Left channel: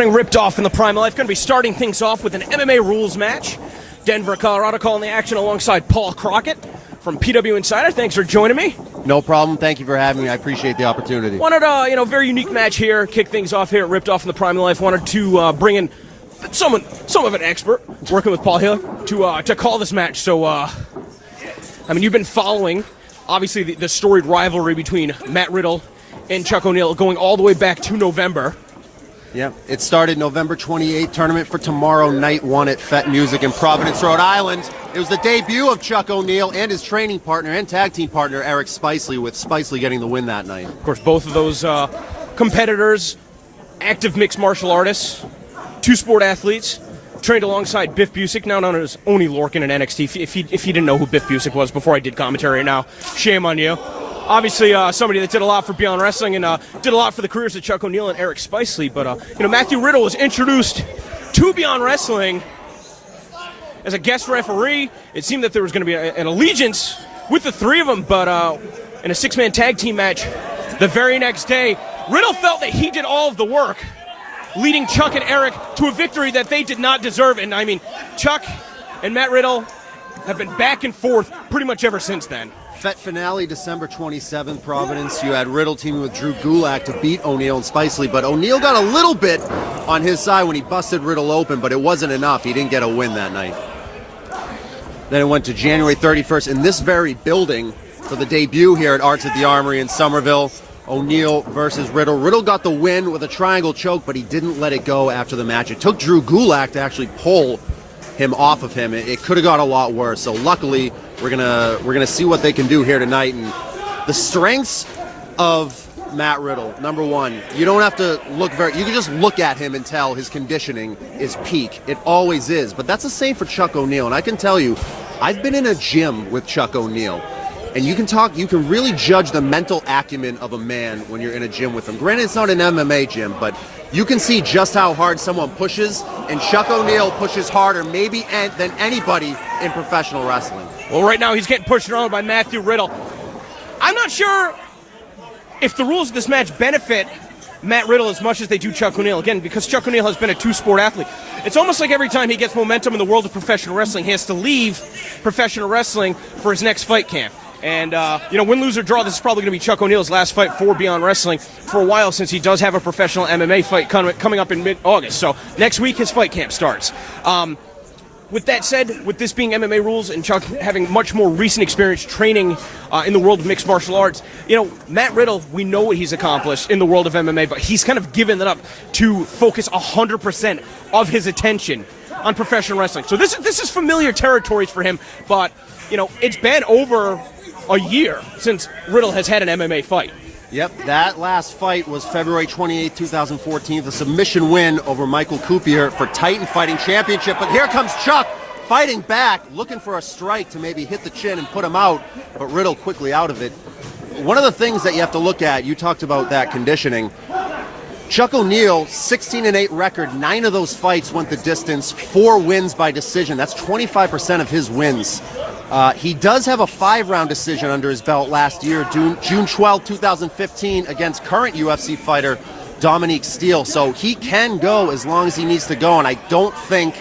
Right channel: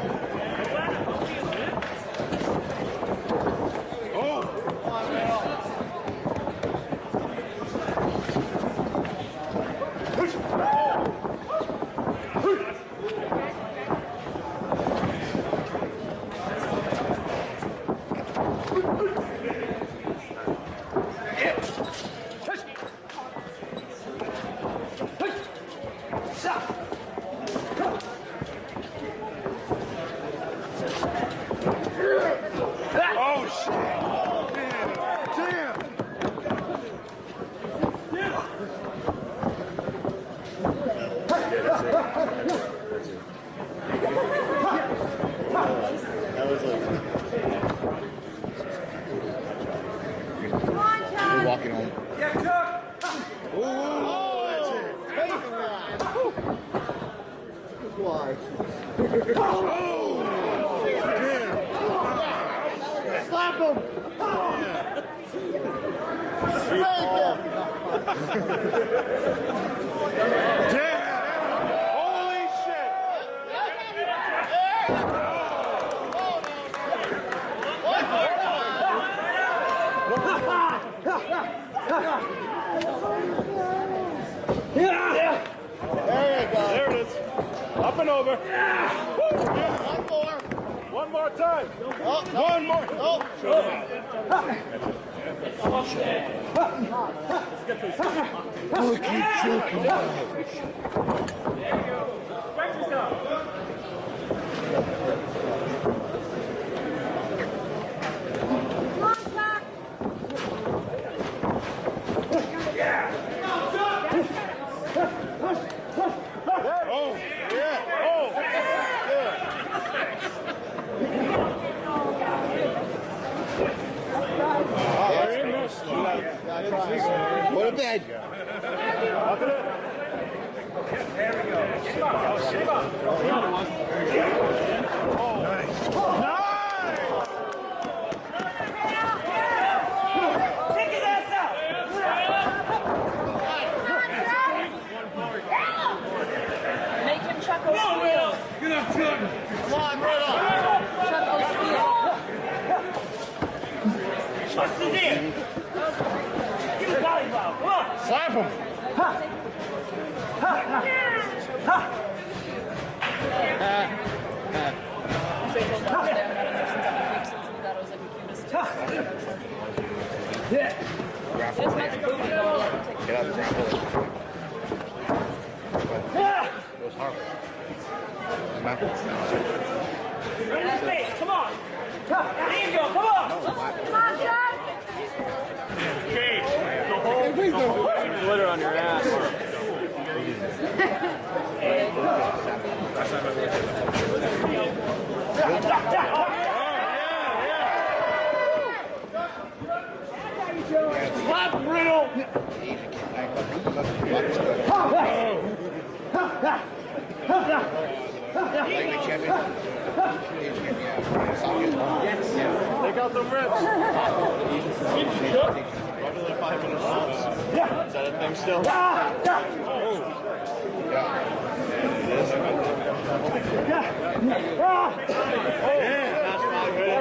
running Ripped Off in the Prime of Life. Going to be starting things off with an MMA rules match. Denver, Colorado calling the action alongside Paul Crockett from PW Insider. Thanks for joining me. No problem. Thank you for having me. I appreciate the opportunity. Wanted a very unique match here. Kick things off here at Ripped Off in the Prime of Life. Wanted to bring in some of an expert working with Paul here to call this match. So, you've been following, obviously, the storied rivalry between Matt Riddle and Chuck O'Neil going all the way back to November. Yep. It started November 28th, tournament for tomorrow, night one at Fett Music in Providence, Rhode Island. It was the debut of Chuck O'Neil and his training partner and tag team partner, Eric Spicely, with Spicely getting the win that night. Of course, both of those competitors, active mixed martial artists, two-sport athletes, trained alongside Biff Busick, now known as Oney Lorcan in NXT. If you didn't know who Biff Busick was before I did commentary, now shame on you. Obviously, somebody that did a lot for Beyond Wrestling and did a lot for the careers of Chuck O'Neil and Eric Spicely. But Matthew Riddle was introduced to Beyond Wrestling as a guest referee. It seemed that there was going to be an allegiance with the three of them, but in a six-man tag team match the very next day, Riddle felt that he did all of the work, leading Chuck and Eric to a victory that they did not deserve. And Chuck and Matt Riddle have been back and forth pretty much ever since then. Fett finale, December 27th, Providence. You had Riddle teaming with Drew Gulak to beat O'Neil and Spicely, but O'Neil got a little bit on his side when he busted Riddle open, but it wasn't enough. He didn't get a win that night. Then it went to January 31st in this very building for the debut here at Arts at the Armory in Somerville. O'Neil versus Riddle. Riddle got the win with a triangle choke, but he didn't let it go after the match. It took Drew Gulak to actually pull him off of him. It could have got a lot worse. So luckily, we're gonna see what they can do here tonight. And the strengths of Matt Riddle, number one, you don't have to look you can just look at him and tell his conditioning is peak. It always is. But that's the same for Chuck O'Neil. And I can tell you, I've been in a gym with Chuck O'Neil. And you can really judge the mental acumen of a man when you're in a gym with him. Granted, it's not an MMA gym, but you can see just how hard someone pushes, and Chuck O'Neil pushes harder maybe than anybody in professional wrestling. Well, right now he's getting pushed around by Matthew Riddle. I'm not sure if the rules of this match benefit Matt Riddle as much as they do Chuck O'Neil. Again, because Chuck O'Neil has been a two-sport athlete. It's almost like every time he gets momentum in the world of professional wrestling, he has to leave professional wrestling for his next fight camp. And, win, lose, or draw, this is probably going to be Chuck O'Neil's last fight for Beyond Wrestling for a while, since he does have a professional MMA fight coming up in mid-August. So next week his fight camp starts. With that said, with this being MMA rules and Chuck having much more recent experience training in the world of mixed martial arts, Matt Riddle, we know what he's accomplished in the world of MMA, but he's kind of given it up to focus 100% of his attention on professional wrestling. So this is familiar territories for him, but it's been over a year since Riddle has had an MMA fight. Yep, that last fight was February 28, 2014, the submission win over Michael Coopier for Titan Fighting Championship. But here comes Chuck fighting back, looking for a strike to maybe hit the chin and put him out, but Riddle quickly out of it. One of the things that you have to look at, you talked about that conditioning. Chuck O'Neil, 16-8 record, 9 of those fights went the distance, 4 wins by decision. That's 25% of his wins. He does have a 5-round decision under his belt last year, June 12, 2015, against current UFC fighter Dominique Steele. So he can go as long as he needs to go, and I don't think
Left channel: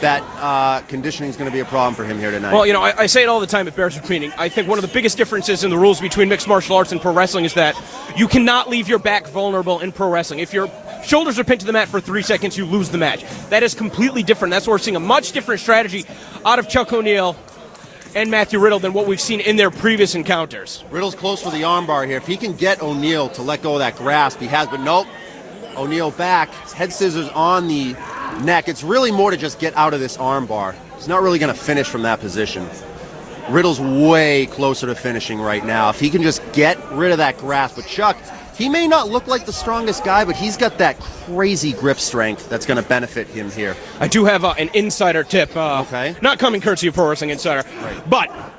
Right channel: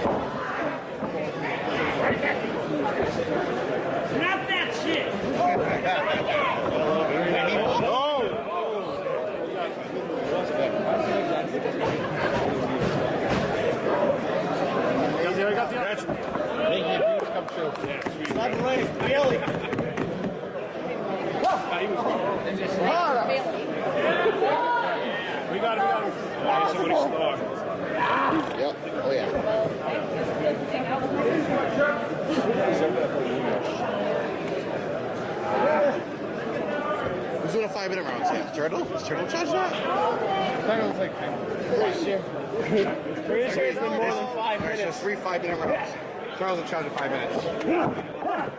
that conditioning is going to be a problem for him here tonight. Well, I say it all the time, it bears repeating. I think one of the biggest differences in the rules between mixed martial arts and pro wrestling is that you cannot leave your back vulnerable in pro wrestling. If your shoulders are pinned to the mat for 3 seconds, you lose the match. That is completely different. That's why we're seeing a much different strategy out of Chuck O'Neil and Matthew Riddle than what we've seen in their previous encounters. Riddle's close with the armbar here. If he can get O'Neil to let go of that grasp, he has, but nope. O'Neil back, head scissors on the neck. It's really more to just get out of this armbar. He's not really going to finish from that position. Riddle's way closer to finishing right now. If he can just get rid of that grasp with Chuck, he may not look like the strongest guy, but he's got that crazy grip strength that's going to benefit him here. I do have an insider tip, okay. Not coming courtesy of Pro Wrestling Insider, but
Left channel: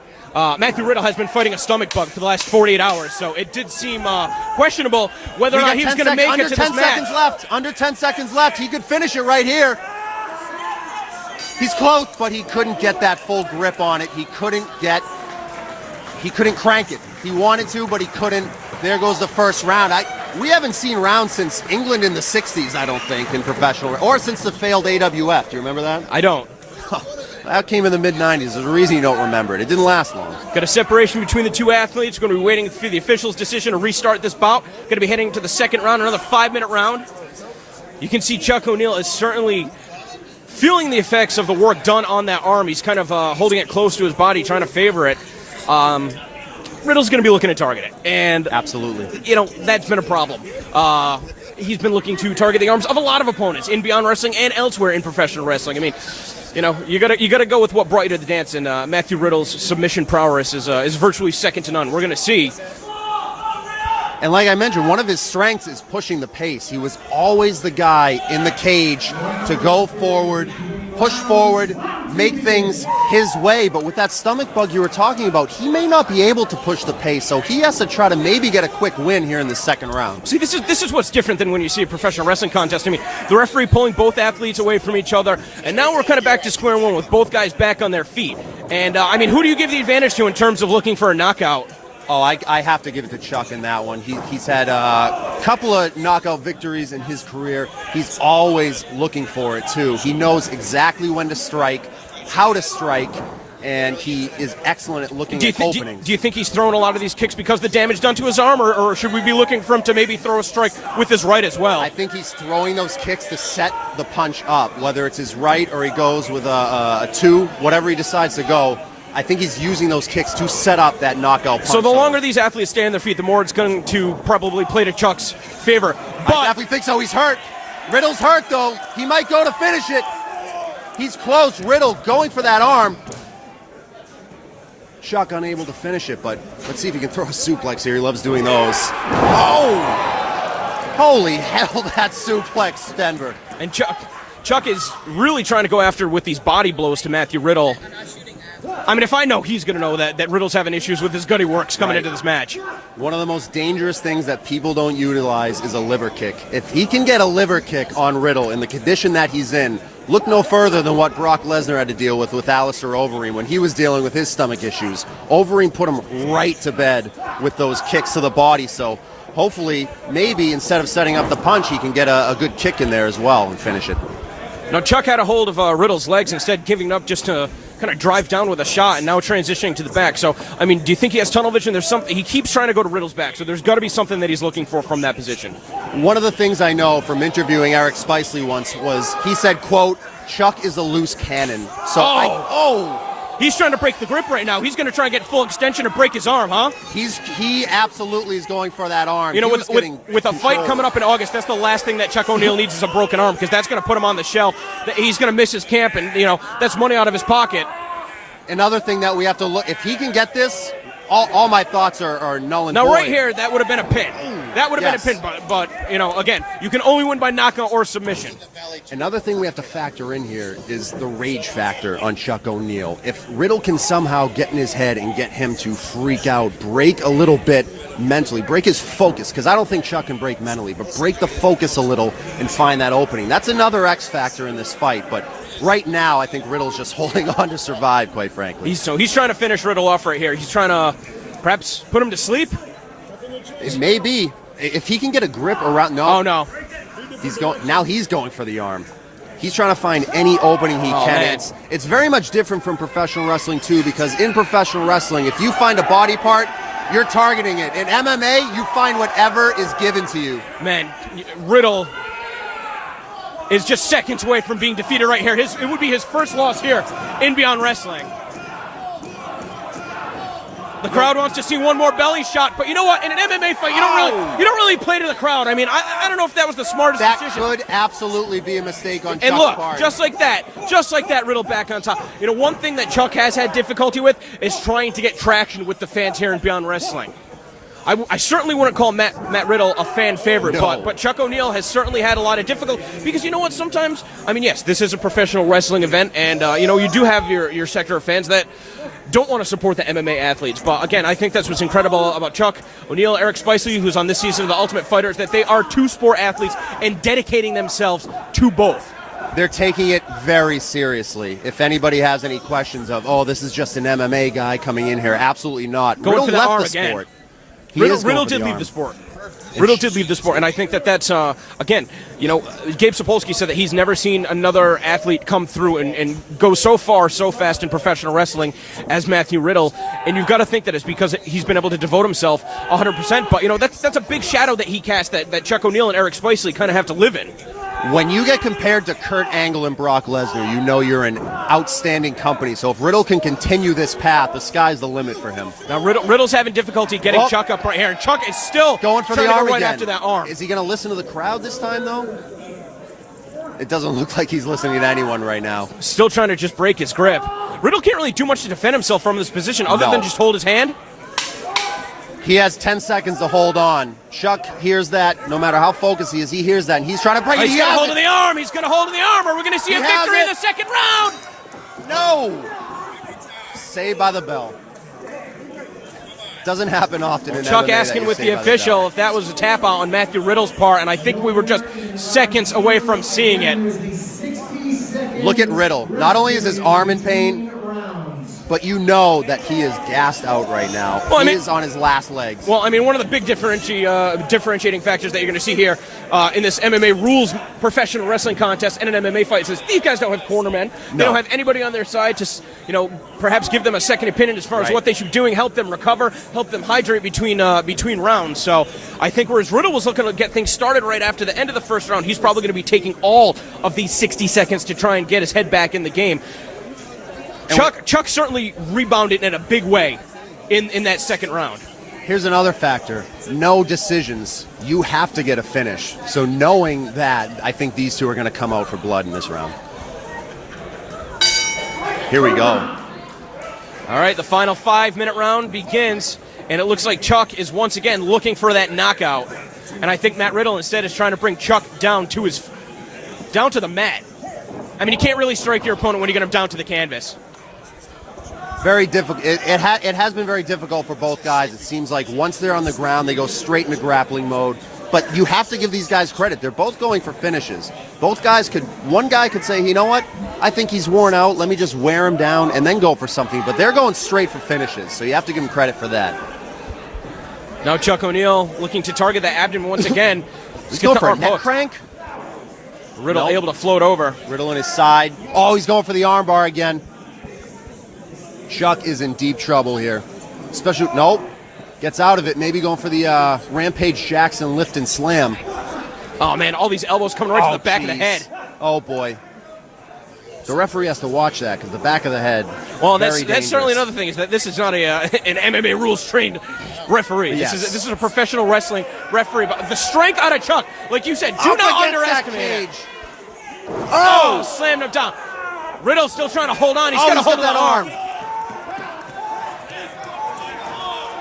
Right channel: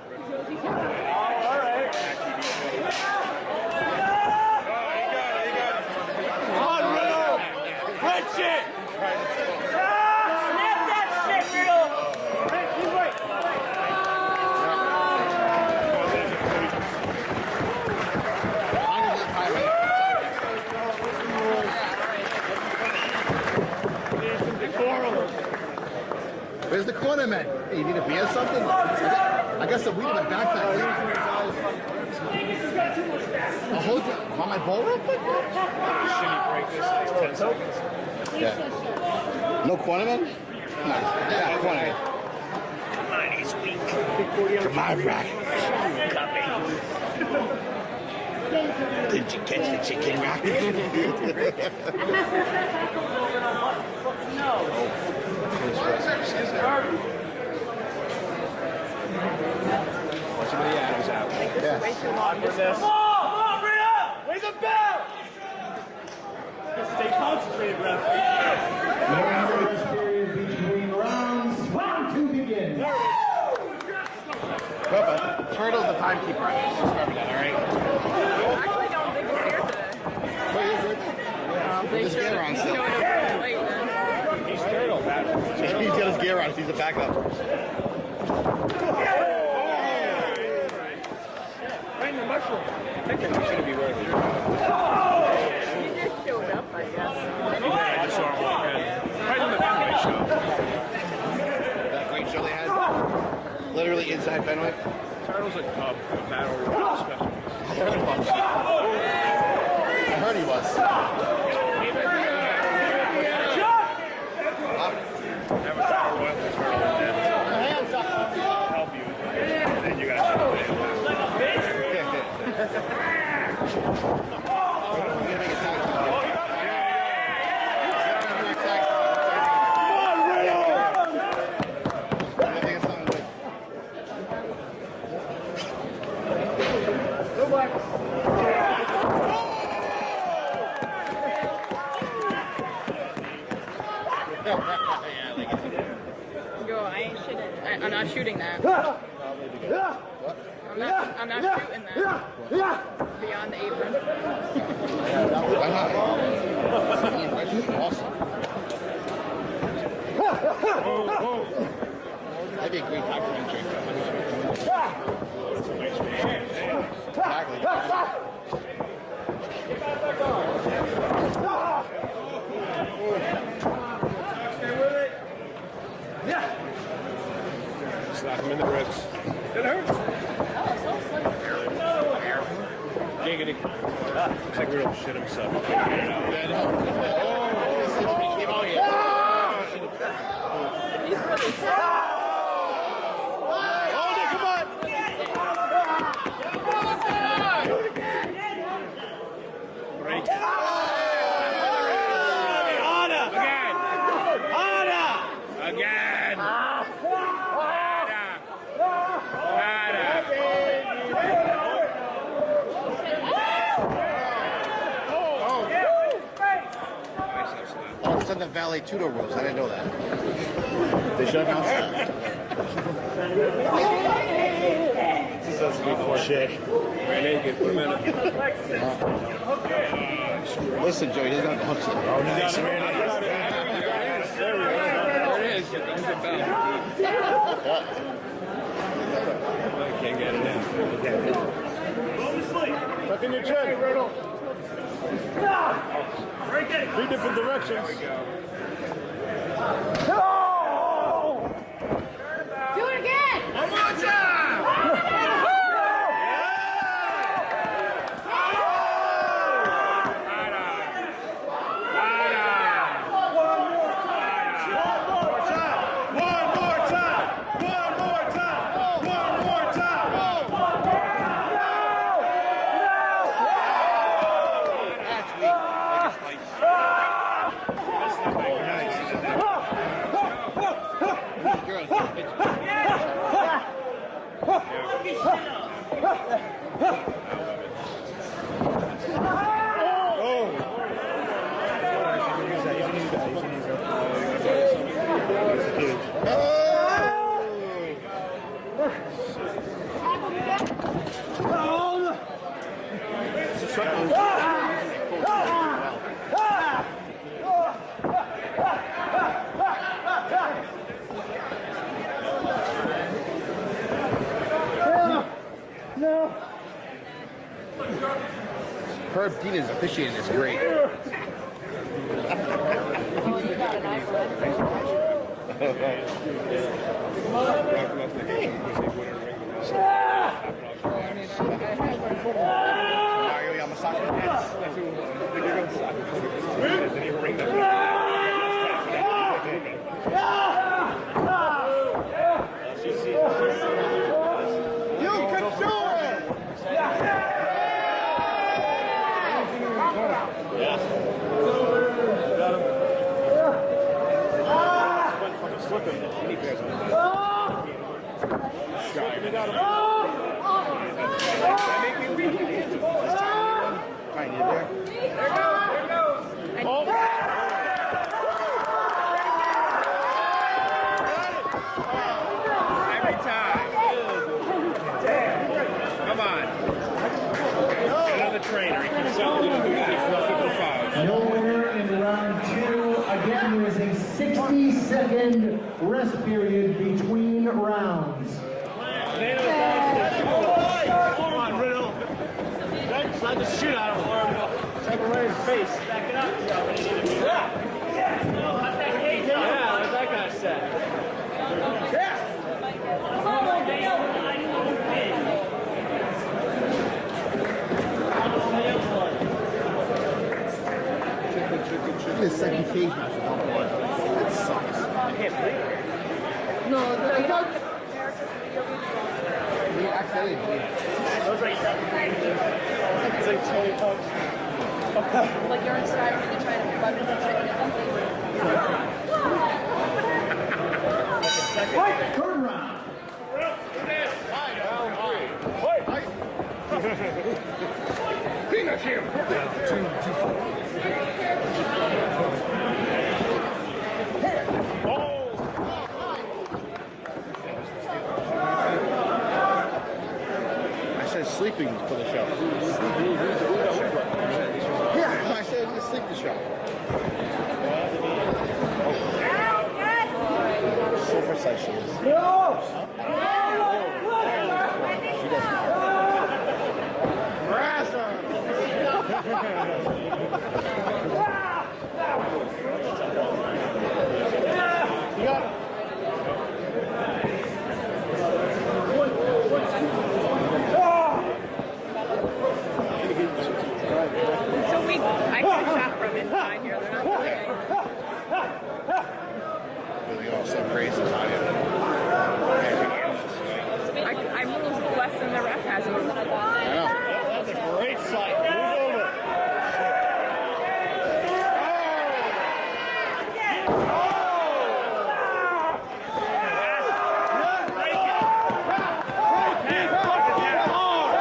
Matthew Riddle has been fighting a stomach bug for the last 48 hours, so it did seem questionable whether or not he was going to make it to this match. Under 10 seconds left. He could finish it right here. He's close, but he couldn't get that full grip on it. He couldn't crank it. He wanted to, but he couldn't. There goes the first round. We haven't seen rounds since England in the 60s, I don't think, in professional, or since the failed AWF. Do you remember that? I don't. That came in the mid-90s. There's a reason you don't remember it. It didn't last long. Got a separation between the two athletes. Going to be waiting for the official's decision to restart this bout. Going to be heading to the second round, another 5-minute round. You can see Chuck O'Neil is certainly feeling the effects of the work done on that arm. He's kind of holding it close to his body, trying to favor it. Riddle's going to be looking to target it, and absolutely, that's been a problem. He's been looking to target the arms of a lot of opponents in Beyond Wrestling and elsewhere in professional wrestling. I mean, you gotta go with what brought you to the dance, and Matthew Riddle's submission prowess is virtually second to none. We're going to see. And like I mentioned, one of his strengths is pushing the pace. He was always the guy in the cage to go forward, push forward, make things his way. But with that stomach bug you were talking about, he may not be able to push the pace, so he has to try to maybe get a quick win here in the second round. See, this is what's different than when you see a professional wrestling contest. I mean, the referee pulling both athletes away from each other, and now we're kind of back to square one with both guys back on their feet. And, I mean, who do you give the advantage to in terms of looking for a knockout? Oh, I have to give it to Chuck in that one. He's had a couple of knockout victories in his career. He's always looking for it, too. He knows exactly when to strike, how to strike, and he is excellent at looking at openings. Do you think he's throwing a lot of these kicks because of the damage done to his arm, or should we be looking for him to maybe throw a strike with his right as well? I think he's throwing those kicks to set the punch up, whether it's his right or he goes with a two, whatever he decides to go. I think he's using those kicks to set up that knockout punch. So the longer these athletes stay on their feet, the more it's going to probably play to Chuck's favor. But I definitely think so. He's hurt. Riddle's hurt, though. He might go to finish it. He's close. Riddle going for that arm. Chuck unable to finish it, but let's see if he can throw a suplex here. He loves doing those. Oh! Holy hell, that suplex, Denver. And Chuck is really trying to go after with these body blows to Matthew Riddle. I'm not shooting that. I mean, if I know, he's going to know that Riddle's having issues with his gutty works coming into this match. One of the most dangerous things that people don't utilize is a liver kick. If he can get a liver kick on Riddle in the condition that he's in, look no further than what Brock Lesnar had to deal with Alistair Overeem when he was dealing with his stomach issues. Overeem put him right to bed with those kicks to the body, so hopefully, maybe instead of setting up the punch, he can get a good kick in there as well and finish it. Now, Chuck had a hold of Riddle's legs, instead giving up just to kind of drive down with a shot, and now transitioning to the back. So, I mean, do you think he has tunnel vision? There's something, he keeps trying to go to Riddle's back, so there's got to be something that he's looking for from that position. One of the things I know from interviewing Eric Spicely once was he said, quote, Chuck is a loose cannon. So he's trying to break the grip right now. He's going to try and get full extension and break his arm, huh? He absolutely is going for that arm. You know, with a fight coming up in August, that's the last thing that Chuck O'Neil needs is a broken arm, because that's going to put him on the shelf. He's going to miss his camp, and, that's money out of his pocket. Another thing that we have to look, if he can get this, all my thoughts are null and void. Now, right here, that would have been a pin. That would have been a pin, but again, you can only win by knockout or submission. Another thing we have to factor in here is the rage factor on Chuck O'Neil. If Riddle can somehow get in his head and get him to freak out, break a little bit mentally, break his focus, because I don't think Chuck can break mentally, but break the focus a little and find that opening. That's another X factor in this fight, but right now I think Riddle's just holding on to survive, quite frankly. He's trying to finish Riddle off right here. He's trying to perhaps put him to sleep. Maybe. If he can get a grip around, no. He's going for the arm. He's trying to find any opening he can. It's very much different from professional wrestling too, because in professional wrestling, if you find a body part, you're targeting it. In MMA, you find whatever is given to you. Man, Riddle is just seconds away from being defeated right here. It would be his first loss here in Beyond Wrestling. The crowd wants to see one more belly shot, but you know what? In an MMA fight, you don't really play to the crowd. I mean, I don't know if that was the smartest decision. That could absolutely be a mistake on Chuck's And look, part. just like that, Riddle back on top. One thing that Chuck has had difficulty with is trying to get traction with the fans here in Beyond Wrestling. I certainly wouldn't call Matt Riddle a fan favorite, but Chuck O'Neil has certainly had a lot of difficulty, because you know what, sometimes, I mean, yes, this is a professional wrestling event, and you do have your sector of fans that don't want to support the MMA athletes, but again, I think that's what's incredible about Chuck O'Neil, Eric Spicely, who's on this season of The Ultimate Fighter, is that they are two-sport athletes and dedicating themselves to both. They're taking it very seriously. If anybody has any questions of, this is just an MMA guy coming in here, absolutely not. Going Riddle for the left arm the again. sport. Riddle did leave the sport. Riddle did leave the sport, and I think that's again, you know, Gabe Sapolsky said that he's never seen another athlete come through and go so far, so fast in professional wrestling as Matthew Riddle, and you've got to think that it's because he's been able to devote himself 100%. But you know, that's a big shadow that he cast that Chuck O'Neil and Eric Spicely kind of have to live in. When you get compared to Kurt Angle and Brock Lesnar, you know you're in outstanding company. So if Riddle can continue this path, the sky's the limit for him. Now Riddle's having difficulty getting Chuck up right here, and Chuck is still going for the arm right again. after that arm. Is he going to listen to the crowd this time, though? It doesn't look like he's listening to anyone right now. Still trying to just break his grip. Riddle can't really do much to defend himself from this position other than just hold his hand. He has 10 seconds to hold on. Chuck hears that. No matter how focused he is, he hears that, and he's trying to break it. He's got a hold of the arm. He's got a hold of the arm. Are we going to see a victory in the second round? No. Saved by the bell. Doesn't happen often. Chuck asking with the official if that was a tap out on Matthew Riddle's part, and I think we were just seconds away from seeing it. Look at Riddle. Not only is his arm in pain, but you know that he is gassed out right now. Well, he is on his last legs. Well, I mean, one of the big differentiating factors that you're going to see here in this MMA rules professional wrestling contest and an MMA fight is these guys don't have cornermen. They don't have anybody on their side to, you know, perhaps give them a second opinion as far as what they should be doing, help them recover, help them hydrate between rounds. So I think whereas Riddle was looking to get things started right after the end of the first round, he's probably going to be taking all of these 60 seconds to try and get his head back in the game. Chuck certainly rebounded in a big way in that second round. Here's another factor. No decisions. You have to get a finish. So knowing that, I think these two are going to come out for blood in this round. Here we go. All right, the final 5-minute round begins, and it looks like Chuck is once again looking for that knockout. And I think Matt Riddle instead is trying to bring Chuck down to the mat. I mean, you can't really strike your opponent when you get him down to the canvas. Very difficult. It has been very difficult for both guys. It seems like once they're on the ground, they go straight into grappling mode. But you have to give these guys credit. They're both going for finishes. Both guys one guy could say, you know what? I think he's worn out. Let me just wear him down and then go for something. But they're going straight for finishes. So you have to give him credit for that. Now Chuck O'Neil looking to target the abdomen once again. He's going for a neck crank. Riddle able to float over. Riddle in his side. Oh, he's going for the armbar again. Chuck is in deep trouble here. Especially, nope. Gets out of it. Maybe going for the Rampage Jackson lift and slam. Oh, man, all these elbows coming right to the back of the head. Oh, boy. The referee has to watch that because the back of the head. Well, that's certainly another thing, is that this is not an MMA rules-trained referee. Yes. This is a professional wrestling referee. But the strength out of Chuck, like you said, do not underestimate it. Oh, slammed him down. Riddle's still trying to hold on. He's got to hold that arm.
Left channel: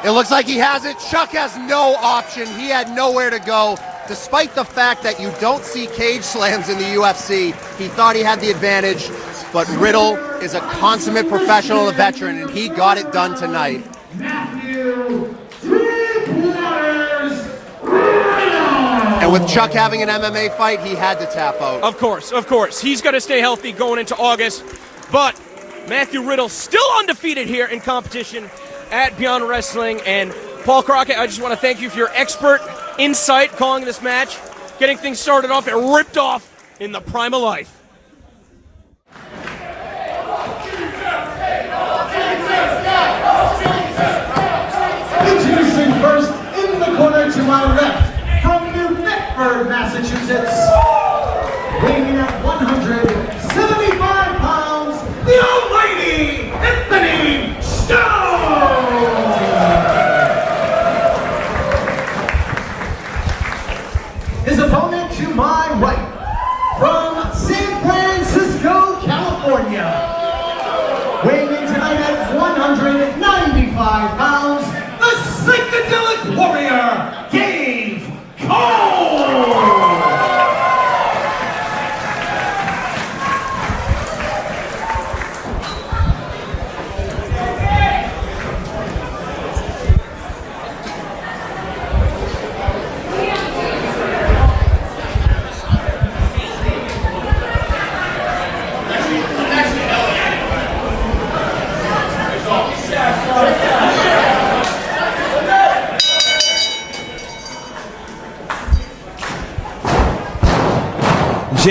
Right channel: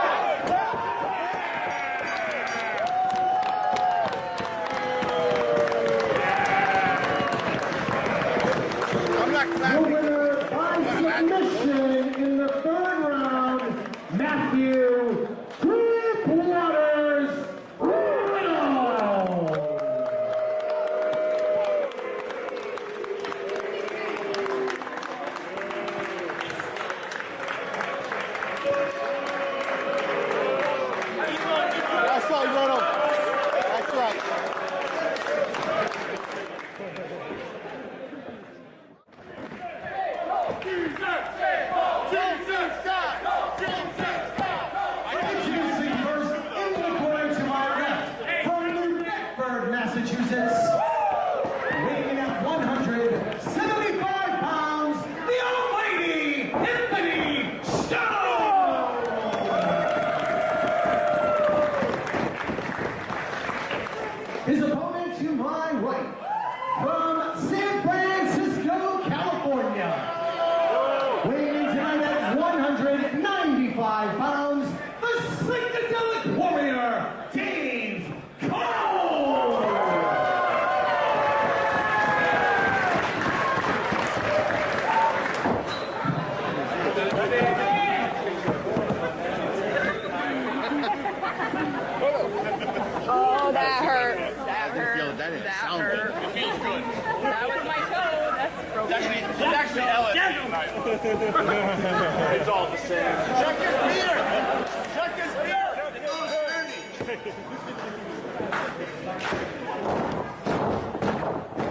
It looks like he has it. Chuck has no option. He had nowhere to go. Despite the fact that you don't see cage slams in the UFC, he thought he had the advantage. But Riddle is a consummate professional and veteran, and he got it done tonight. Matthew 3/4 Riddle. And with Chuck having an MMA fight, he had to tap out. Of course. He's got to stay healthy going into August. But Matthew Riddle still undefeated here in competition at Beyond Wrestling. And Paul Crockett, I just want to thank you for your expert insight calling this match, getting things started off and ripped off in the prime of life. Introducing first in the corner to my left, from New Bedford, Massachusetts, weighing in at 175 pounds, the almighty Anthony Stone! His opponent to my right, from San Francisco, California, weighing in tonight at 195 pounds, the psychedelic warrior, Dave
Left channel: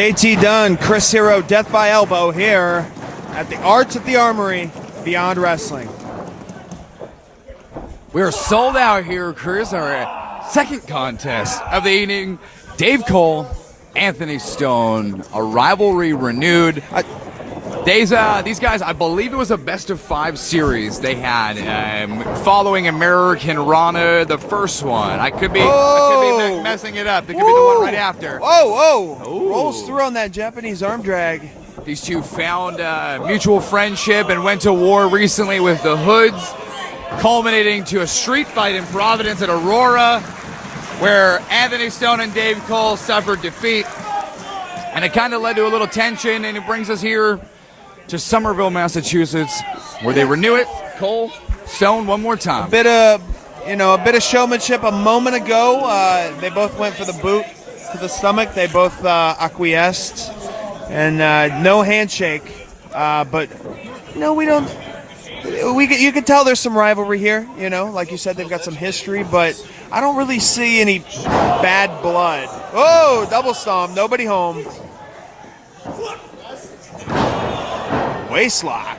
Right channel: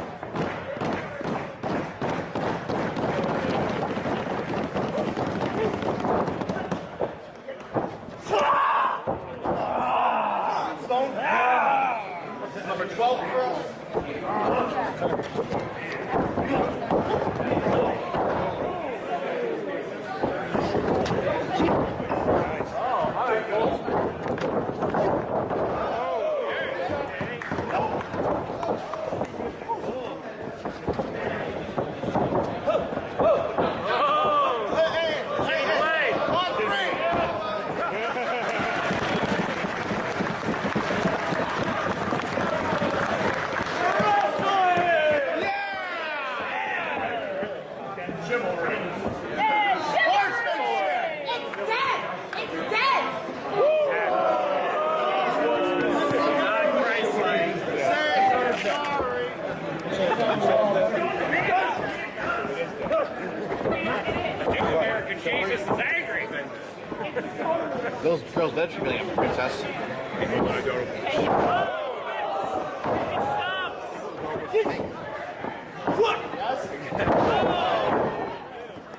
JT Dunn, Chris Hero, Death by Elbow here at the Arts at the Armory, Beyond Wrestling. We're sold out here, Chris. Our second contest of the evening. Dave Cole, Anthony Stone, a rivalry renewed. These guys, I believe it was a best-of-5 series they had following American Rana, the first one. I could be messing it up. It could be the one right after. Whoa! Rolls through on that Japanese arm drag. These two found mutual friendship and went to war recently with the Hoods, culminating to a street fight in Providence at Aurora, where Anthony Stone and Dave Cole suffered defeat. And it kind of led to a little tension, and it brings us here to Somerville, Massachusetts, where they renew it. Cole, Stone, one more time. A bit of showmanship a moment ago. They both went for the boot to the stomach. They both acquiesced, and no handshake. But we don't. You can tell there's some rivalry here. Like you said, they've got some history, but I don't really see any bad blood. Oh, double stomp, nobody home. Waistlock,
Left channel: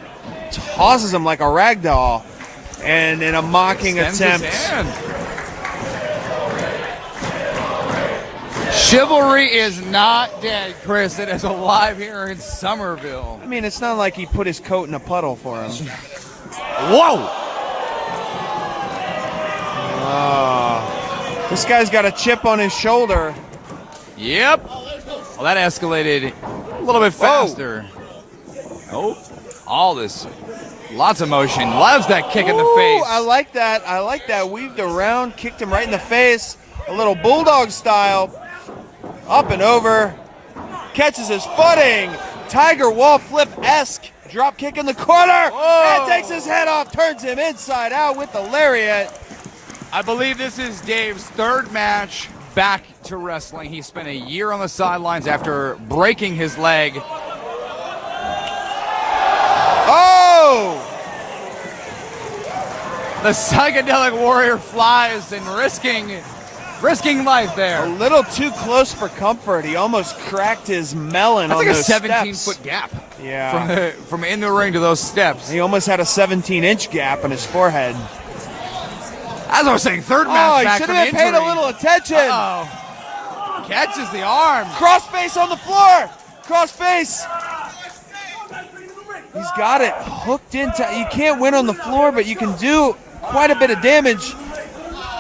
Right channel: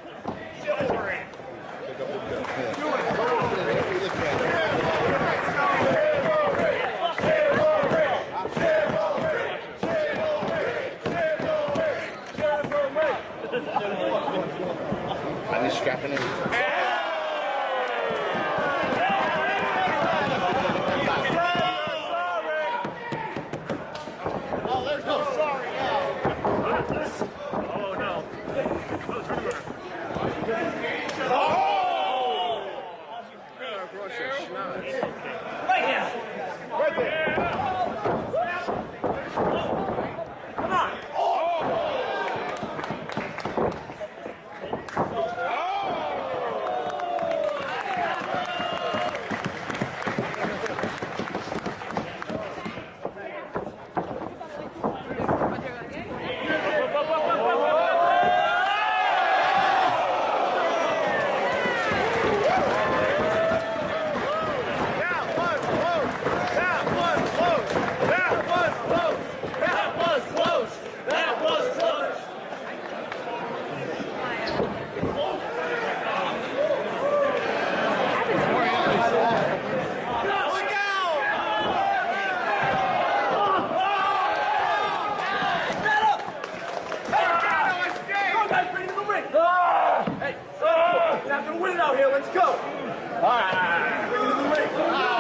tosses him like a rag doll, and in a mocking attempt. Chivalry is not dead, Chris. It is alive here in Somerville. I mean, it's not like he put his coat in a puddle for us. Whoa! This guy's got a chip on his shoulder. Yep. Well, that escalated a little bit faster. Oh, all this. Lots of motion. Loves that kick in the face. I like that. Weaved around, kicked him right in the face. A little bulldog style. Up and over. Catches his footing. Tiger wall flip-esque. Drop kick in the corner. And takes his head off. Turns him inside out with the lariat. I believe this is Dave's third match back to wrestling. He spent a year on the sidelines after breaking his leg. Oh! The psychedelic warrior flies and risking life there. A little too close for comfort. He almost cracked his melon on those That's like a steps. 17-foot gap. Yeah. From in the ring to those steps. He almost had a 17-inch gap in his forehead. As I was saying, third match He back should from have paid injury. a little attention. Catches the arm. Cross face on the floor. Cross face. He's got it hooked into. You can't win on the floor, but you can do quite a bit of damage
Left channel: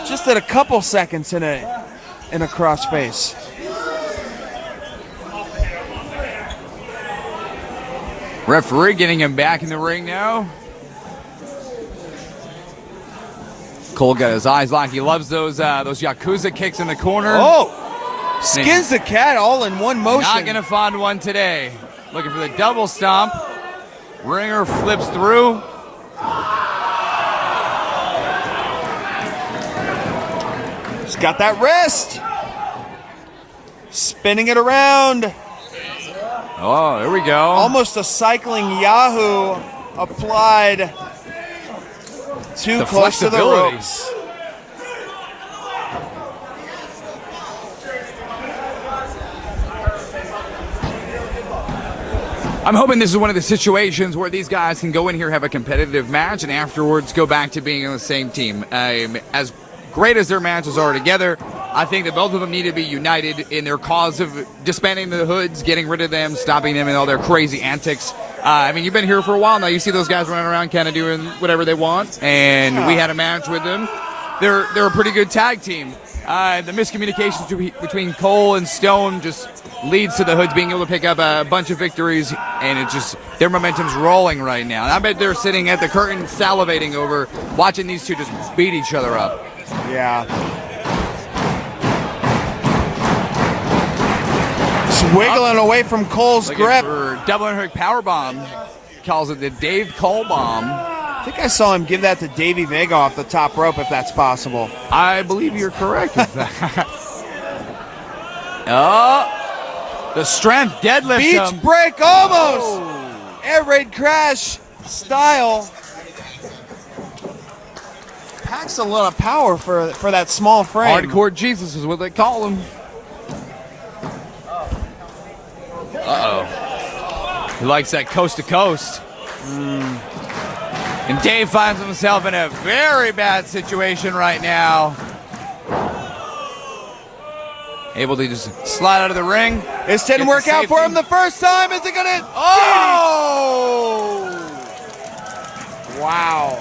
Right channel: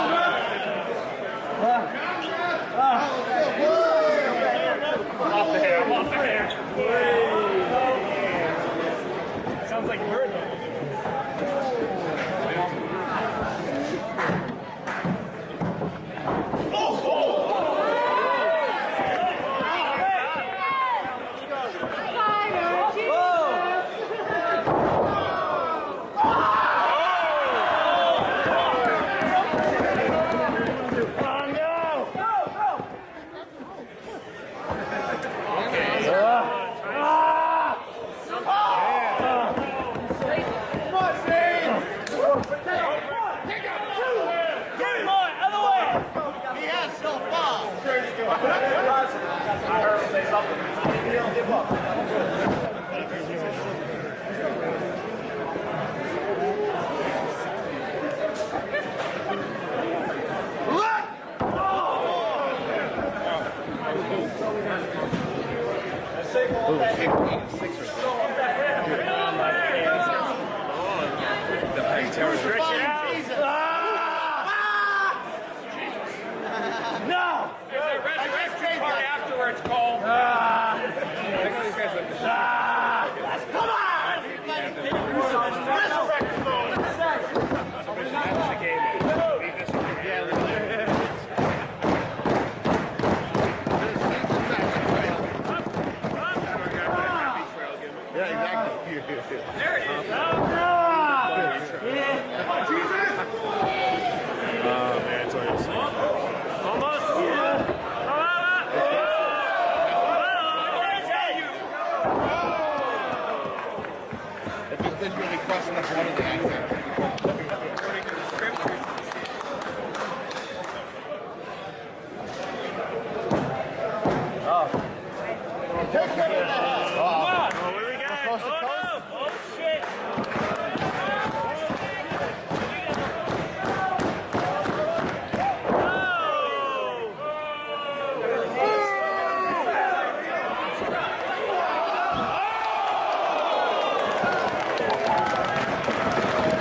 just at a couple seconds in a cross face. Referee getting him back in the ring now. Cole got his eyes locked. He loves those Yakuza kicks in the corner. Oh, skins the cat all in one motion. Not gonna find one today. Looking for the double stomp. Ringer flips through. He's got that wrist. Spinning it around. Oh, there we go. Almost a cycling Yahoo applied. Too close to the ropes. I'm hoping this is one of the situations where these guys can go in here, have a competitive match, and afterwards go back to being on the same team. As great as their matches are together, I think that both of them need to be united in their cause of disbanding the Hoods, getting rid of them, stopping them in all their crazy antics. I mean, you've been here for a while now. You see those guys running around kind of doing whatever they want, and we had a match with them. They're a pretty good tag team. The miscommunications between Cole and Stone just leads to the Hoods being able to pick up a bunch of victories, and it just, their momentum's rolling right now. I bet they're sitting at the curtain salivating over watching these two just beat each other up. Yeah. Just wiggling away from Cole's grip. Double underhook powerbomb. Calls it the Dave Cole bomb. I think I saw him give that to Davey Vega off the top rope, if that's possible. I believe you're correct with that. Oh, the strength deadlift. Beach break almost. Air raid crash style. Packs a lot of power for that small frame. Hardcore Jesus is what they call him. He likes that coast to coast. And Dave finds himself in a very bad situation right now. Able to just slide out of the ring. This didn't work out for him the first time. Is it gonna? Oh! Wow.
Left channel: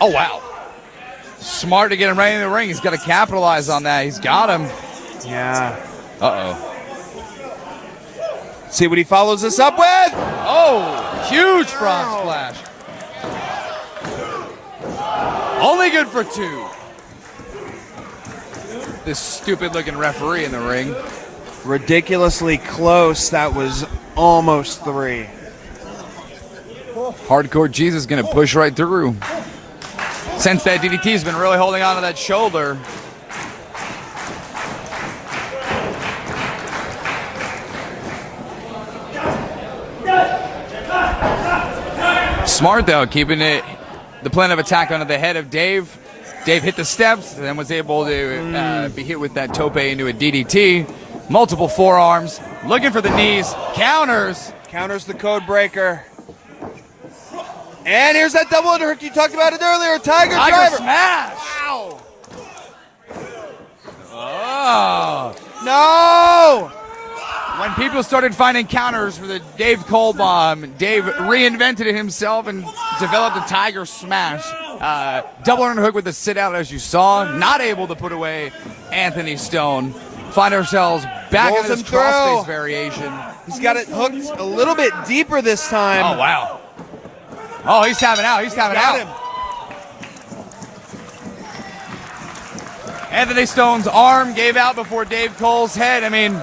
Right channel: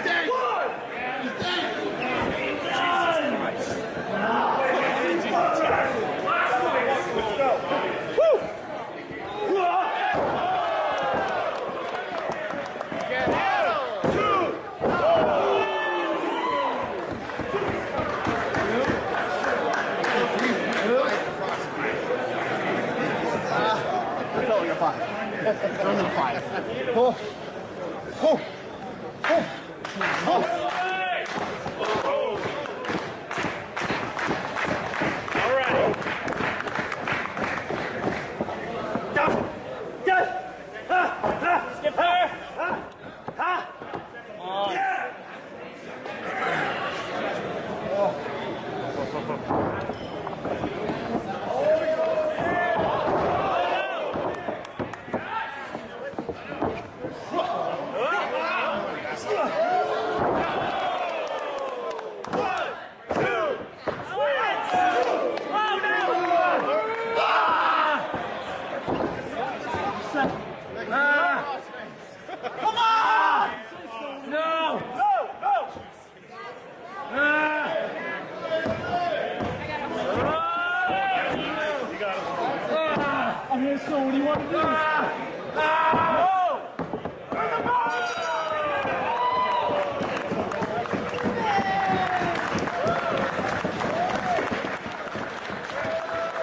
Oh, wow. Smart to get him right in the ring. He's got to capitalize on that. He's got him. Yeah. Uh-oh. See what he follows this up with. Oh, huge frog splash. Only good for 2. This stupid-looking referee in the ring. Ridiculously close. That was almost 3. Hardcore Jesus going to push right through. Since that DDT's been really holding on to that shoulder. Smart though, keeping the plan of attack onto the head of Dave. Dave hit the steps, then was able to be hit with that tope into a DDT. Multiple forearms, looking for the knees, counters. Counters the code breaker. And here's that double underhook. You talked about it earlier. Tiger driver. Smash. Oh. No. When people started finding counters for the Dave Cole bomb, Dave reinvented it himself and developed a Tiger Smash. Double underhook with the sit out, as you saw. Not able to put away Anthony Stone. Find ourselves back in this crossface variation. He's got it hooked a little bit deeper this time. Oh, wow. Oh, he's tapping out. He's tapping out. Anthony Stone's arm gave out before Dave Cole's head. I mean,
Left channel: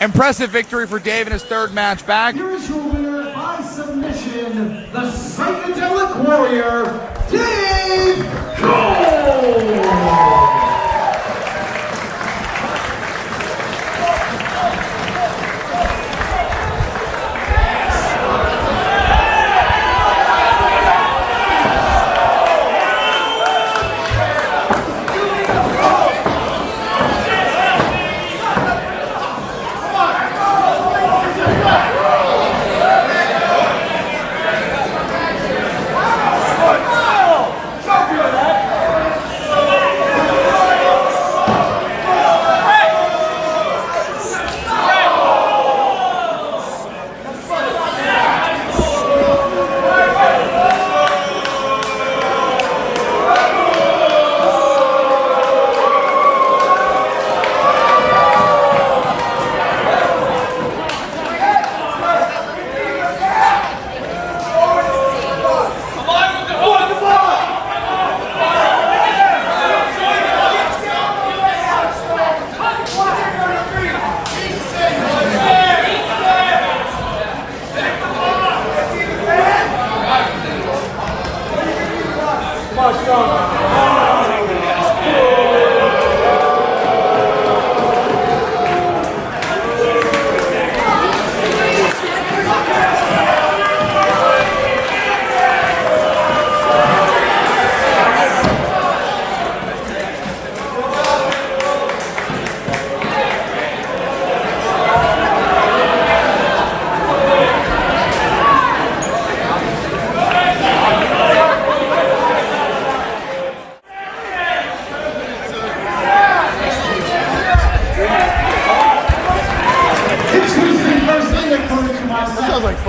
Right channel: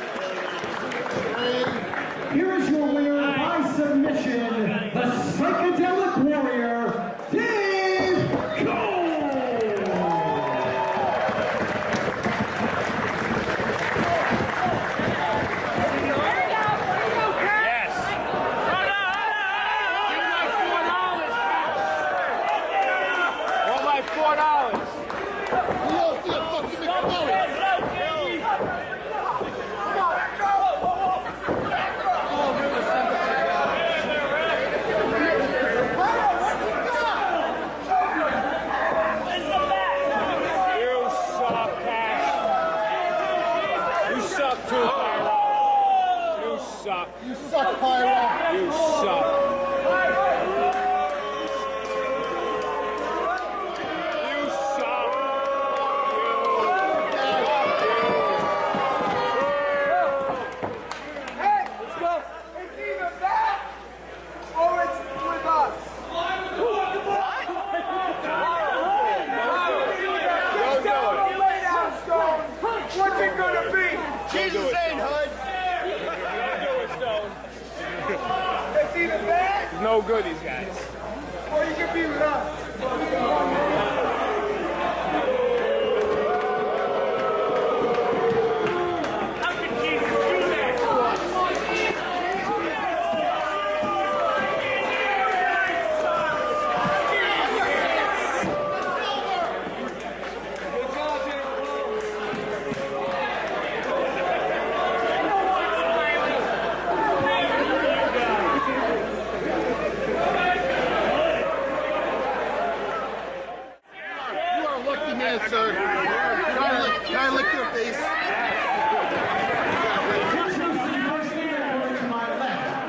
impressive victory for Dave in his 3rd match back. Here's your winner by submission, the psychedelic warrior, Dave Cole.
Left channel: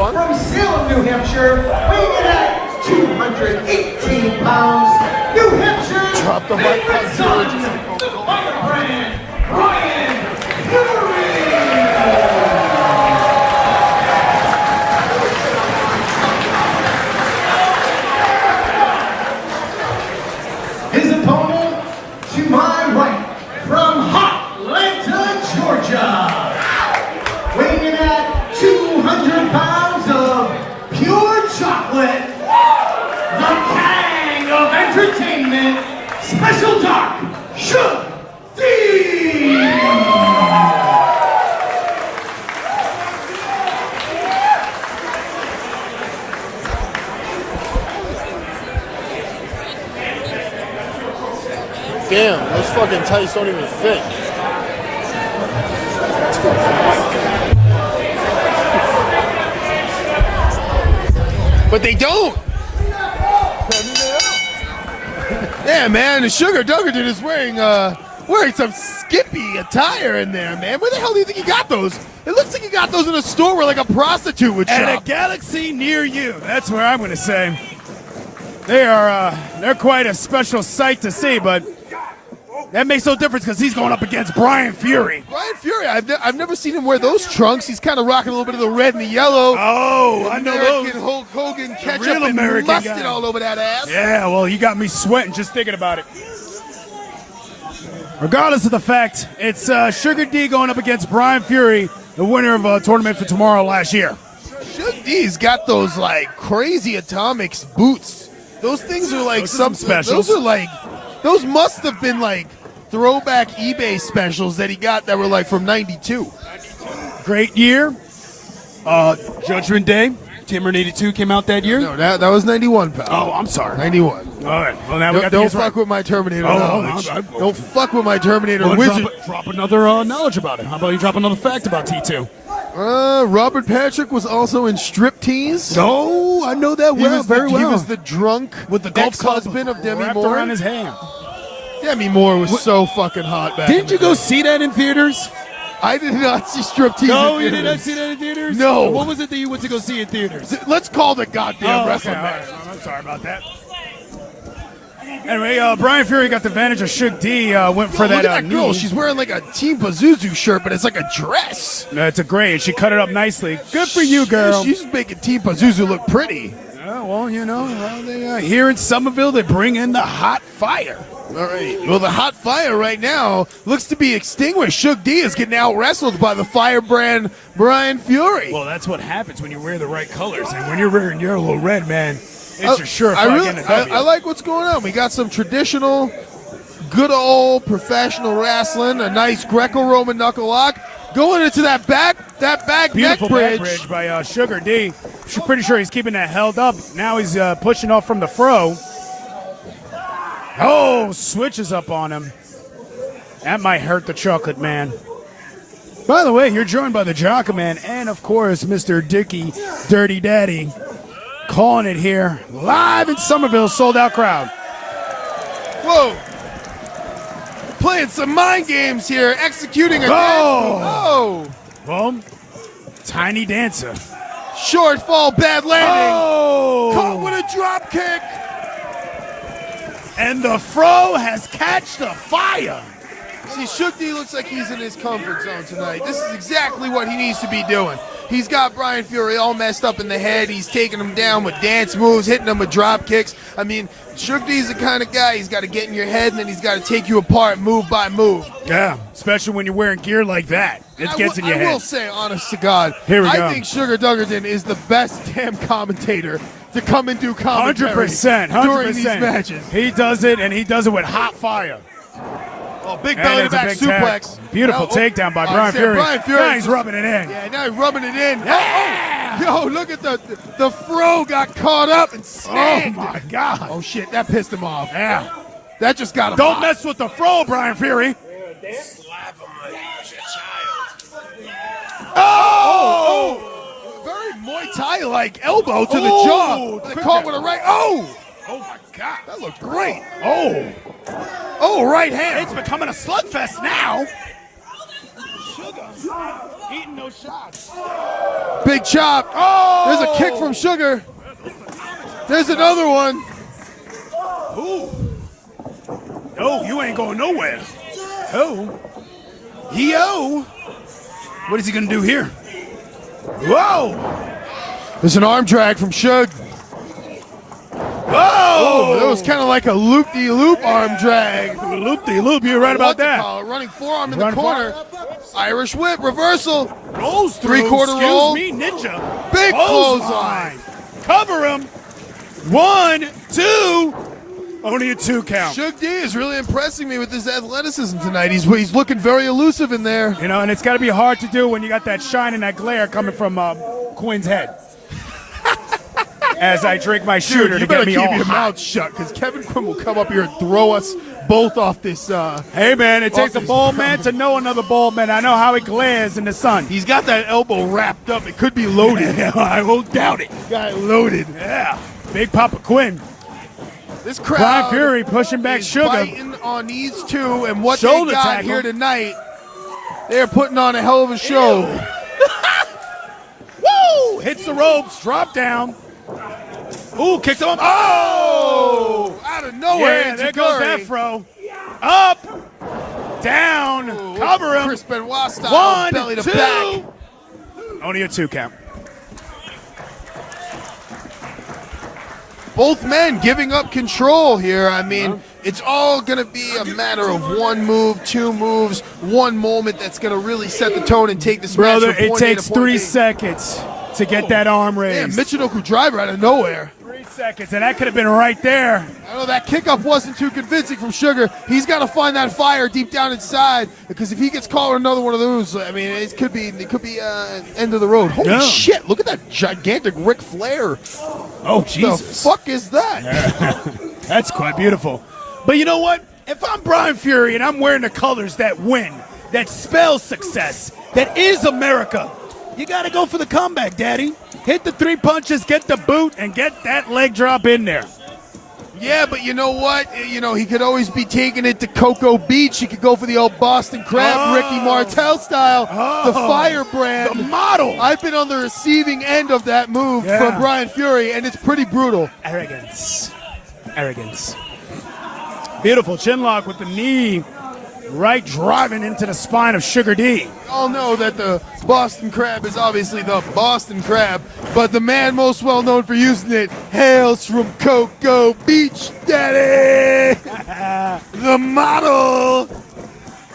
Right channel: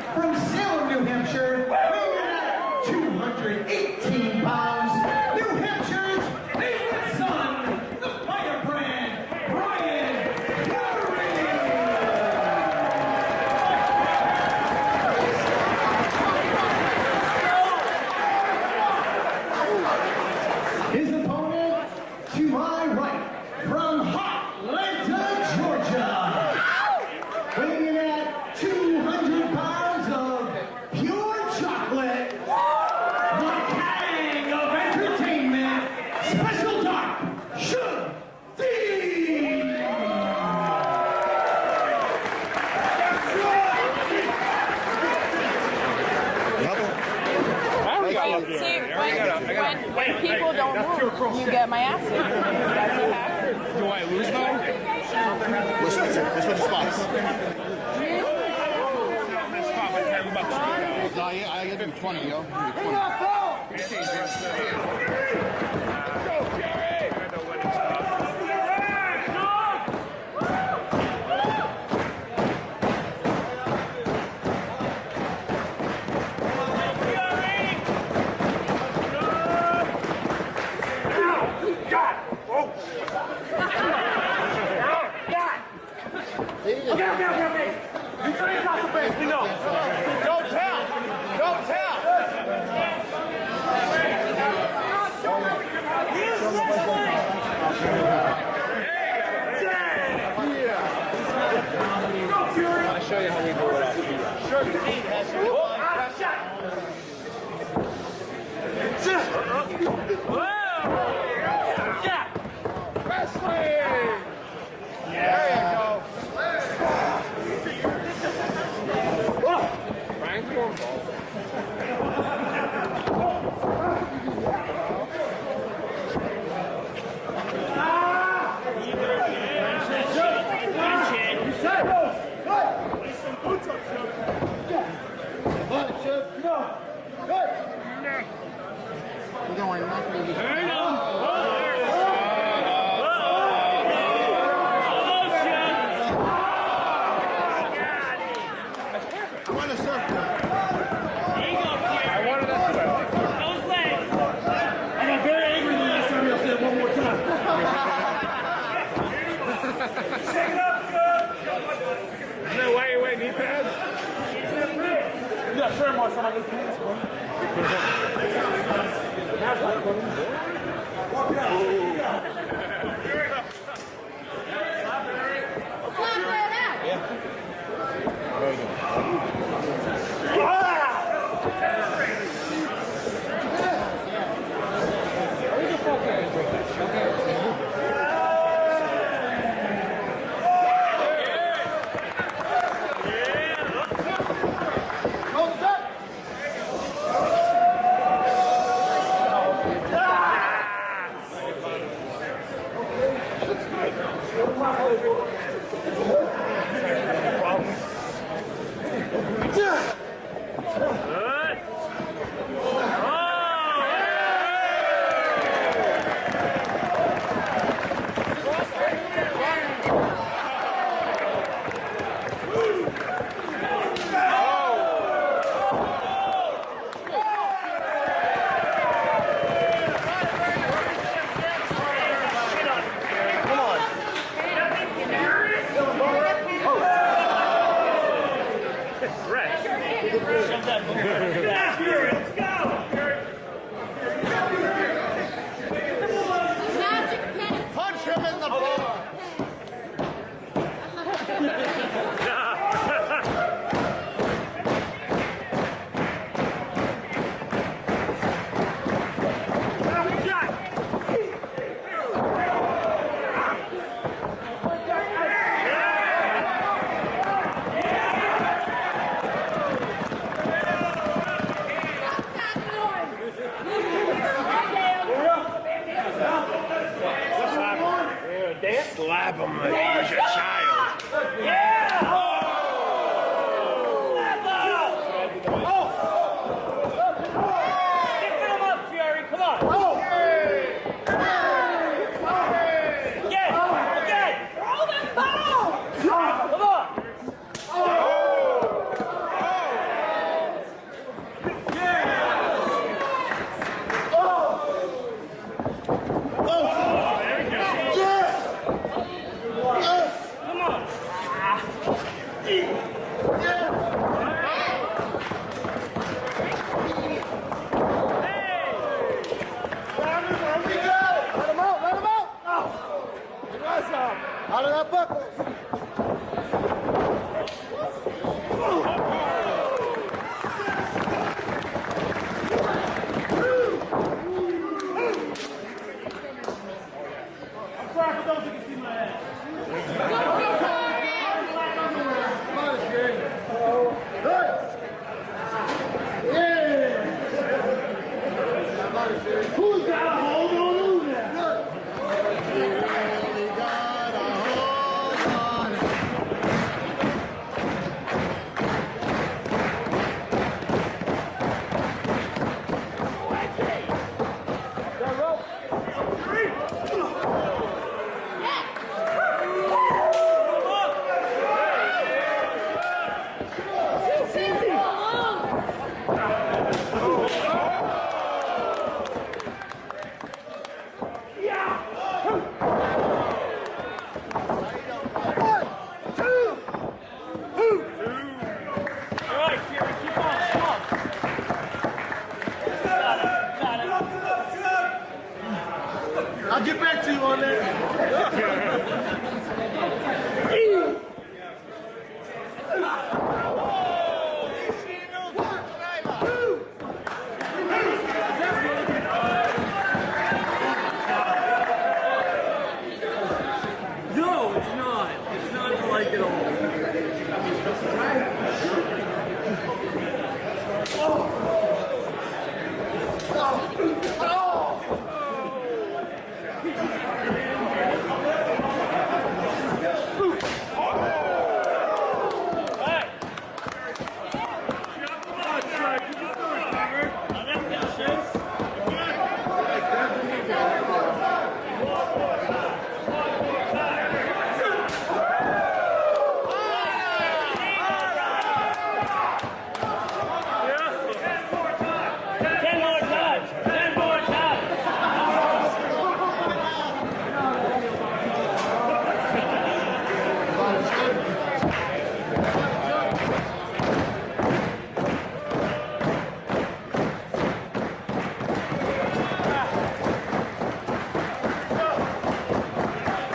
From Salem, New Hampshire, weighing in at 218 pounds, New Hampshire's favorite son, the firebrand, Ryan Fury! His opponent, to my right, from Atlanta, Georgia, weighing in at 200 pounds of pure chocolate, the king of entertainment, Special Doc Shug D! Damn, fucking tights don't even fit. But they don't. Yeah, man, the Sugar Dunkerton is wearing some skippy attire in there, man. Where the hell do you think he got those? It looks like he got those in a store where like a prostitute would shop. At a galaxy near you. That's where I'm going to say. They're quite a special sight to see, but that makes no difference because he's going up against Brian Fury. Brian Fury, I've never seen him wear those trunks. He's kind of rocking a little bit of the red and the yellow. Oh, I know those. Hulk Hogan ketchup Real and American mustard guy. all over that ass. Yeah, well, you got me sweating just thinking about it. Regardless of the fact, it's Sugar D going up against Brian Fury, the winner of a tournament for tomorrow last year. He's got those like crazy atomics boots. Those things are like some specials. Those must have been like throwback eBay specials that he got that were like from '92. Great year. Judgment Day, Timber 82 came out that year. No, that was '91. Oh, I'm sorry. '91. All right. Well, now we got Don't these fuck right. with my Terminator Oh, knowledge. okay. Don't fuck with my Terminator Well, wizard. drop another knowledge about it. How about you drop another fact about T2? Robert Patrick was also in Striptease. Oh, I know that He was He was the drunk With the golf ex-husband of Demi wrapped Moore. around his hand. Demi Moore was so fucking hot back. Didn't you go see that in theaters? I did not see Striptease. No, in you did not theaters. see that in theaters? No. What was it that you went to go see in theaters? Let's call the goddamn wrestling okay. match. Sorry about that. Anyway, Brian Fury got the advantage of Suge D. Went for that. Look at that girl. She's wearing like a Team Pazuzu shirt, but it's like a dress. It's a great. She cut it up nicely. Good for you, girl. She's making Team Pazuzu look pretty. Well, you know, here in Somerville, they bring in the hot fire. Well, the hot fire right now looks to be extinguished. Suge D is getting out wrestled by the firebrand Brian Fury. Well, that's what happens when you wear the right colors. And when you're wearing yellow red, man, it's a sure I like what's going on. We got some traditional, good old professional wrestling, a nice Greco-Roman knuckle lock. Going into that back beautiful neck back bridge. bridge by Sugar D. I'm pretty sure he's keeping that held up. Now he's pushing off from the fro. Oh, switches up on him. That might hurt the Chocolate Man. By the way, you're joined by the Chocolate Man and, of course, Mr. Dicky Dirty Daddy. Calling it here, live in Somerville, sold-out crowd. Whoa. Playing some mind games here, executing a Oh! Boom. Tiny Dancer. short fall, bad landing. Oh! Caught with a drop kick. And the fro has catched the fire. Well, Suge D looks like he's in his comfort zone tonight. This is exactly what he needs to be doing. He's got Brian Fury all messed up in the head. He's taking him down with dance moves, hitting him with drop kicks. I mean, Suge D's the kind of guy, he's got to get in your head and then he's got to take you apart move by move. Yeah, especially when you're wearing gear like that. It gets in your I will head. say, honest to God, Here we I go. think Sugar Dunkerton is the best damn commentator to come and do commentary 100%. during these matches. He does it, and he does it with hot fire. Big And belly it's a back big suplex. tag. Beautiful takedown by Brian Fury. Brian Fury. Now he's rubbing it in. Yeah, now he's rubbing it in. Yo, look at the fro got caught up. Oh my God. Oh shit, that pissed him off. Yeah. That just got him Don't hot. mess with the fro, Brian Fury. Slap him like he's a child. Oh! Very Muay Thai-like elbow to the jaw. They caught with a right. Oh! That looked great. Oh, right hand. It's becoming a slugfest now. Big chop. There's a kick from Sugar. There's another one. No, you ain't going nowhere. Oh. Yo. What is he going to do here? Whoa. There's an arm drag from Suge. Oh, that was kind of like a loop-de-loop arm drag. Loop-de-loop, you're right about that. Running forearm in the Running corner. Irish whip, reversal. Rolls through. Three-quarter roll. Excuse me, Ninja. Big Clothesline. Cover him. 1, 2. Only a 2 count. Suge D is really impressing me with his athleticism tonight. He's looking very elusive in there. You know, and it's got to be hard to do when you got that shine and that glare coming from Quinn's head. As I drink my shooter You to get better me keep all your hot. mouth shut, because Kevin Quinn will come up here and throw us both off this. Hey, man, it takes a bald man to know another bald man. I know how he glares in the sun. He's got that elbow wrapped up. It could be loaded. I won't doubt it. Got it loaded. Yeah. Big Papa Quinn. This crowd. Brian Fury pushing back is Sugar. fighting on these two, and what Shoulder they got tackle. here tonight, they're putting on a hell of a show. Woo! Hits the ropes, drop down. Ooh, kicked him up. Oh! Out of nowhere, Yeah, there goes Afro. Up, down, cover him. Chris Benoit style, 1, belly to 2. back. Only a 2 count. Both men giving up control here. I mean, it's all going to be a matter of one move, two moves, one moment that's going to really set the tone and take this Brother, match from it point A takes to point 3 B. seconds to get that arm raised. Man, Michinoku driver out of nowhere. 3 seconds, and that could have been right there. Oh, that kickoff wasn't too convincing from Sugar. He's got to find that fire deep down inside, because if he gets caught with another one of those, I mean, it could be end of the road. Holy Yeah. shit! Look at that gigantic Ric Flair. Oh, The Jesus. fuck is that? That's quite beautiful. But you know what? If I'm Brian Fury and I'm wearing the colors that win, that spells success, that is America, you got to go for the comeback, Daddy. Hit the 3 punches, get the boot, and get that leg drop in there. Yeah, but you know what? You know, he could always be taking it to Cocoa Beach. He could go for the old Boston Crab, Ricky Martel style, the firebrand. The model. I've been on the receiving end of that move from Brian Fury, and it's pretty brutal. Arrogance. Arrogance. Beautiful chin lock with the knee. Right driving into the spine of Sugar D. All know that the Boston Crab is obviously the Boston Crab, but the man most well known for using it hails from Cocoa Beach, Daddy! The model!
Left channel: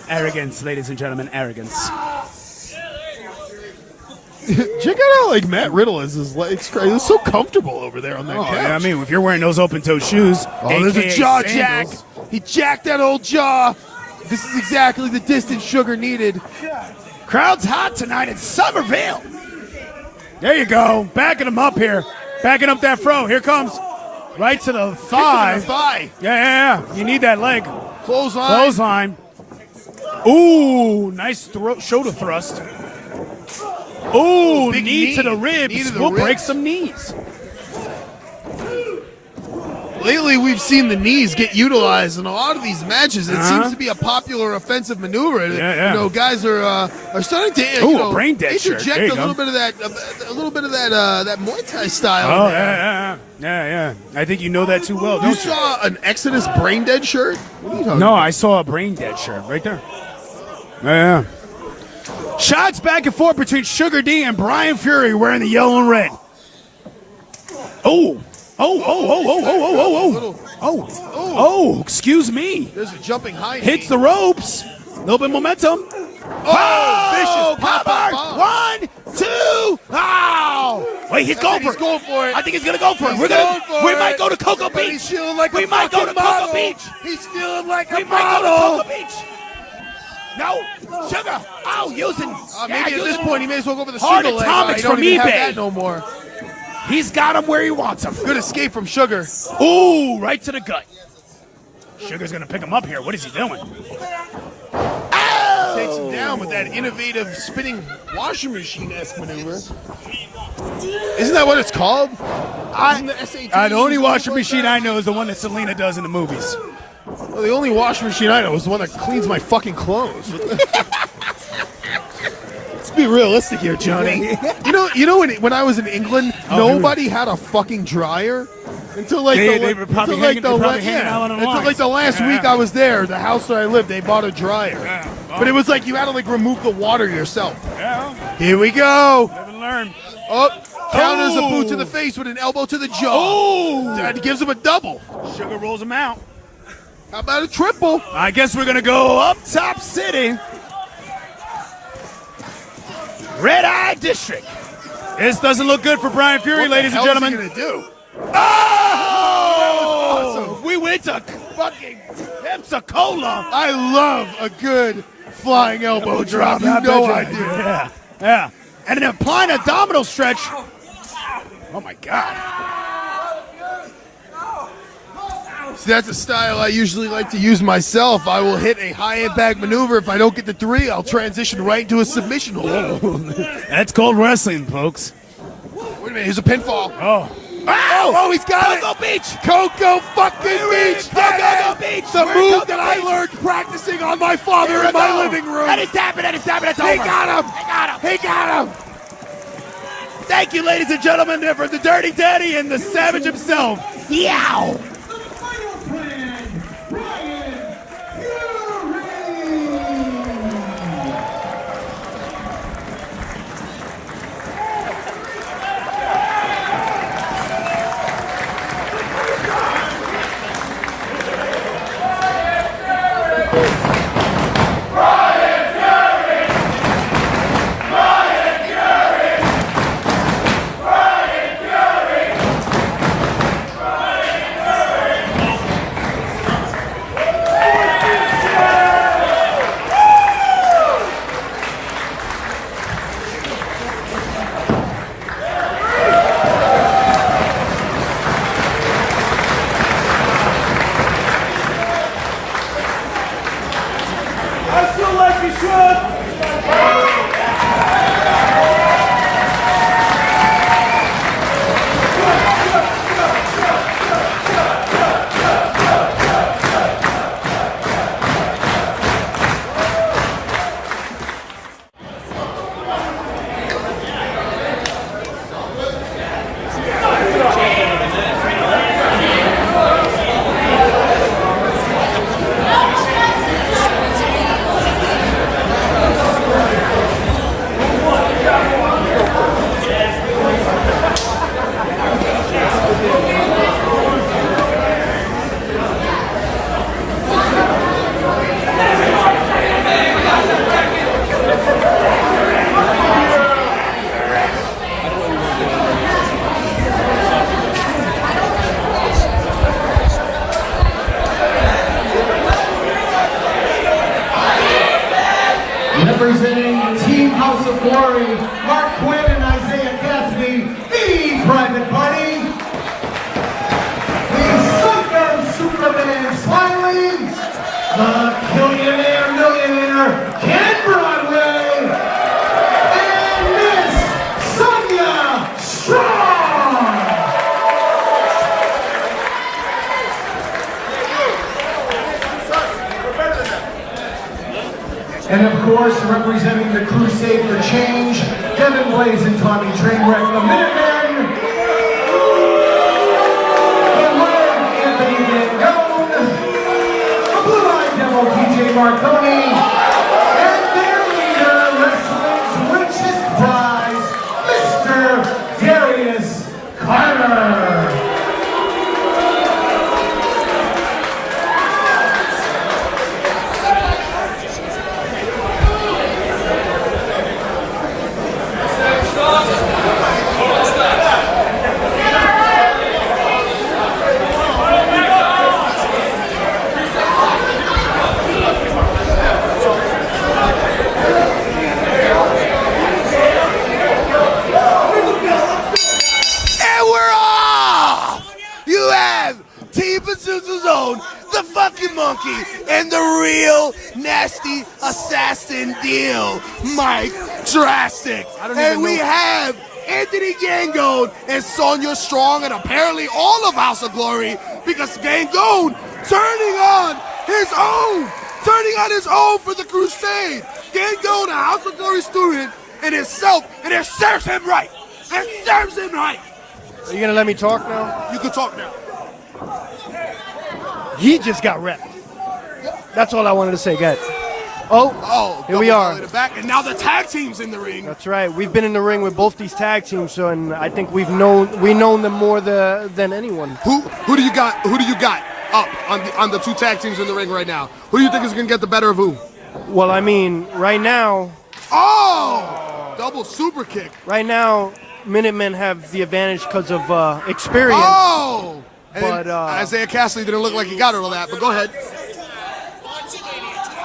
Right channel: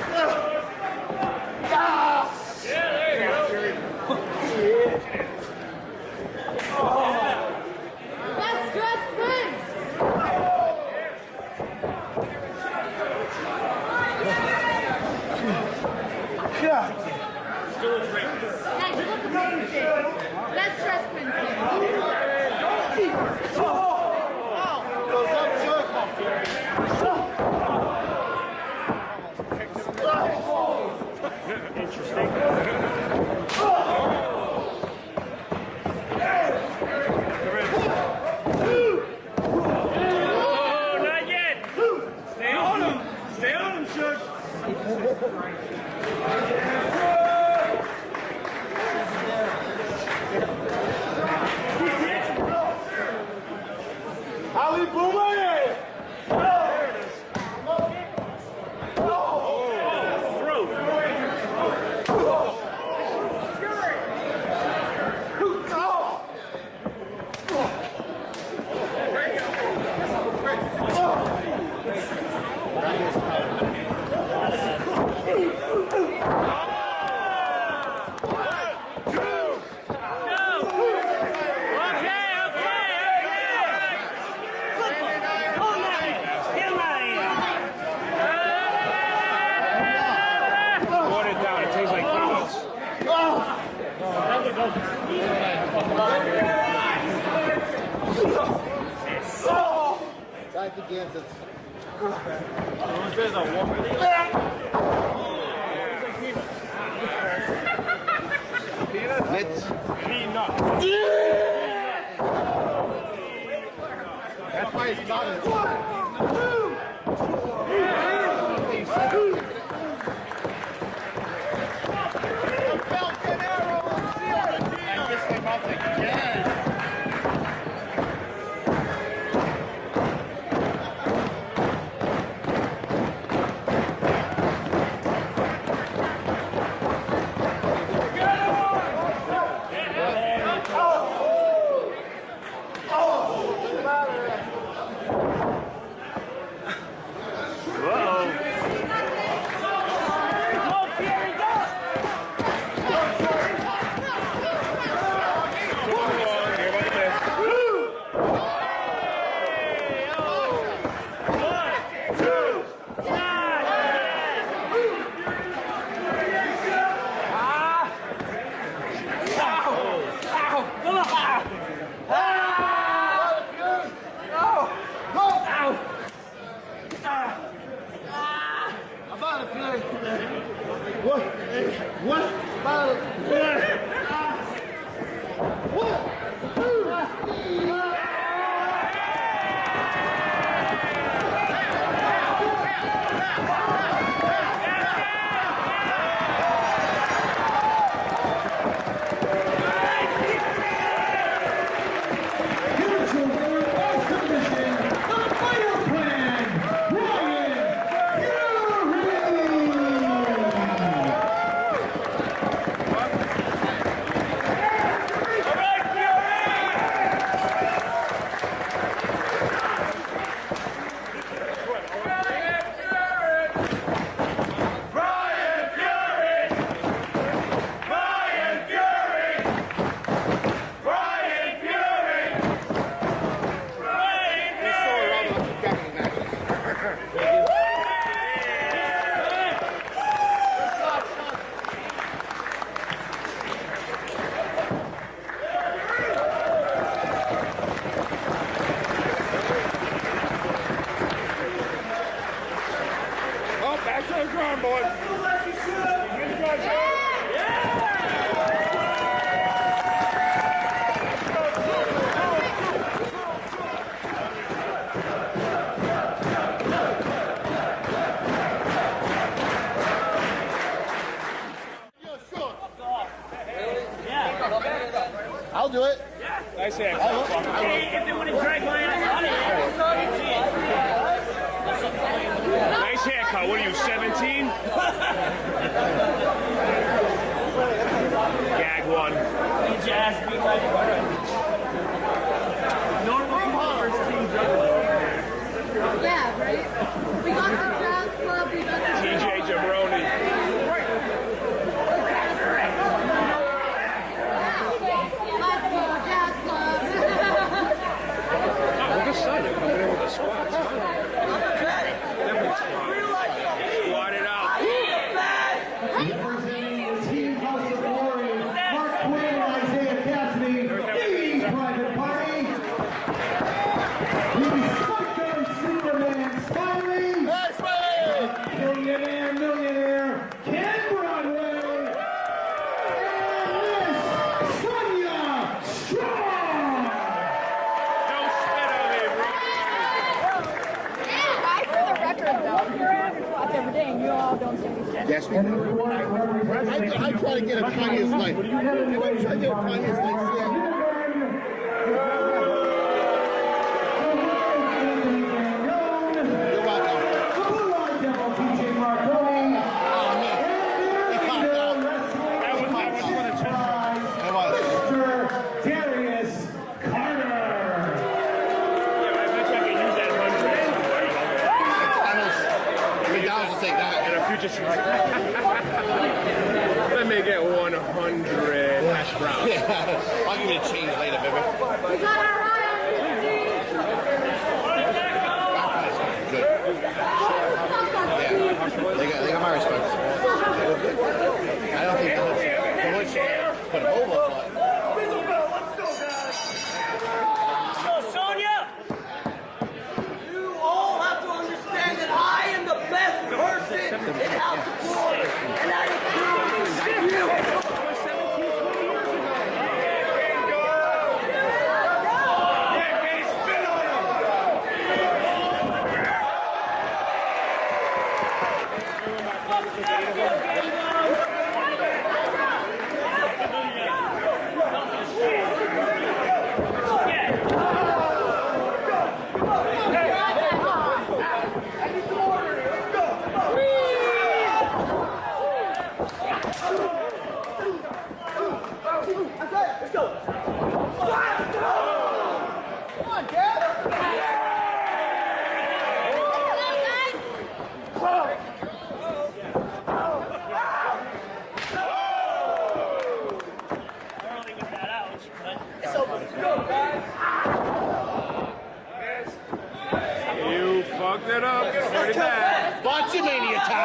Arrogance, ladies and gentlemen, arrogance. Check out how like Matt Riddle is. It's so comfortable over there on that couch. Yeah, I mean, if you're wearing those open-toe shoes, Oh, there's a AKA jaw sandals. jack. He jacked that old jaw. This is exactly the distance Sugar needed. Crowd's hot tonight in Somerville. There you go. Backing him up here. Backing up that fro. Here comes. Right to the thigh. Yeah. You need that leg. Clothesline. Ooh, nice shoulder thrust. Ooh, Big knee to the ribs. Knee to the We'll break ribs. some knees. Lately, we've seen the knees get utilized in a lot of these matches. It seems to be a popular offensive maneuver. Yeah. You know, guys are starting to Ooh, a brain dead shirt. interject There you a little go. bit of that Muay Thai style. Oh, yeah. I think you know that too well. You don't you? saw an Exodus brain dead shirt? No, I saw a brain dead shirt right there. Yeah. Shots back and forth between Sugar D and Brian Fury wearing the yellow and red. Oh, excuse me. There's a jumping high knee. Hits the ropes. A little bit of momentum. Oh, vicious Pop-Art. bomb. 1, 2. Oh. Wait, he's going for it. He's going for it. I think he's going to go for it. He's going for We it. might go to Cocoa Beach. He's feeling like we a might go to fucking model. Cocoa Beach. He's feeling like We a might go to model. Cocoa Beach. No, Sugar. I'm using. Maybe at this point he may as well go for the Hard single leg. atomics He don't from even eBay. have that no more. He's got him where he wants him. Good escape from Sugar. Ooh, right to the gut. Sugar's gonna pick him up here. What is he doing? Takes him down with that innovative spinning washing machine. Isn't that what it's called? Isn't the SAT? The only washing machine I know is the one that Selena does in the movies. Well, the only washing machine I know is the one that cleans my fucking clothes. Let's be realistic here, Johnny. You know when I was in England, nobody had a fucking dryer until like They were probably hanging out on the until lines. like the last week I was there. The house that I lived, they bought a dryer, but it was like you had to like remove the water yourself. Here we go. Oh, counters a boot to the face with an elbow to the jaw. That gives him a double. Sugar rolls him out. How about a triple? I guess we're gonna go up top city. Red Eye District. This doesn't look good for Brian Fury, ladies and How's he gentlemen. gonna do? Oh! We went to fucking Pensacola. I love a good flying elbow drop. You know I do. Yeah. And then applying a domino stretch. Oh my God. See, that's a style I usually like to use myself. I will hit a high impact maneuver. If I don't get the 3, I'll transition right into a submission move. That's called wrestling, folks. Wait a minute, here's a pinfall. Oh. Oh, he's got it! Coco Beach! Coco fucking Beach! Coco Beach! The move that I learned practicing on my father in my living room. And he's tapping, it's over. He got him! He got him! Thank you, ladies and gentlemen, for the Dirty Daddy and the Savage himself. Yow! The final plan, Ryan Fury! Representing Team House of Glory, Mark Quinn and Isaiah Gatsby, the Private Party. The Sunburn Superman Smiley, the Billionaire Millionaire Ken Broadway, and Miss Sonia Strong. And of course, representing the Crusade for Change, Devin Blaze and Tommy Trainwreck, the Minutemen, the Lord Anthony Mangone, the Blue-Eyed Devil PJ Marconi, and their leader, wrestling's richest prize, Mr. Darius Carter. And we're off! You have Team Pazuzu's own, the fucking monkey, and the real nasty assassin deal, Mike Drastic. And we have Anthony Gangone and Sonia Strong, and apparently all of House of Glory, because Gangone turning on his own for the Crusade. Gangone, a House of Glory student, in itself, and it serves him right. It serves him right. You gonna let me talk now? You can talk now. He just got wrecked. That's all I wanted to say, guys. Oh, here we are. Back, and now the tag team's in the ring. That's right. We've been in the ring with both these tag teams, so and I think we've known them more than anyone. Who do you got? Who do you got up on the two tag teams in the ring right now? Who do you think is gonna get the better of who? Well, I mean, right now, double super kick. right now, Minutemen have the advantage because of experience. But But Isaiah Cassidy didn't look like he got all that. But go ahead.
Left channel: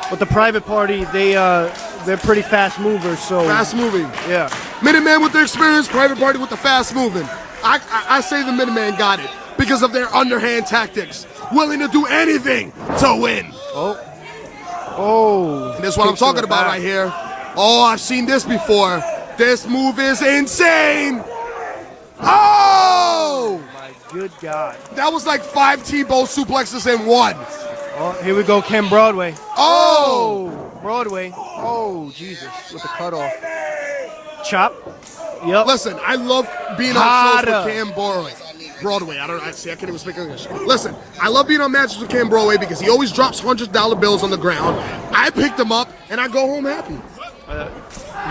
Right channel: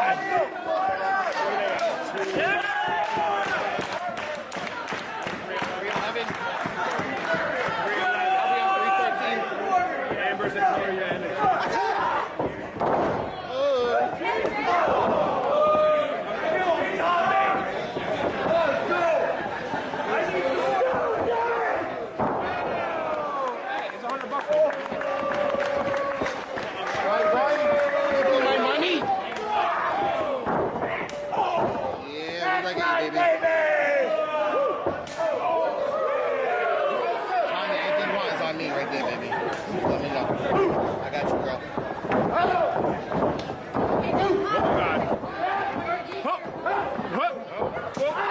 But the Private Party, they're pretty fast movers. So Fast moving. yeah. Minutemen with their experience, Private Party with the fast moving. I say the Minutemen got it because of their underhand tactics. willing to do anything to win. Oh. And this is what I'm talking about right here. Oh, I've seen this before. This move is insane. Oh! Good God. That was like 5 T-bone suplexes in one. Oh, here we go, Ken Broadway. Oh! Broadway. Oh, Jesus. Cut off. Chop. Yep. Listen, I love being on shows with Cam Broadway. I can't even speak English. Listen, I love being on matches with Cam Broadway because he always drops $100 bills on the ground. I picked them up and I go home happy.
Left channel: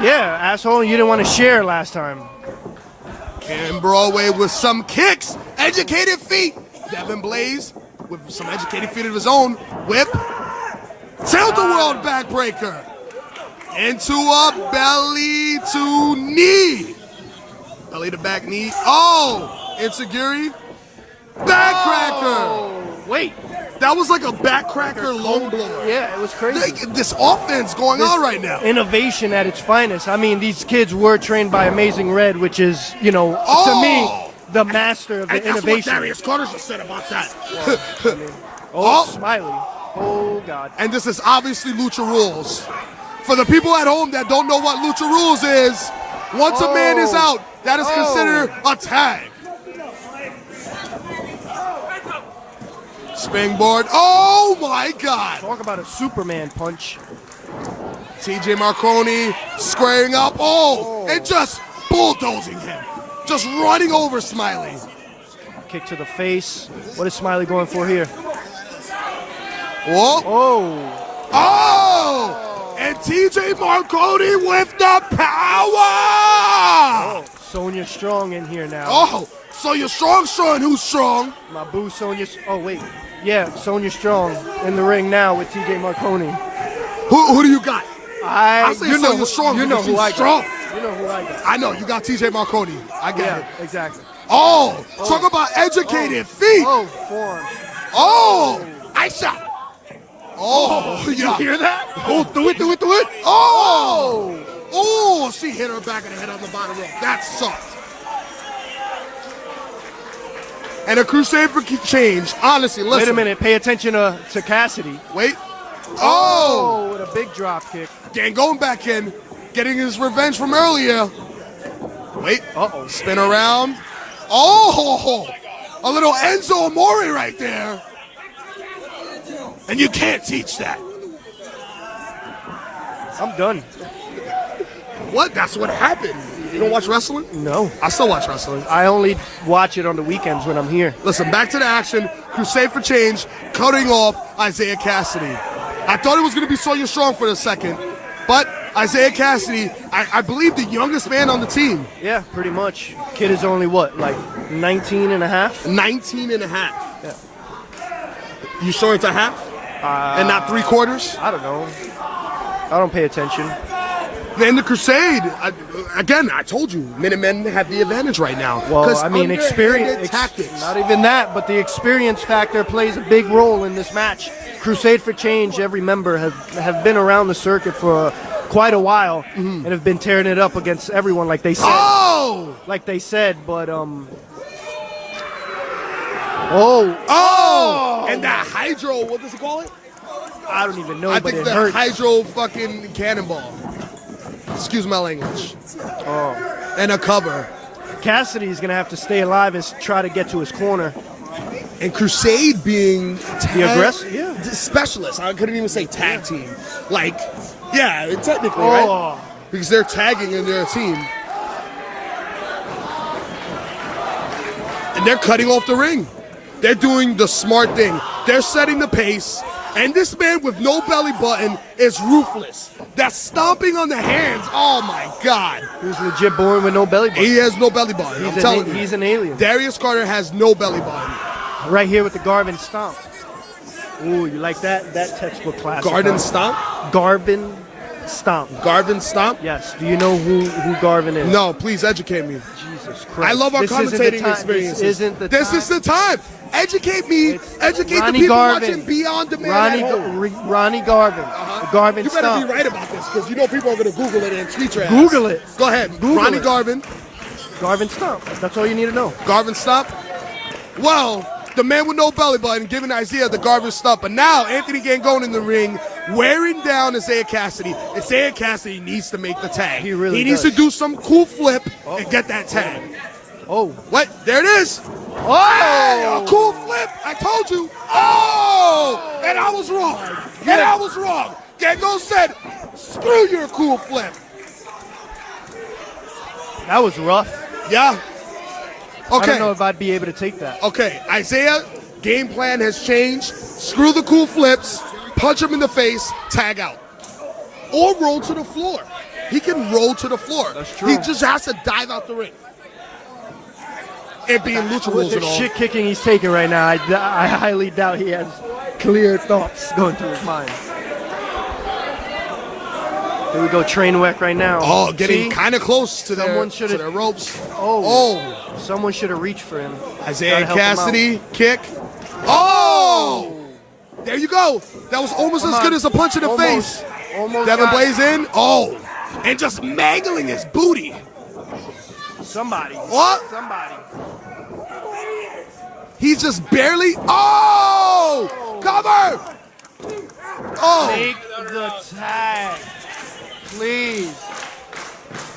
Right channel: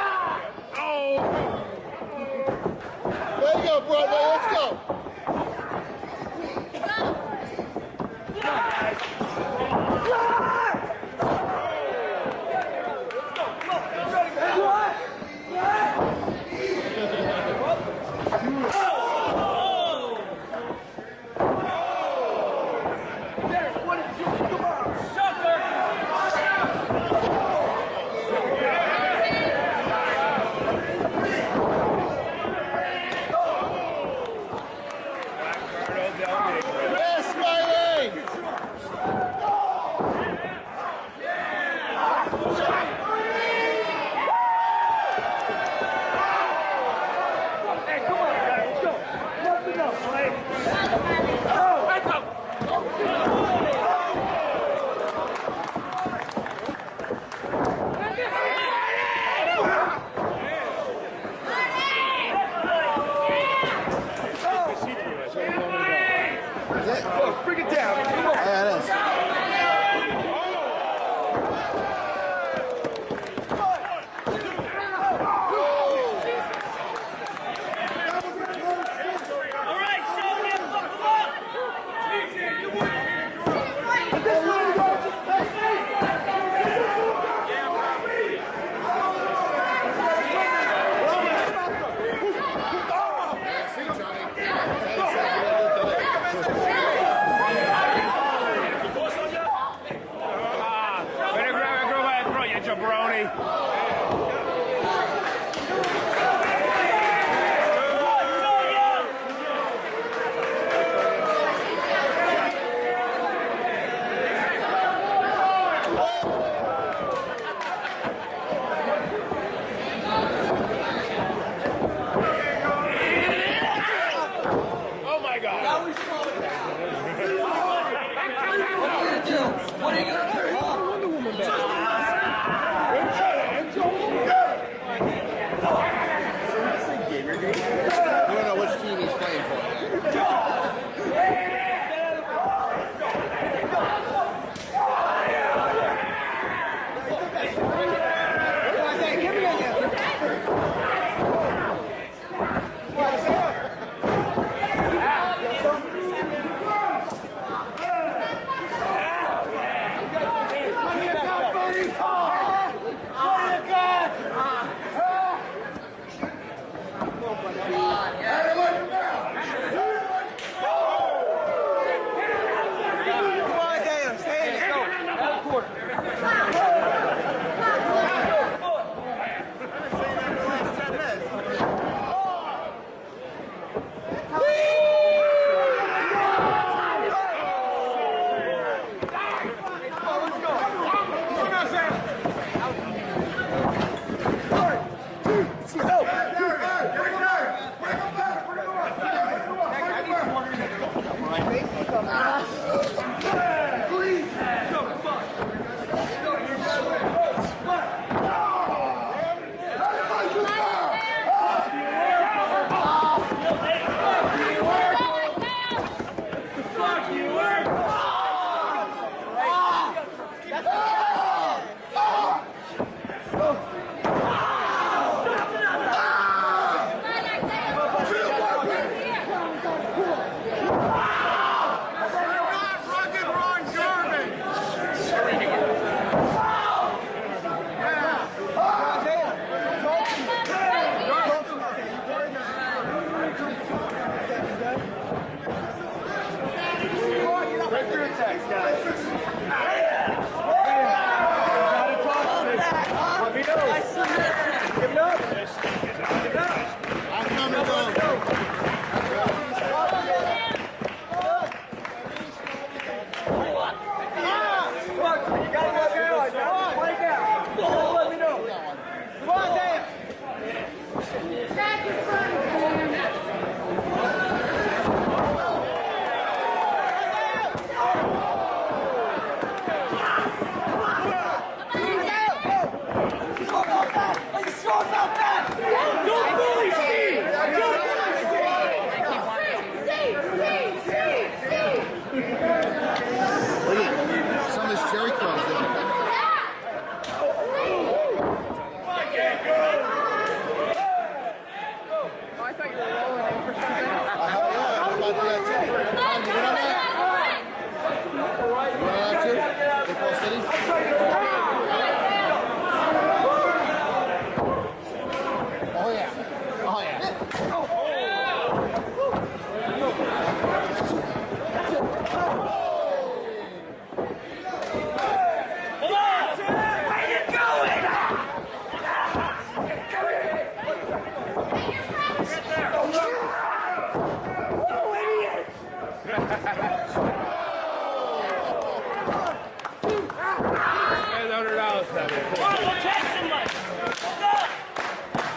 Yeah, asshole, you didn't want to share last time. Cam Broadway with some kicks, educated feet. Devin Blaze with some educated feet of his own. Whip. Tilt-a-world backbreaker. Into a belly to knee. Belly to back knee. Oh! Insecurity. Backcracker. Wait. That was like a backcracker low blow. Yeah, it was crazy. This offense going on right now. Innovation at its finest. I mean, these kids were trained by Amazing Red, which is, you know, to me, the master of the And that's what innovation. Darius Carter said about that. Oh, Smiley. Oh, God. And this is obviously Lucha Rules. For the people at home that don't know what Lucha Rules is, once a man is out, that is considered a tag. Springboard. Oh my God. Talk about a Superman punch. TJ Marconi squaring up. Oh, and just bulldozing him. Just running over Smiley. Kick to the face. What is Smiley going for here? Whoa. Oh. Oh! And TJ Marconi with the power! Sonya Strong in here now. Oh, so you're strong, showing who's strong. My boo Sonya. Oh, wait. Yeah, Sonya Strong in the ring now with TJ Marconi. Who do you got? I say Sonya Strong. You know because who she's I strong. I know, you got TJ Marconi. I get it. Exactly. Oh, talk about educated feet. Oh, Aisha. Oh, you hear that? Oh, do it. Oh, she hit her back of the head on the bottom. That's soft. And a crusade for change. Honestly, listen. Wait a minute. Pay attention to Cassidy. Wait. Oh, with a big drop kick. Dan going back in, getting his revenge from earlier. Wait. Oh, spin around. Oh, a little Enzo Amore right there. And you can't teach that. I'm done. What? That's what happened. You don't watch wrestling? No. I still watch wrestling. I only watch it on the weekends when I'm here. Listen, back to the action. Crusade for Change, cutting off Isaiah Cassidy. I thought it was going to be Sonya Strong for a second, but Isaiah Cassidy, I believe the youngest man on the team. Yeah, pretty much. Kid is only what, like 19 and a half? 19 and a half. You sure it's a half? And not 3/4? I don't know. I don't pay attention. Then the Crusade, I told you, Minutemen have the advantage right now. Well, I mean, experience. Tactics. Not even that, but the experience factor plays a big role in this match. Crusade for Change, every member have been around the circuit for quite a while and have been tearing it up against everyone, like they said. Oh! Like they said, but Oh! And that hydro, what was it called? I don't even know. I think but the it hurts. hydro fucking cannonball. Excuse my language. And a cover. Cassidy's gonna have to stay alive and try to get to his corner. And Crusade being The aggressive, yeah. specialist. I couldn't even say tag team. Like, yeah, technically, right? Because they're tagging in their team. And they're cutting off the ring. They're doing the smart thing. They're setting the pace. And this man with no belly button is ruthless. That stomping on the hands, oh my God. He's legit born with no belly button. He has no belly button. I'm telling you. He's an alien. Darius Carter has no belly button. Right here with the Garvin Stomp. Ooh, you like that? That textbook class. Garden Stomp? Garvin Stomp. Garvin Stomp? Yes. Do you know who Garvin is? No, please educate me. I love our This isn't the commentating time. experiences. This isn't the This is the time. Educate me. Educate Ronnie the people Garvin. watching Beyond Demand. Ronnie Garvin. Garvin You better Stomp. be right about this because you know people are going to Google it and tweet your ass. Google it. Go ahead. Ronnie Garvin. Garvin Stomp. That's all you need to know. Garvin Stomp. Well, the man with no belly button giving Isaiah the garbage stuff. But now Anthony Gangone in the ring, wearing down Isaiah Cassidy. Isaiah Cassidy needs to make the tag. He really needs does. to do some cool flip and get that tag. Oh, What? There it is. oh! A cool flip. I told you. Oh! And I was wrong. And I was wrong. Gangone said, screw your cool flip. That was rough. Yeah. I don't know Okay. if I'd be able to take that. Okay. Isaiah, game plan has changed. Screw the cool flips. Punch him in the face. Tag out. Or roll to the floor. He can roll to the floor. He just has to dive out the ring. And be in lucha rules The and all. shit kicking he's taking right now, I highly doubt he has clear thoughts going through his mind. Here we go, train wreck right now. Oh, getting See? kind of close to Someone their should've- ropes. Oh, someone should have reached for him. Isaiah Gotta help him Cassidy, kick. Oh! There you go. That was almost as good as a punch in the face. Almost Devin got Blaze in. Oh! And just mangling his booty. somebody. What? He's just barely. Oh! Cover! Oh! Take the tag. Please.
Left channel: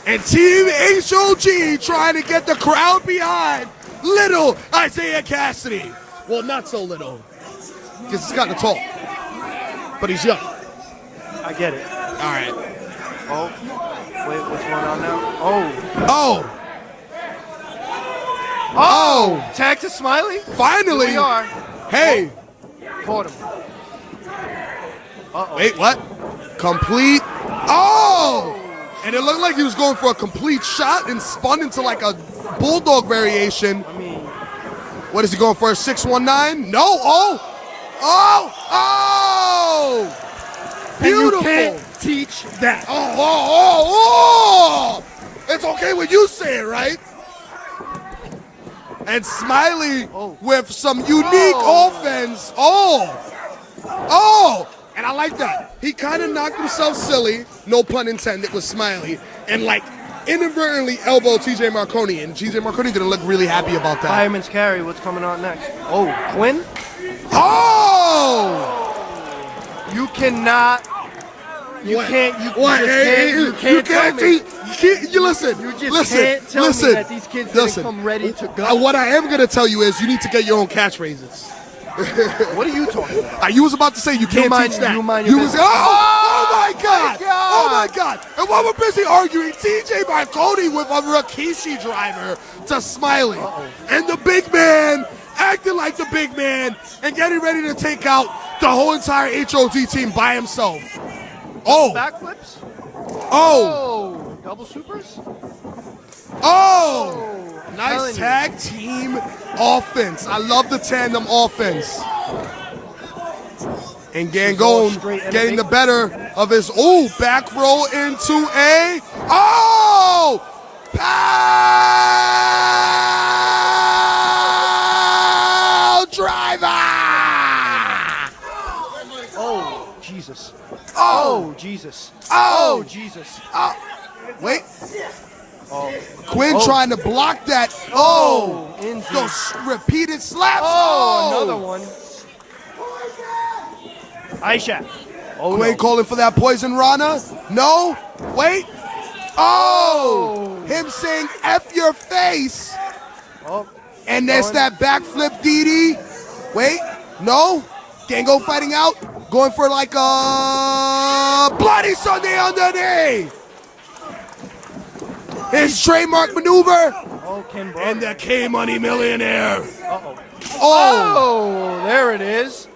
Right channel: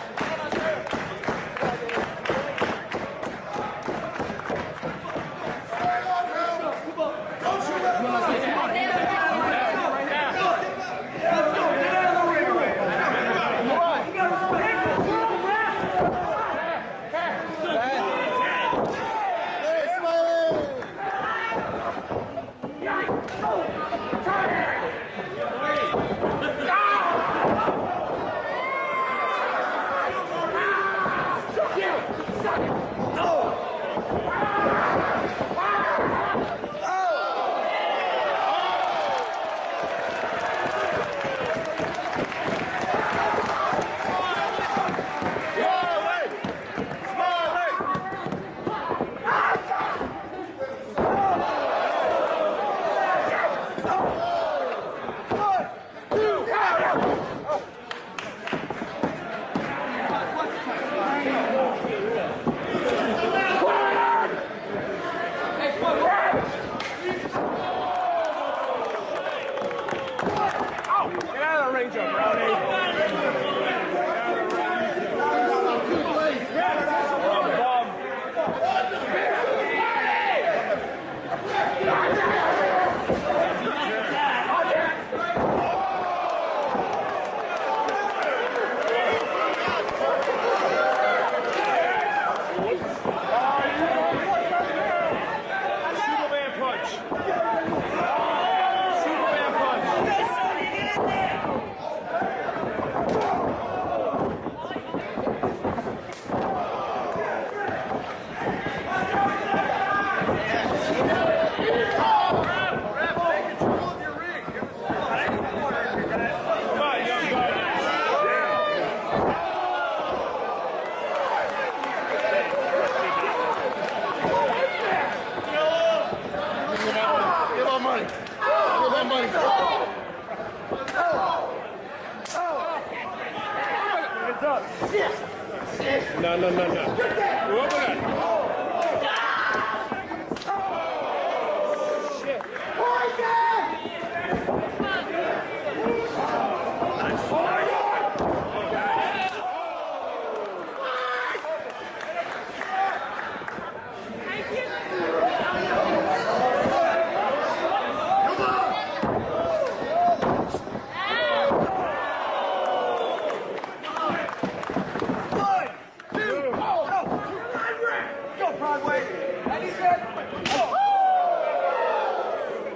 And Team HOG trying to get the crowd behind little Isaiah Cassidy. Well, not so little. Because he's gotten tall. But he's young. I get it. All right. Oh. Oh! Oh! Tag to Smiley? Finally! Here we are. Hey! Caught him. Wait, what? Complete. Oh! And it looked like he was going for a complete shot and spun into like a bulldog variation. What is he going for? A 619? No! Oh! Oh! Oh! Beautiful! You can't teach that. Oh, oh, oh, oh! It's okay when you say it, right? And Smiley with some unique offense. Oh! Oh! And I like that. He kind of knocked himself silly, no pun intended, with Smiley, and like inadvertently elbowed TJ Marconi. And TJ Marconi didn't look really happy about that. Fireman's carry, what's coming on next? Oh, Quinn? Oh! You cannot. You can't. You What? just You can't tell me. you listen, Can't tell me that these kids listen. come ready to go. What I am gonna tell you is you need to get your own catchphrases. What are you talking about? You was about to say you can't mind- teach that. you mind You your was business. oh my god! Oh my god! And while we're busy arguing, TJ Marconi with a Rikishi driver to Smiley, and the big man acting like the big man and getting ready to take out the whole entire HOG team by himself. Oh! Backflips? Oh! Oh, double supers? Oh! Nice tag team offense. I love the tandem offense. And Gangone getting the better of his, back roll into a, pow driver! Jesus. Oh, Jesus. Oh! Jesus. Wait. Quinn trying to block that. Oh! Those repeated slaps. Another one. Aisha. Quinn calling for that poison Rana. No. Wait. Oh! Him saying F your face. And there's that backflip DD. Wait. No. Gangone fighting out. Going for like a Bloody Sunday underneath. His trademark maneuver. And the K-Money Millionaire. Oh! There it is.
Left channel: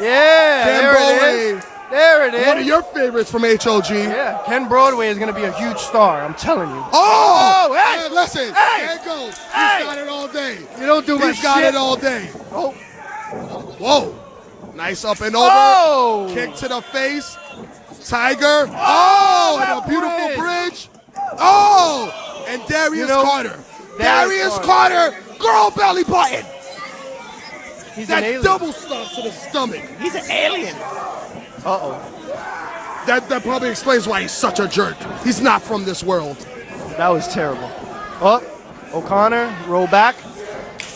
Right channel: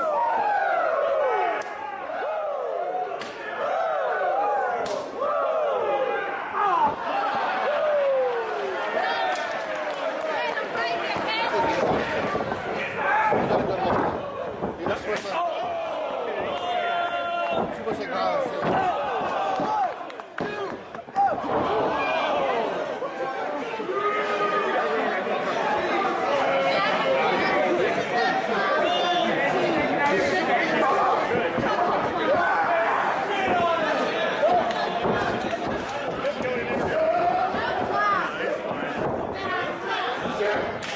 Yeah, Ken there it Broadway. is. There it is. One of your favorites from HOG. Yeah, Ken Broadway is going to be a huge star, I'm telling you. Oh! hey! Listen. Hey! Gangone, he's Hey! got it all day. We don't do much He's got shit. it all day. Oh! Nice up and over. Oh! Kick to the face. Tiger. Oh! And a beautiful bridge. Oh! And Darius Carter. Darius Carter. Girl belly button. That double slam to the stomach. That probably explains why he's such a jerk. He's not from this world. That was terrible. Oh, O'Connor, roll back.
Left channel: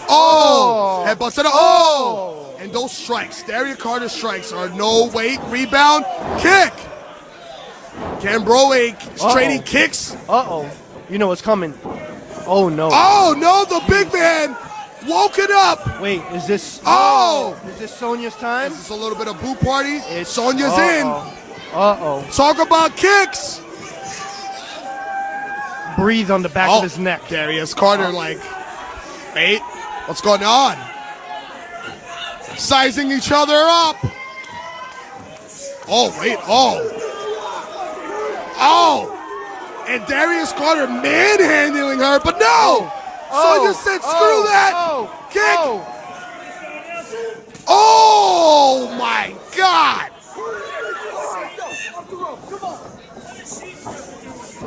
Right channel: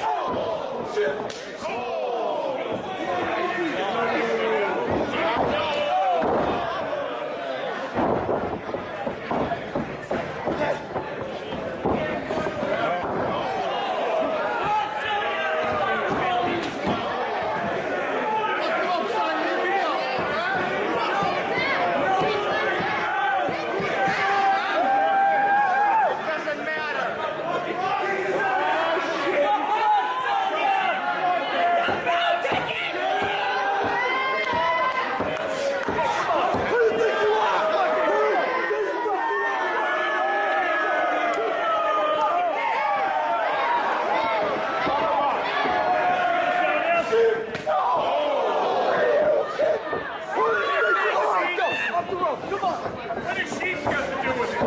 Oh! Headbutt to the, oh! And those strikes, Darius Carter strikes are no weight, rebound, kick! Cambroa trading kicks. Uh-oh. You know what's coming. Oh, no. Oh, no, the big man woke it up. Wait, is this... Oh! Is this Sonya's time? It's a little bit of boot party. Sonya's in. Uh-oh. Talk about kicks. Breathe on the back of his neck. Darius Carter like, wait, what's going on? Sizing each other up. Oh, wait, oh. Oh! And Darius Carter manhandling her, but no! Sonya said, screw that! Kick! Oh my God!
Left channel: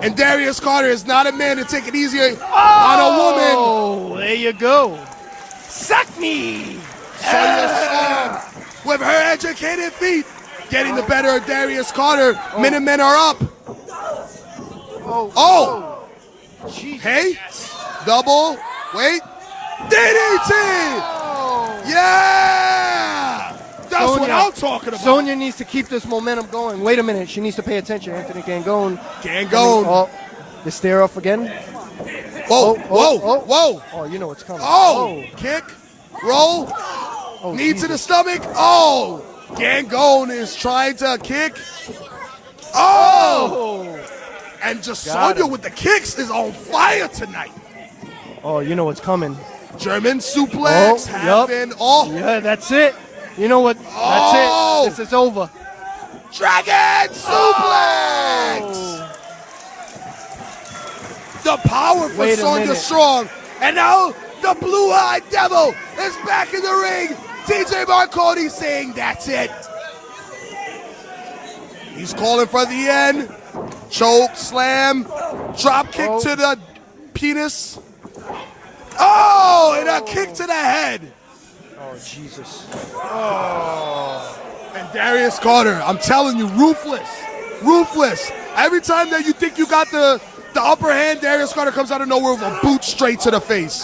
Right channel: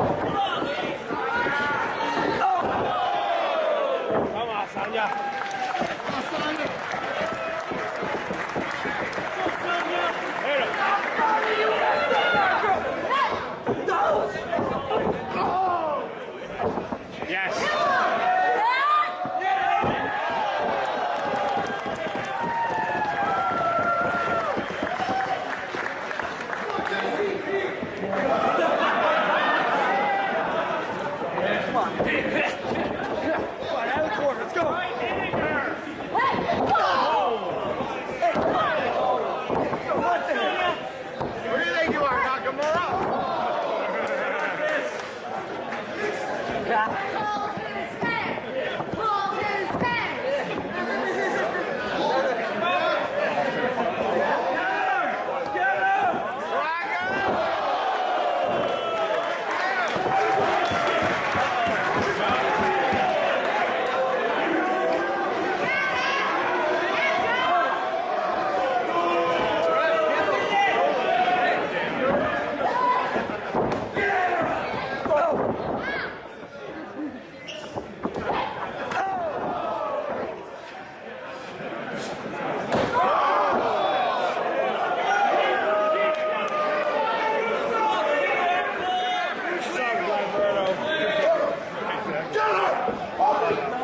And Darius Carter is not a man to take it easy on a woman. Oh, there you go. Suck me! Sonya Storm with her educated feet getting the better of Darius Carter. Minutemen are up. Oh! Hey! Double. Wait. DDT! Yeah! That's what I'm talking about. Sonya needs to keep this momentum going. Wait a minute, she needs to pay attention. Can't go. Can't go. Oh, the stare off again. Whoa, whoa, whoa. Oh, you know what's coming. Oh! Kick. Roll. Knee to the stomach. Oh! Gangone is trying to kick. Oh! And just Sonya with the kicks is on fire tonight. Oh, you know what's coming. German suplex. Yup. Oh! Yeah, that's it. You know what? That's Oh! it. This is over. Dragon suplex! The power for Wait a Sonya minute. Strong. And now the blue-eyed devil is back in the ring. TJ Marconi saying that's it. He's calling for the end. Choke, slam, drop kick to the penis. Oh, and a kick to the head. And Darius Carter, I'm telling you, ruthless, ruthless. Every time that you think you got the upper hand, Darius Carter comes out of nowhere with a boot straight to the face.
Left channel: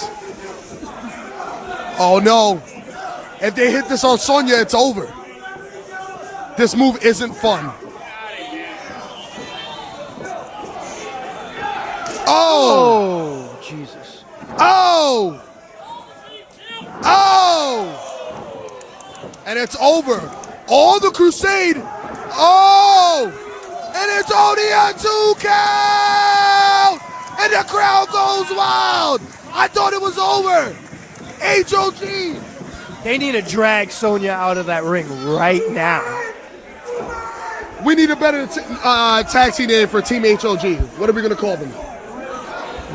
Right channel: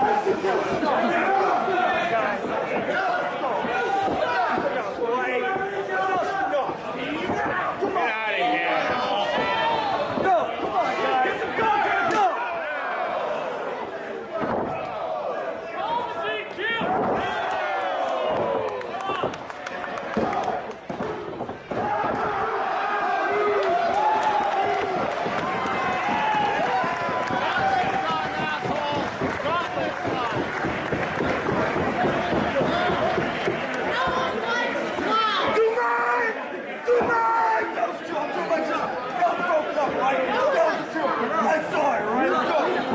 Oh no. If they hit this on Sonya, it's over. This move isn't fun. Oh! Jesus. Oh! Oh! And it's over. All the Crusade. Oh! And it's only a 2 count! And the crowd goes wild! I thought it was over. HOG. They need to drag Sonya out of that ring right now. We need a better taxi name for Team HOG. What are we going to call them?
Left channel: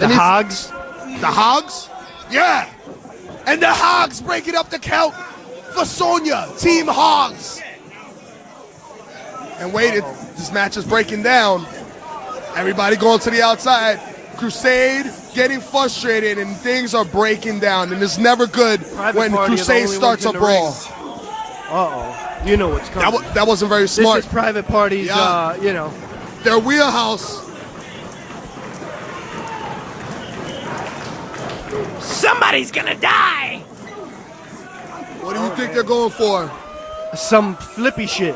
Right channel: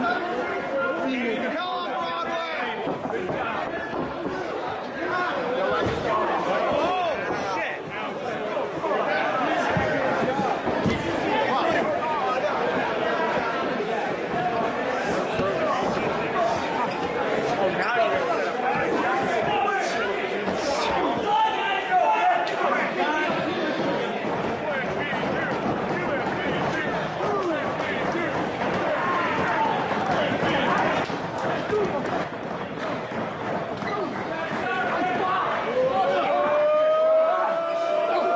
The Hogs. The Hogs? Yeah. And the Hogs breaking up the count for Sonya. Team Hogs. And wait, this match is breaking down. Everybody going to the outside. Crusade getting frustrated and things are breaking down. And it's never good when Crusade starts a brawl. Uh-oh. You know what's coming. That wasn't very smart. This is private parties, you know. Their wheelhouse. Somebody's gonna die! What do you think they're going for? Some flippy shit.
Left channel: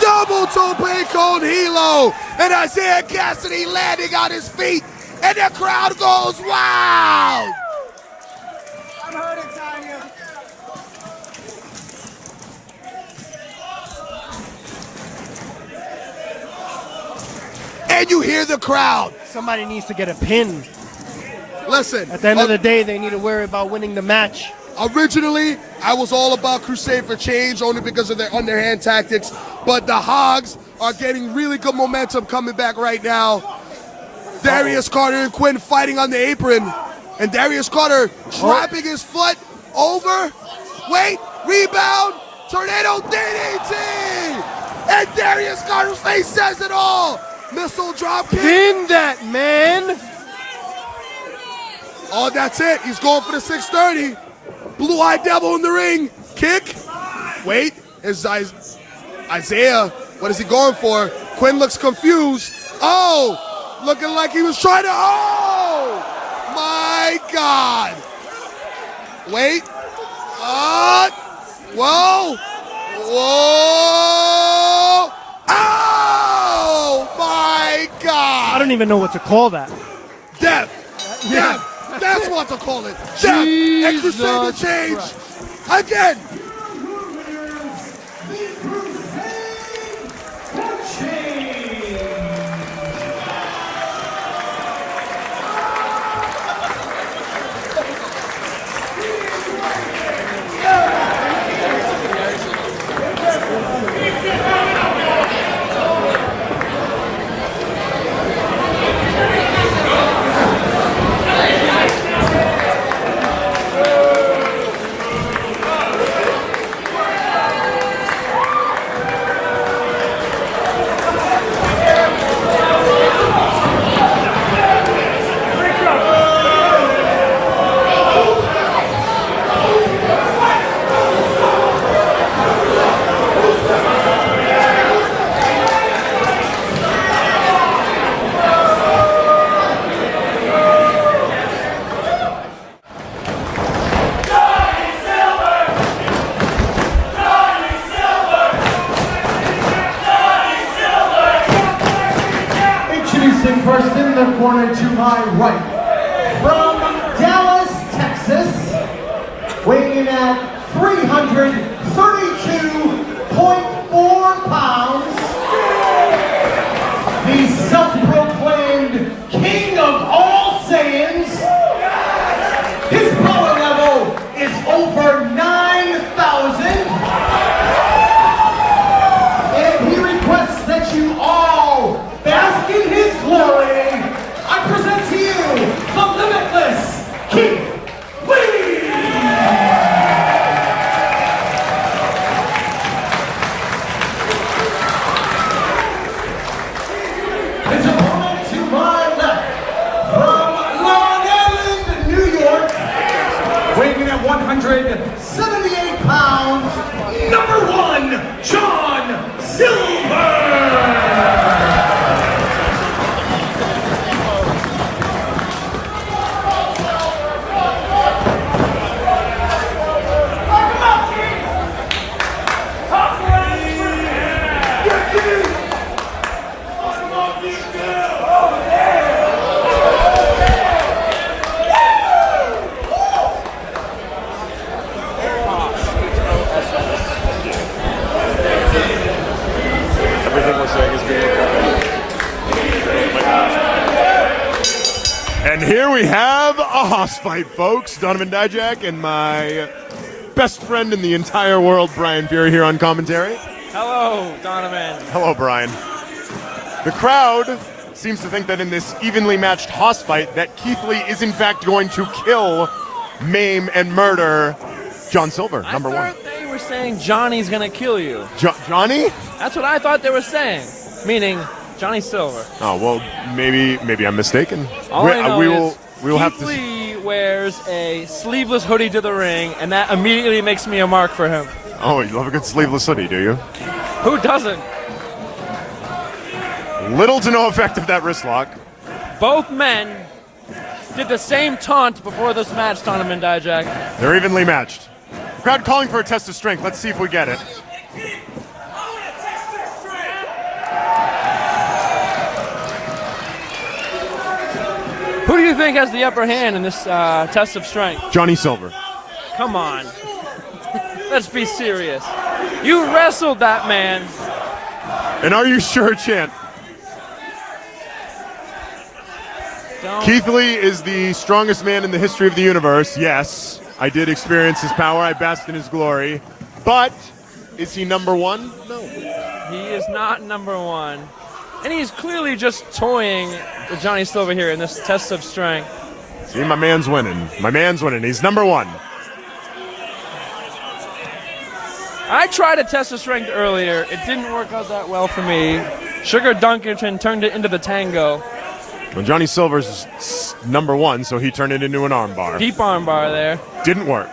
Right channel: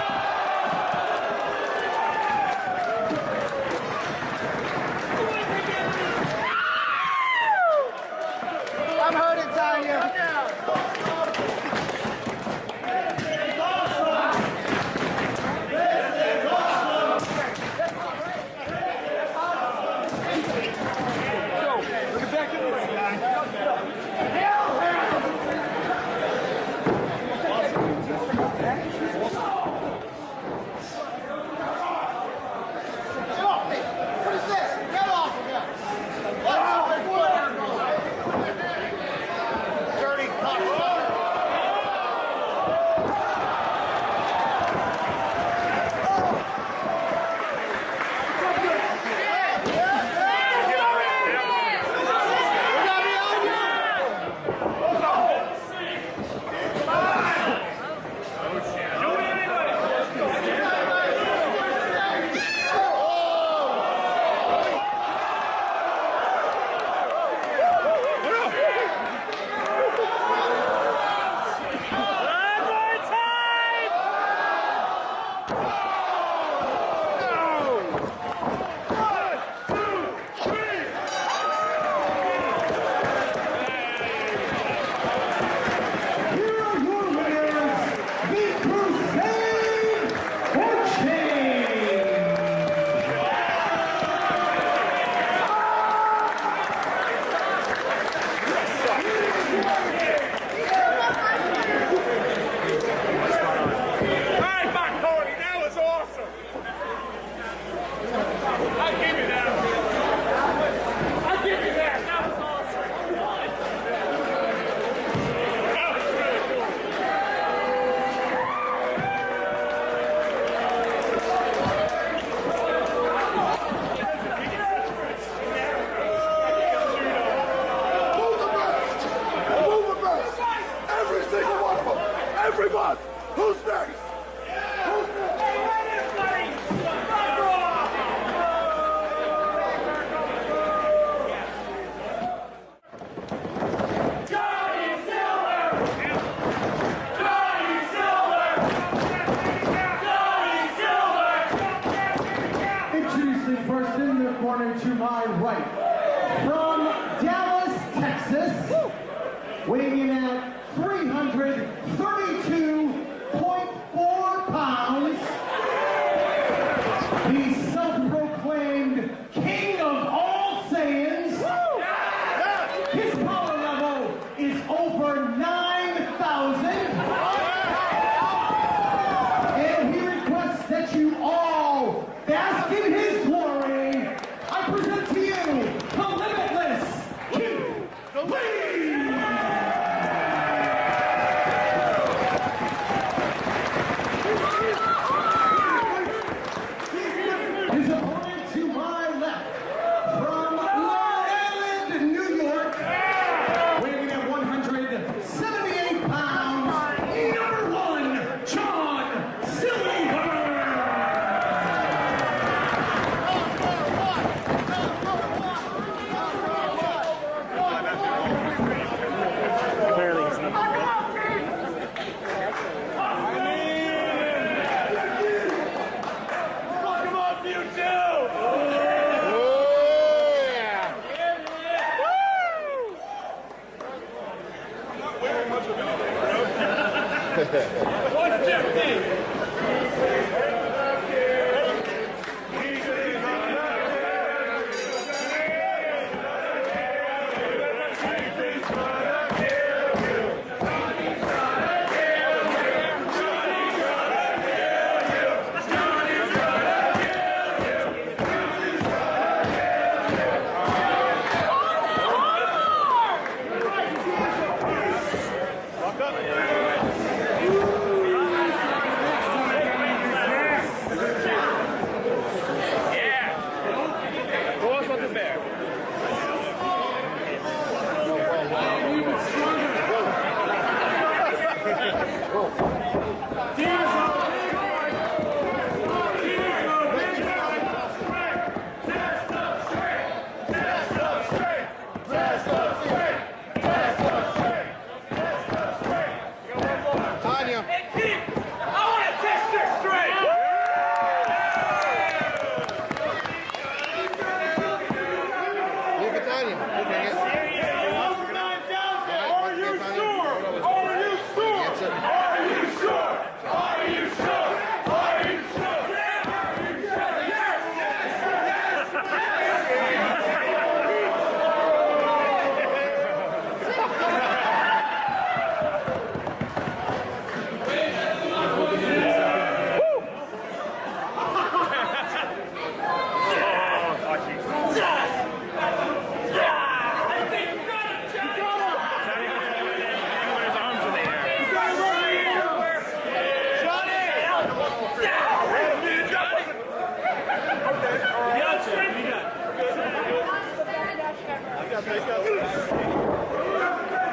Double tope con hilo, and Isaiah Cassidy landing on his feet, and the crowd goes wild. I'm hurting, Tanya. And you hear the crowd. Somebody needs to get a pin. Listen. At the end of the day, they need to worry about winning the match. Originally, I was all about Crusade for Change only because of their underhand tactics, but the Hogs are getting really good momentum coming back right now. Darius Carter and Quinn fighting on the apron, and Darius Carter dropping his foot over. Wait, rebound, tornado DDT, and Darius Carter's face says it all. Missile drop kick. Ding that, man! Oh, that's it. He's going for the 630. Blue-eyed devil in the ring. Kick. Wait. Is Isaiah. What is he going for? Quinn looks confused. Oh! Looking like he was trying to. Oh! My God! Wait. Whoa! Whoa! Oh my God! I don't even know what to call that. Death! Death! That's what to call it! Death! And Crusader change! Again! The Crusade for Change. Introducing first in the corner to my right, from Dallas, Texas, weighing in at 332.4 pounds, the self-proclaimed king of all Saiyans. His power level is over 9,000, and he requests that you all bask in his glory. I present to you the limitless Keith Lee. His opponent to my left, from Long Island, New York, weighing in at 178 pounds, number 1, John Silver. And here we have a hoss fight, folks. Donovan Dijak and my best friend in the entire world, Brian Fury, here on commentary. Hello, Donovan. Hello, Brian. The crowd seems to think that in this evenly matched hoss fight that Keith Lee is in fact going to kill, maim, and murder John Silver, number 1. They were saying Johnny's gonna kill you. Johnny? That's what I thought they were saying. Meaning Johnny Silver. Oh, well, maybe I'm mistaken. All I know we is will have Keith to. Lee wears a sleeveless hoodie to the ring, and that immediately makes me a mark for him. Oh, you love a good sleeveless hoodie, do you? Who doesn't? Little to no effect of that wrist lock. Both men did the same taunt before this match, Donovan Dijak. They're evenly matched. Crowd calling for a test of strength. Let's see if we get it. Who do you think has the upper hand in this test of strength? Johnny Silver. Come on. Let's be serious. You wrestled that man. And are you sure, champ? Keith Lee is the strongest man in the history of the universe. Yes, I did experience his power. I basked in his glory. But is he number 1? He is not number 1. And he's clearly just toying with Johnny Silver here in this test of strength. See, my man's winning. My man's winning. He's number 1. I tried a test of strength earlier. It didn't work out that well for me. Sugar Dunkerton turned it into the tango. Well, Johnny Silver's number 1, so he turned it into an armbar. Deep armbar there. Didn't work.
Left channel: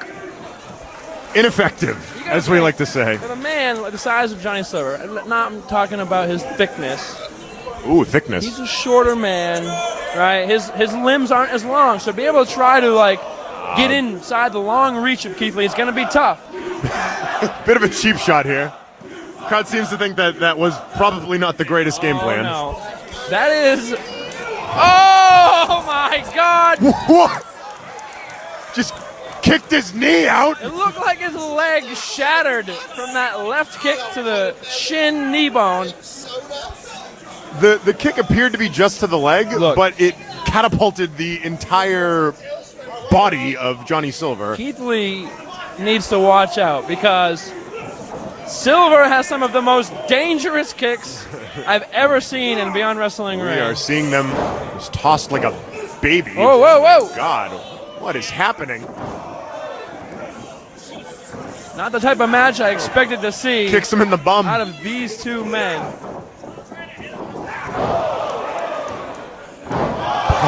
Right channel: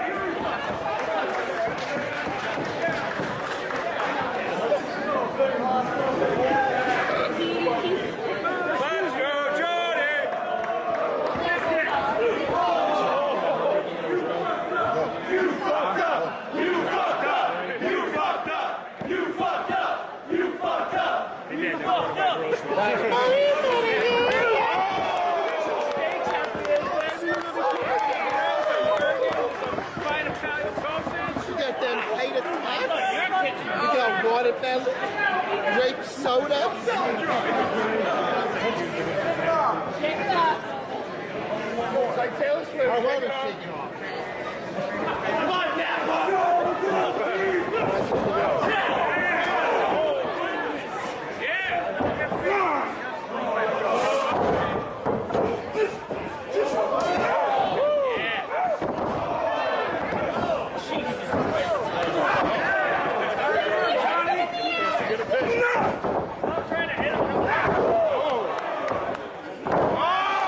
Ineffective, as we like to say. A man the size of Johnny Silver, I'm not talking about his thickness. Ooh, thickness. He's a shorter man, right? His limbs aren't as long, so to be able to try to like get inside the long reach of Keith Lee is going to be tough. Bit of a cheap shot here. Crowd seems to think that was probably not the greatest game plan. No, that is. Oh my God! What? Just kicked his knee out. It looked like his leg shattered from that left kick to the shin knee bone. The kick appeared to be just to the leg, Look. but it catapulted the entire body of Johnny Silver. Keith Lee needs to watch out because Silver has some of the most dangerous kicks I've ever seen in Beyond Wrestling We are Ring. seeing them just tossed like a baby. Whoa, whoa, whoa! God, what is happening? Not the type of match I expected to see Kicks him in the bum. out of these two men.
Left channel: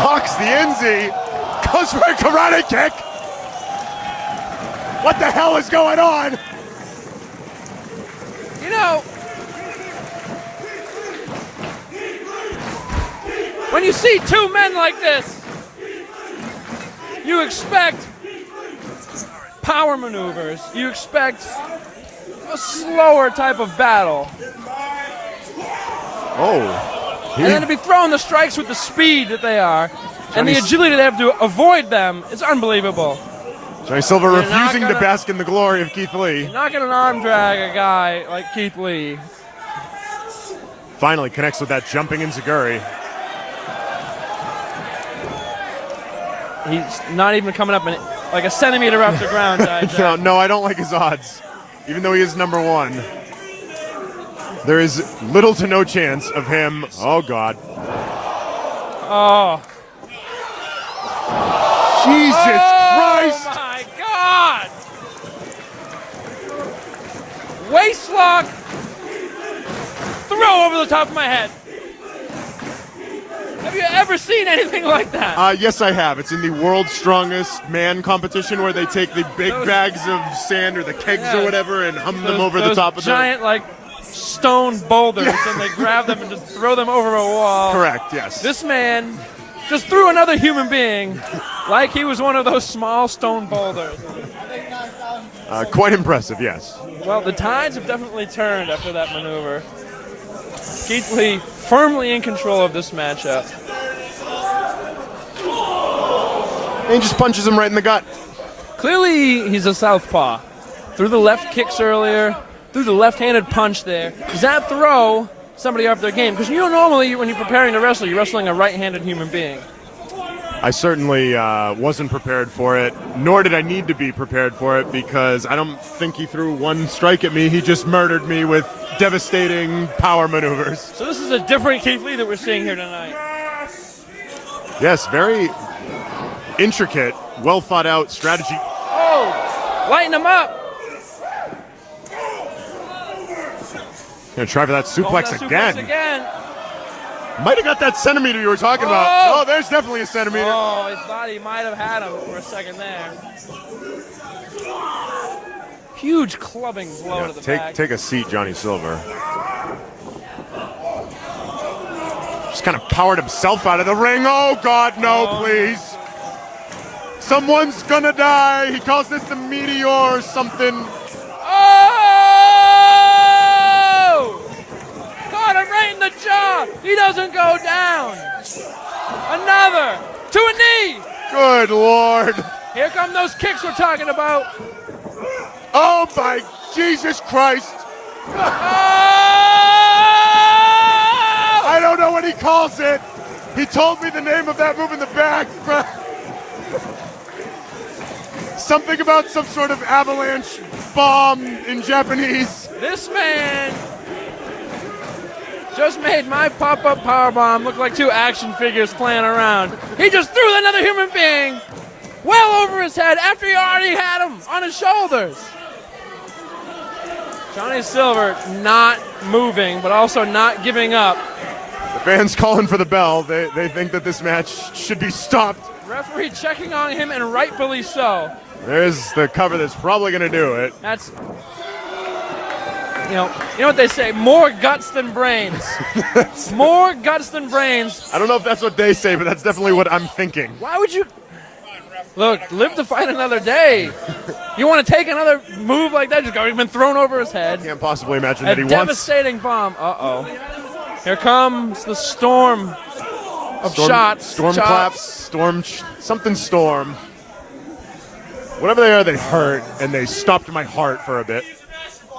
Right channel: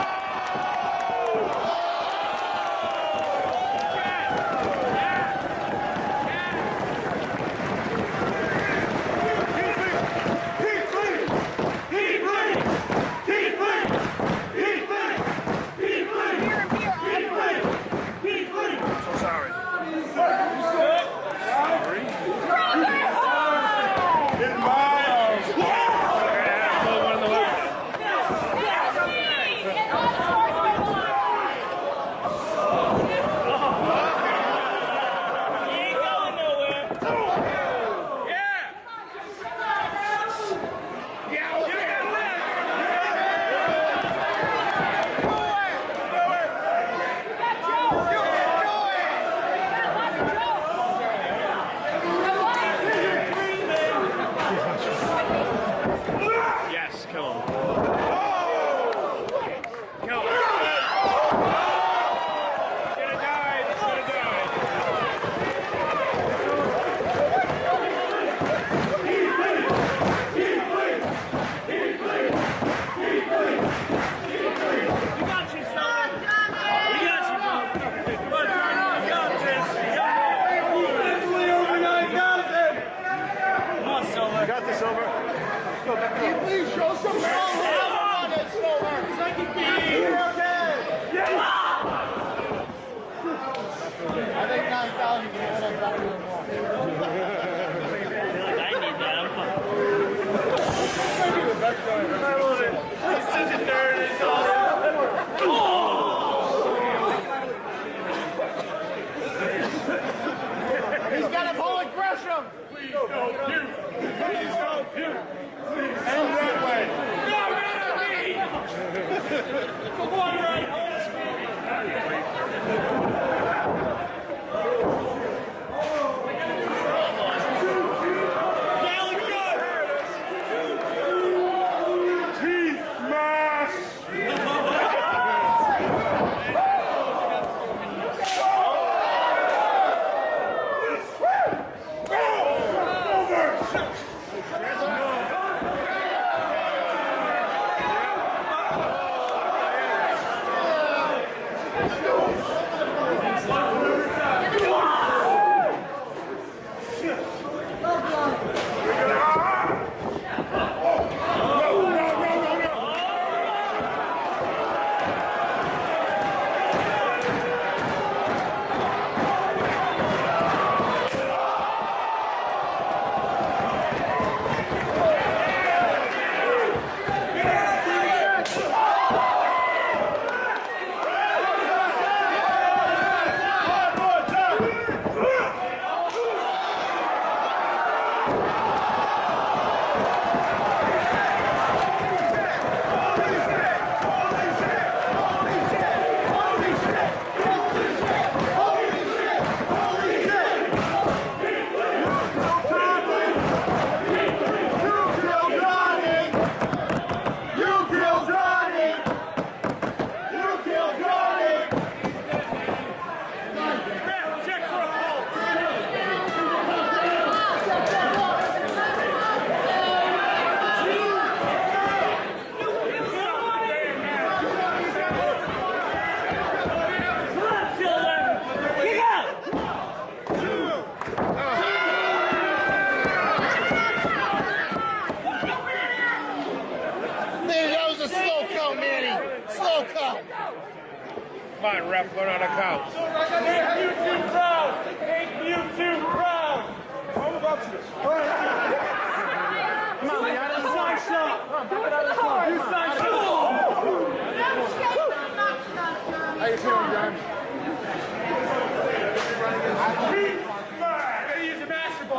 Hawks the NZ. Goes for a karate kick. What the hell is going on? You know, when you see two men like this, you expect power maneuvers. You expect a slower type of battle. Oh, And then to be throwing the strikes with the speed that they are and the agility they have to avoid them, it's unbelievable. Johnny Silver refusing to bask in the glory of Keith Lee. Not going to arm drag a guy like Keith Lee. Finally connects with that jumping enziguri. He's not even coming up like a centimeter off the ground. No, I don't like his odds, even though he is number one. There is little to no chance of him. Oh, God. Oh. Jesus Christ! My God! Waist lock. Throw over the top of my head. Have you ever seen anything like that? Yes, I have. It's in the World's Strongest Man competition where they take the big bags of sand or the kegs or whatever and hump them over the top of them. Giant, like, stone boulders, and they grab them and just throw them over a wall. Correct, yes. This man just threw another human being like he was one of those small stone boulders. Quite impressive, yes. Well, the tides have definitely turned after that maneuver. Keith Lee firmly in control of this matchup. And he just punches him right in the gut. Clearly, he's a southpaw. Threw the left kicks earlier, threw the left-handed punch there. Does that throw somebody off their game? Because you know normally when you're preparing to wrestle, you're wrestling a right-handed human being. I certainly wasn't prepared for it, nor did I need to be prepared for it because I don't think he threw one strike at me. He just murdered me with devastating power maneuvers. So this is a different Keith Lee that we're seeing here tonight. Yes, very intricate, well thought out strategy. Oh, lighten him up. Gonna try for that suplex Suplex again. Might have got that centimeter you were talking about. Oh, there's definitely a centimeter. Oh, he thought he might have had it for a second there. Huge clubbing blow to the back. Take a seat, Johnny Silver. Just kind of powered himself out of the ring. Oh, God, no, please. Someone's gonna die. He calls this the meteor or something. He doesn't go down. Another to a knee. Good Lord. Here come those kicks we're talking about. Oh my Jesus Christ. I don't know what he calls it. He told me the name of that move in the back. Something about some sort of avalanche bomb in Japanese. This man just made my pop-up powerbomb look like two action figures playing around. He just threw another human being well over his head after he already had him on his shoulders. Johnny Silver not moving, but also not giving up. Fans calling for the bell. They think that this match should be stopped. Referee checking on him, and rightfully so. There's the cover that's probably going to do it. That's You know what they say, more guts than brains. More guts than brains. I don't know if that's what they say, but that's definitely what I'm thinking. Why would you? Look, live to fight another day. You want to take another move like that? Just got been thrown over his head. Can't possibly imagine that he A wants. devastating bomb. Uh-oh. Here comes the storm of shots. Storm chops. claps, something storm. Whatever they are, they hurt, and they stopped my heart for a bit.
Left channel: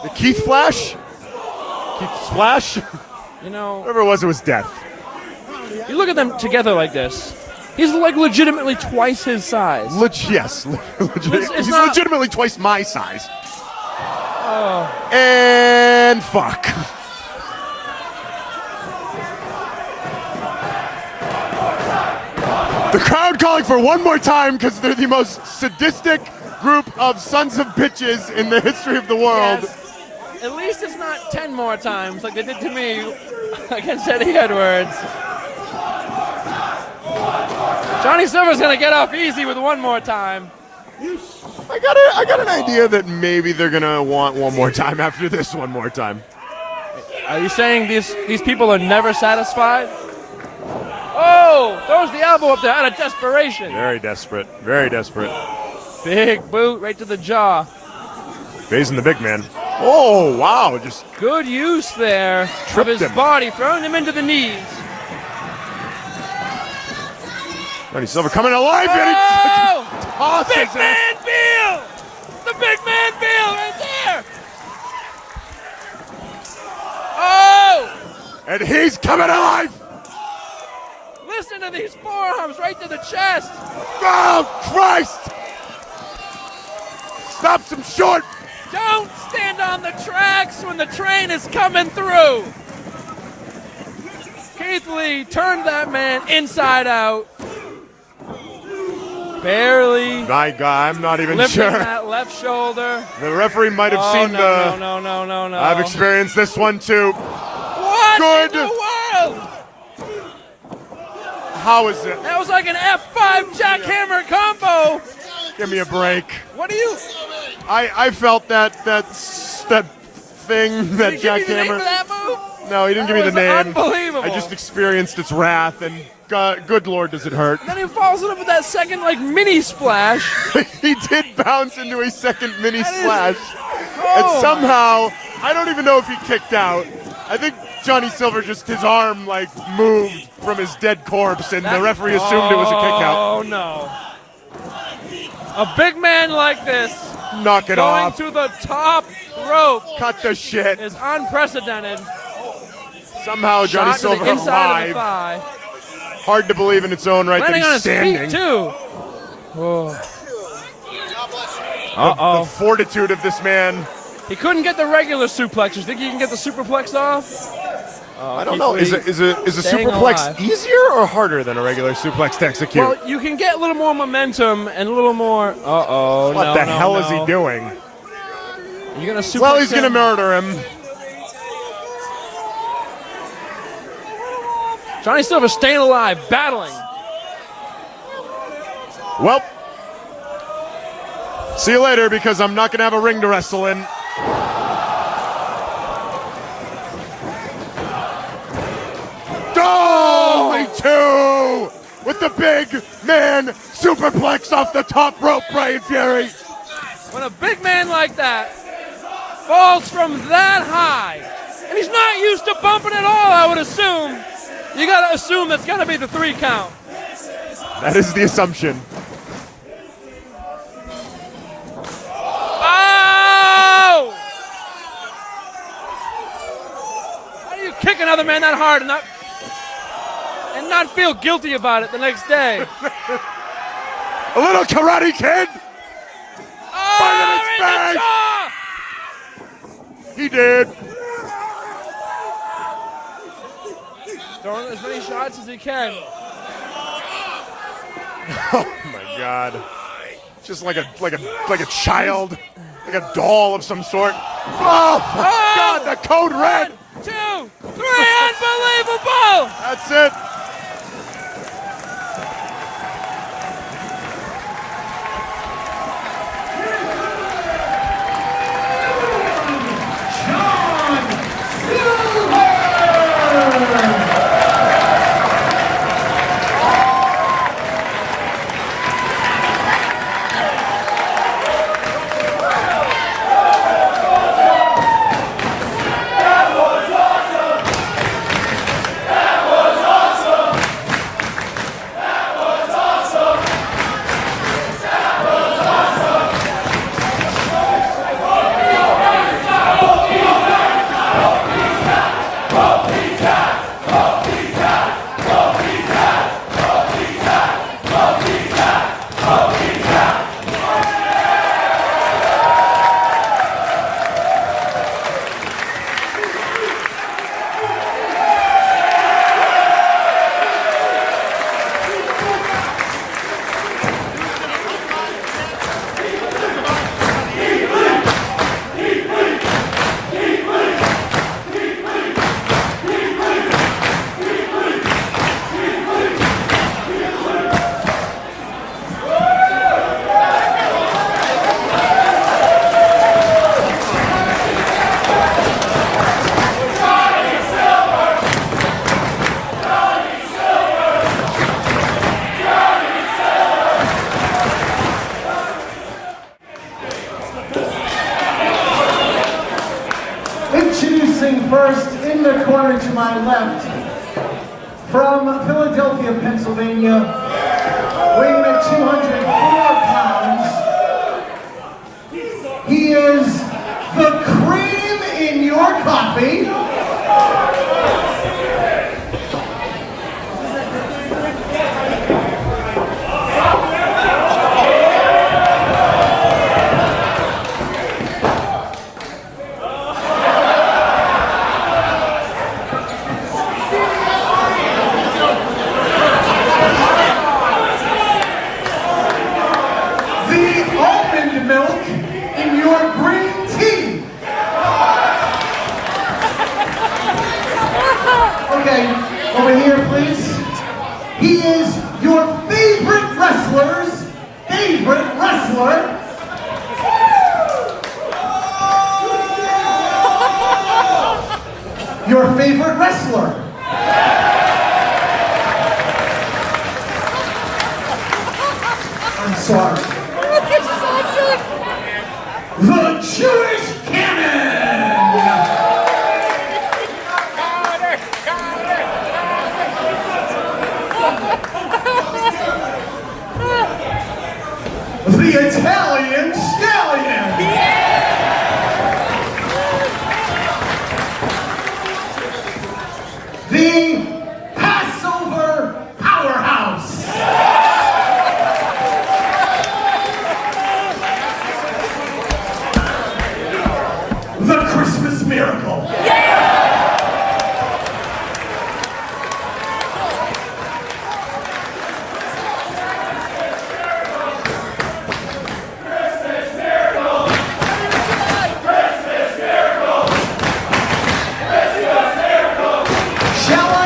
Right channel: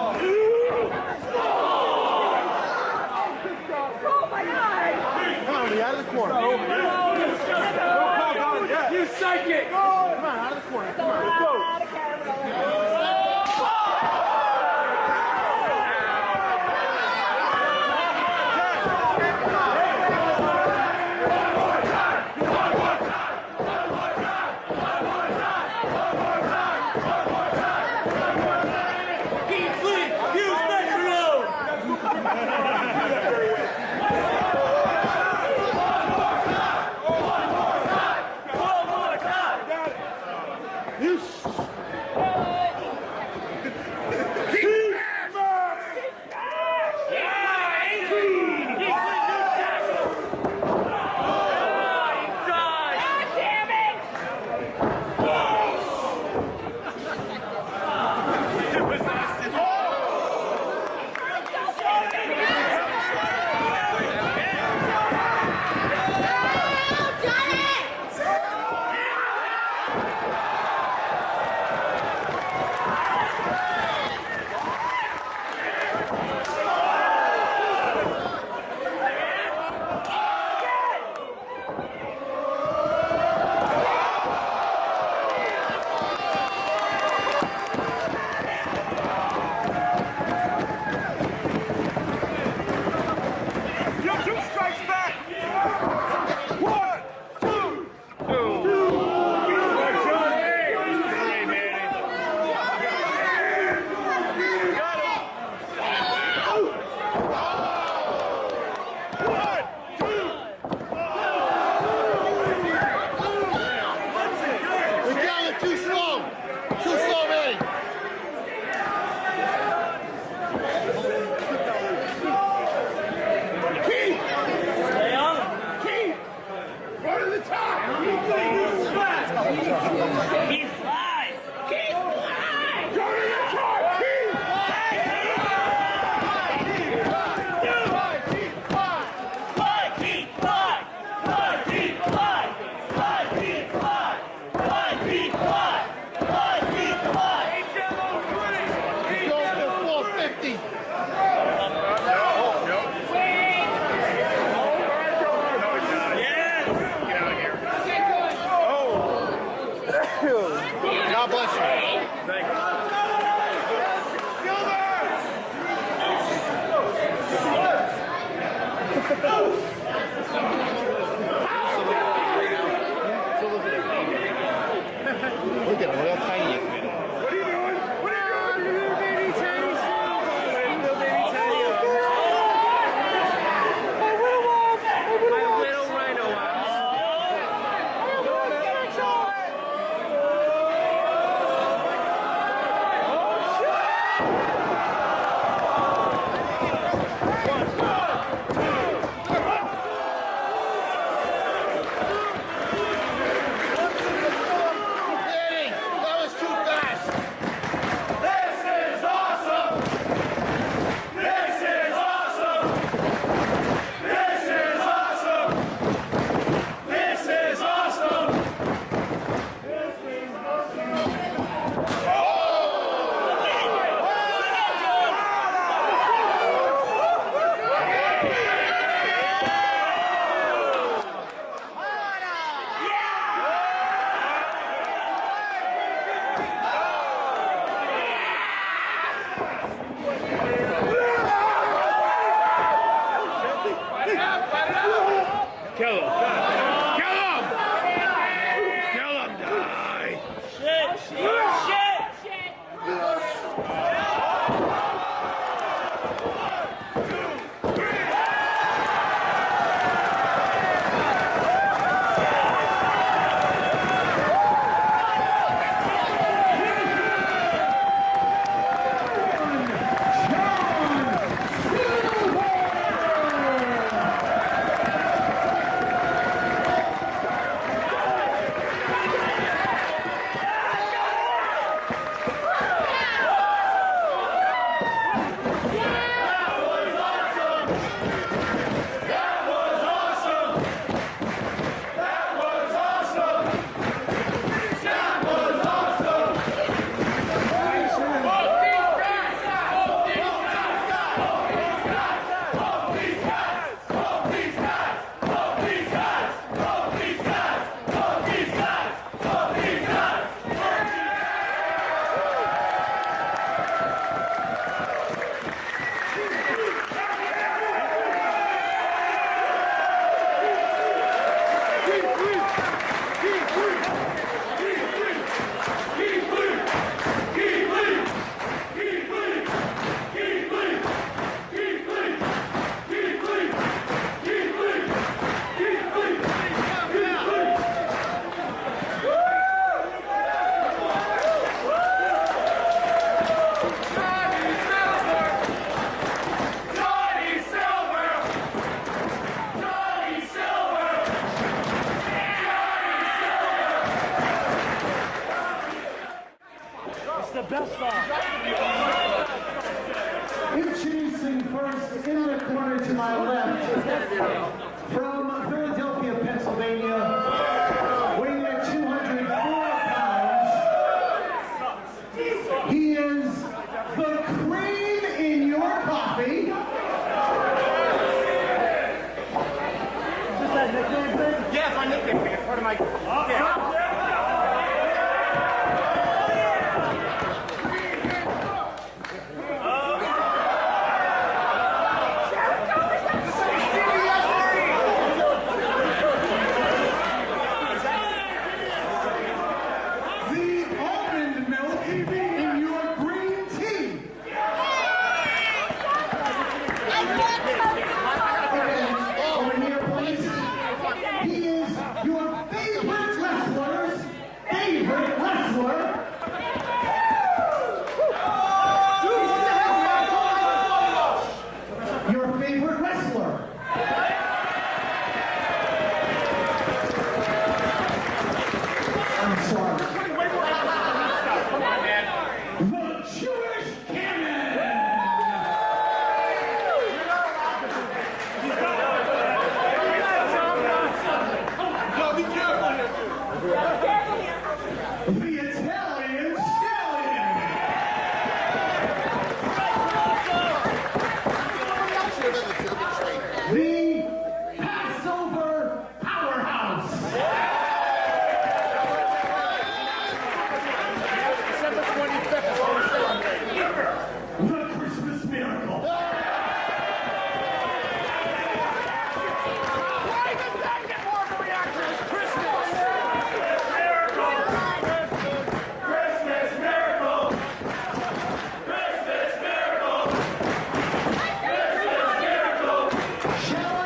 The Keith Flash? Keith Splash? You know, Whatever it was death. you look at them together like this. He's like legitimately twice his size. Yes. He's not- legitimately twice my size. And fuck. The crowd calling for one more time because they're the most sadistic group of sons of bitches in the history of the world. At least it's 10 more times like they did to me against Eddie Edwards. Johnny Silver's gonna get up easy with one more time. I got an idea that maybe they're gonna want one more time after this one more time. Are you saying these people are never satisfied? Oh, throws the elbow up there out of desperation. Very desperate. Very desperate. Big boot right to the jaw. Raising the big man. Oh, wow. Just Good use there of Tripped his him. body, throwing him into the knees. Johnny Silver coming alive. And he Oh! tosses Big it. man feel! The big man feel is there! Oh! And he's coming alive. Listen to these forearms right to the chest. Oh, Christ. Stops him short. Don't stand on the tracks when the train is coming through. Keith Lee turned that man inside out. Barely My God, I'm not even lifting sure. that left shoulder. The referee might have seen the. No. I've experienced this one too. What Good. in the world? How is it? That was like an F5 jackhammer combo. Give me a break. What do you? I felt that thing, that Did you give me the name jackhammer. of that move? No, he didn't give me the It was name. unbelievable. I just experienced its wrath, and God, good Lord, does it hurt. Then he follows it up with that second like mini splash. He did bounce into a second mini splash. And somehow, I don't even know if he kicked out. I think Johnny Silver just, his arm like moved from his dead corpse, and the referee assumed it was a kick out. Oh no. A big man like this Knock it going off. to the top rope Cut the shit. is unprecedented. Somehow Johnny Shot to Silver the inside of the alive. thigh. Hard to believe in its own right Landing on that his he's standing. feet too. The fortitude of this man. He couldn't get the regular suplexes. Think he can get the superplex off? I don't know. Is a Staying superplex alive. easier or harder than a regular suplex to execute? Well, you can get a little more momentum and a little more. Uh-oh. What no, the no, hell no. is he doing? You're gonna suplex Well, he's going to him. murder him. Johnny Silver staying alive, battling. Well, see you later because I'm not going to have a ring to wrestle in. Oh, two with the big man superplex off the top rope, Brian Fury. When a big man like that falls from that high, he's not used to bumping at all, I would assume. You gotta assume that's gotta be the 3 count. That is the assumption. Oh! You kick another man that hard and not feel guilty about it the next day. A little Karate Kid. Oh, in the jaw! He did. Throwing as many shots as he can. Oh my God! Just like a child, like a doll of some sort. Oh my God! The code red. 2, 3, unbelievable! That's it. Introducing first in the corner to my left, from Philadelphia, Pennsylvania, weighing at 204 pounds. He is the cream in your coffee. Milk in your green tea. Okay, over here, please. He is your favorite wrestler's favorite wrestler. Your favorite wrestler. I'm sorry. The Jewish Cannon! The Italian Stallion! The Passover Powerhouse! The Christmas Miracle. Shall I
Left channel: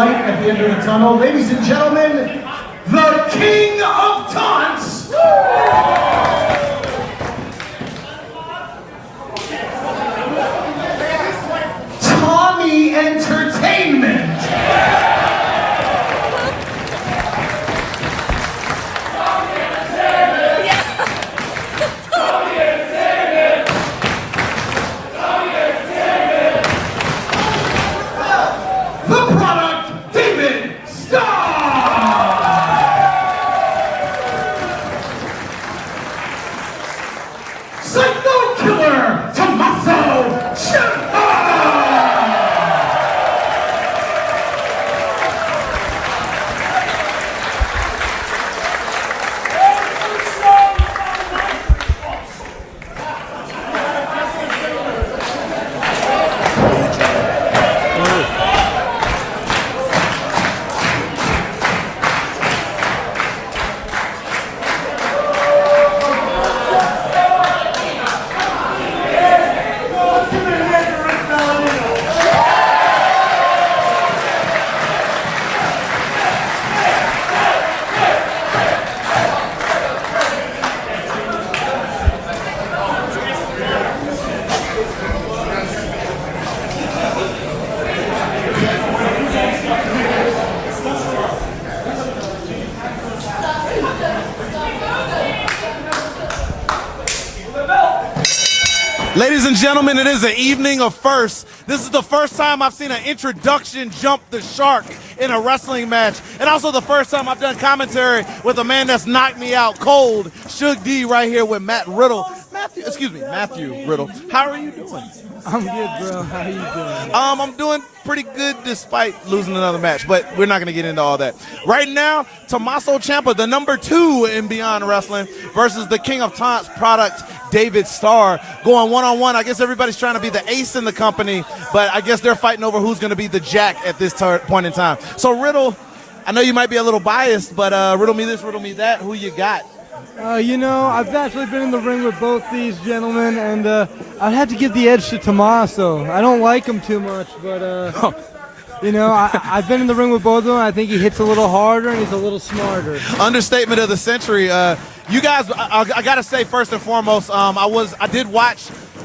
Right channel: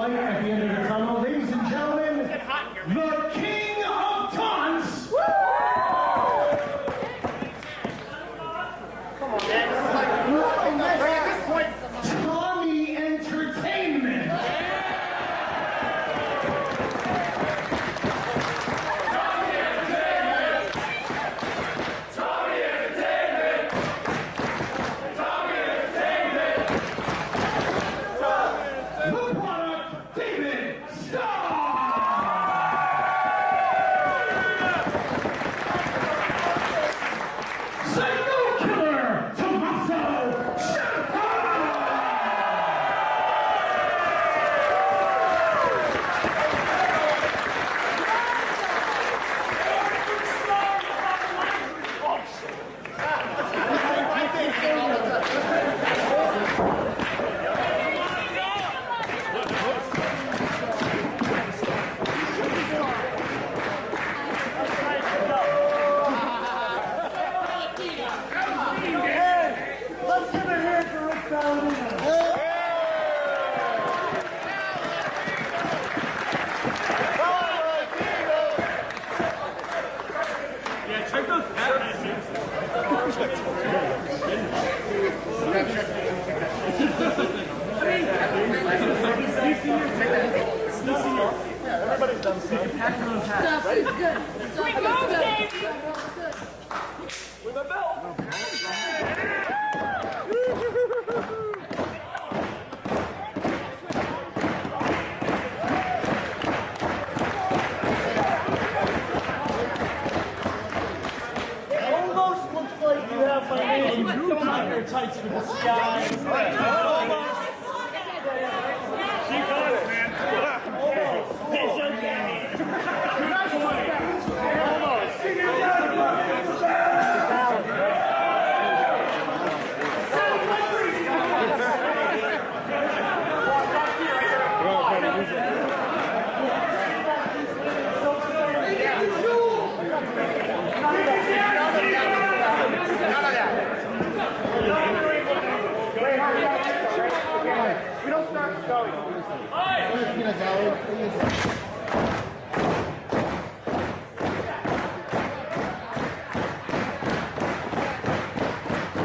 light at the end of the tunnel. Ladies and gentlemen, the King of Taunts. Tommy Entertainment. The product, David Starr. Psycho Killer, Tommaso Ciampa. Ladies and gentlemen, it is an evening of firsts. This is the first time I've seen an introduction jump the shark in a wrestling match. And also the first time I've done commentary with a man that's knocked me out cold, Shug D, right here with Matt Riddle. Matthew Riddle. How are you? I'm doing pretty good despite losing another match, but we're not going to get into all that. Right now, Tommaso Ciampa, the #2 in Beyond Wrestling, versus the King of Taunts product, David Starr, going one-on-one. I guess everybody's trying to be the ace in the company, but I guess they're fighting over who's going to be the jack at this point in time. So Riddle, I know you might be a little biased, but riddle me this, riddle me that. Who you got? I've actually been in the ring with both these gentlemen, and I'd have to give the edge to Tommaso. I don't like him too much, but, I've been in the ring with both of them. I think he hits a little harder and he's a little smarter. Understatement of the century. You guys, I got to say, first and foremost, I did watch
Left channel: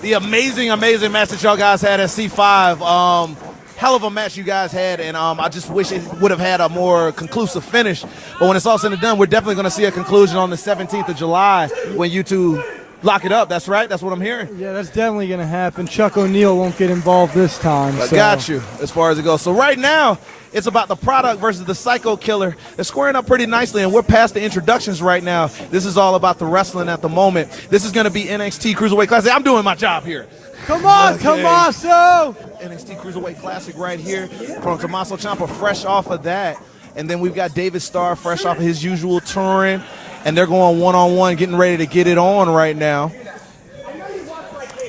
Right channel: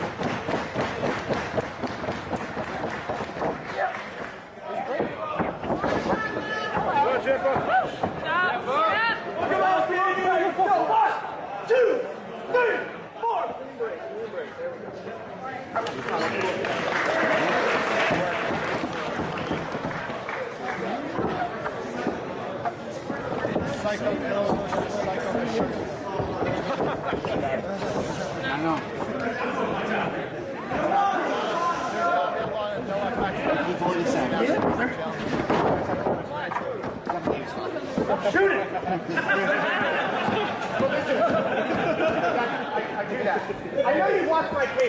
the amazing match that y'all guys had at C5. Hell of a match you guys had, and I just wish it would have had a more conclusive finish. But when it's all said and done, we're definitely going to see a conclusion on the 17th of July when you two lock it up. That's right. That's what I'm hearing. Yeah, that's definitely going to happen. Chuck O'Neal won't get involved this time. I got you as far as it goes. So right now, it's about the product versus the Psycho Killer. They're squaring up pretty nicely, and we're past the introductions right now. This is all about the wrestling at the moment. This is going to be NXT Cruiserweight Classic. I'm doing my job here. Come on, Tommaso! NXT Cruiserweight Classic right here from Tommaso Ciampa, fresh off of that. And then we've got David Starr, fresh off of his usual touring. And they're going one-on-one, getting ready to get it on right now.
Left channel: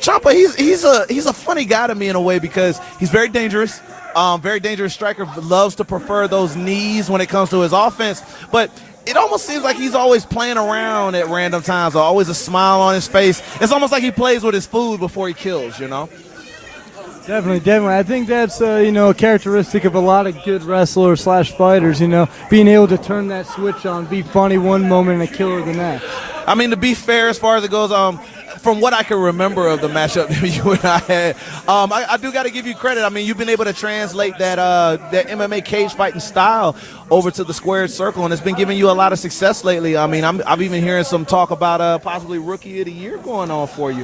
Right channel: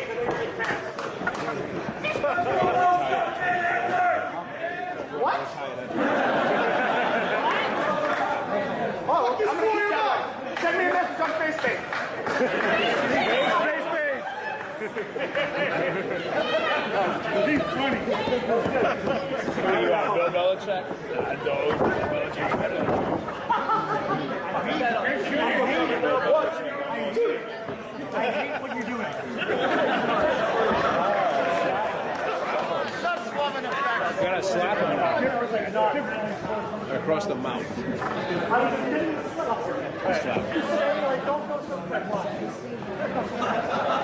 Ciampa, he's a funny guy to me in a way because he's very dangerous. Very dangerous striker, loves to prefer those knees when it comes to his offense. But it almost seems like he's always playing around at random times, or always a smile on his face. It's almost like he plays with his food before he kills, Definitely. I think that's, a characteristic of a lot of good wrestlers / fighters, being able to turn that switch on, be funny one moment and kill the next. I mean, to be fair, as far as it goes, from what I can remember of the matchup that you and I had, I do got to give you credit. I mean, you've been able to translate that MMA cage fighting style over to the squared circle, and it's been giving you a lot of success lately. I mean, I'm even hearing some talk about possibly Rookie of the Year going on for you.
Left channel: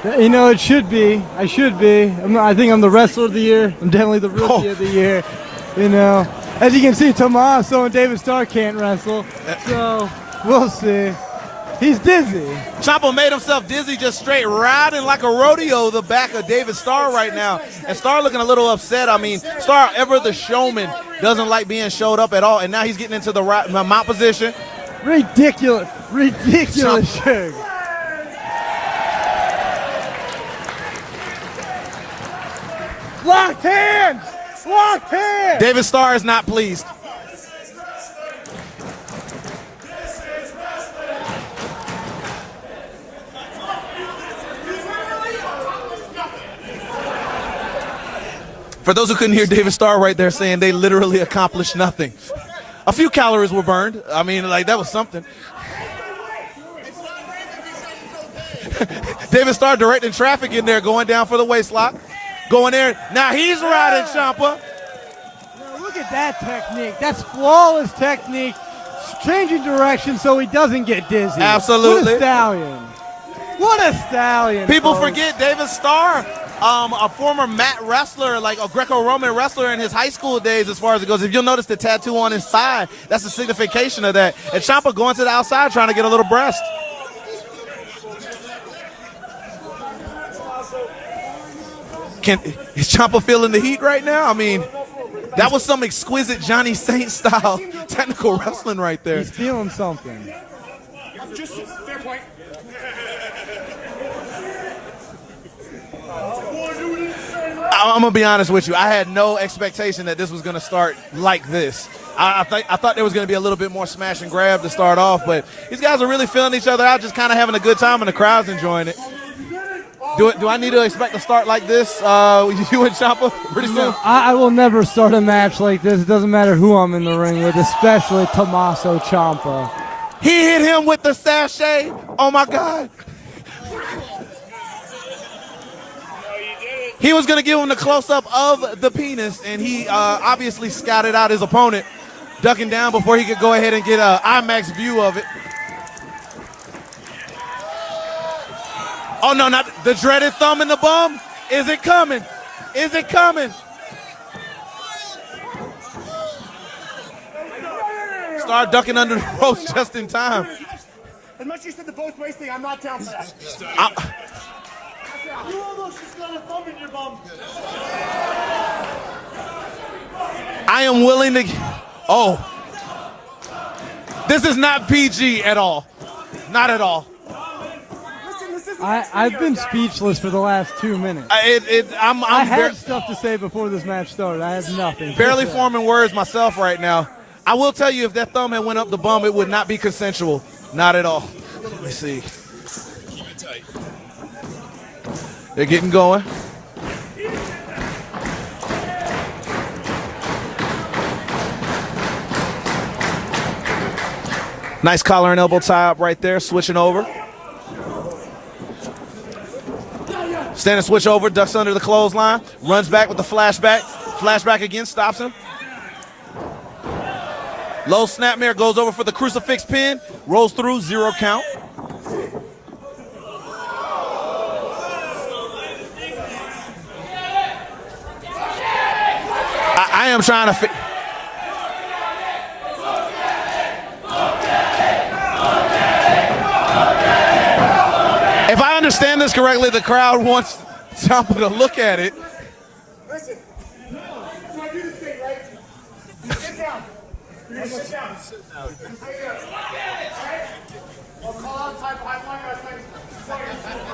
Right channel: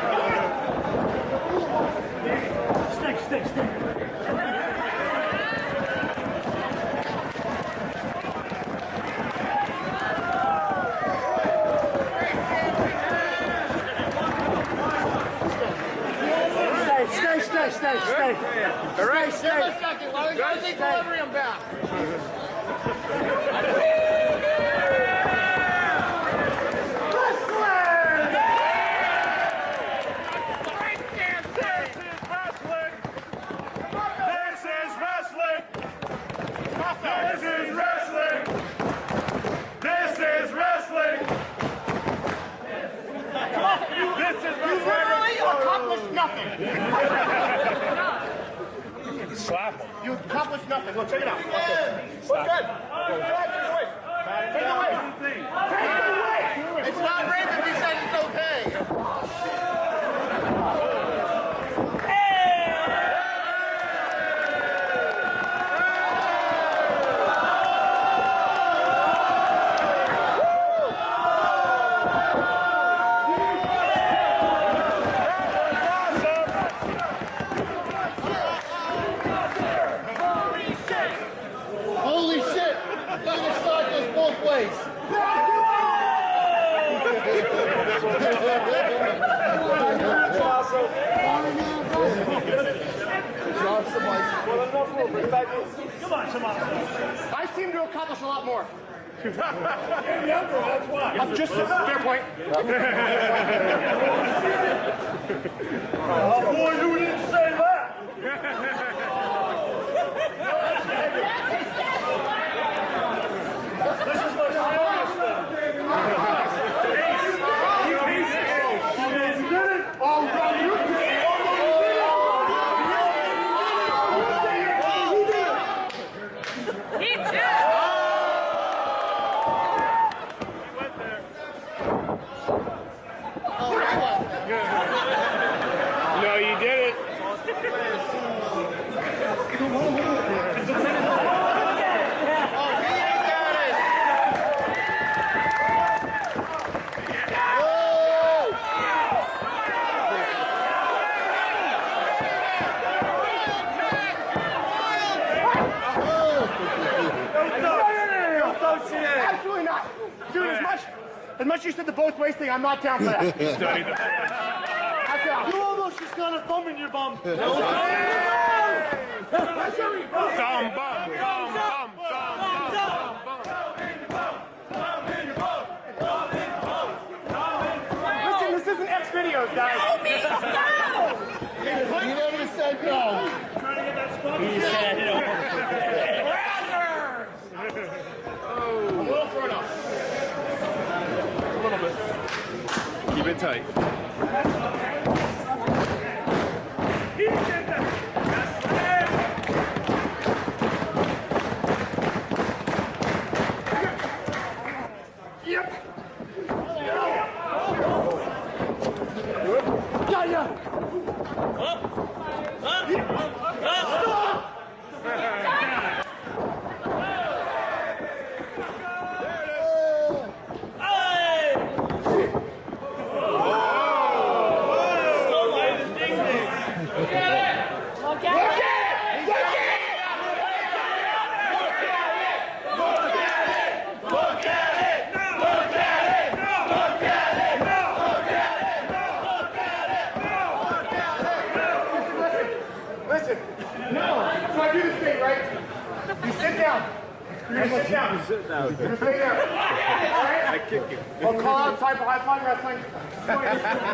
It should be. I should be. I think I'm the Wrestler of the Year. I'm definitely the Rookie of the Year. As you can see, Tommaso and David Starr can't wrestle, so we'll see. He's dizzy. Ciampa made himself dizzy just straight riding like a rodeo the back of David Starr right now. And Starr looking a little upset. I mean, Starr, ever the showman, doesn't like being showed up at all. And now he's getting into the mount position. Ridiculous shit. Locked hands! Locked hands! David Starr is not pleased. For those who couldn't hear David Starr right there saying they literally accomplished nothing. A few calories were burned. I mean, like, that was something. David Starr directing traffic in there, going down for the waist lock. Going there. Now he's riding Ciampa. Look at that technique. That's flawless technique. Changing direction so he doesn't get dizzy. Absolutely. What a stallion. What a stallion. People forget David Starr, a former mat wrestler, like a Greco-Roman wrestler in his high school days as far as it goes. If you'll notice the tattoo on his thigh, that's a signification of that. And Ciampa going to the outside trying to get a little breast. Is Ciampa feeling the heat right now? I mean, that was some exquisite Johnny Saint style technical wrestling right there. He's feeling something. Just fair point. I'm gonna be honest with you. I had no expectation that this was gonna start like this. I thought there was gonna be a little bit more smash and grab to start off, but these guys are really feeling each other out, just kind of having a good time, and the crowd's enjoying it. Do I need to expect to start like this, you and Ciampa, pretty soon? I will never start a match like this. It doesn't matter who I'm in the ring with, especially Tommaso Ciampa. He hit him with the sachet. Oh my God. He was going to give him the close-up of the penis, and he obviously scouted out his opponent, ducking down before he could go ahead and get an IMAX view of it. Oh, no, not the dreaded thumb in the bum. Is it coming? Is it coming? Start ducking under the ropes just in time. As much as you said the both ways thing, I'm not down for that. You almost just got a thumb in your bum. I am willing to. Oh. This is not PG at all. Not at all. I've been speechless for the last 2 minutes. I had stuff to say before this match started. I have nothing. Barely forming words myself right now. I will tell you, if that thumb had went up the bum, it would not be consensual. Not at all. Let's see. Keep it tight. They're getting going. Nice collar and elbow tie up right there, switching over. Standing switch over, ducks under the clothesline, runs back with the flashback. Flashback again, stops him. Low snapmare, goes over for the crucifix pin, rolls through, 0 count. I am trying to If I understand this correctly, the crowd wants Ciampa to look at it. Listen, no. So I do this thing, right? You sit down. You're gonna sit down. You're gonna sit down. All right? I kick you. I'll call out time for high flying wrestling. I'm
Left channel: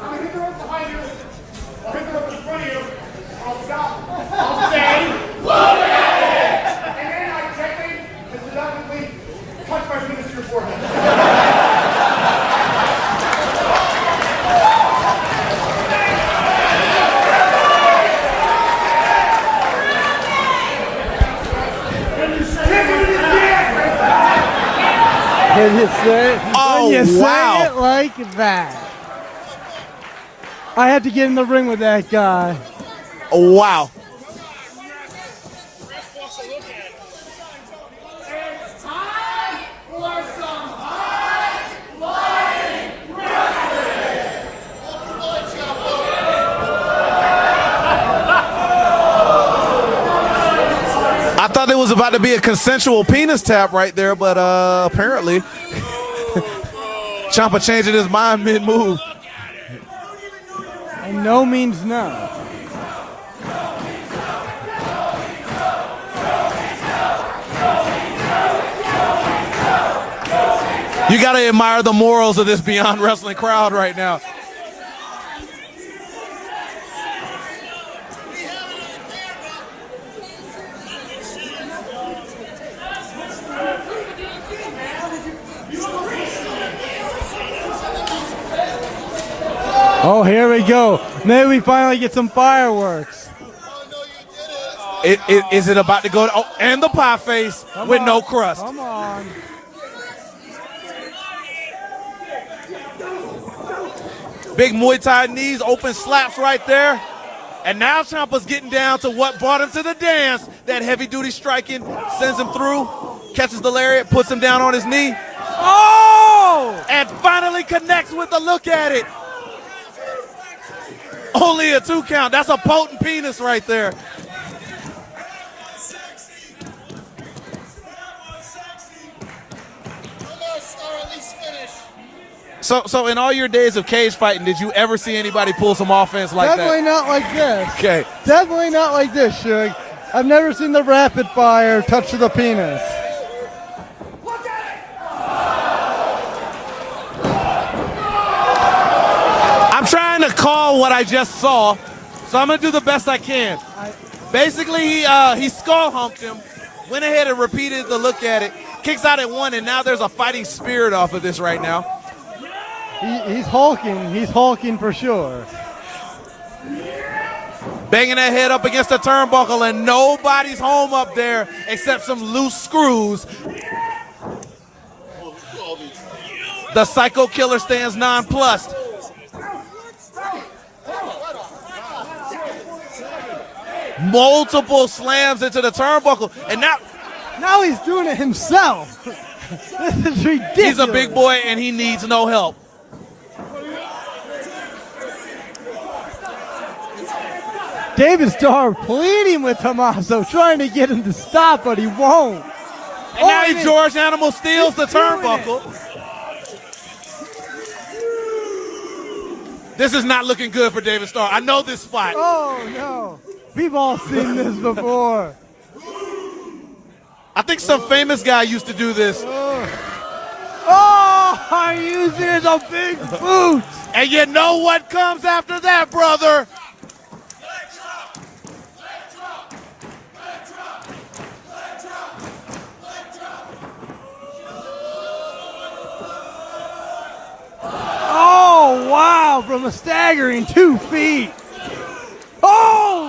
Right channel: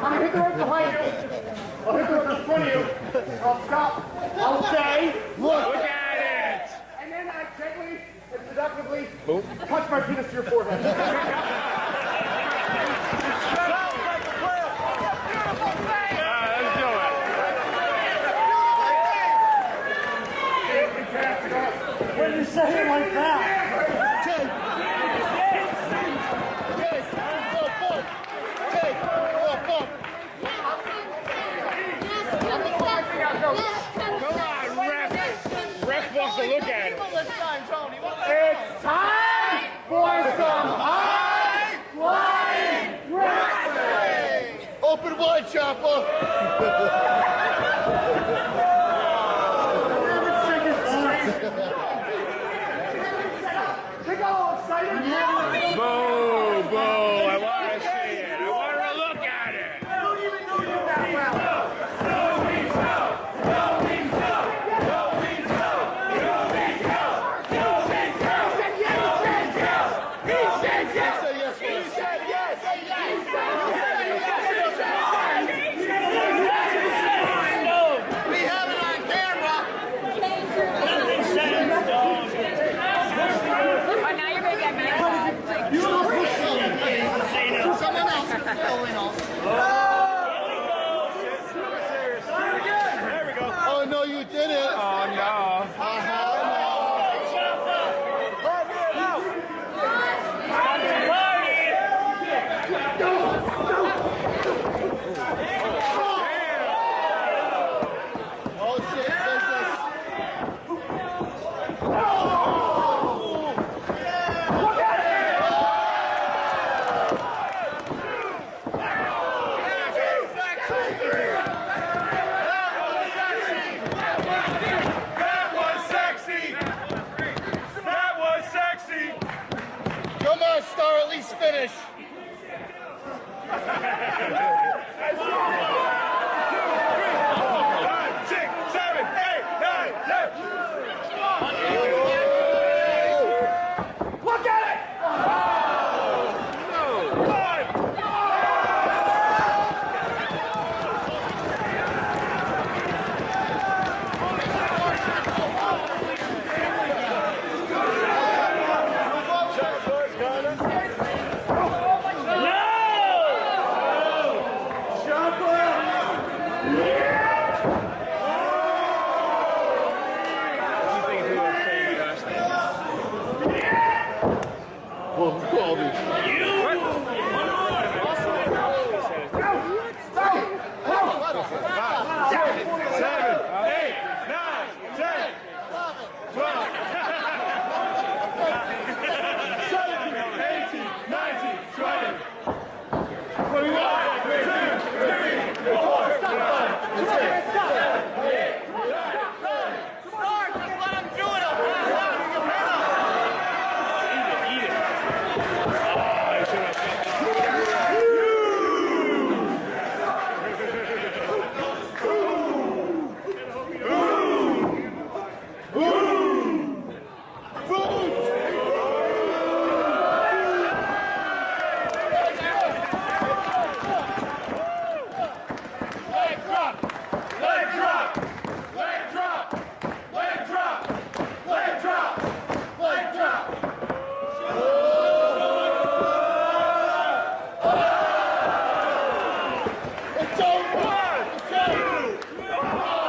gonna hit the rope behind you. I'll hit the rope in front of you. I'll stop. I'll say, look at it! And then I gently and seductively touch my penis to your forehead. When you say, oh, when you wow. say it like that. I had to get in the ring with that guy. Oh, wow. It's time for some high-flying wrestling! Open ball chopper! I thought it was about to be a consensual penis tap right there, but apparently Ciampa changing his mind mid-move. No means no. You got to admire the morals of this Beyond Wrestling crowd right now. Oh, here we go. Maybe we finally get some fireworks. Oh, no, you didn't. Is it about to go? Oh, and the pie face with no crust. Big Muay Thai knees, open slaps right there. And now Ciampa's getting down to what brought him to the dance. That heavy-duty striking sends him through, catches the lariat, puts him down on his knee. Oh! And finally connects with a look at it. Only a 2 count. That's a potent penis right there. That was sexy. That was sexy. Come on, Star, at least finish. So in all your days of cage fighting, did you ever see anybody pull some offense like Definitely that? not like this. Okay. Definitely not like this, Suge. I've never seen the rapid fire touch to the penis. Look at it. I'm trying to call what I just saw, so I'm gonna do the best I can. Basically, he skull humped him, went ahead and repeated the look at it, kicks out at 1, and now there's a fighting spirit off of this right now. He's hulking. He's hulking for sure. Banging that head up against the turnbuckle, and nobody's home up there except some loose screws. The Psycho Killer stands nonplussed. Multiple slams into the turnbuckle, and now he's doing it himself. This is ridiculous. He's a big boy, and he needs no help. David Starr pleading with Tommaso, trying to get him to stop, but he won't. And now he George Animal steals the turnbuckle. This is not looking good for David Starr. I know this spot. Oh, no. We've all seen this before. I think some famous guy used to do this. Oh, are you serious? A big boot. And you know what comes after that, brother? Oh, wow, from a staggering 2 feet. Oh!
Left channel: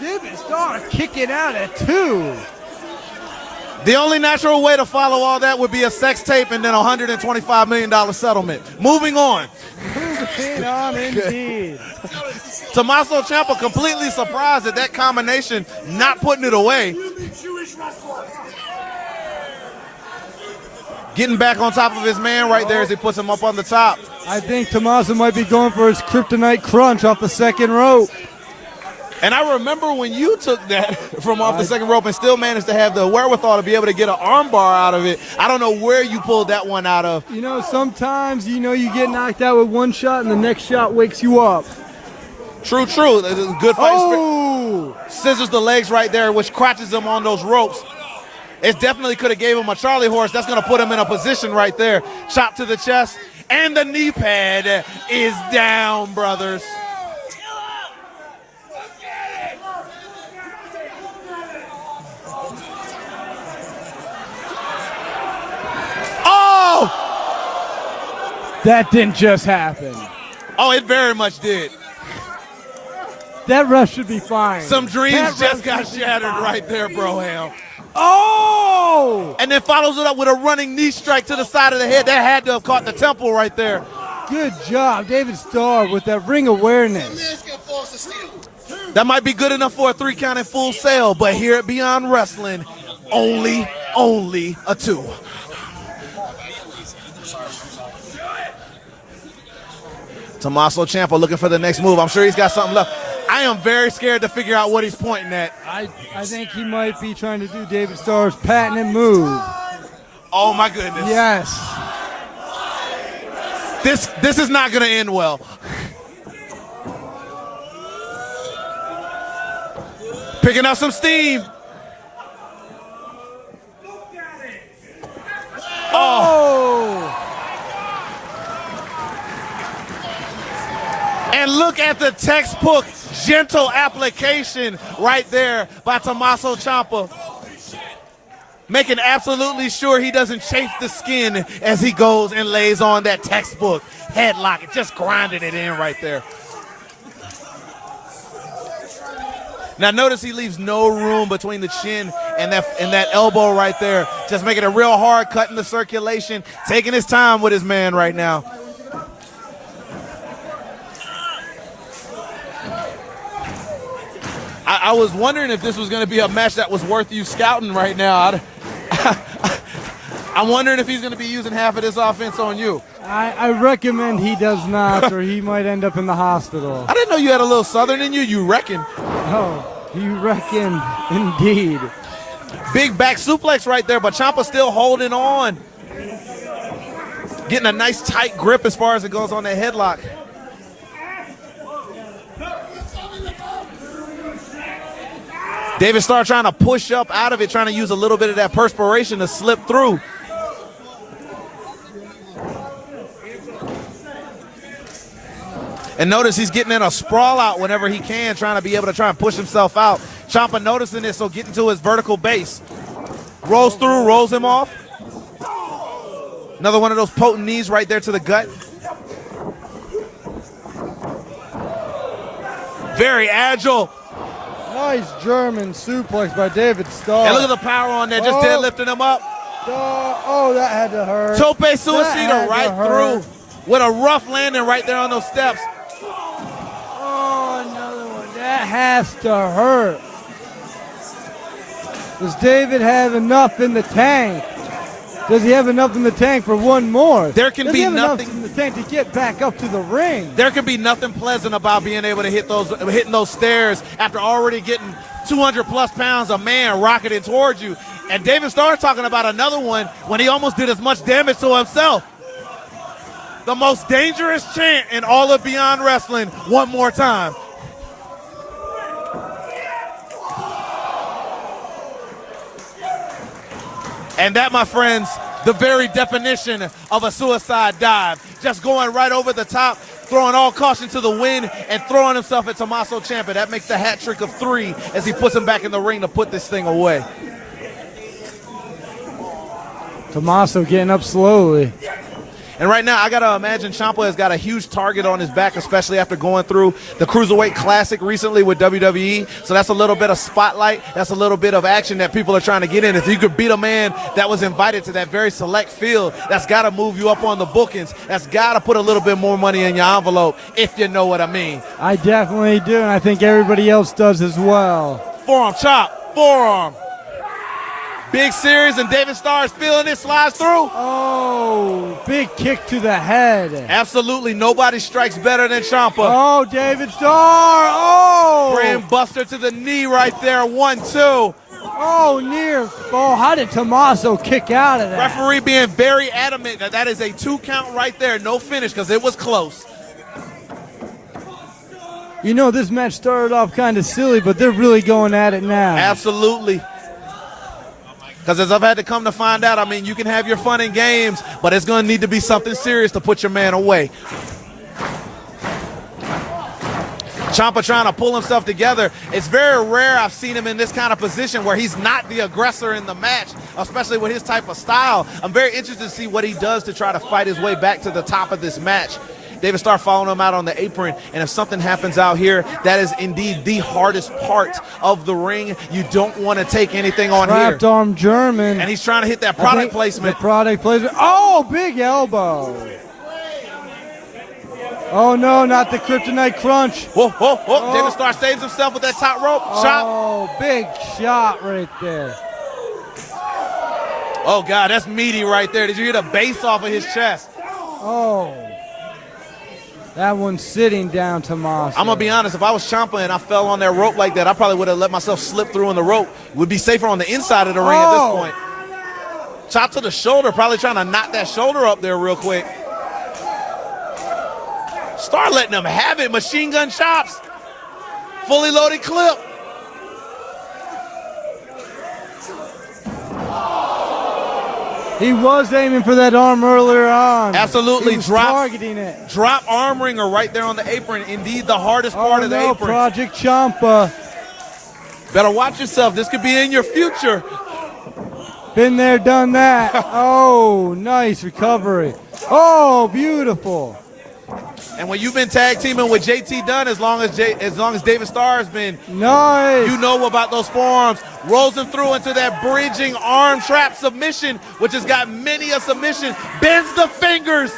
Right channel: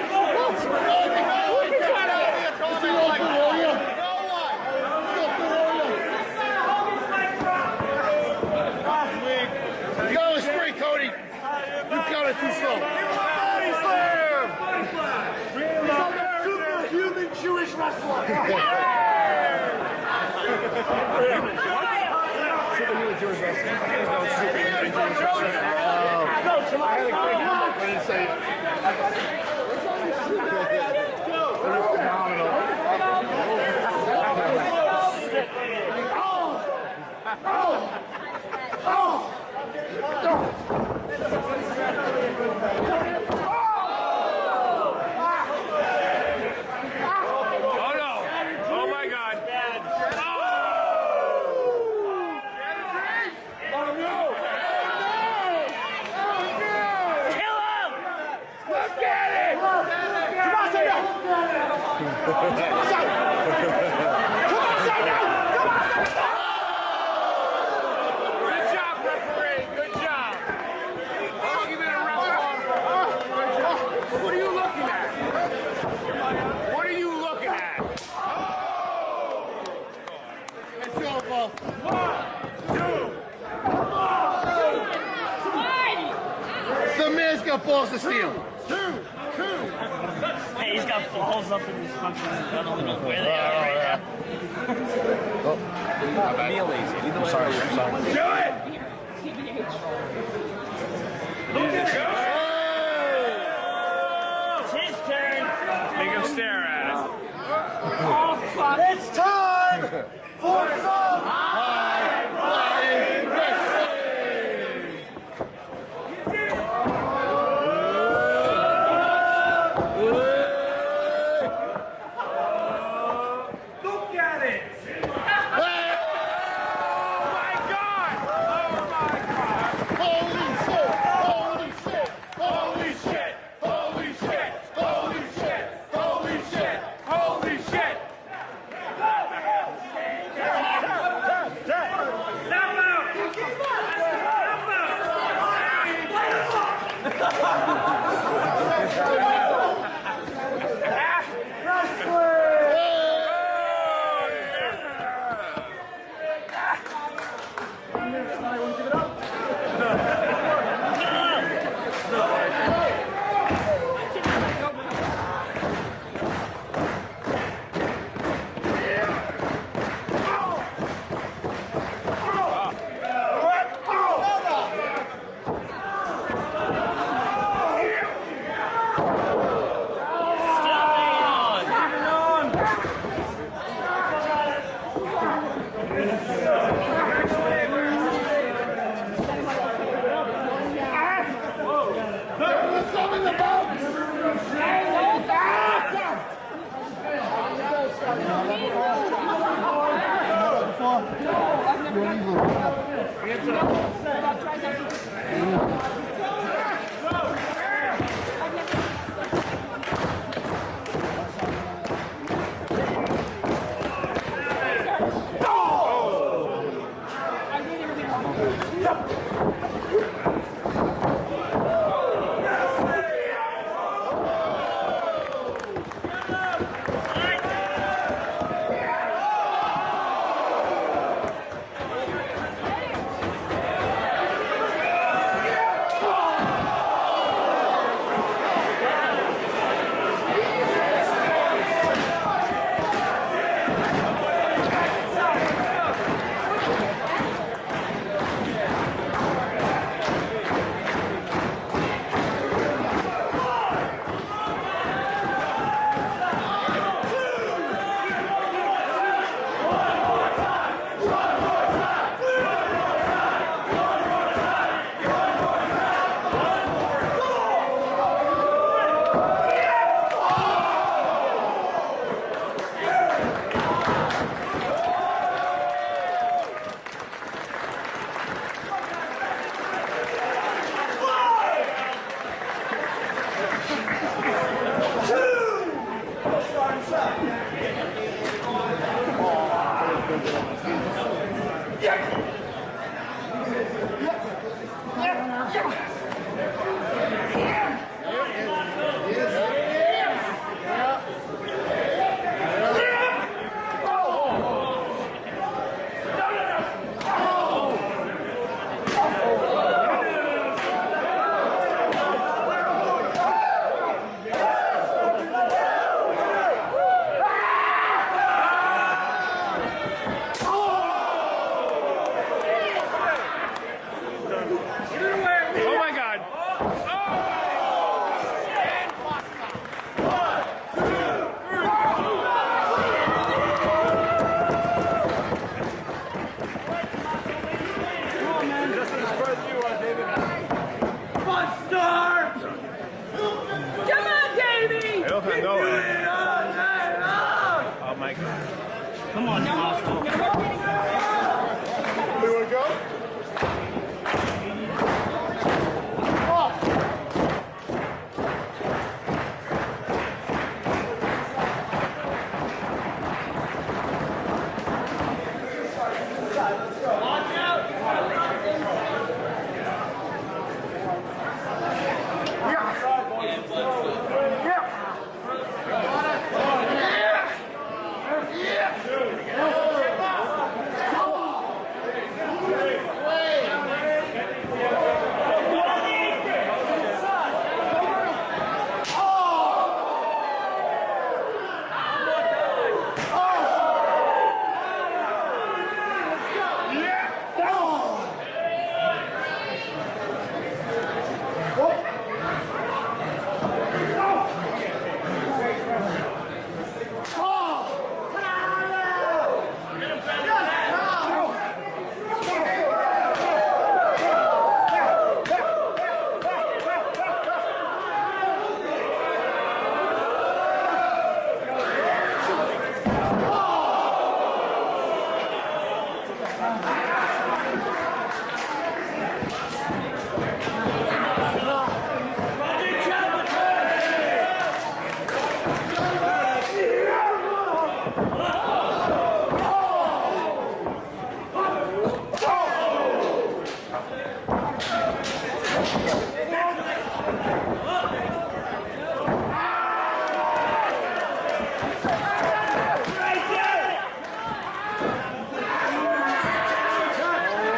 David Starr kicking out at 2. The only natural way to follow all that would be a sex tape and then a $125 million settlement. Moving on. Tommaso Ciampa completely surprised at that combination, not putting it away. Getting back on top of his man right there as he puts him up on the top. I think Tommaso might be going for his kryptonite crunch off the second rope. And I remember when you took that from off the second rope and still managed to have the wherewithal to be able to get an armbar out of it. I don't know where you pulled that one out of. You know, sometimes, you get knocked out with one shot and the next shot wakes you up. True. Good fight. Oh! Scissors the legs right there, which crotches him on those ropes. It definitely could have gave him a Charlie horse. That's going to put him in a position right there. Chop to the chest, and the knee pad is down, brothers. Oh! That didn't just happen. Oh, it very much did. That rush should be fine. Some dreams just got shattered right there, Broham. Oh! And then follows it up with a running knee strike to the side of the head. That had to have caught the temple right there. Good job, David Starr, with that ring awareness. That might be good enough for a 3 count in Full Sail, but here at Beyond Wrestling, only a 2. Tommaso Ciampa looking for the next move. I'm sure he's got something left. I am very scared to figure out what he's pointing at. I think he might be trying to do David Starr's patented move. Oh my goodness. Yes. This is not going to end well. Picking up some steam. Look at it. Oh. And look at the textbook gentle application right there by Tommaso Ciampa. Making absolutely sure he doesn't chafe the skin as he goes and lays on that textbook headlock, just grinding it in right there. Now notice he leaves no room between the chin and that elbow right there. Just making it real hard, cutting the circulation, taking his time with his man right now. I was wondering if this was going to be a match that was worth you scouting right now. I'm wondering if he's going to be using half of this offense on you. I recommend he does not, or he might end up in the hospital. I didn't know you had a little Southern in you. You reckon? Oh, you reckon, indeed. Big back suplex right there, but Ciampa still holding on. Getting a nice tight grip as far as it goes on that headlock. David Starr trying to push up out of it, trying to use a little bit of that perspiration to slip through. And notice he's getting in a sprawl out whenever he can, trying to be able to try and push himself out. Ciampa noticing this, so getting to his vertical base. Rolls through, rolls him off. Another one of those potent knees right there to the gut. Very agile. Nice German suplex by David Starr. And look at the power on there, just deadlifting him up. Oh, that had to hurt. Tope suicida right through with a rough landing right there on those steps. That has to hurt. Does David have enough in the tank? Does he have enough in the tank for one more? There can be nothing in the tank to get back up to the ring. There can be nothing pleasant about being able to hitting those stairs after already getting 200 plus pounds of man rocketed towards you. And David Starr talking about another one when he almost did as much damage to himself. The most dangerous chant in all of Beyond Wrestling, one more time. And that, my friends, the very definition of a suicide dive. Just going right over the top, throwing all caution to the wind, and throwing himself at Tommaso Ciampa. That makes the hat trick of 3 as he puts him back in the ring to put this thing away. Tommaso getting up slowly. And right now, I got to imagine Ciampa has got a huge target on his back, especially after going through the Cruiserweight Classic recently with WWE. So that's a little bit of spotlight. That's a little bit of action that people are trying to get in. If you could beat a man that was invited to that very select field, that's got to move you up on the bookings. That's got to put a little bit more money in your envelope, if you know what I mean. I definitely do, and I think everybody else does as well. Forearm chop, forearm. Big series, and David Starr is feeling it, slides through. Oh, big kick to the head. Absolutely, nobody strikes better than Ciampa. Oh, David Starr, oh! Grand buster to the knee right there, 1-2. Oh, near. Oh, how did Tommaso kick out of that? Referee being very adamant that that is a 2 count right there, no finish, because it was close. You know, this match started off kind of silly, but they're really going at it now. Absolutely. Because as I've had to come to find out, I mean, you can have your fun and games, but it's going to need to be something serious to put your man away. Ciampa trying to pull himself together. It's very rare I've seen him in this kind of position where he's not the aggressor in the match, especially with his type of style. I'm very interested to see what he does to try to fight his way back to the top of this match. David Starr following him out on the apron, and if something happens out here, that is indeed the hardest part of the ring. You don't want to take anything on here. Trapped arm German. And he's trying to hit that product placement. The product placement. Oh, big elbow. Oh, no, not the kryptonite crunch. Whoa, whoa, whoa. David Starr saves himself with that top rope chop. Oh, big shot right there. Oh, God, that's meaty right there. Did you hear the bass off of his chest? Oh. That one's sitting down, Tommaso. I'm going to be honest, if I was Ciampa and I fell on that rope like that, I probably would have let myself slip through on the rope. Would be safer on the inside of the ring at this point. Chop to the shoulder, probably trying to knock that shoulder up there real quick. Start letting them have it. Machine gun chops. Fully loaded clip. He was aiming for that arm earlier on. Absolutely. Targeting it. Drop arm ringer right there on the apron. Indeed, the hardest part of the apron. Project Ciampa. Better watch yourself. This could be in your future. Been there, done that. Oh, nice recovery. Oh, beautiful. And when you've been tag teaming with JT Dunn, as long as David Starr has been, Nice. you know about those forearms. Rolls him through into that bridging arm trap submission, which has got many a submission. Bends the fingers.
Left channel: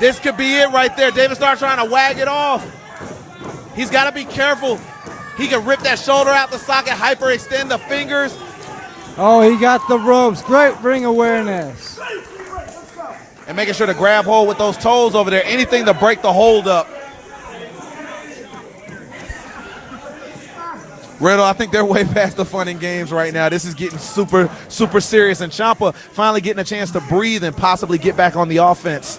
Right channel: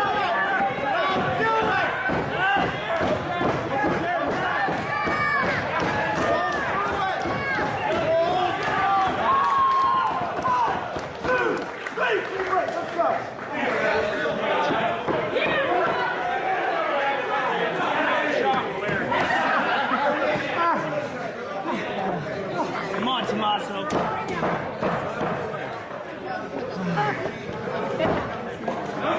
This could be it right there. David Starr trying to wag it off. He's got to be careful. He can rip that shoulder out the socket, hyperextend the fingers. Oh, he got the ropes. Great ring awareness. And making sure to grab hold with those toes over there. Anything to break the hold up. Riddle, I think they're way past the fun and games right now. This is getting super, super serious. And Ciampa finally getting a chance to breathe and possibly get back on the offense.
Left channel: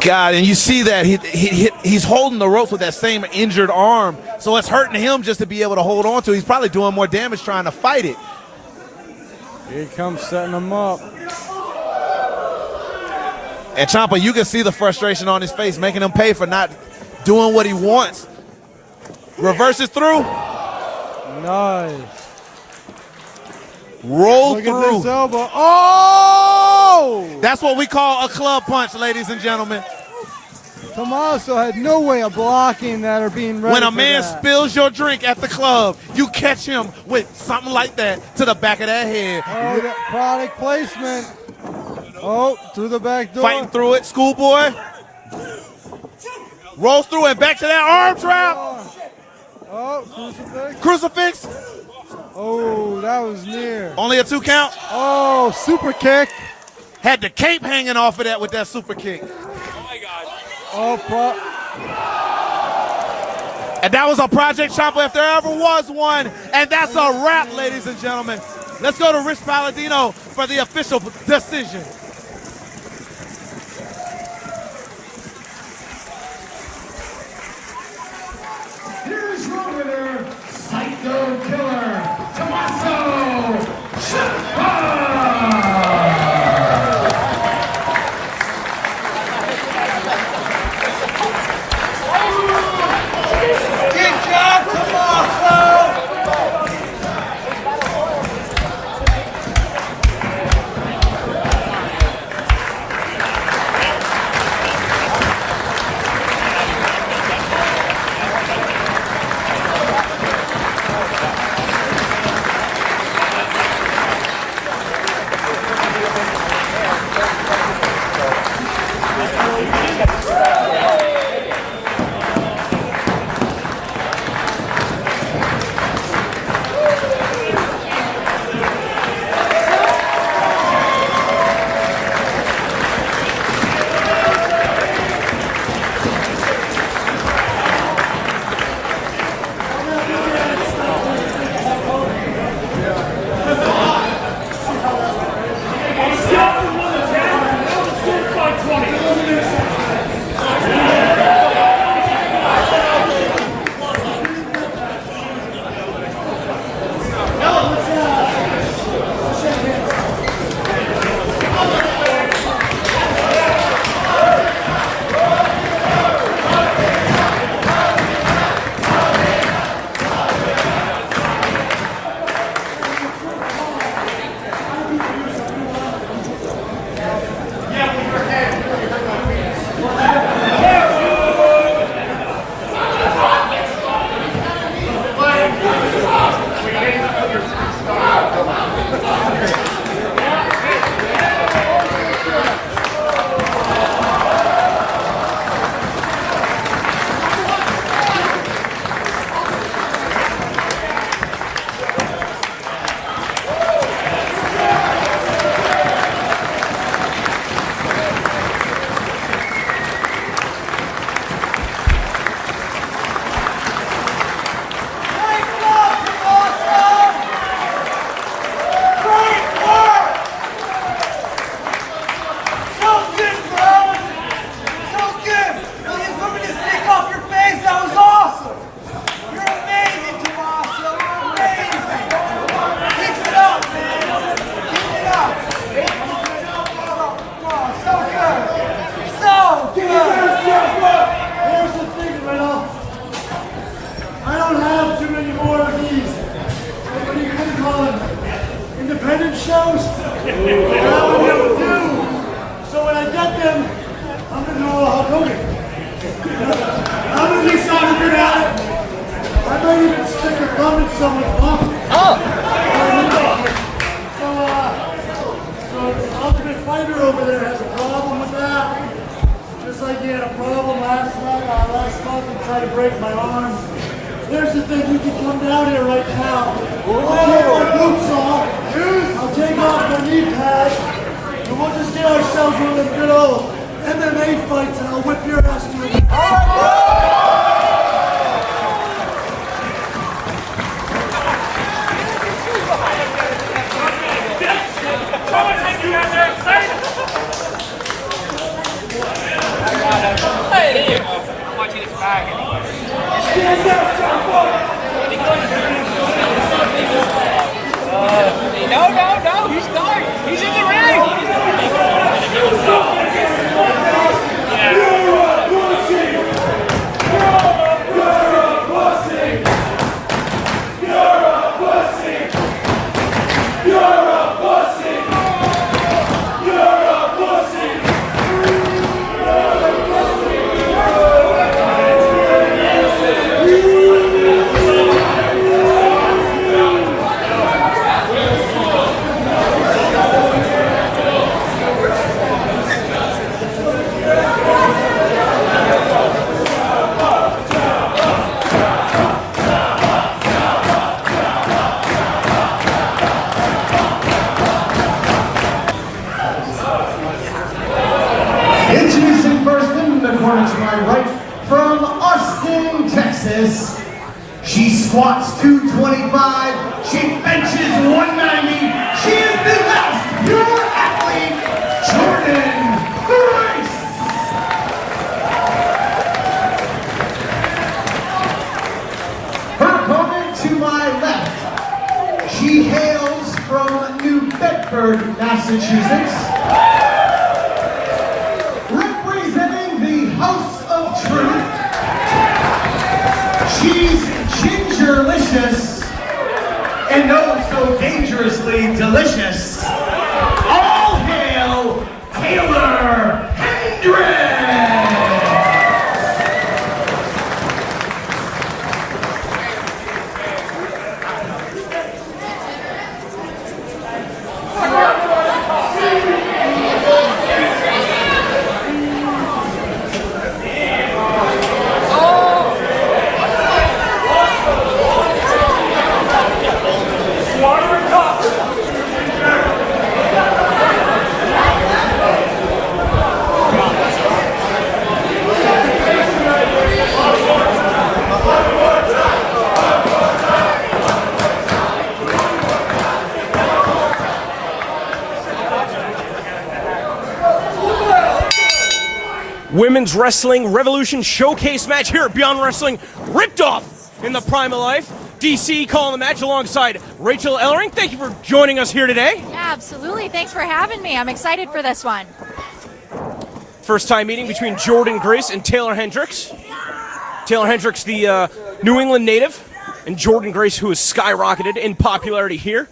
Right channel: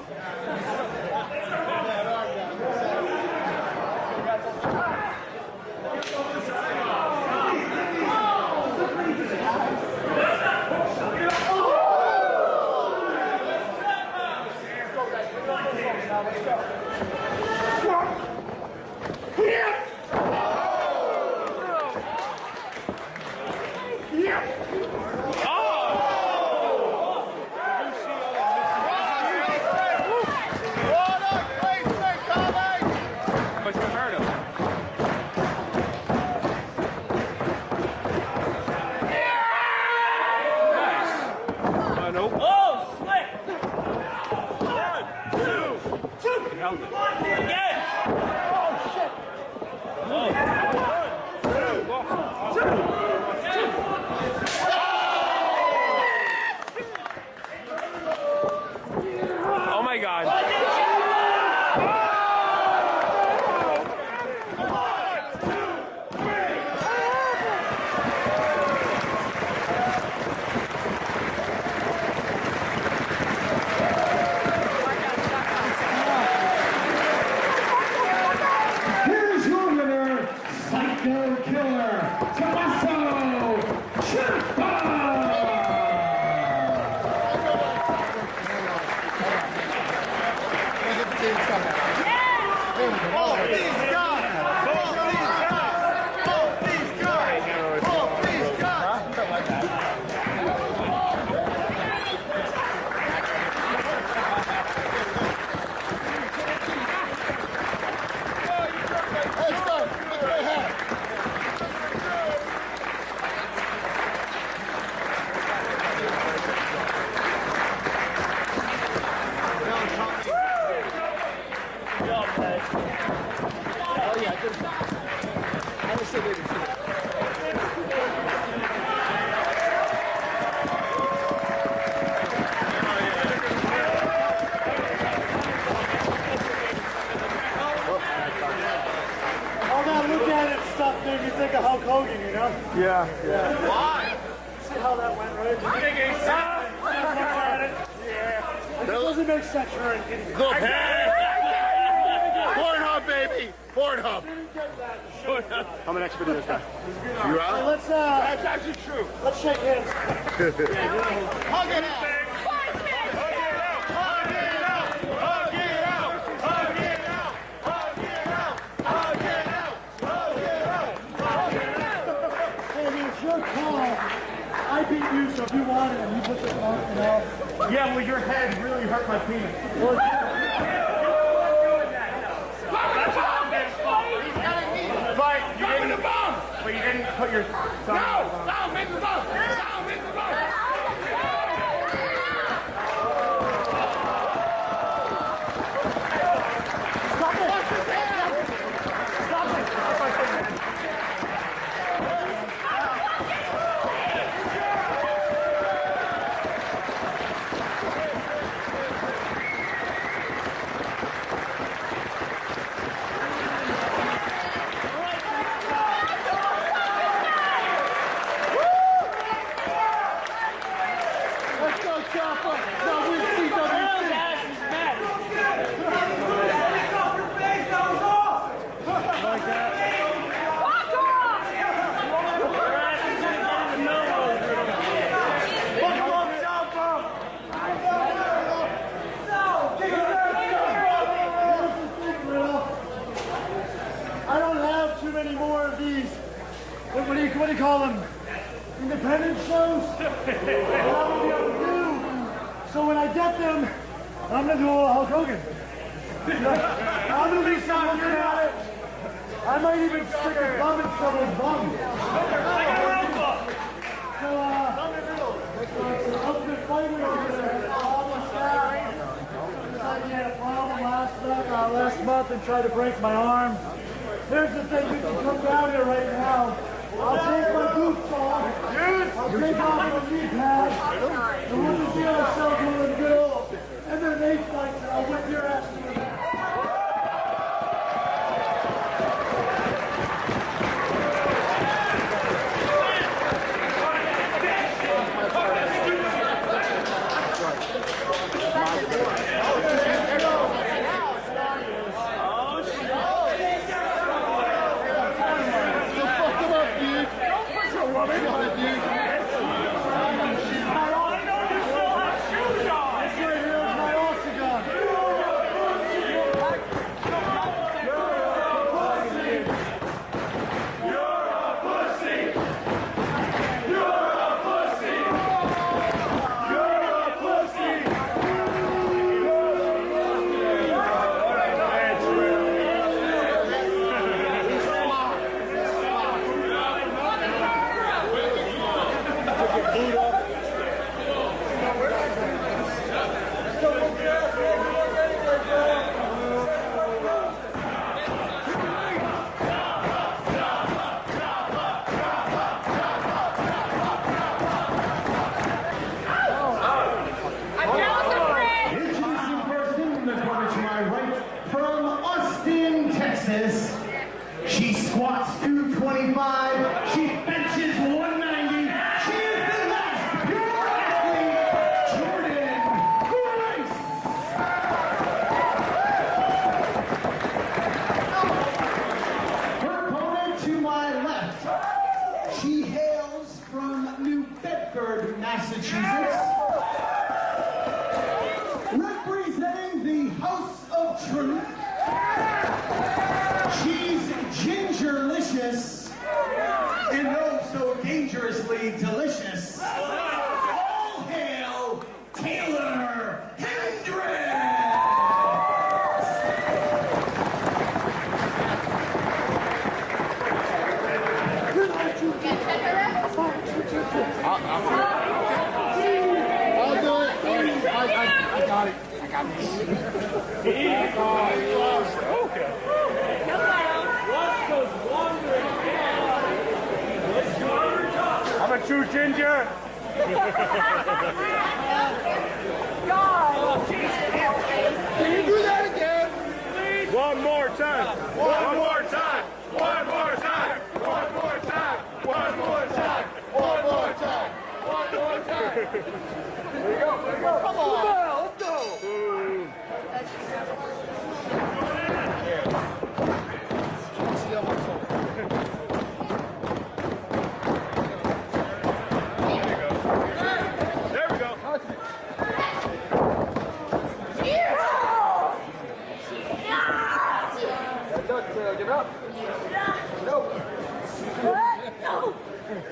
God, and you see that he's holding the ropes with that same injured arm, so it's hurting him just to be able to hold on to it. He's probably doing more damage trying to fight it. Here comes setting him up. And Ciampa, you can see the frustration on his face, making him pay for not doing what he wants. Reverses through. Nice. Roll Look through. at this elbow. Oh! That's what we call a club punch, ladies and gentlemen. Tommaso had no way of blocking that or being ready. When a for man that. spills your drink at the club, you catch him with something like that to the back of that head. Oh, product placement. Oh, to the back door. Fighting through it, schoolboy. Rolls through it, back to that arm trap. Crucifix. Oh, that was near. Only a 2 count. Oh, super kick. Had the cape hanging off of that with that super kick. Oh my God. Oh, And that was a Project Ciampa if there ever was one. And that's a wrap, ladies and gentlemen. Let's go to Rich Palladino for the official decision. Here's your winner, Psycho Killer, Tommaso Ciampa! ultimate fighter over there has a problem with that. Just like he had a problem last month and tried to break my arm. There's the thing, we can come down here right now. I'll take my boots off. I'll take off my knee pads. And we'll just get ourselves one of the good old MMA fights and I'll whip your ass to it. No, he's gone. He's in the ring. Introducing first in the corner to my right, from Austin, Texas. She squats 225, she benches 190. She is the last pure athlete, Jordan Grace. Her opponent to my left, she hails from New Bedford, Massachusetts. Representing the House of Truth, she's gingerlicious and oh so dangerously delicious. All hail Taylor Hendricks! Women's Wrestling Revolution Showcase match here at Beyond Wrestling. Ripped off in the prime of life. DC calling the match alongside Rachel Ellering. Thank you for joining us here today. Yeah, absolutely. Thanks for having me. I'm excited for this one. First time meeting between Jordan Grace and Taylor Hendricks. Taylor Hendricks, the New England native, and Jordan Grace, who has skyrocketed in popularity here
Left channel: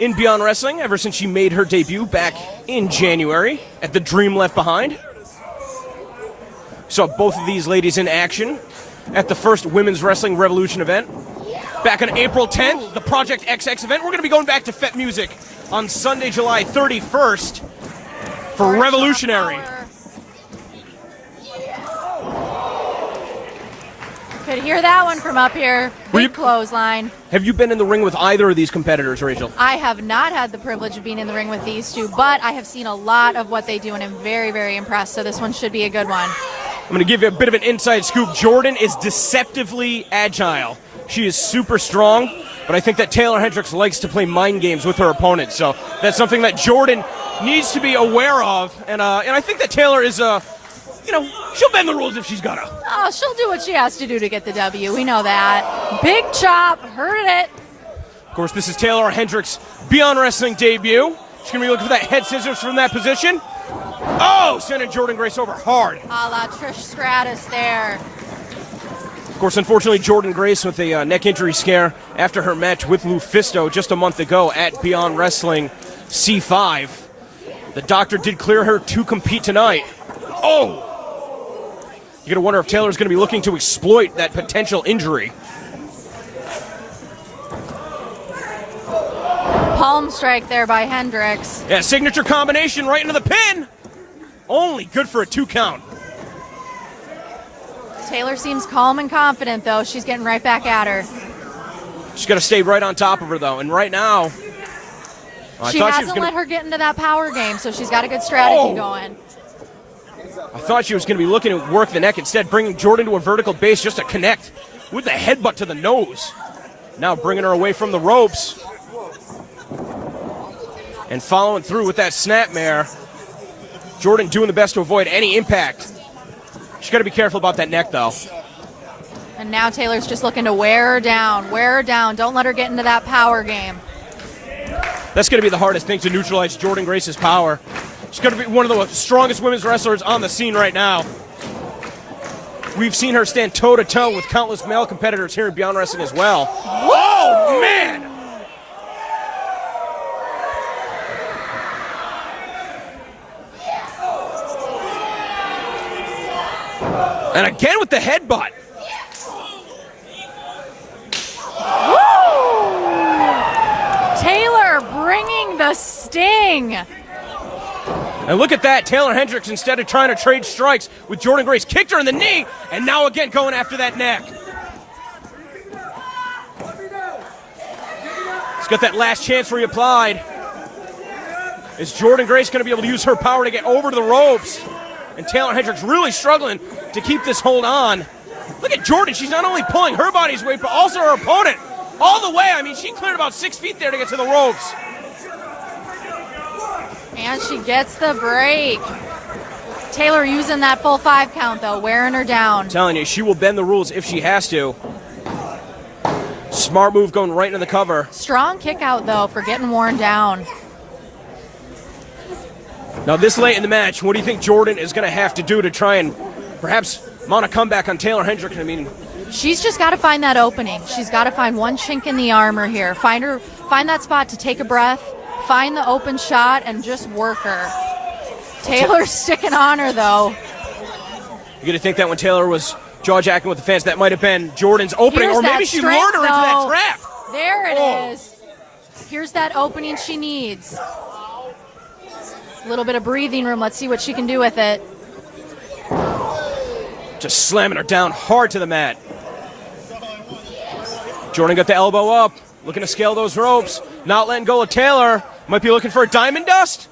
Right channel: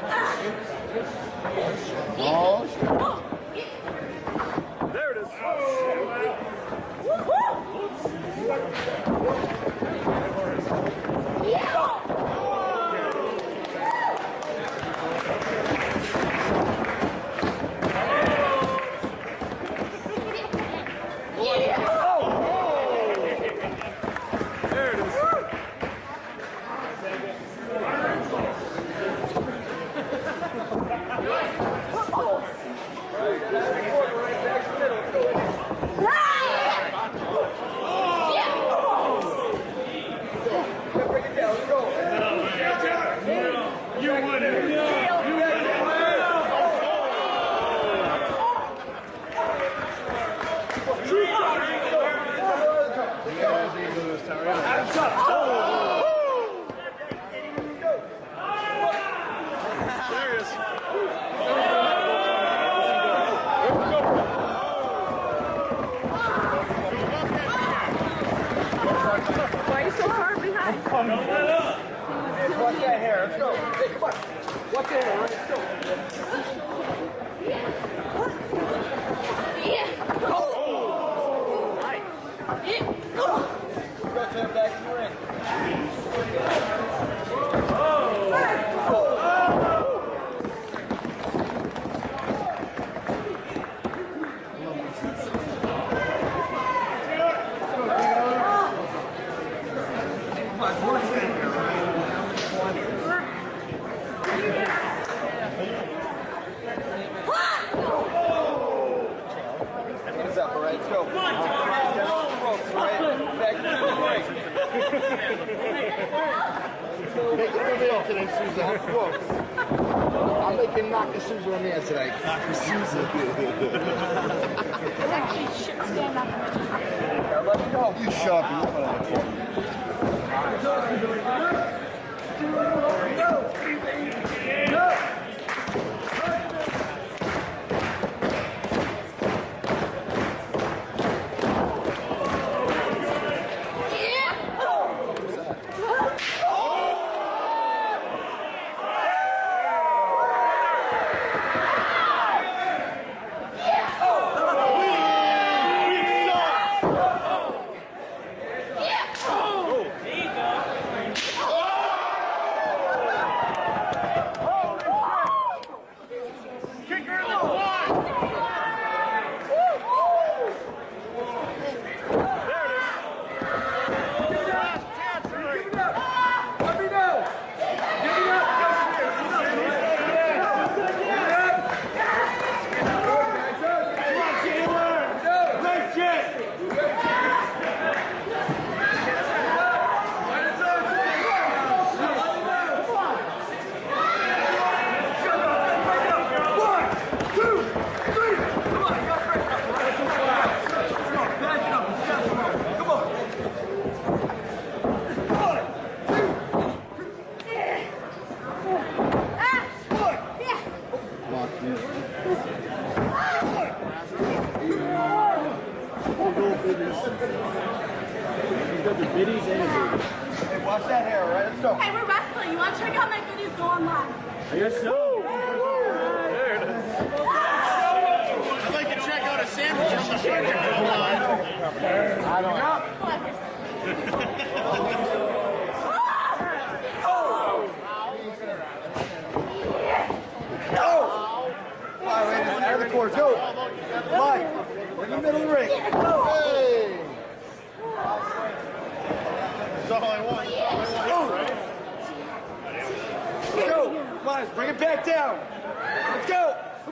in Beyond Wrestling ever since she made her debut back in January at the Dream Left Behind. Saw both of these ladies in action at the first Women's Wrestling Revolution event back on April 10th, the Project XX event. We're going to be going back to Fete Music on Sunday, July 31st for Revolutionary. Could hear that one from up here. Big clothesline. Have you been in the ring with either of these competitors, Rachel? I have not had the privilege of being in the ring with these two, but I have seen a lot of what they do and I'm very, very impressed. So this one should be a good one. I'm going to give you a bit of an inside scoop. Jordan is deceptively agile. She is super strong, but I think that Taylor Hendricks likes to play mind games with her opponent. So that's something that Jordan needs to be aware of. And I think that Taylor is, she'll bend the rules if she's got to. Oh, she'll do what she has to do to get the W. We know that. Big chop. Heard it. Of course, this is Taylor Hendricks' Beyond Wrestling debut. She's going to be looking for that head scissors from that position. Oh, sending Jordan Grace over hard. A la Trish Stratus there. Of course, unfortunately, Jordan Grace with a neck injury scare after her match with Lufisto just a month ago at Beyond Wrestling C5. The doctor did clear her to compete tonight. Oh! You're going to wonder if Taylor's going to be looking to exploit that potential injury. palm strike there by Hendricks. Yeah, signature combination right into the pin. Only good for a 2 count. Taylor seems calm and confident, though. She's getting right back at her. She's got to stay right on top of her, though. And right now, She hasn't let her get into that power game, so she's got a good strategy going. I thought she was going to be looking to work the neck instead, bringing Jordan to a vertical base just to connect with the headbutt to the nose. Now bringing her away from the ropes. And following through with that snapmare. Jordan doing the best to avoid any impact. She's got to be careful about that neck, though. And now Taylor's just looking to wear her down. Wear her down. Don't let her get into that power game. That's going to be the hardest thing to neutralize Jordan Grace's power. She's going to be one of the strongest women's wrestlers on the scene right now. We've seen her stand toe-to-toe with countless male competitors here in Beyond Wrestling as well. Whoa, man! And again with the headbutt. Taylor bringing the sting. And look at that, Taylor Hendricks, instead of trying to trade strikes with Jordan Grace, kicked her in the knee, and now again going after that neck. He's got that last chance reapplied. Is Jordan Grace going to be able to use her power to get over to the ropes? And Taylor Hendricks really struggling to keep this hold on. Look at Jordan, she's not only pulling her body's weight, but also her opponent all the way. I mean, she cleared about 6 feet there to get to the ropes. And she gets the break. Taylor using that full 5 count, though, wearing her down. I'm telling you, she will bend the rules if she has to. Smart move going right into the cover. Strong kick out, though, for getting worn down. Now, this late in the match, what do you think Jordan is going to have to do to try and perhaps mount a comeback on Taylor Hendricks? I mean, she's just got to find that opening. She's got to find one chink in the armor here. Find that spot to take a breath, find the open shot, and just work her. Taylor's sticking on her, though. You're going to think that when Taylor was jaw-jacking with the fans, that might have been Jordan's opening, or maybe she lured her into that trap. There it is. Here's that opening she needs. A little bit of breathing room. Let's see what she can do with it. Just slamming her down hard to the mat. Jordan got the elbow up, looking to scale those ropes. Not letting go of Taylor. Might be looking for a diamond dust.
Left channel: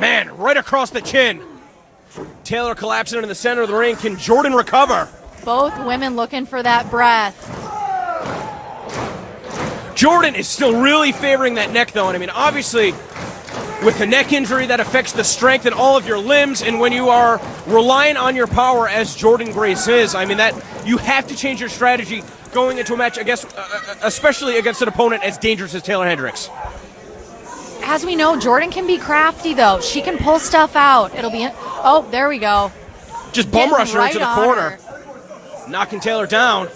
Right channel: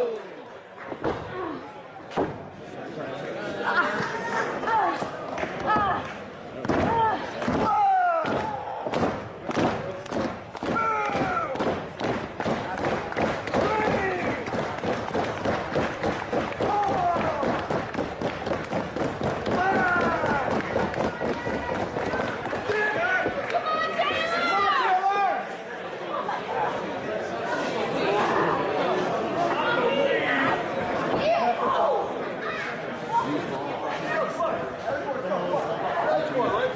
Man, right across the chin. Taylor collapsing into the center of the ring. Can Jordan recover? Both women looking for that breath. Jordan is still really favoring that neck, though. And I mean, obviously, with the neck injury, that affects the strength in all of your limbs. And when you are relying on your power, as Jordan Grace is, I mean, that you have to change your strategy going into a match, I guess, especially against an opponent as dangerous as Taylor Hendricks. As we know, Jordan can be crafty, though. She can pull stuff out. It'll be... Oh, there we go. Just bum rush her into the corner. Knocking Taylor down.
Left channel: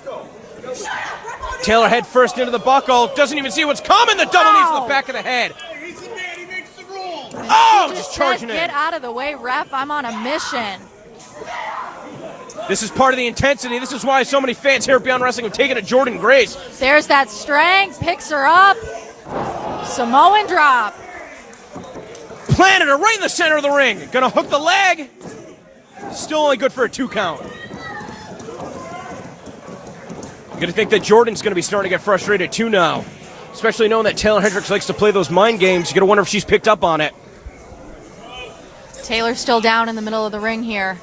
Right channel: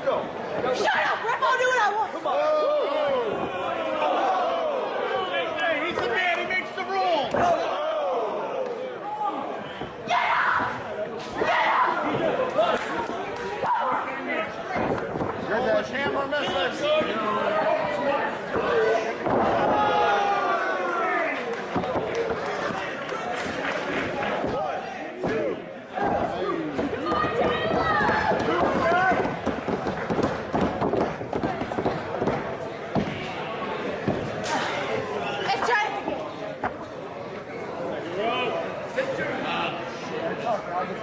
Taylor head first into the buckle. Doesn't even see what's coming. The double knee to the back of the head. Hey, he's the man. He makes the rules. Oh, just charging it. Get out of the way, ref. I'm on a mission. This is part of the intensity. This is why so many fans here at Beyond Wrestling have taken to Jordan Grace. There's that strength. Picks her up. Samoan drop. Planted her right in the center of the ring. Gonna hook the leg. Still only good for a 2 count. Gonna think that Jordan's gonna be starting to get frustrated too now. Especially knowing that Taylor Hendricks likes to play those mind games. You're gonna wonder if she's picked up on it. Taylor's still down in the middle of the ring here.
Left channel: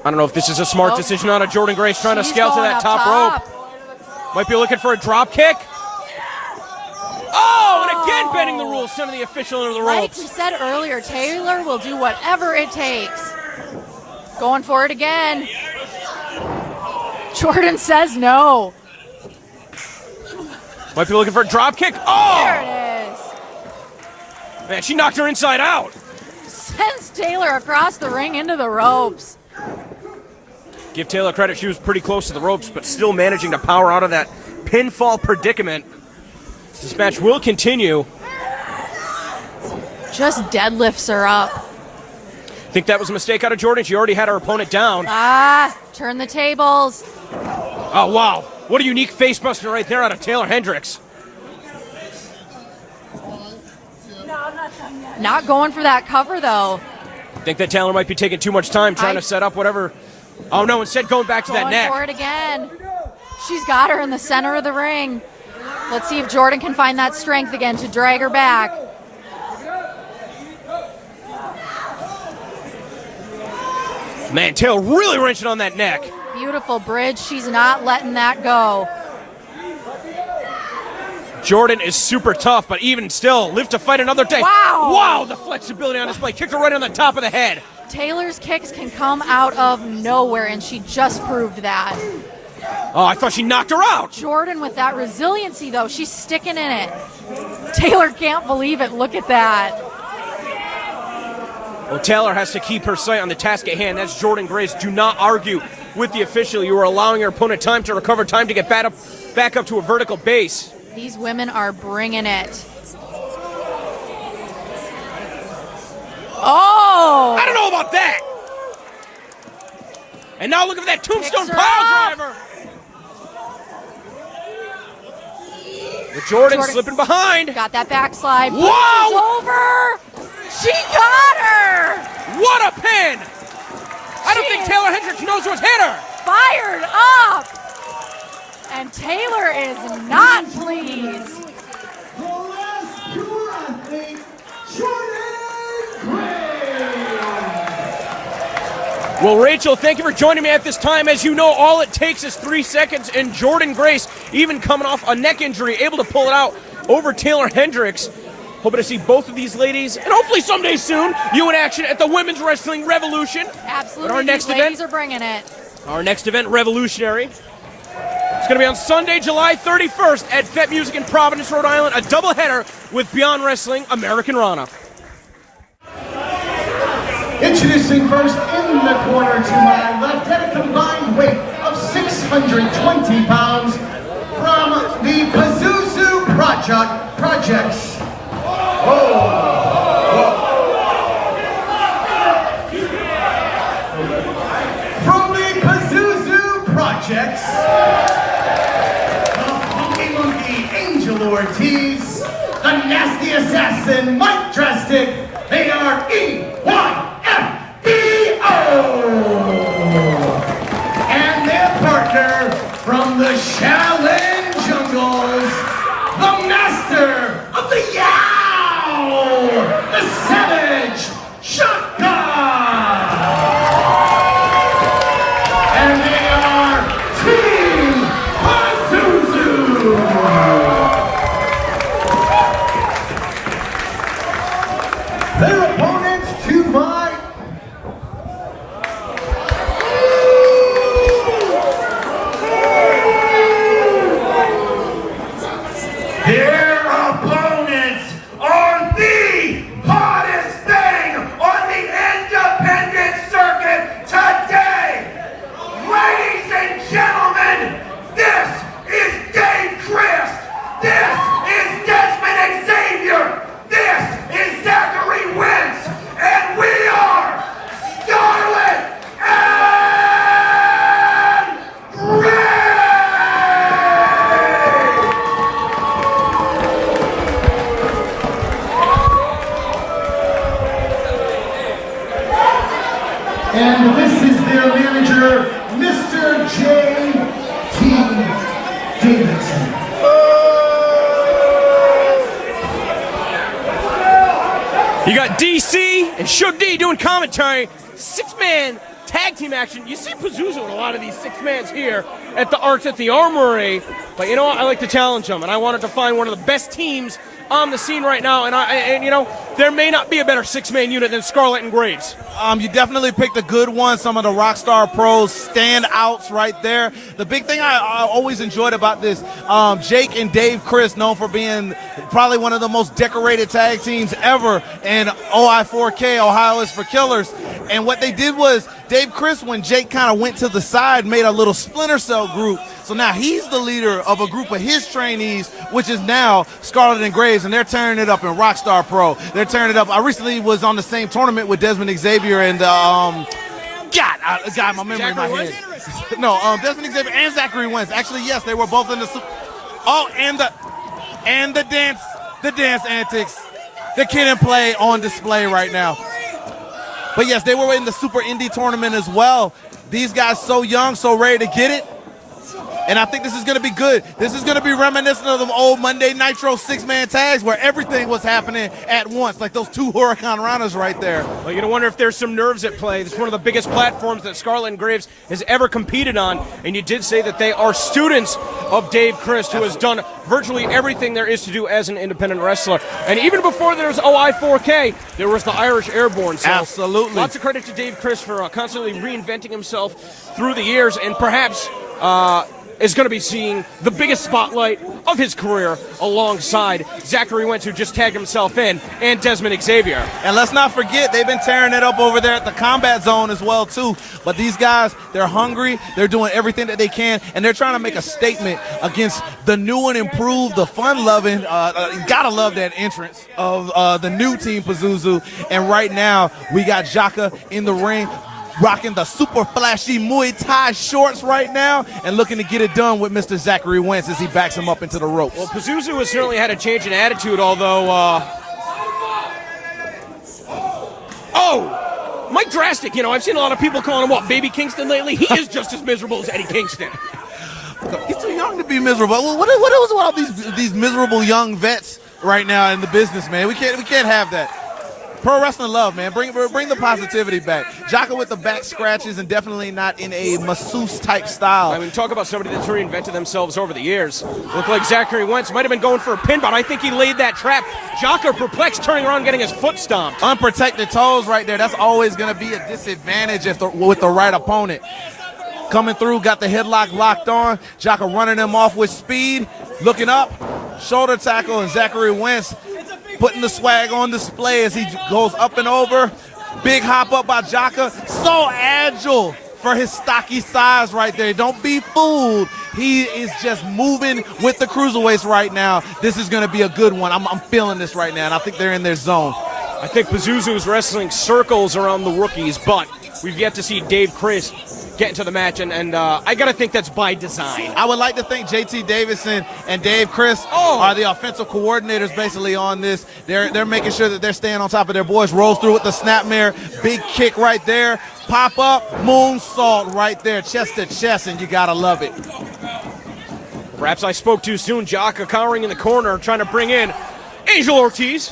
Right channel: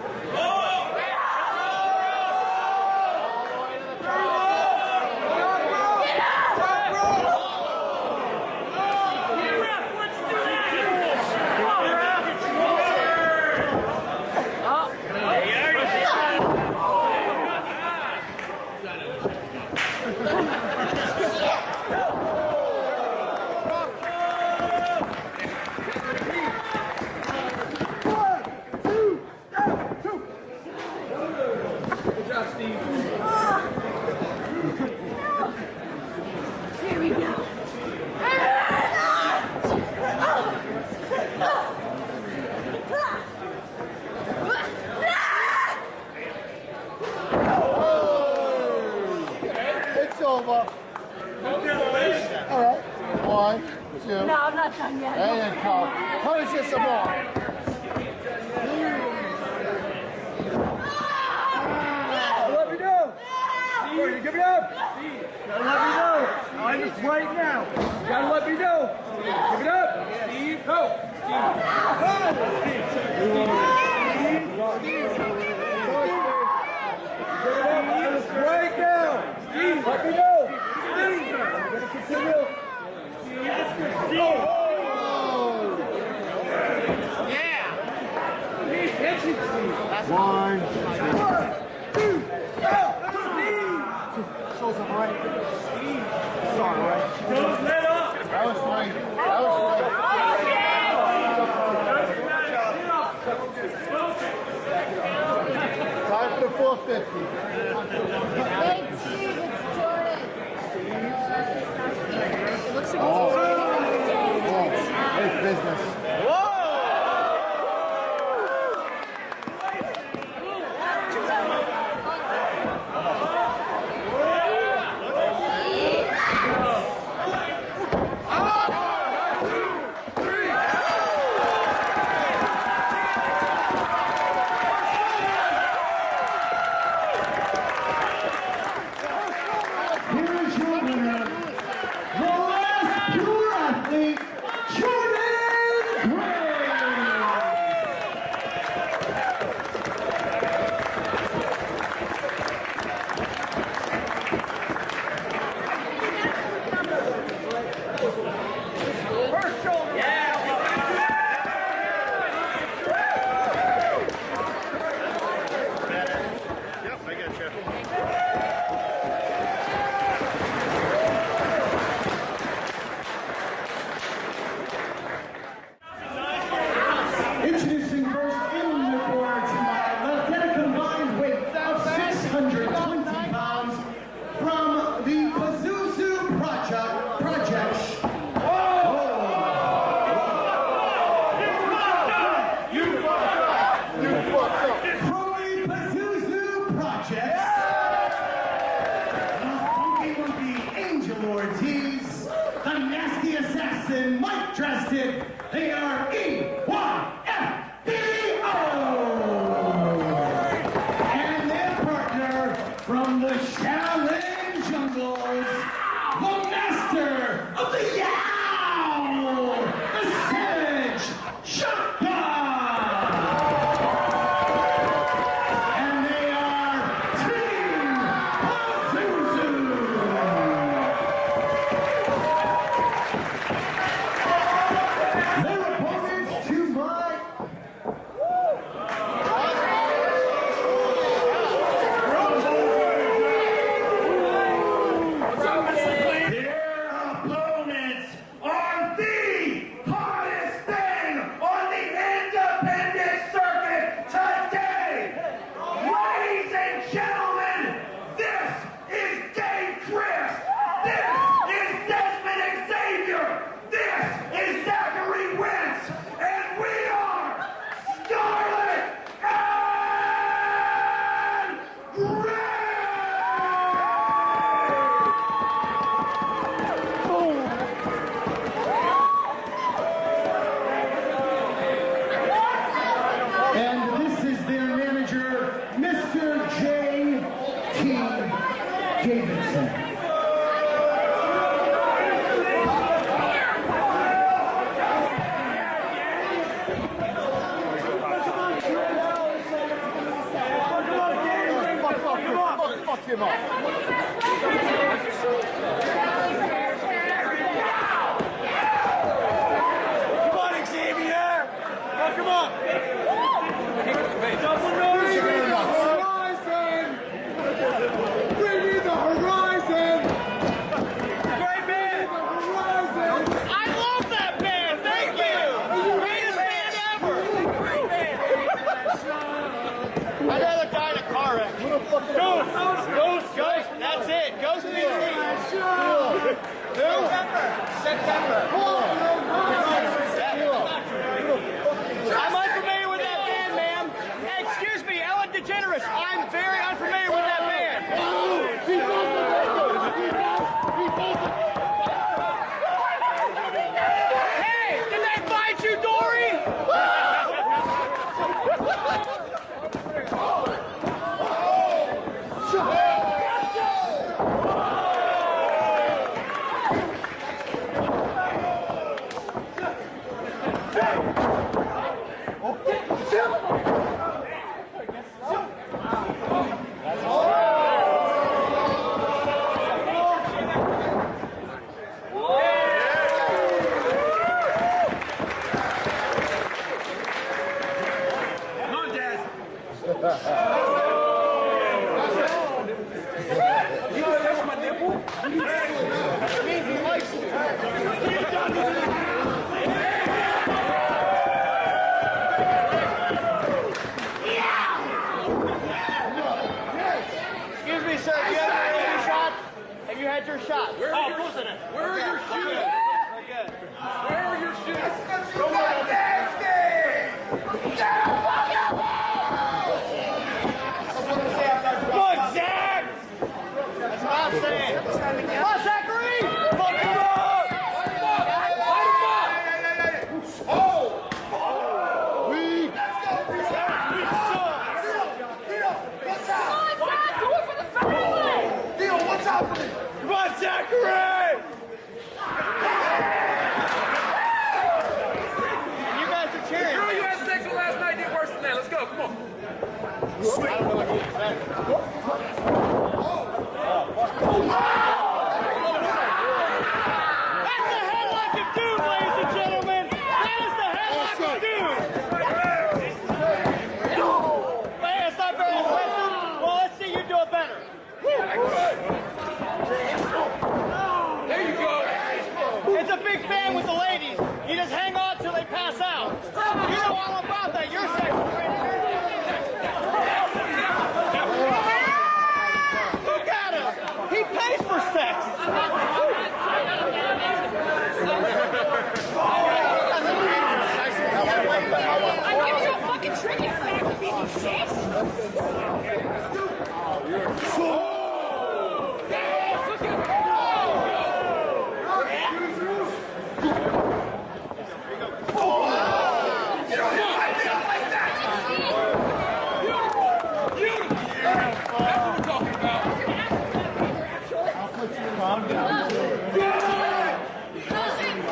I don't know if this is a smart decision on a Jordan Grace trying to scale to that top rope. Might be looking for a drop kick. Oh, and again bending the rules, sending the official into the Like ropes. you said earlier, Taylor will do whatever it takes. Going for it again. Jordan says no. Might be looking for a drop kick. Oh! There it is. Man, she knocked her inside out. Sends Taylor across the ring into the ropes. Give Taylor credit, she was pretty close to the ropes, but still managing to power out of that pinfall predicament. This match will continue. Just deadlifts her up. Think that was a mistake out of Jordan? She already had her opponent down. Turn the tables. Oh, wow. What a unique face buster right there out of Taylor Hendricks. Not going for that cover, though. I think that Taylor might be taking too much time trying to set up whatever. Oh, no, instead going back to that Going for neck. it again. She's got her in the center of the ring. Let's see if Jordan can find that strength again to drag her back. Man, Taylor really wrenching on that neck. Beautiful bridge. She's not letting that go. Jordan is super tough, but even still, live to fight another day. Wow. Wow, the flexibility on display. Kicked her right on the top of the head. Taylor's kicks can come out of nowhere, and she just proved that. Oh, I thought she knocked her out. Jordan with that resiliency, though, she's sticking in it. Taylor can't believe it. Look at that. Well, Taylor has to keep her sight on the task at hand. That's Jordan Grace. Do not argue with the official. You are allowing your opponent time to recover, time to get back up to a vertical base. These women are bringing it. Oh! I don't know about that. And now look at that tombstone pile driver. Jordan slipping behind. Got that backslide. Wow! It's over. She got her. What a pin! I don't think Taylor Hendricks knows who's hit her. Fired up. And Taylor is not pleased. The last pure athlete, Jordan Grace. Well, Rachel, thank you for joining me at this time. As you know, all it takes is 3 seconds, and Jordan Grace, even coming off a neck injury, able to pull it out over Taylor Hendricks. Hoping to see both of these ladies, and hopefully someday soon, you in action at the Women's Wrestling Revolution. Absolutely. Our next These event. ladies are bringing it. Our next event, Revolutionary. It's going to be on Sunday, July 31st at Vet Music in Providence, Rhode Island. A doubleheader with Beyond Wrestling, American Rana. Introducing first in the corner to my left at a combined weight of 620 pounds from the Pazuzu Projects. From the Pazuzu Projects, the Funky Monkey Angel Ortiz, the Nasty Assassin Mike Drastic, they are EYFBO! And their partner from the Shaolin Jungles, the Master of the Yow, the Savage Shaka! And they are Team Pazuzu! Their opponents to my their opponents are the hottest thing on the independent circuit today. Ladies and gentlemen, this is Dave Christ. This is Desmond Xavier. This is Zachary Wentz. And we are Scarlett and Gray. And this is their manager, Mr. J.T. Davidson. You got DC and Shug D doing commentary. 6-man tag team action. You see Pazuzu with a lot of these 6-mans here at the Arts at the Armory. But you know what? I like to challenge them, and I wanted to find one of the best teams on the scene right now. And you know, there may not be a better 6-man unit than Scarlett and Grace. You definitely picked a good one. Some of the Rockstar Pros standouts right there. The big thing I always enjoyed about this, Jake and Dave Chris, known for being probably one of the most decorated tag teams ever in OI4K, Ohio is for Killers. And what they did was, Dave Chris, when Jake kind of went to the side, made a little splinter cell group. So now he's the leader of a group of his trainees, which is now Scarlett and Graves, and they're tearing it up in Rockstar Pro. They're tearing it up. I recently was on the same tournament with Desmond Xavier and my memory in my head. No, Desmond Xavier and Zachary Wentz. Actually, yes, they were both in the. Oh, and the dance. the dance antics, the kid and play on display right now. But yes, they were in the Super Indie tournament as well. These guys so young, so ready to get it. And I think this is going to be good. This is going to be reminiscent of them old Monday Nitro six-man tags where everything was happening at once, like those two Huracan Ranas right there. Well, you're going to wonder if there's some nerves at play. It's one of the biggest platforms that Scarlett and Graves has ever competed on. And you did say that they are students of Dave Christ, who has done virtually everything there is to do as an independent wrestler. And even before there was OI4K, there was the Irish Airborne. So absolutely. Lots of credit to Dave Christ for constantly reinventing himself through the years, and perhaps is going to be seeing the biggest spotlight of his career alongside Zachary Wentz, who just tagged himself in, and Desmond Xavier. And let's not forget, they've been tearing it up over there at the Combat Zone as well, too. But these guys, they're hungry, they're doing everything that they can, and they're trying to make a statement against the new and improved, the fun-loving, gotta love that entrance of the new Team Pazuzu. And right now, we got Jaka in the ring, rocking the super flashy Muay Thai shorts right now and looking to get it done with Mr. Zachary Wentz as he backs him up into the ropes. Well, Pazuzu has certainly had a change in attitude, although... Mike Drastic, you know, I've seen a lot of people calling him, what, Baby Kingston lately? He is just as miserable as Eddie Kingston. He's too young to be miserable. What is with all these miserable young vets right now in the business, man? We can't have that. Pro wrestling love, man. Bring the positivity back. Jaka with the back scratches and definitely not in a masseuse type style. I mean, talk about somebody that's reinvented themselves over the years. Looked like Zachary Wentz might have been going for a pin, but I think he laid that trap. Jaka perplexed, turning around, getting his foot stomped. Unprotected toes right there. That's always going to be a disadvantage with the right opponent. Coming through, got the headlock locked on. Jaka running him off with speed. Looking up, shoulder tackle, and Zachary Wentz putting the swag on display as he goes up and over. Big hop up by Jaka. So agile for his stocky size right there. Don't be fooled. He is just moving with the cruiserweights right now. This is going to be a good one. I'm feeling this right now, and I think they're in their zone. I think Pazuzu is wrestling circles around the rookies, but we've yet to see Dave Christ get into the match, and I got to think that's by design. I would like to think JT Davison and Dave Christ are the offensive coordinators basically on this. They're making sure that they're staying on top of their boys. Rolls through with the snapmare, big kick right there, pop up, moonsault right there, chest to chest, and you got to love it. Perhaps I spoke too soon. Jaka cowering in the corner, trying to bring in Angel Ortiz.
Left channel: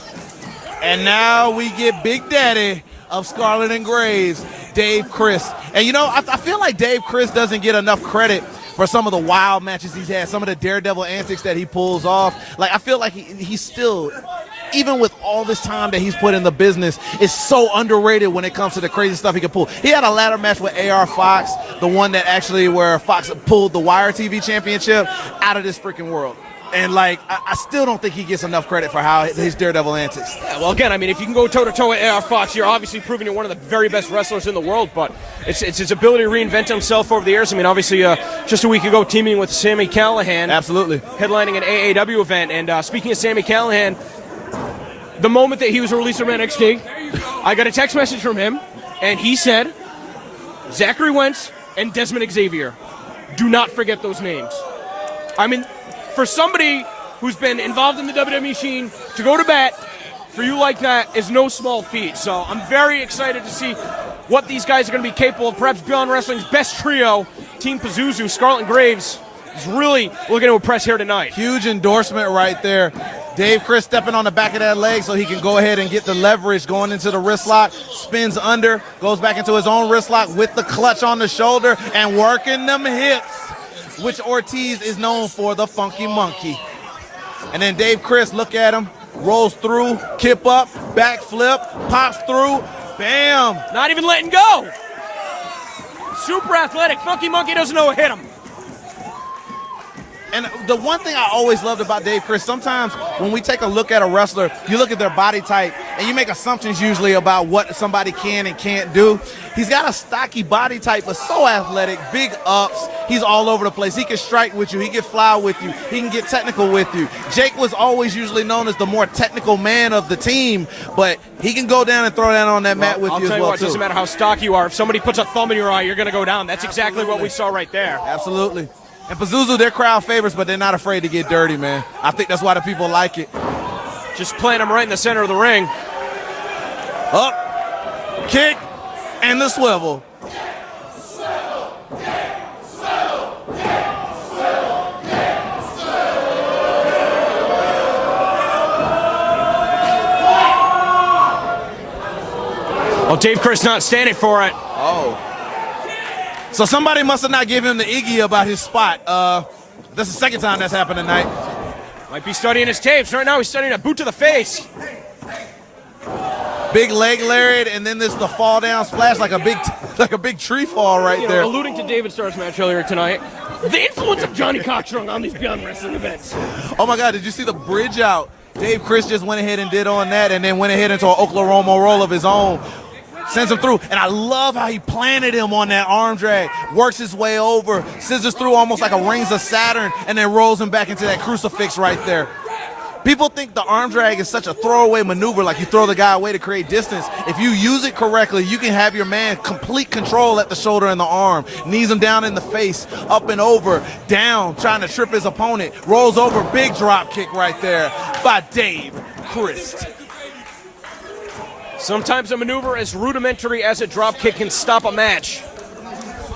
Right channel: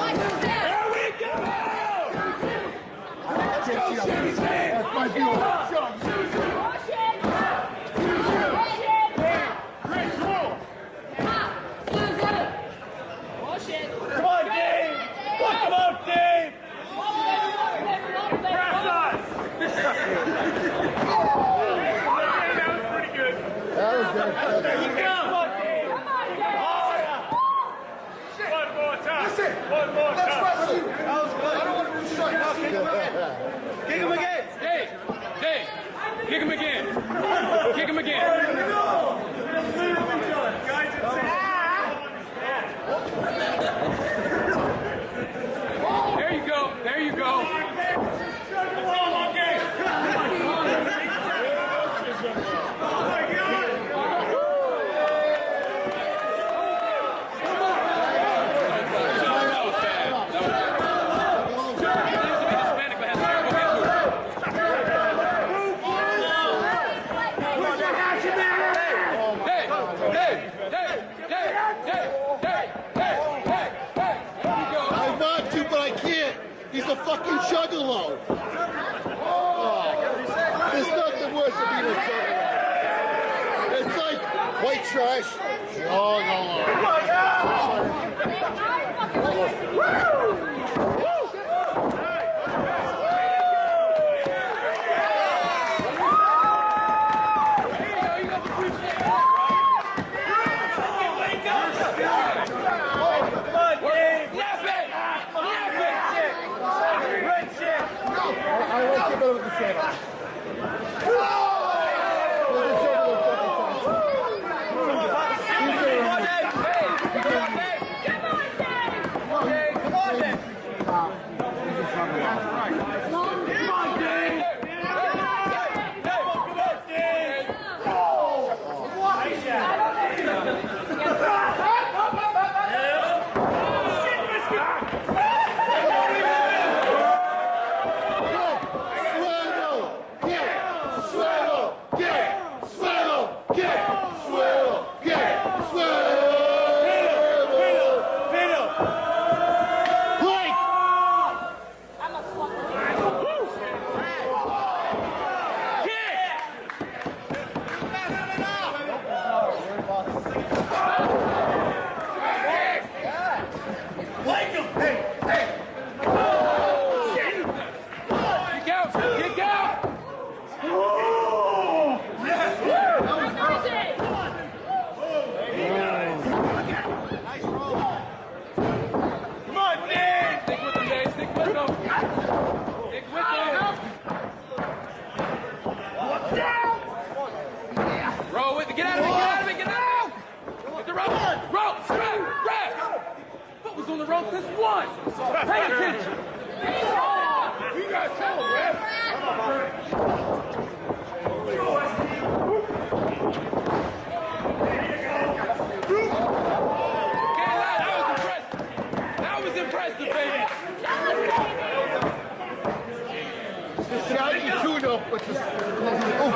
And now we get Big Daddy of Scarlett and Graves, Dave Christ. And you know, I feel like Dave Christ doesn't get enough credit for some of the wild matches he's had, some of the daredevil antics that he pulls off. Like, I feel like he's still, even with all this time that he's put in the business, is so underrated when it comes to the crazy stuff he can pull. He had a ladder match with AR Fox, the one that actually where Fox pulled the Wire TV championship out of this freaking world. And, like, I still don't think he gets enough credit for how his daredevil antics. Well, again, I mean, if you can go toe-to-toe with AR Fox, you're obviously proving you're one of the very best wrestlers in the world, but it's his ability to reinvent himself over the years. I mean, obviously, just a week ago, teaming with Sami Callihan. Absolutely. Headlining an AAW event. And speaking of Sami Callihan, the moment that he was released from NXT, I got a text message from him, and he said, Zachary Wentz and Desmond Xavier, do not forget those names. I mean, for somebody who's been involved in the WWE scene, to go to bat for you like that is no small feat. So I'm very excited to see what these guys are going to be capable of. Perhaps Beyond Wrestling's best trio, Team Pazuzu, Scarlett and Graves, is really looking to impress here tonight. Huge endorsement right there. Dave Christ stepping on the back of that leg so he can go ahead and get the leverage going into the wrist lock, spins under, goes back into his own wrist lock with the clutch on the shoulder and working them hips, which Ortiz is known for, the funky monkey. And then Dave Christ, look at him, rolls through, kip up, backflip, pops through, bam. Not even letting go. Super athletic, funky monkey doesn't know what hit him. And the one thing I always loved about Dave Christ, sometimes when we take a look at a wrestler, you look at their body type, and you make assumptions usually about what somebody can and can't do. He's got a stocky body type, but so athletic, big ups. He's all over the place. He can strike with you. He can fly with you. He can get technical with you. Jake was always usually known as the more technical man of the team, but he can go down and throw down on that mat with you as well, It doesn't matter how stocky you are. If somebody puts a thumb in your eye, you're going to go down. That's exactly what we saw right there. Absolutely. And Pazuzu, they're crowd favorites, but they're not afraid to get dirty, man. I think that's why the people like it. Just plant him right in the center of the ring. Up, kick, and the swivel. Well, Dave Chris not standing for it. Oh. So somebody must have not given him the Iggy about his spot. That's the second time that's happened tonight. Might be studying his tapes. Right now he's studying a boot to the face. Big leg lariat, and then there's the fall down splash like a big tree fall right there. Alluding to David Starr's match earlier tonight, the influence of Johnny Cochran on these Beyond Wrestling events. Oh my God, did you see the bridge out? Dave Chris just went ahead and did on that, and then went ahead into an Oklahoma roll of his own. Sends him through, and I love how he planted him on that arm drag. Works his way over, scissors through almost like a Rings of Saturn, and then rolls him back into that crucifix right there. People think the arm drag is such a throwaway maneuver, like you throw the guy away to create distance. If you use it correctly, you can have your man complete control at the shoulder and the arm. Knees him down in the face, up and over, down, trying to trip his opponent. Rolls over, big drop kick right there by Dave Chris. Sometimes a maneuver as rudimentary as a drop kick can stop a match.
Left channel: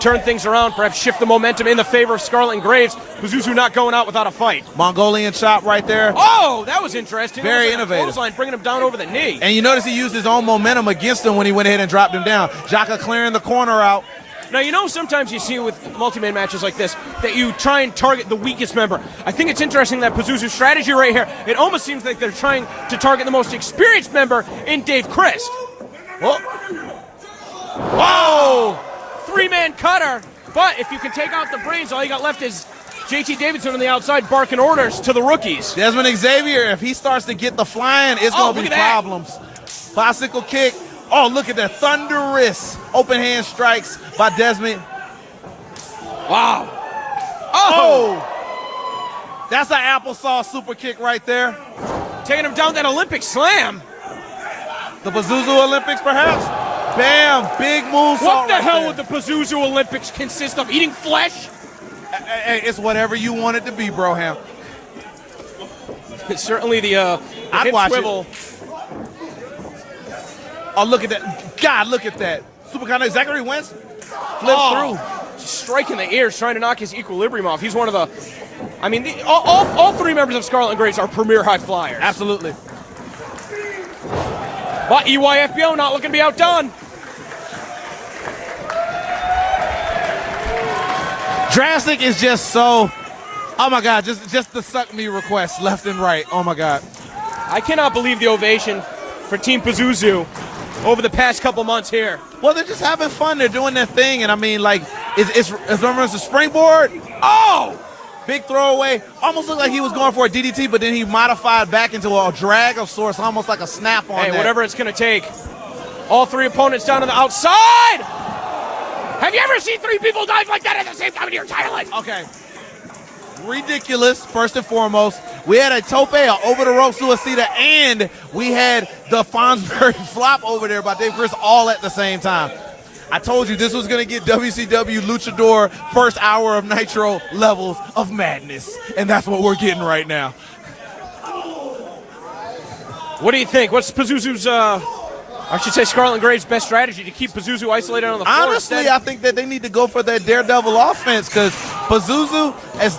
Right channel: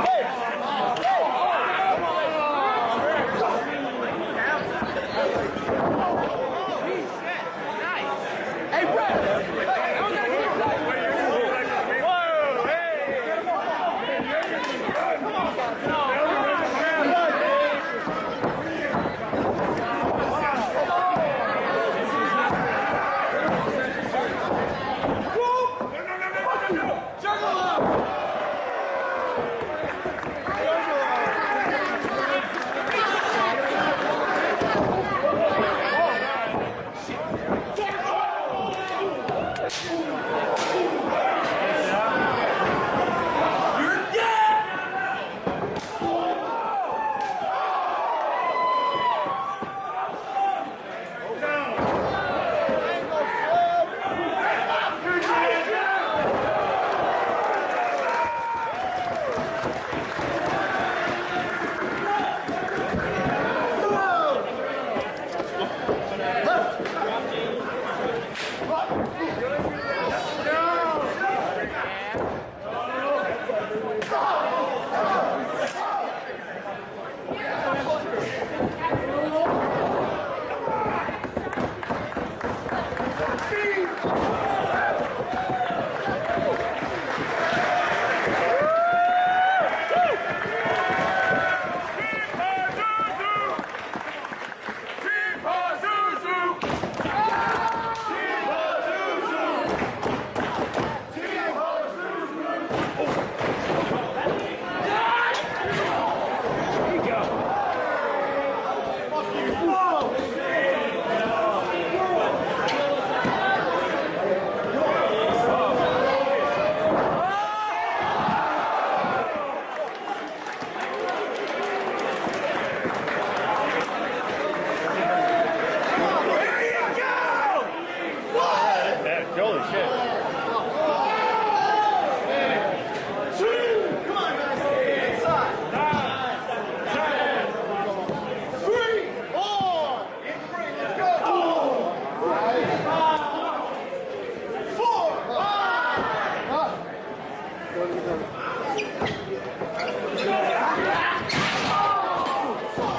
Turn things around, perhaps shift the momentum in the favor of Scarlett and Graves. Pazuzu not going out without a fight. Mongolian chop right there. Oh, that was interesting. Very innovative. Clothesline, bringing him down over the knee. And you notice he used his own momentum against him when he went ahead and dropped him down. Jaka clearing the corner out. Now, you know, sometimes you see with multi-man matches like this that you try and target the weakest member. I think it's interesting that Pazuzu's strategy right here, it almost seems like they're trying to target the most experienced member in Dave Chris. Whoa! Three-man cutter. But if you can take off the brains, all you got left is JT Davidson on the outside barking orders to the rookies. Desmond Xavier, if he starts to get the flying, it's going to be problems. Bicycle kick. Oh, look at that. Thunderous open hand strikes by Desmond. Wow. Oh! That's an applesauce super kick right there. Taking him down that Olympic slam. The Pazuzu Olympics, perhaps? Bam! Big moves. What the hell would the Pazuzu Olympics consist of? Eating flesh? Hey, it's whatever you want it to be, Broham. It's certainly the I'd hip watch swivel. it. Oh, look at that. God, look at that. Super kind of Zachary Wentz flips through. Striking the ears, trying to knock his equilibrium off. He's one of the, I mean, all three members of Scarlett and Graves are premier high flyers. Absolutely. But EYFBO not looking to be outdone. Drastic is just so, oh my God, just the suck me requests left and right. Oh my God. I cannot believe the ovation for Team Pazuzu over the past couple months here. Well, they're just having fun. They're doing their thing. And I mean, like, it's a springboard. Oh! Big throwaway. Almost looked like he was going for a DDT, but then he modified back into a drag of sorts, almost like a snap on that. Whatever it's going to take. All three opponents down to the outside. Have you ever seen three people dive like that at the same time in your entire life? Okay. Ridiculous, first and foremost. We had a tope, a over-the-rope suicida, and we had the Fonsbury flop over there by Dave Chris all at the same time. I told you this was going to get WCW Luchador first hour of Nitro levels of madness. And that's what we're getting right now. What do you think? What's Pazuzu's, I should say Scarlett and Graves' best strategy to keep Pazuzu isolated on the floor? Honestly, I think that they need to go for that daredevil offense because Pazuzu,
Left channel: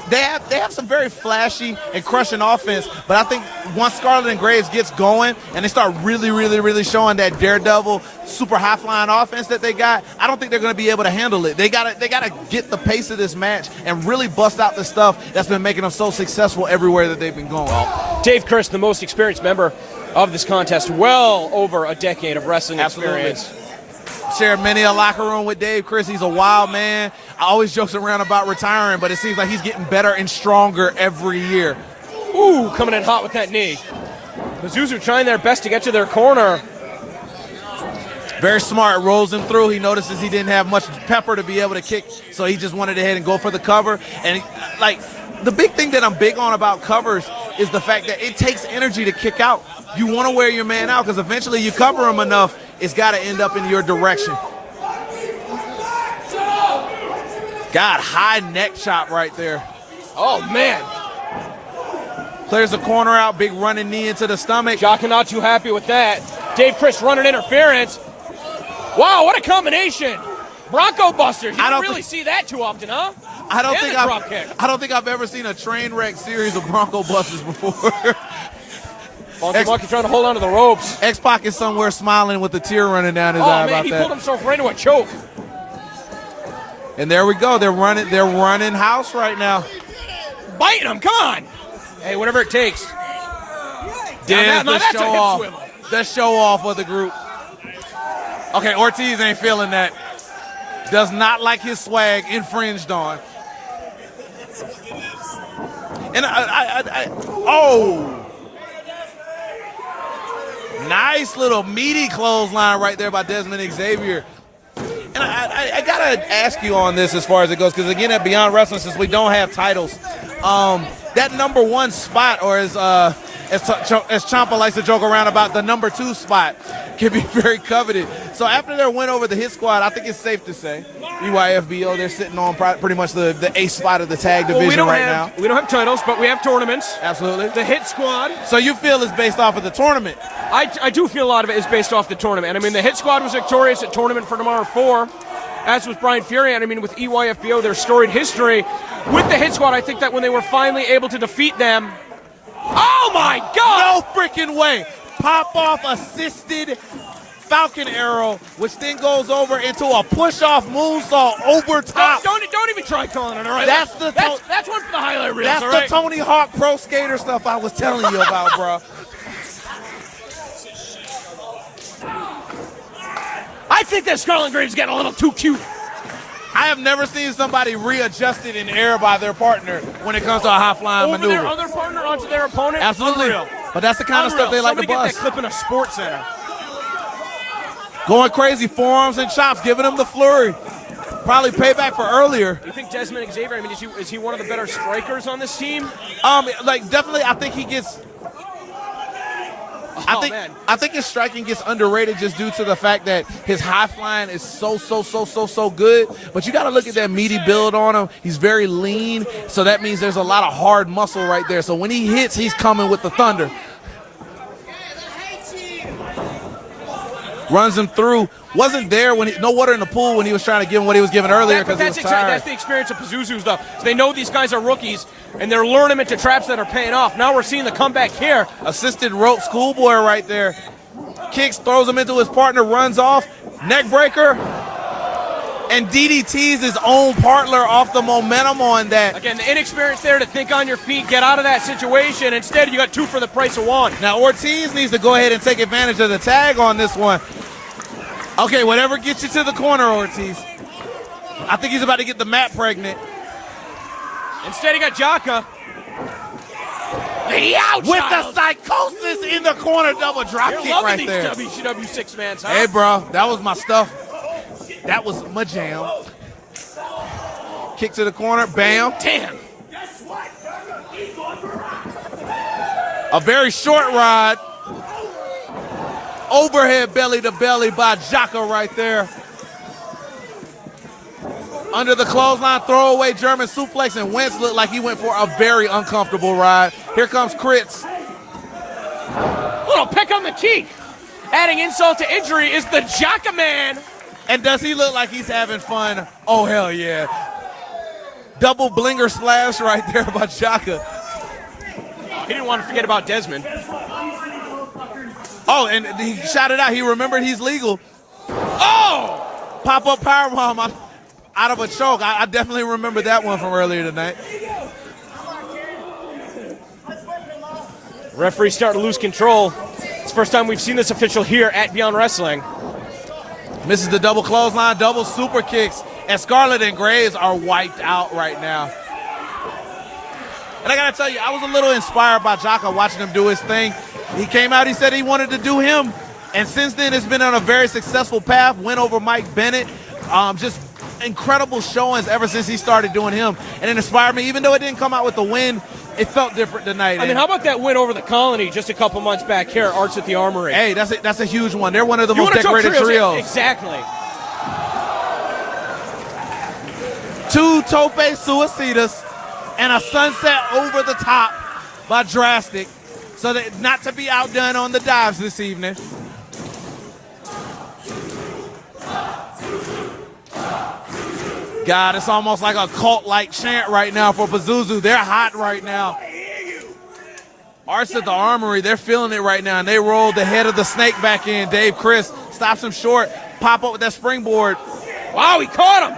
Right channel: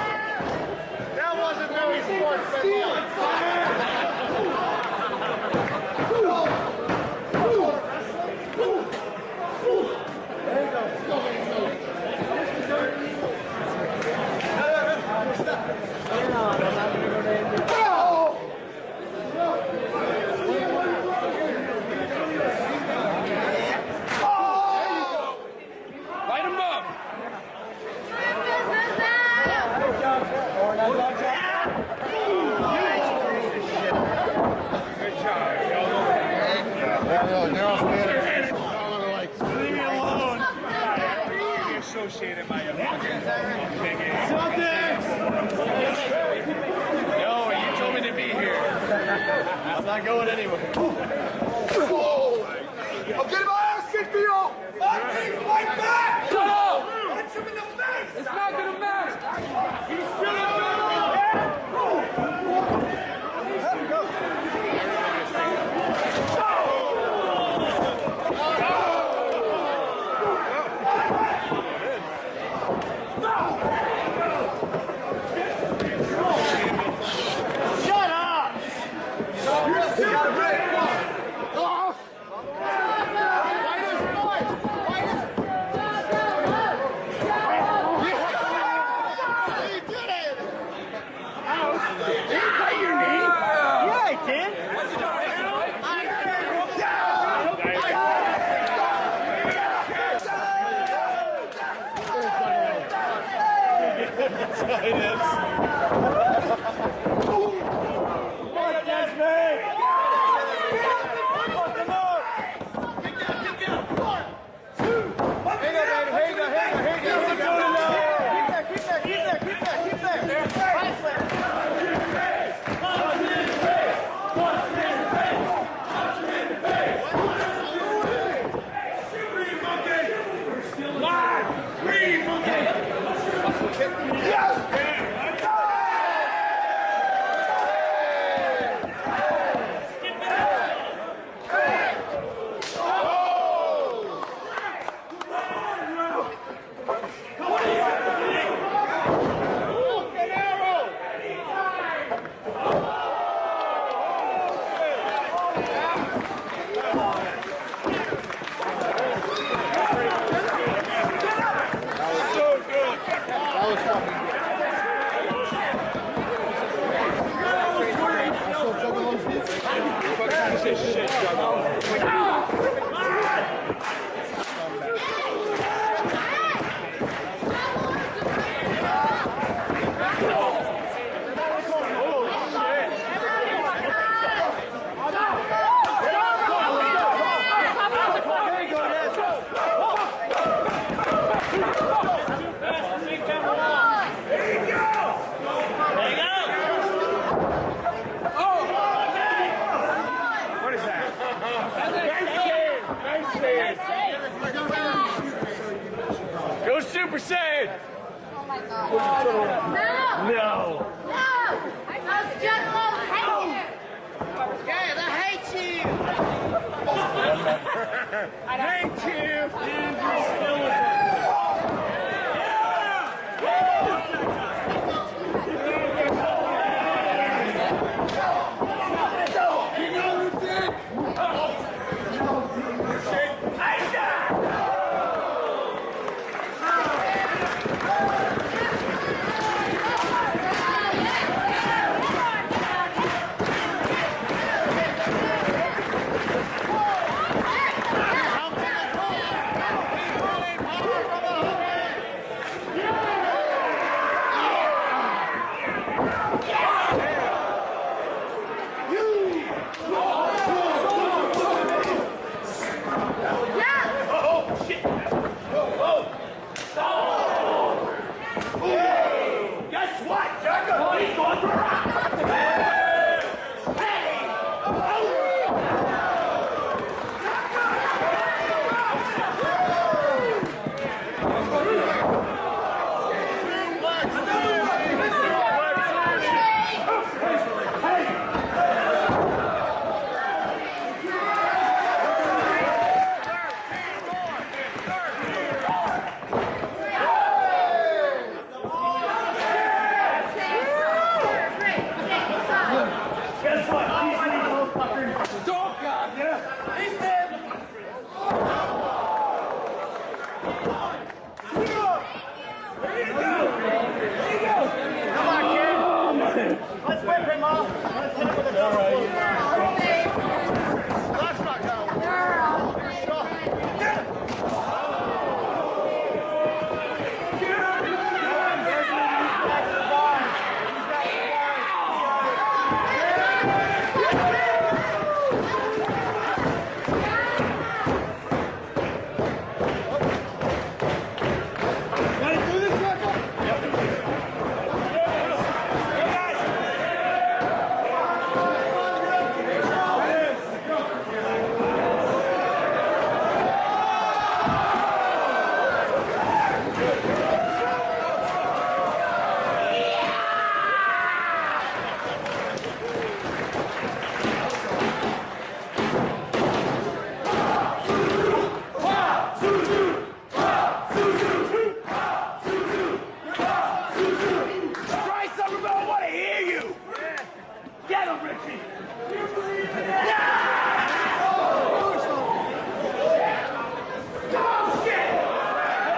they have some very flashy and crushing offense, but I think once Scarlett and Graves gets going and they start really showing that daredevil super high-flying offense that they got, I don't think they're going to be able to handle it. They gotta get the pace of this match and really bust out the stuff that's been making them so successful everywhere that they've been going. Dave Chris, the most experienced member of this contest, well over a decade of wrestling experience. Shared many a locker room with Dave Chris. He's a wild man. I always jokes around about retiring, but it seems like he's getting better and stronger every year. Ooh, coming in hot with that knee. Pazuzu trying their best to get to their corner. Very smart, rolls him through. He notices he didn't have much pepper to be able to kick, so he just wanted to head and go for the cover. And like the big thing that I'm big on about covers is the fact that it takes energy to kick out. You want to wear your man out because eventually you cover him enough, it's got to end up in your direction. God, high neck chop right there. Oh, man. Clears the corner out, big running knee into the stomach. Jaka not too happy with that. Dave Chris running interference. Wow, what a combination. Bronco Busters. You don't really see that too often, huh? I don't think I've ever seen a train wreck series of Bronco Busters before. X-Pac trying to hold on to the ropes. X-Pac is somewhere smiling with a tear running down his eye Oh, man, about he that. pulled himself right into a choke. And there we go. They're running house right now. Biting him, come on. Hey, whatever it takes. Yeah, the show off. The show off of the group. Okay, Ortiz ain't feeling that. Does not like his swag infringed on. And oh! Nice little meaty clothesline right there by Desmond Xavier. And I gotta ask you on this as far as it goes, because again, at Beyond Wrestling, since we don't have titles, that number 1 spot, or as Ciampa likes to joke around about, the number 2 spot can be very coveted. So after their win over the Hit Squad, I think it's safe to say EYFBO, they're sitting on pretty much the ace spot of the tag division now. We don't have titles, but we have tournaments. Absolutely. The Hit Squad. So you feel it's based off of the tournament? I do feel a lot of it is based off the tournament. And I mean, the Hit Squad was victorious at Tournament for Tomorrow 4, as was Brian Fury. And I mean, with EYFBO, their storied history. With the Hit Squad, I think that when they were finally able to defeat them, oh my God! No freaking way! Pop off assisted Falcon Arrow, which then goes over into a push-off moonsault over top. Don't even try calling it, all right? That's one for the highlight reels, That's all the right? Tony Hawk Pro Skater stuff I was telling you about, bro. I think that Scarlet Graves getting a little too cute. I have never seen somebody readjusted in air by their partner when it comes to a high-flying Over maneuver. their other partner onto their opponent. Absolutely. But that's the kind of stuff they like to Somebody bust. get that clip in a sports center. Going crazy, forearms and chops, giving them the flurry. Probably payback for earlier. I think Desmond Xavier, I mean, is he one of the better strikers on this team? Definitely, I think he gets. I think his striking gets underrated just due to the fact that his high flying is so good. But you got to look at that meaty build on him. He's very lean, so that means there's a lot of hard muscle right there. So when he hits, he's coming with the thunder. Runs him through. Wasn't there when no water in the pool when he was trying to give him what he was giving earlier because he was tired. That's the experience of Pazuzu stuff. So they know these guys are rookies, and they're luring them into traps that are paying off. Now we're seeing the comeback here. Assisted rope schoolboy right there. Kicks, throws him into his partner, runs off. Neck breaker. And DDTs his own partner off the momentum on that. Again, the inexperience there to think on your feet, get out of that situation. Instead, you got 2 for the price of 1. Now Ortiz needs to go ahead and take advantage of the tag on this one. Okay, whatever gets you to the corner, Ortiz. I think he's about to get the mat pregnant. Instead, he got Jaka. With the psychosis in the corner, double drop kick right there. WCW 6-man. Hey, bro, that was my stuff. That was my jam. Kick to the corner, bam. Damn. A very short ride. Overhead belly to belly by Jaka right there. Under the clothesline, throwaway German suplex, and Wentz looked like he went for a very uncomfortable ride. Here comes Kritz. Little pick on the cheek. Adding insult to injury is the Jaka man. And does he look like he's having fun? Oh, hell yeah. Double blinger splash right there by Jaka. He didn't want to forget about Desmond. Oh, and he shouted out. He remembered he's legal. Oh! Pop-up powerbomb out of a choke. I definitely remember that one from earlier tonight. Referee's starting to lose control. It's the first time we've seen this official here at Beyond Wrestling. Misses the double clothesline, double super kicks, and Scarlett and Graves are wiped out right now. And I gotta tell you, I was a little inspired by Jaka watching him do his thing. He came out, he said he wanted to do him. And since then, it's been on a very successful path. Win over Mike Bennett. Just incredible showings ever since he started doing him. And it inspired me, even though it didn't come out with the win, it felt different tonight. I mean, how about that win over the Colony just a couple months back here, Arts at the Armory? Hey, that's a huge one. They're one of the most decorated trios. Exactly. 2 tope suicidas and a sunset over the top by Drastic, so that not to be outdone on the dives this evening. God, it's almost like a cult-like chant right now for Pazuzu. They're hot right now. Arts at the Armory, they're feeling it right now, and they rolled the head of the snake back in. Dave Chris stops him short, pop up with that springboard. Wow, he caught him!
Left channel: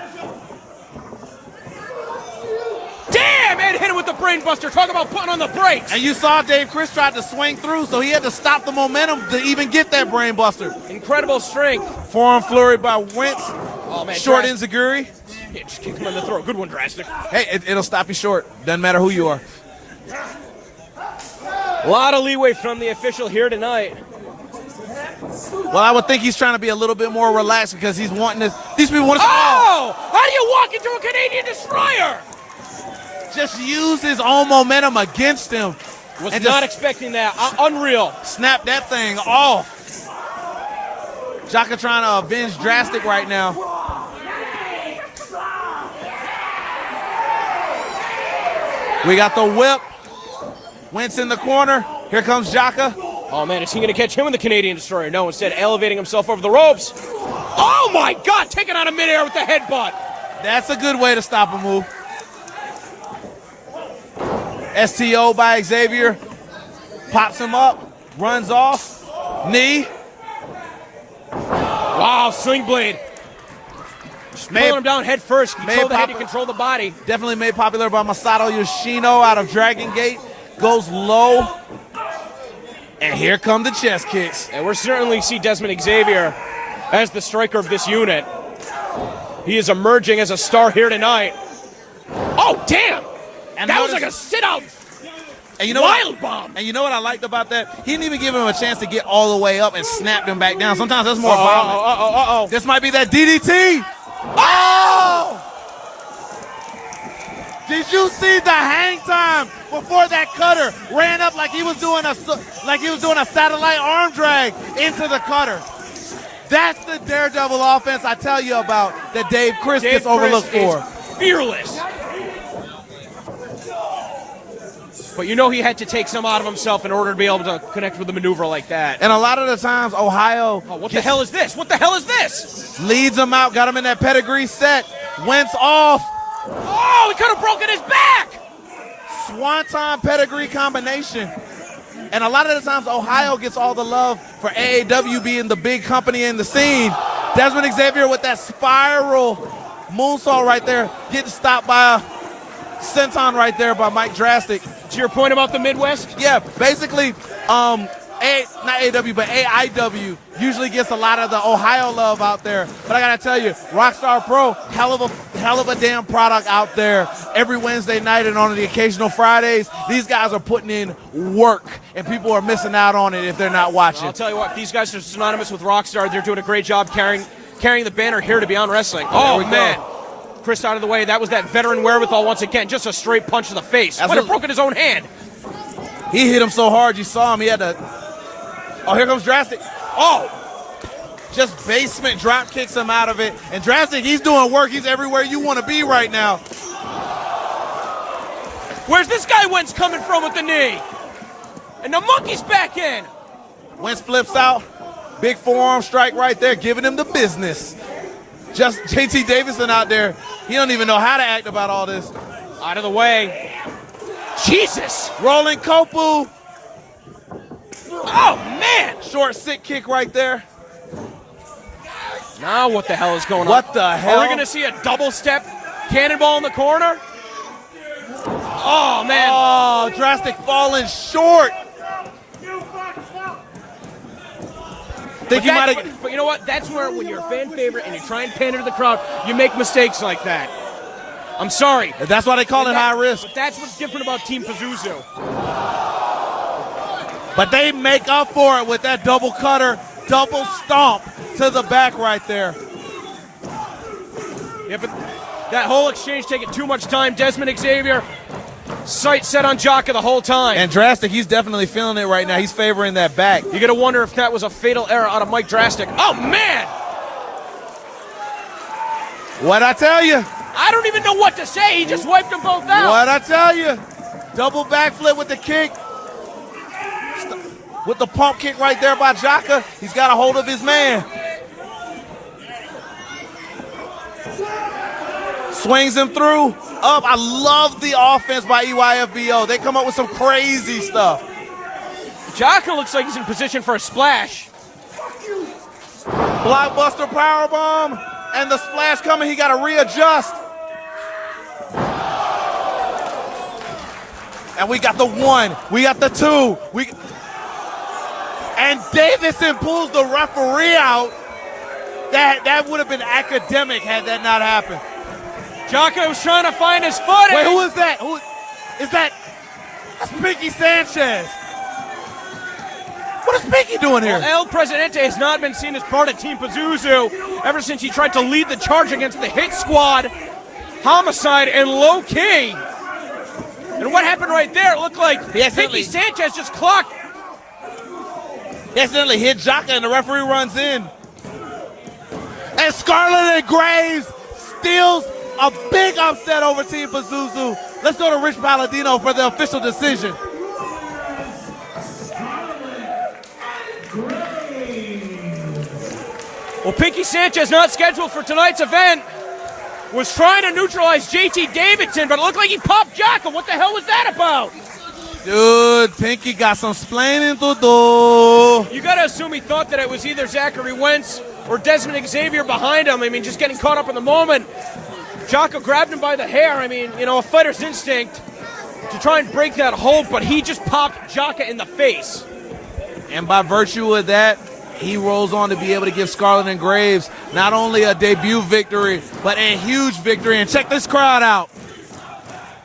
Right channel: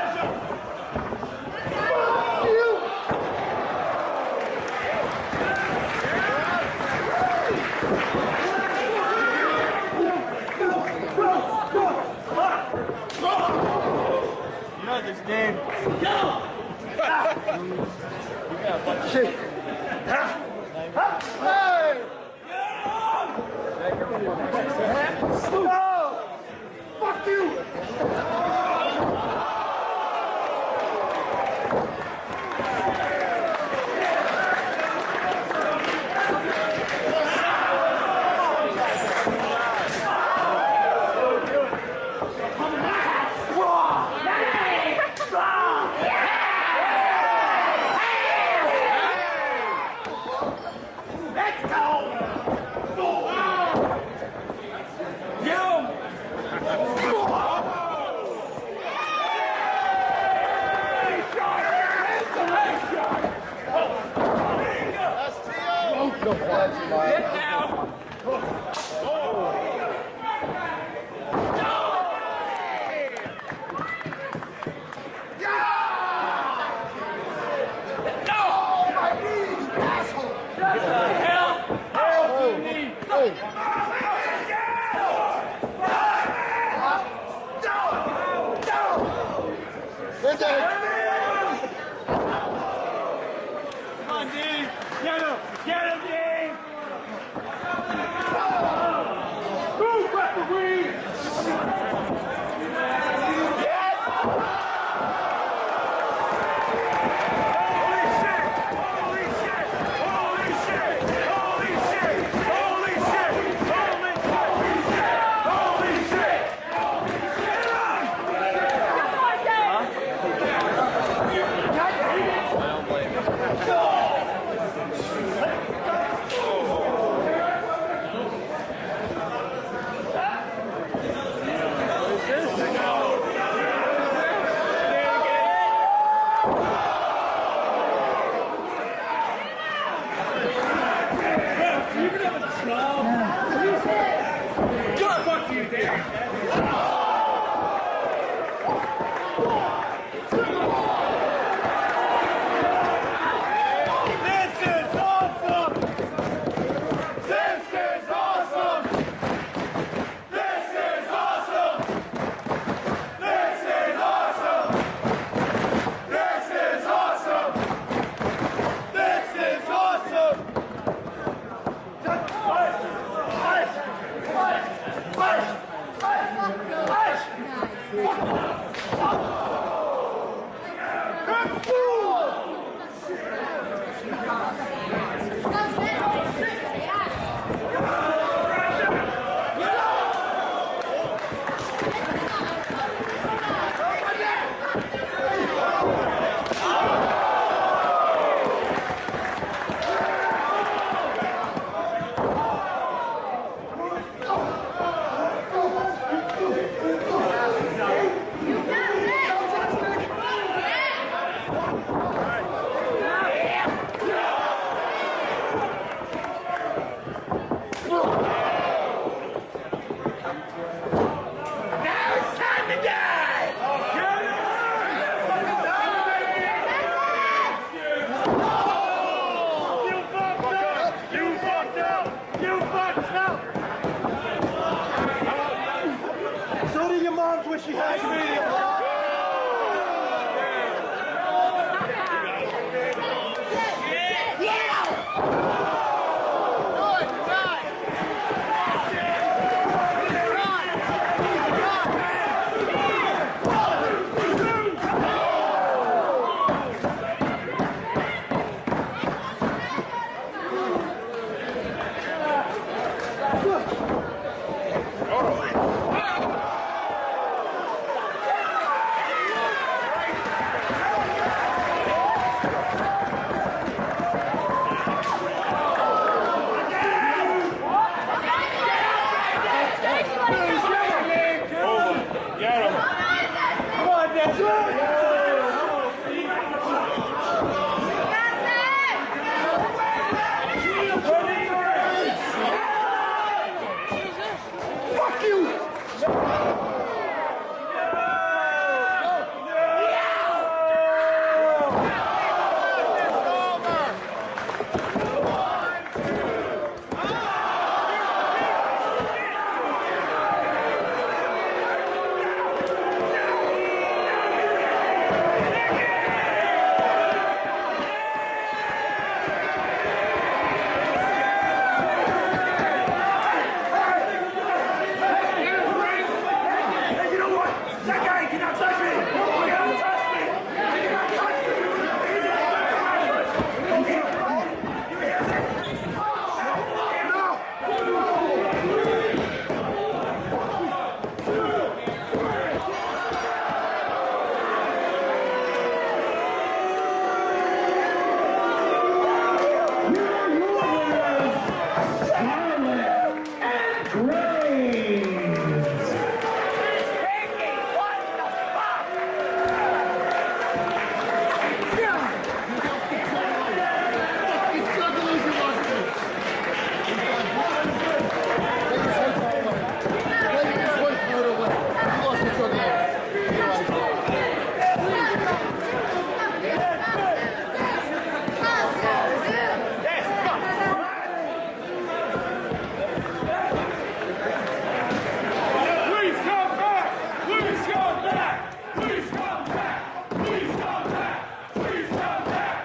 Damn, man, hit him with the brain buster. Talk about putting on the brakes. And you saw Dave Chris tried to swing through, so he had to stop the momentum to even get that brain buster. Incredible strength. Forearm flurry by Wentz. Short enziguri. Good one, Drastic. Hey, it'll stop you short. Doesn't matter who you are. A lot of leeway from the official here tonight. Well, I would think he's trying to be a little bit more relaxed because he's wanting this. These people want to. Oh! How do you walk into a Canadian destroyer? Just use his own momentum against him. Was not expecting that. Unreal. Snap that thing off. Jaka trying to avenge Drastic right now. We got the whip. Wentz in the corner. Here comes Jaka. Oh, man, is he going to catch him in the Canadian destroyer? No, instead elevating himself over the ropes. Oh, my God, taking out a midair with the headbutt. That's a good way to stop a move. STO by Xavier. Pops him up. Runs off. Knee. Wow, sling blade. Just pulling him down head first. Control the head to control the body. Definitely made popular by Masato Yoshino out of Dragon Gate. Goes low. And here come the chest kicks. And we're certainly see Desmond Xavier as the striker of this unit. He is emerging as a star here tonight. Oh, damn! And that was like a sit-up. And you know Wild bomb. And you know what I liked about that? He didn't even give him a chance to get all the way up and snapped him back down. Sometimes that's more violent. This might be that DDT. Oh! Did you see the hang time before that cutter ran up like he was doing a satellite arm drag into the cutter? That's the daredevil offense I tell you about that Dave Chris gets overlooked for. Fearless. But you know he had to take some out of himself in order to be able to connect with a maneuver like that. And a lot of the times, Ohio... What the hell is this? What the hell is this? Leads him out, got him in that pedigree set. Wentz off. Oh, he could have broken his back! Swanton pedigree combination. And a lot of the times, Ohio gets all the love for AAW being the big company in the scene. Desmond Xavier with that spiral moonsault right there, getting stopped by a senton right there by Mike Drastic. To your point about the Midwest? Yeah, basically, not AAW, but AIW usually gets a lot of the Ohio love out there. But I gotta tell you, Rockstar Pro, hell of a damn product out there every Wednesday night and on the occasional Fridays. These guys are putting in work, and people are missing out on it if they're not watching. I'll tell you what, these guys are synonymous with Rockstar. They're doing a great job carrying the banner here to Beyond Wrestling. Oh, man. Chris out of the way. That was that veteran wherewithal once again. Just a straight punch in the face. Would have broken his own hand. He hit him so hard, you saw him. He had to... Oh, here comes Drastic. Oh! Just basement drop kicks him out of it. And Drastic, he's doing work. He's everywhere you want to be right now. Where's this guy Wentz coming from with the knee? And the monkey's back in. Wentz flips out. Big forearm strike right there, giving him the business. Just JT Davison out there. He don't even know how to act about all this. Out of the way. Jesus! Rolling Kopu. Oh, man! Short sit kick right there. Now what the hell is going on? What the hell? Are we going to see a double step cannonball in the corner? Oh, man. Oh, Drastic falling short. But you know what? That's where when you're fan favorite and you try and pander to the crowd, you make mistakes like that. I'm sorry. That's why they call it high risk. That's what's different about Team Pazuzu. But they make up for it with that double cutter, double stomp to the back right there. Yeah, but that whole exchange taking too much time. Desmond Xavier, sight set on Jaka the whole time. And Drastic, he's definitely feeling it right now. He's favoring that back. You got to wonder if that was a fatal error out of Mike Drastic. Oh, man! What'd I tell you? I don't even know what to say. He just wiped them both out. What'd I tell you? Double backflip with the kick. With the pump kick right there by Jaka. He's got a hold of his man. Swings him through. Up. I love the offense by EYFBO. They come up with some crazy stuff. Jaka looks like he's in position for a splash. Fuck you. Blockbuster powerbomb. And the splash coming. He got to readjust. And we got the 1. We got the 2. And Davison pulls the referee out. That would have been academic had that not happened. Jaka was trying to find his footing. Wait, who is that? That's Pinky Sanchez. What is Pinky doing here? El Presidente has not been seen as part of Team Pazuzu ever since he tried to lead the charge against the Hit Squad, Homicide, and Low King. And what happened right there? It looked like Pinky Sanchez just clocked. He accidentally hit Jaka and the referee runs in. And Scarlett and Graves steals a big upset over Team Pazuzu. Let's go to Rich Palladino for the official decision. Well, Pinky Sanchez, not scheduled for tonight's event, was trying to neutralize JT Davidson, but it looked like he popped Jaka. What the hell was that about? Dude, Pinky got some splaining to do. You gotta assume he thought that it was either Zachary Wentz or Desmond Xavier behind him. I mean, just getting caught up in the moment. Jaka grabbed him by the hair. I mean, you know, a fighter's instinct to try and break that hold, but he just popped Jaka in the face. And by virtue of that, he rolls on to be able to give Scarlett and Graves not only a debut victory, but a huge victory. And check this crowd out.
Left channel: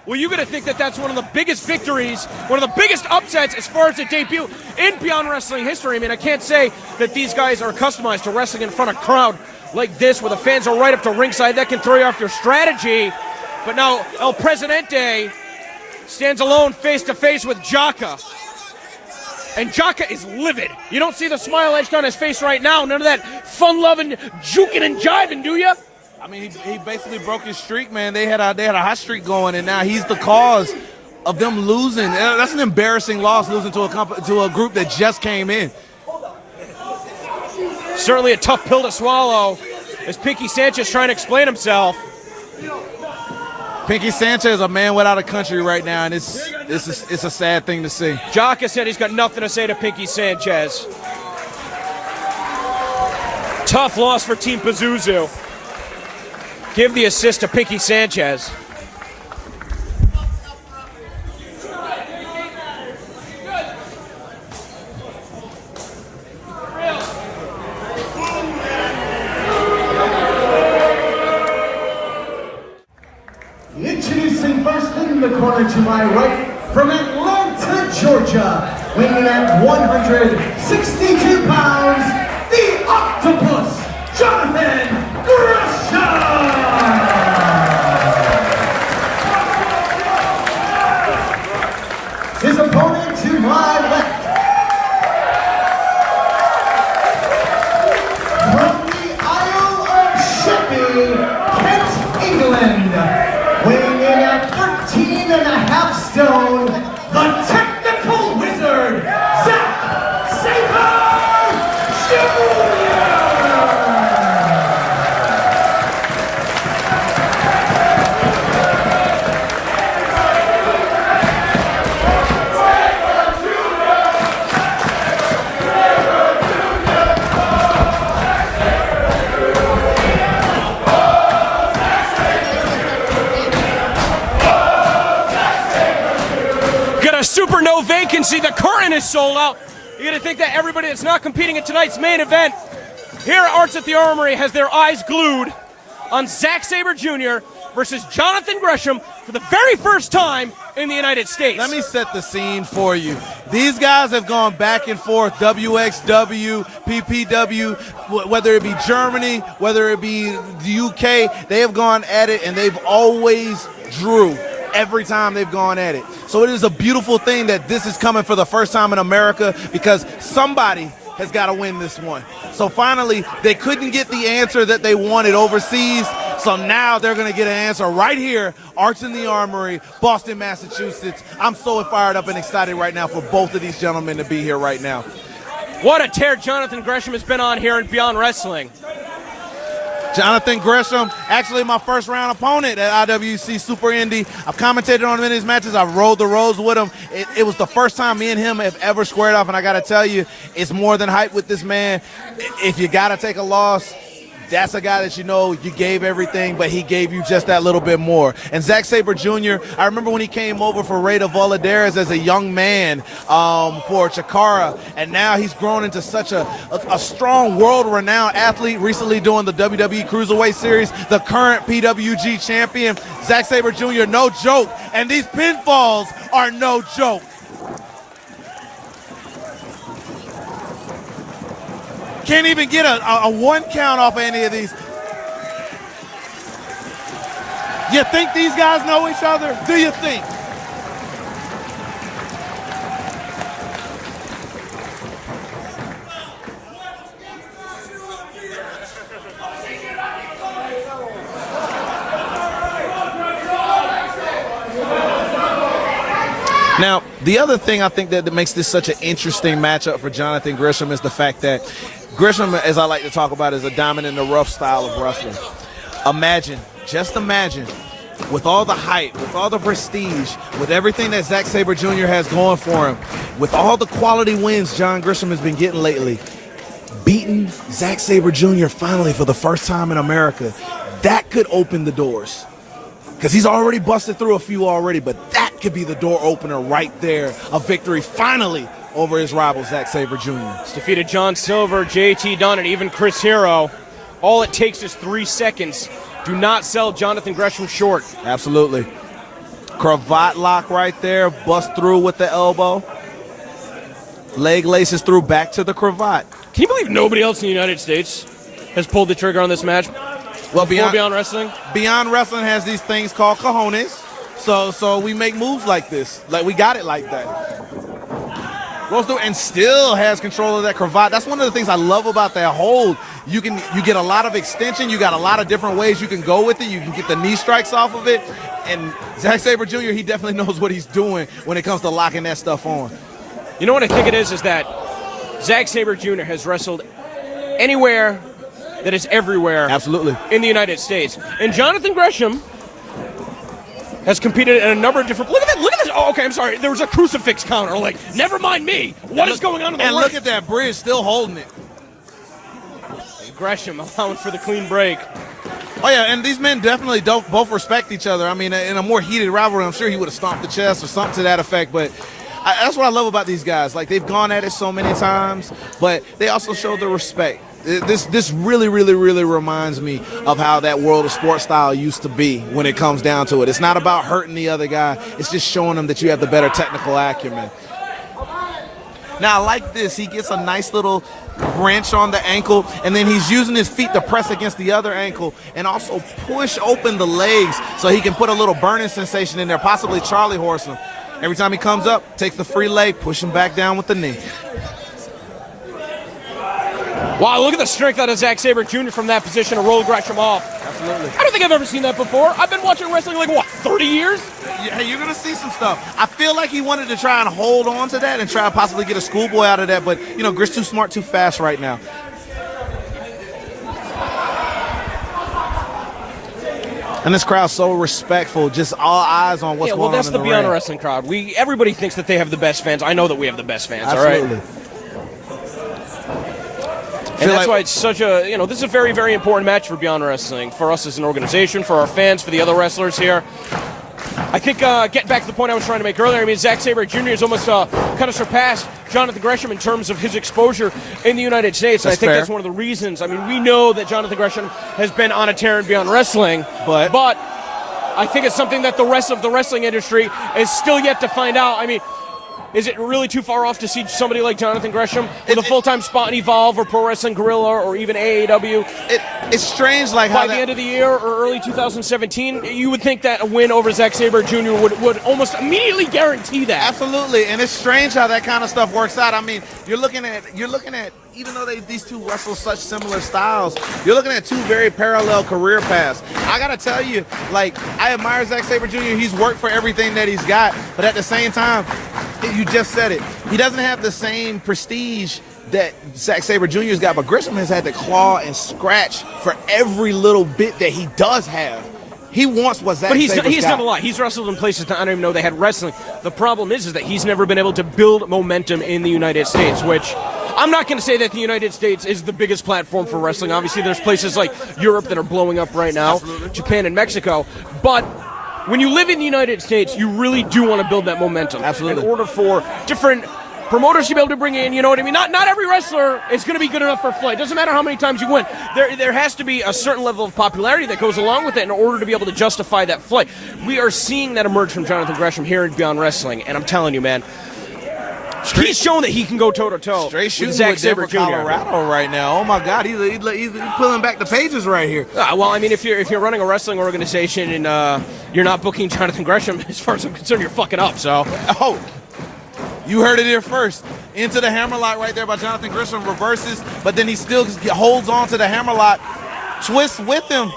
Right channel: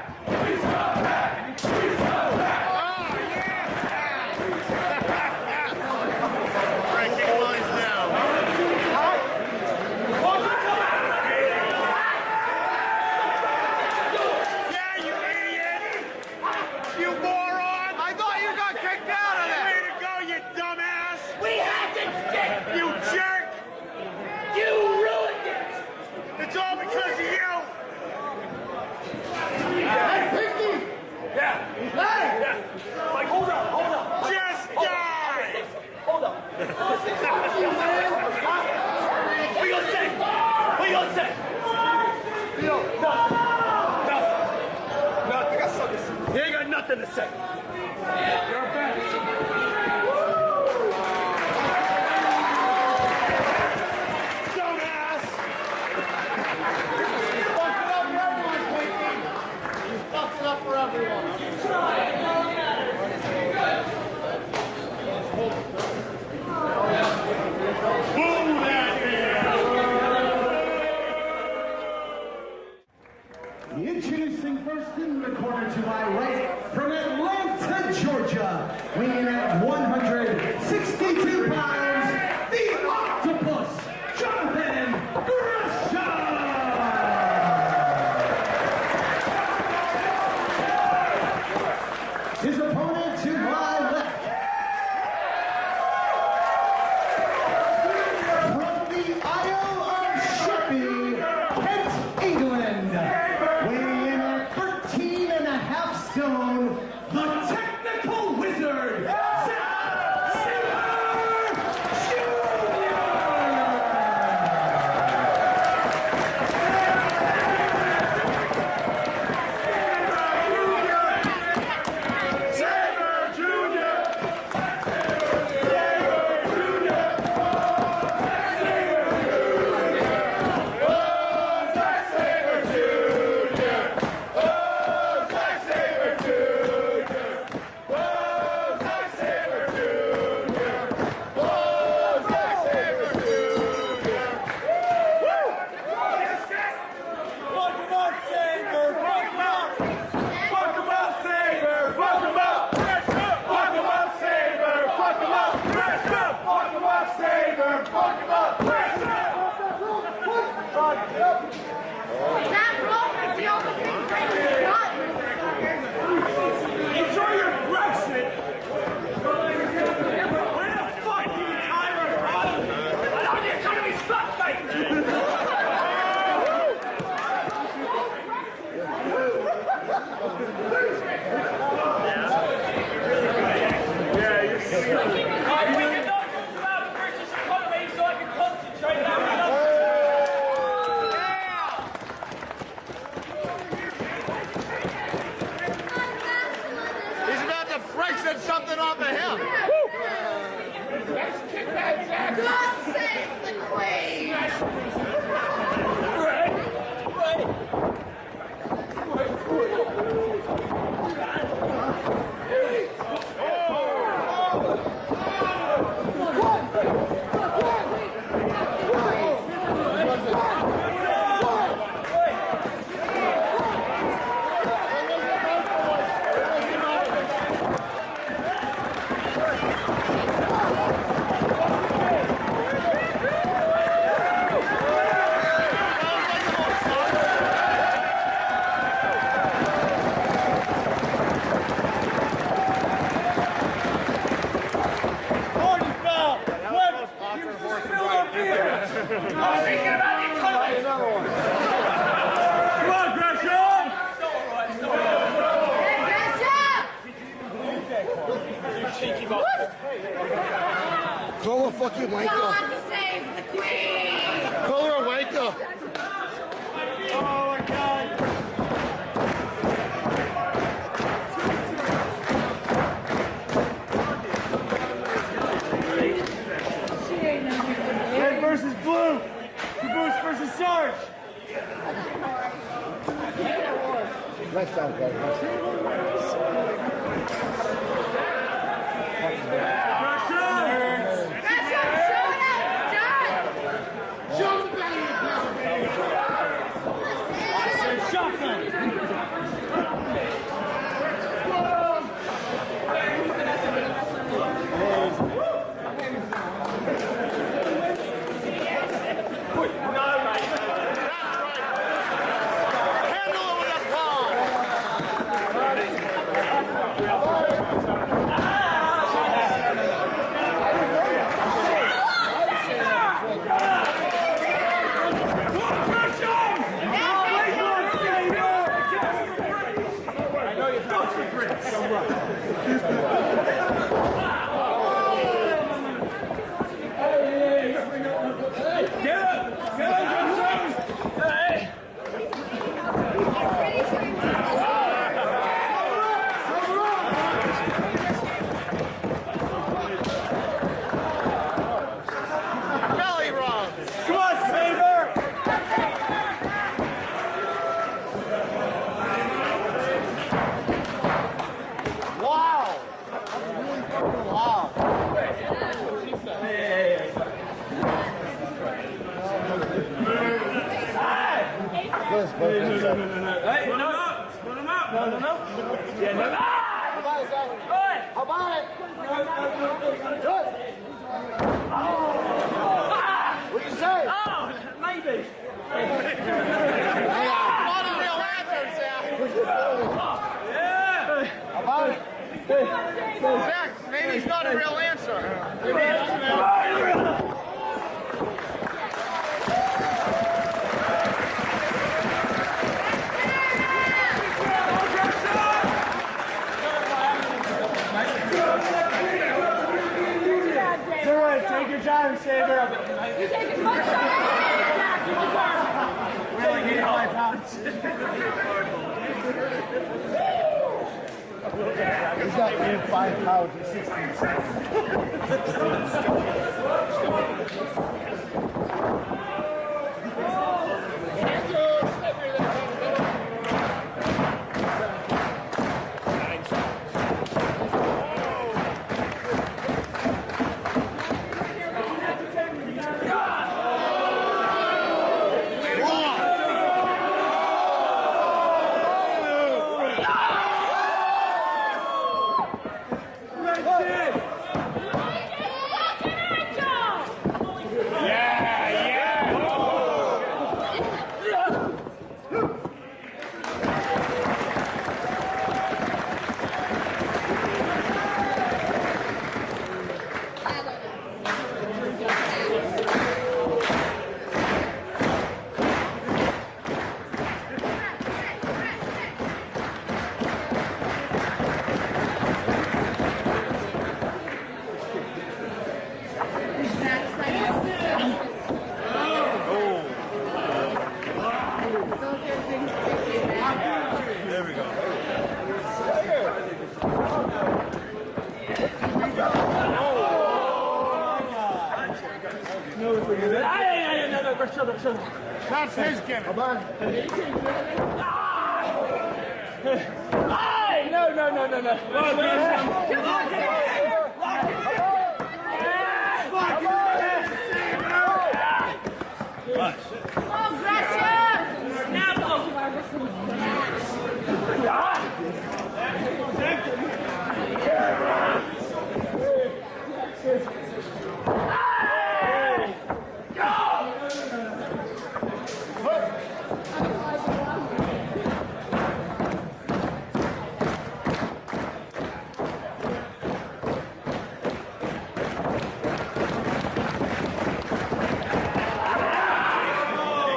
Well, you're going to think that that's one of the biggest victories, one of the biggest upsets as far as a debut in Beyond Wrestling history. I mean, I can't say that these guys are accustomed to wrestling in front of a crowd like this, where the fans are right up to ringside. That can throw you off your strategy. But now El Presidente stands alone face-to-face with Jaka. And Jaka is livid. You don't see the smile etched on his face right now. None of that fun-loving juking and jiving, do you? I mean, he basically broke his streak, man. They had a hot streak going, and now he's the cause of them losing. That's an embarrassing loss, losing to a group that just came in. Certainly a tough pill to swallow as Pinky Sanchez trying to explain himself. Pinky Sanchez is a man without a country right now, and it's a sad thing to see. Jaka said he's got nothing to say to Pinky Sanchez. Tough loss for Team Pazuzu. Give the assist to Pinky Sanchez. Introducing first in the corner to my right, from Atlanta, Georgia, weighing in at 162 pounds, the Octopus, Jonathan Gresham! His opponent to my left, from the Isle of Sheppey, Kent, England, weighing in at 13.5 stone, the technical wizard, Zack Sabre Jr. Super no vacancy. The current is sold out. You gotta think that everybody that's not competing in tonight's main event here at Arts at the Armory has their eyes glued on Zack Sabre Jr. versus Jonathan Gresham for the very first time in the United States. Let me set the scene for you. These guys have gone back and forth, WXW, PPW, whether it be Germany, whether it be the UK, they have gone at it and they've always drew every time they've gone at it. So it is a beautiful thing that this is coming for the first time in America, because somebody has got to win this one. So finally, they couldn't get the answer that they wanted overseas, So now they're going to get an answer right here, Arts in the Armory, Boston, Massachusetts. I'm so fired up and excited right now for both of these gentlemen to be here right now. What a tear Jonathan Gresham has been on here in Beyond Wrestling. Jonathan Gresham, actually my first round opponent at IWC Super Indy. I've commentated on him in his matches. I've rolled the roads with him. It was the first time me and him have ever squared off, and I got to tell you, it's more than hype with this man. If you got to take a loss, that's a guy that you know you gave everything, but he gave you just that little bit more. And Zack Sabre Jr., I remember when he came over for Rey de Valladares as a young man for Chikara, and now he's grown into such a strong, world-renowned athlete, recently doing the WWE Cruiserweight Series, the current PWG champion. Zack Sabre Jr., no joke, and these pinfalls are no joke. Can't even get a one count off of any of these. You think these guys know each other? Do you think? Now, the other thing I think that makes this such an interesting matchup for Jonathan Gresham is the fact that Gresham, as I like to talk about, is a diamond in the rough style of wrestling. Imagine, just imagine, with all the hype, with all the prestige, with everything that Zack Sabre Jr. has going for him, with all the quality wins John Gresham has been getting lately, beating Zack Sabre Jr. finally for the first time in America, that could open the doors. Because he's already busted through a few already, but that could be the door opener right there. A victory finally over his rival, Zack Sabre Jr. He's defeated John Silver, JT Dunn, and even Chris Hero. All it takes is 3 seconds. Do not sell Jonathan Gresham short. Absolutely. Cravat lock right there, bust through with the elbow. Leg laces through back to the cravat. Can you believe nobody else in the United States has pulled the trigger on this match? Well, Beyond Wrestling? Beyond Wrestling has these things called cojones. So we make moves like this. Like, we got it like that. Goes through and still has control of that cravat. That's one of the things I love about that hold. You get a lot of extension. You got a lot of different ways you can go with it. You can get the knee strikes off of it. And Zack Sabre Jr., he definitely knows what he's doing when it comes to locking that stuff on. You know what I think it is that Zack Sabre Jr. has wrestled anywhere that is everywhere. Absolutely. In the United States. And Jonathan Gresham has competed in a number of different... Look at this. Oh, okay, I'm sorry. There was a crucifix counter. Like, never mind me. What is going on in the And ring? look at that bridge, still holding it. Gresham allowing for the clean break. Oh, yeah, and these men definitely don't both respect each other. I mean, in a more heated rivalry, I'm sure he would have stomped the chest or something to that effect, but that's what I love about these guys. Like, they've gone at it so many times, but they also show the respect. This really, really, really reminds me of how that world of sports style used to be when it comes down to it. It's not about hurting the other guy. It's just showing them that you have the better technical acumen. Now, like this, he gets a nice little wrench on the ankle, and then he's using his feet to press against the other ankle and also push open the legs so he can put a little burning sensation in there, possibly Charlie horse him. Every time he comes up, takes the free leg, push him back down with the knee. Wow, look at the strength out of Zack Sabre Jr. from that position to roll Gresham off. I don't think I've ever seen that before. I've been watching wrestling like, what, 30 years? Yeah, you're going to see some stuff. I feel like he wanted to try and hold on to that and try to possibly get a schoolboy out of that, but, you know, Grish too smart, too fast right now. And this crowd's so respectful, just all eyes on what's going on. Well, that's the Beyond Wrestling crowd. Everybody thinks that they have the best fans. I know that we have the best fans, Absolutely. all right? And that's why it's such a, this is a very, very important match for Beyond Wrestling, for us as an organization, for our fans, for the other wrestlers here. I think, getting back to the point I was trying to make earlier, I mean, Zack Sabre Jr. has almost kind of surpassed Jonathan Gresham in terms of his exposure in the United States. And I think that's one of the reasons. I mean, we know that Jonathan Gresham has been on a tear in Beyond Wrestling, but I think it's something that the rest of the wrestling industry is still yet to find out. I mean, Is it really too far off to see somebody like Jonathan Gresham with a full-time spot in Evolve or Pro Wrestling Guerrilla or even AAW? It's strange, like by the end of the year or early 2017, you would think that a win over Zack Sabre Jr. would almost immediately guarantee that. Absolutely, and it's strange how that kind of stuff works out. I mean, you're looking at even though these two wrestle such similar styles, you're looking at two very parallel career paths. I gotta tell you, like, I admire Zack Sabre Jr. He's worked for everything that he's got, but at the same time, you just said it, he doesn't have the same prestige that Zack Sabre Jr.'s got, but Gresham has had to claw and scratch for every little bit that he does have. He wants what Zack Sabre's got. He's done a lot. He's wrestled in places that I don't even know they had wrestling. The problem is that he's never been able to build momentum in the United States, which I'm not going to say that the United States is the biggest platform for wrestling. Obviously, there's places like Europe that are blowing up right now, Japan and Mexico. But when you live in the United States, you really do want to build that momentum. Absolutely. In order for different promoters to be able to bring in, you know what I mean? Not every wrestler is going to be good enough for a fight. It doesn't matter how many times you win. There has to be a certain level of popularity that goes along with it in order to be able to justify that fight. We are seeing that emerge from Jonathan Gresham here in Beyond Wrestling, and I'm telling you, man, he's shown that he can go toe-to-toe with Zack Sabre Jr. Colorado right now. Oh my God, he's pulling back the pages right here. Well, I mean, if you're running a wrestling organization and you're not booking Jonathan Gresham, as far as I'm concerned, you're fucking up. So, you heard it here first. Into the hammerlock right there by Jonathan Gresham, reverses, but then he still holds on to the hammerlock, twists with him.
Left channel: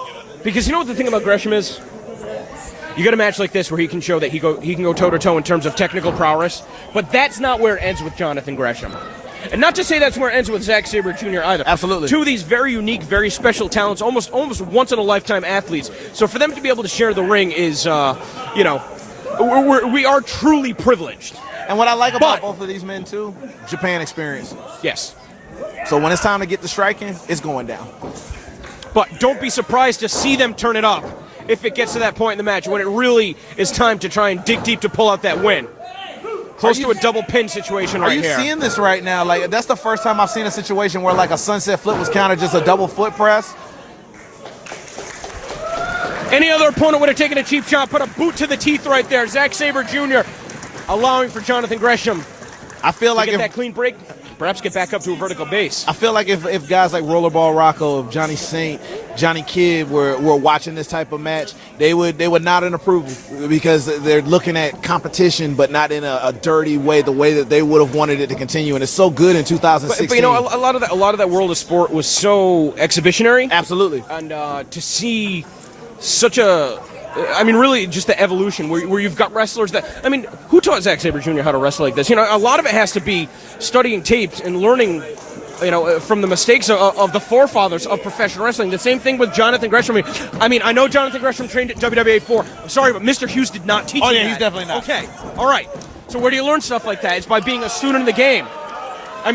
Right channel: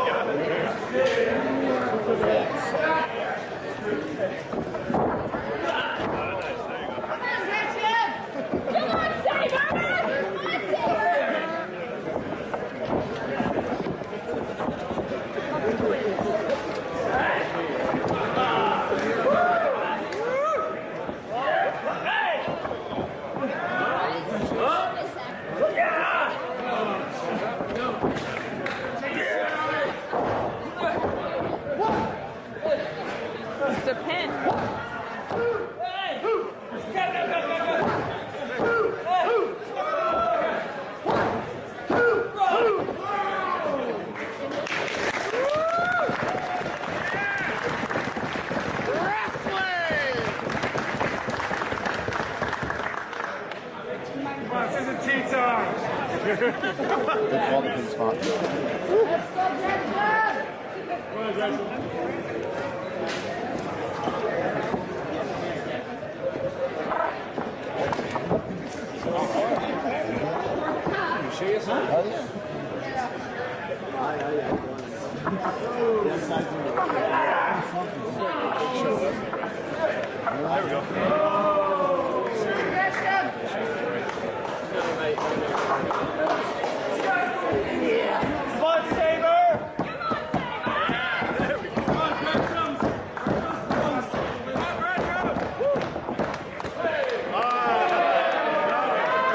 Because you know what the thing about Gresham is? You got a match like this where he can show that he can go toe-to-toe in terms of technical prowess, but that's not where it ends with Jonathan Gresham. And not to say that's where it ends with Zack Sabre Jr. either. Absolutely. Two of these very unique, very special talents, almost once-in-a-lifetime athletes. So for them to be able to share the ring is, we are truly privileged. And what I like about both of these men, too, Japan experience. Yes. So when it's time to get to striking, it's going down. But don't be surprised to see them turn it up if it gets to that point in the match when it really is time to try and dig deep to pull out that win. Close to a double pin situation right here. Are you seeing this right now? Like, that's the first time I've seen a situation where like a sunset flip was counted just a double foot press. Any other opponent would have taken a cheap shot, put a boot to the teeth right there. Zack Sabre Jr. allowing for Jonathan Gresham. I feel like if that clean break, perhaps get back up to a vertical base. I feel like if guys like Rollerball Rocco, Johnny Saint, Johnny Kidd were watching this type of match, they would nod in approval because they're looking at competition, but not in a dirty way, the way that they would have wanted it to continue. And it's so good in 2016. But you know, a lot of that world of sport was so exhibitionary. Absolutely. And to see such really just the evolution where you've got wrestlers that, who taught Zack Sabre Jr. how to wrestle like this? You know, a lot of it has to be studying tapes and learning, from the mistakes of the forefathers of professional wrestling. The same thing with Jonathan Gresham. I know Jonathan Gresham trained at WWA 4. Sorry, but Mr. Hughes did not teach him. Oh, yeah, he's definitely not. Okay, all right. So where do you learn stuff like that? It's by being a student of the game.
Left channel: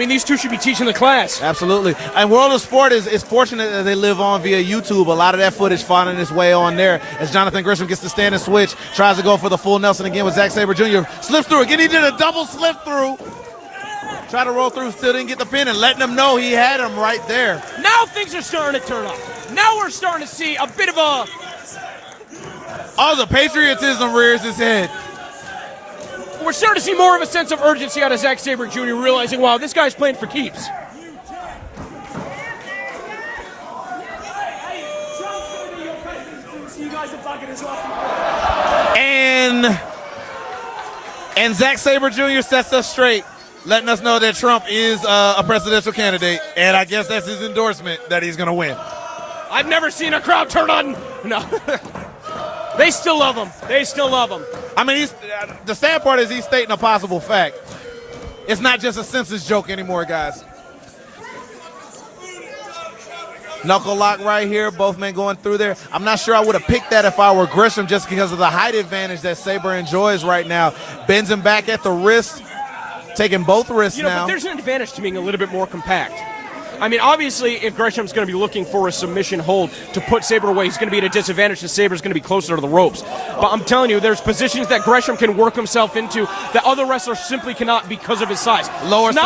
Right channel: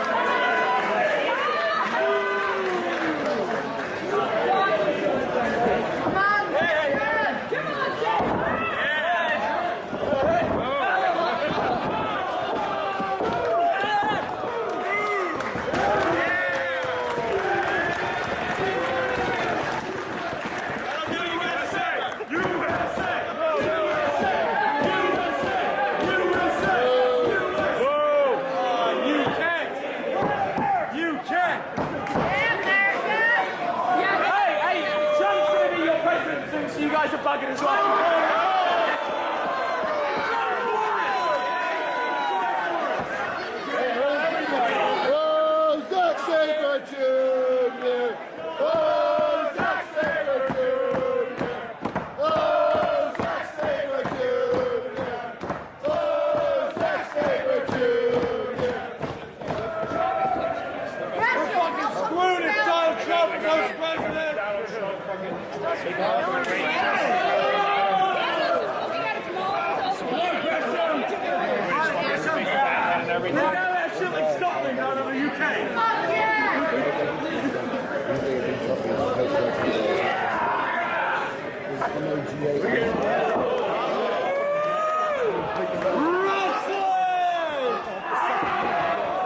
These two should be teaching the class. Absolutely. And World of Sport is fortunate that they live on via YouTube. A lot of that footage finding its way on there as Jonathan Gresham gets to stand and switch, tries to go for the full Nelson again with Zack Sabre Jr. Slips through again. He did a double slip through. Tried to roll through, still didn't get the pin, and letting them know he had him right there. Now things are starting to turn up. Now we're starting to see a bit of a... Oh, the patriotism rears its head. We're starting to see more of a sense of urgency out of Zack Sabre Jr., realizing, wow, this guy's playing for keeps. You can. Hey, Trump's going to be your president, so you guys are bugging as well. And Zack Sabre Jr. sets us straight, letting us know that Trump is a presidential candidate, and I guess that's his endorsement that he's going to win. I've never seen a crowd turn on. No. They still love him. They still love him. The sad part is he's stating a possible fact. It's not just a census joke anymore, guys. Knuckle lock right here, both men going through there. I'm not sure I would have picked that if I were Gresham just because of the height advantage that Sabre enjoys right now. Bends him back at the wrist, taking both wrists now. There's an advantage to being a little bit more compact. Obviously, if Gresham's going to be looking for a submission hold to put Sabre away, he's going to be at a disadvantage because Sabre's going to be closer to the ropes. But I'm telling you, there's positions that Gresham can work himself into that other wrestlers simply cannot because of his size. Lower it's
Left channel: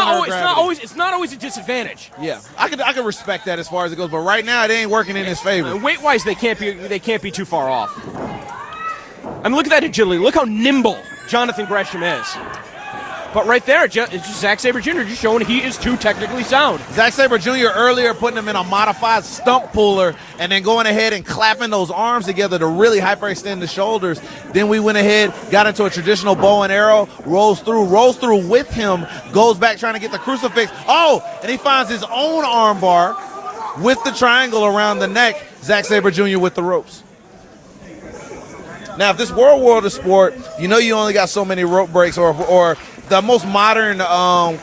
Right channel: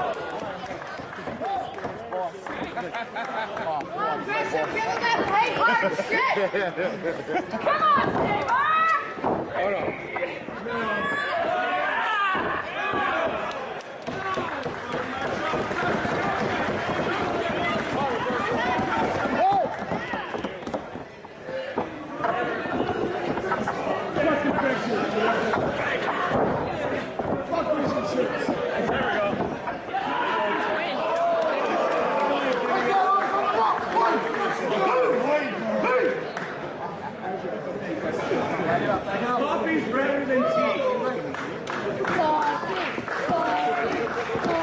not always a disadvantage. Yeah, I can respect that as far as it goes, but right now it ain't working in his favor. Weight-wise, they can't be too far off. Look at that agility. Look how nimble Jonathan Gresham is. But right there, it's just Zack Sabre Jr. just showing he is too technically sound. Zack Sabre Jr. earlier putting him in a modified stump puller and then going ahead and clapping those arms together to really hyperextend the shoulders. Then we went ahead, got into a traditional bow and arrow, rolls through with him, goes back trying to get the crucifix. Oh, and he finds his own arm bar with the triangle around the neck. Zack Sabre Jr. with the ropes. Now, if this were a world of sport, you know you only got so many rope breaks, or the most modern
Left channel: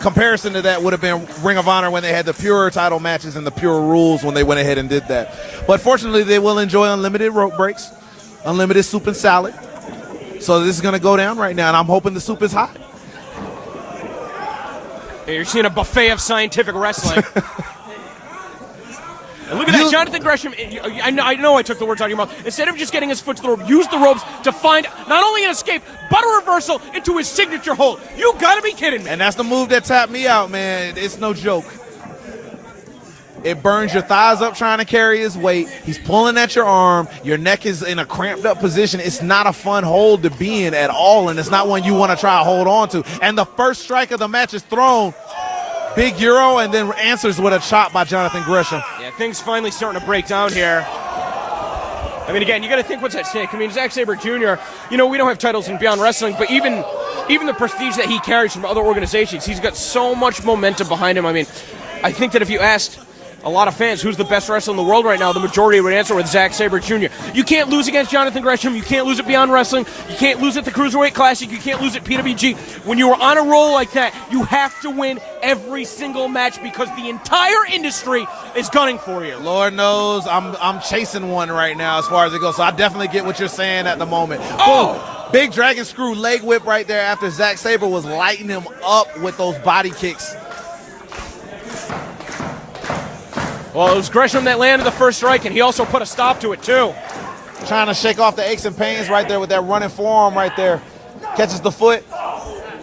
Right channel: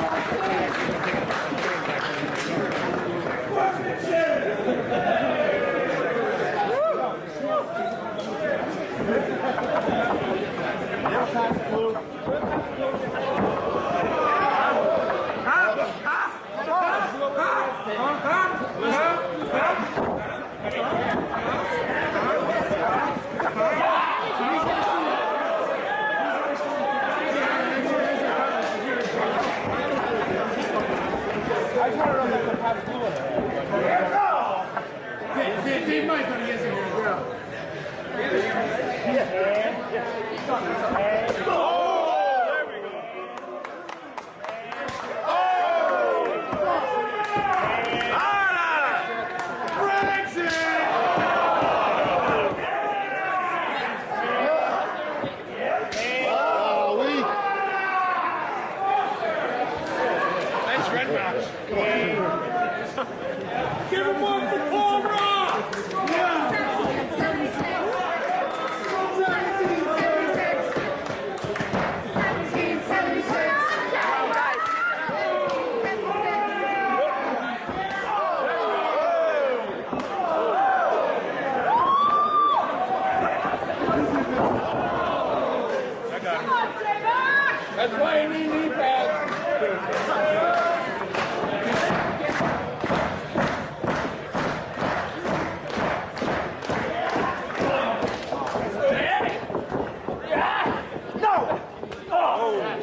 comparison to that would have been Ring of Honor when they had the pure title matches and the pure rules when they went ahead and did that. But fortunately, they will enjoy unlimited rope breaks, unlimited soup and salad. So this is going to go down right now, and I'm hoping the soup is hot. Yeah, you're seeing a buffet of scientific wrestling. Look at that, Jonathan Gresham. I know I took the words out of your mouth. Instead of just getting his foot to the rope, use the ropes to find not only an escape, but a reversal into his signature hold. You gotta be kidding me. And that's the move that tapped me out, man. It's no joke. It burns your thighs up trying to carry his weight. He's pulling at your arm. Your neck is in a cramped up position. It's not a fun hold to be in at all, and it's not one you want to try to hold on to. And the first strike of the match is thrown. Big Euro, and then answers with a chop by Jonathan Gresham. Things finally starting to break down here. I mean, again, you got to think what's at stake. I mean, Zack Sabre Jr., you know, we don't have titles in Beyond Wrestling, but even the prestige that he carries from other organizations, he's got so much momentum behind him. I mean, I think that if you asked a lot of fans who's the best wrestler in the world right now, the majority would answer with Zack Sabre Jr. You can't lose against Jonathan Gresham. You can't lose at Beyond Wrestling. You can't lose at the Cruiserweight Classic. You can't lose at PWG. When you are on a roll like that, you have to win every single match because the entire industry is gunning for you. Lord knows I'm chasing one right now as far as it goes, so I definitely get what you're saying at the moment. Oh! Big dragon screw leg whip right there after Zack Sabre was lighting him up with those body kicks. Well, it was Gresham that landed the first strike, and he also put a stop to it, too. Trying to shake off the aches and pains right there with that running forearm right there. Catches the foot,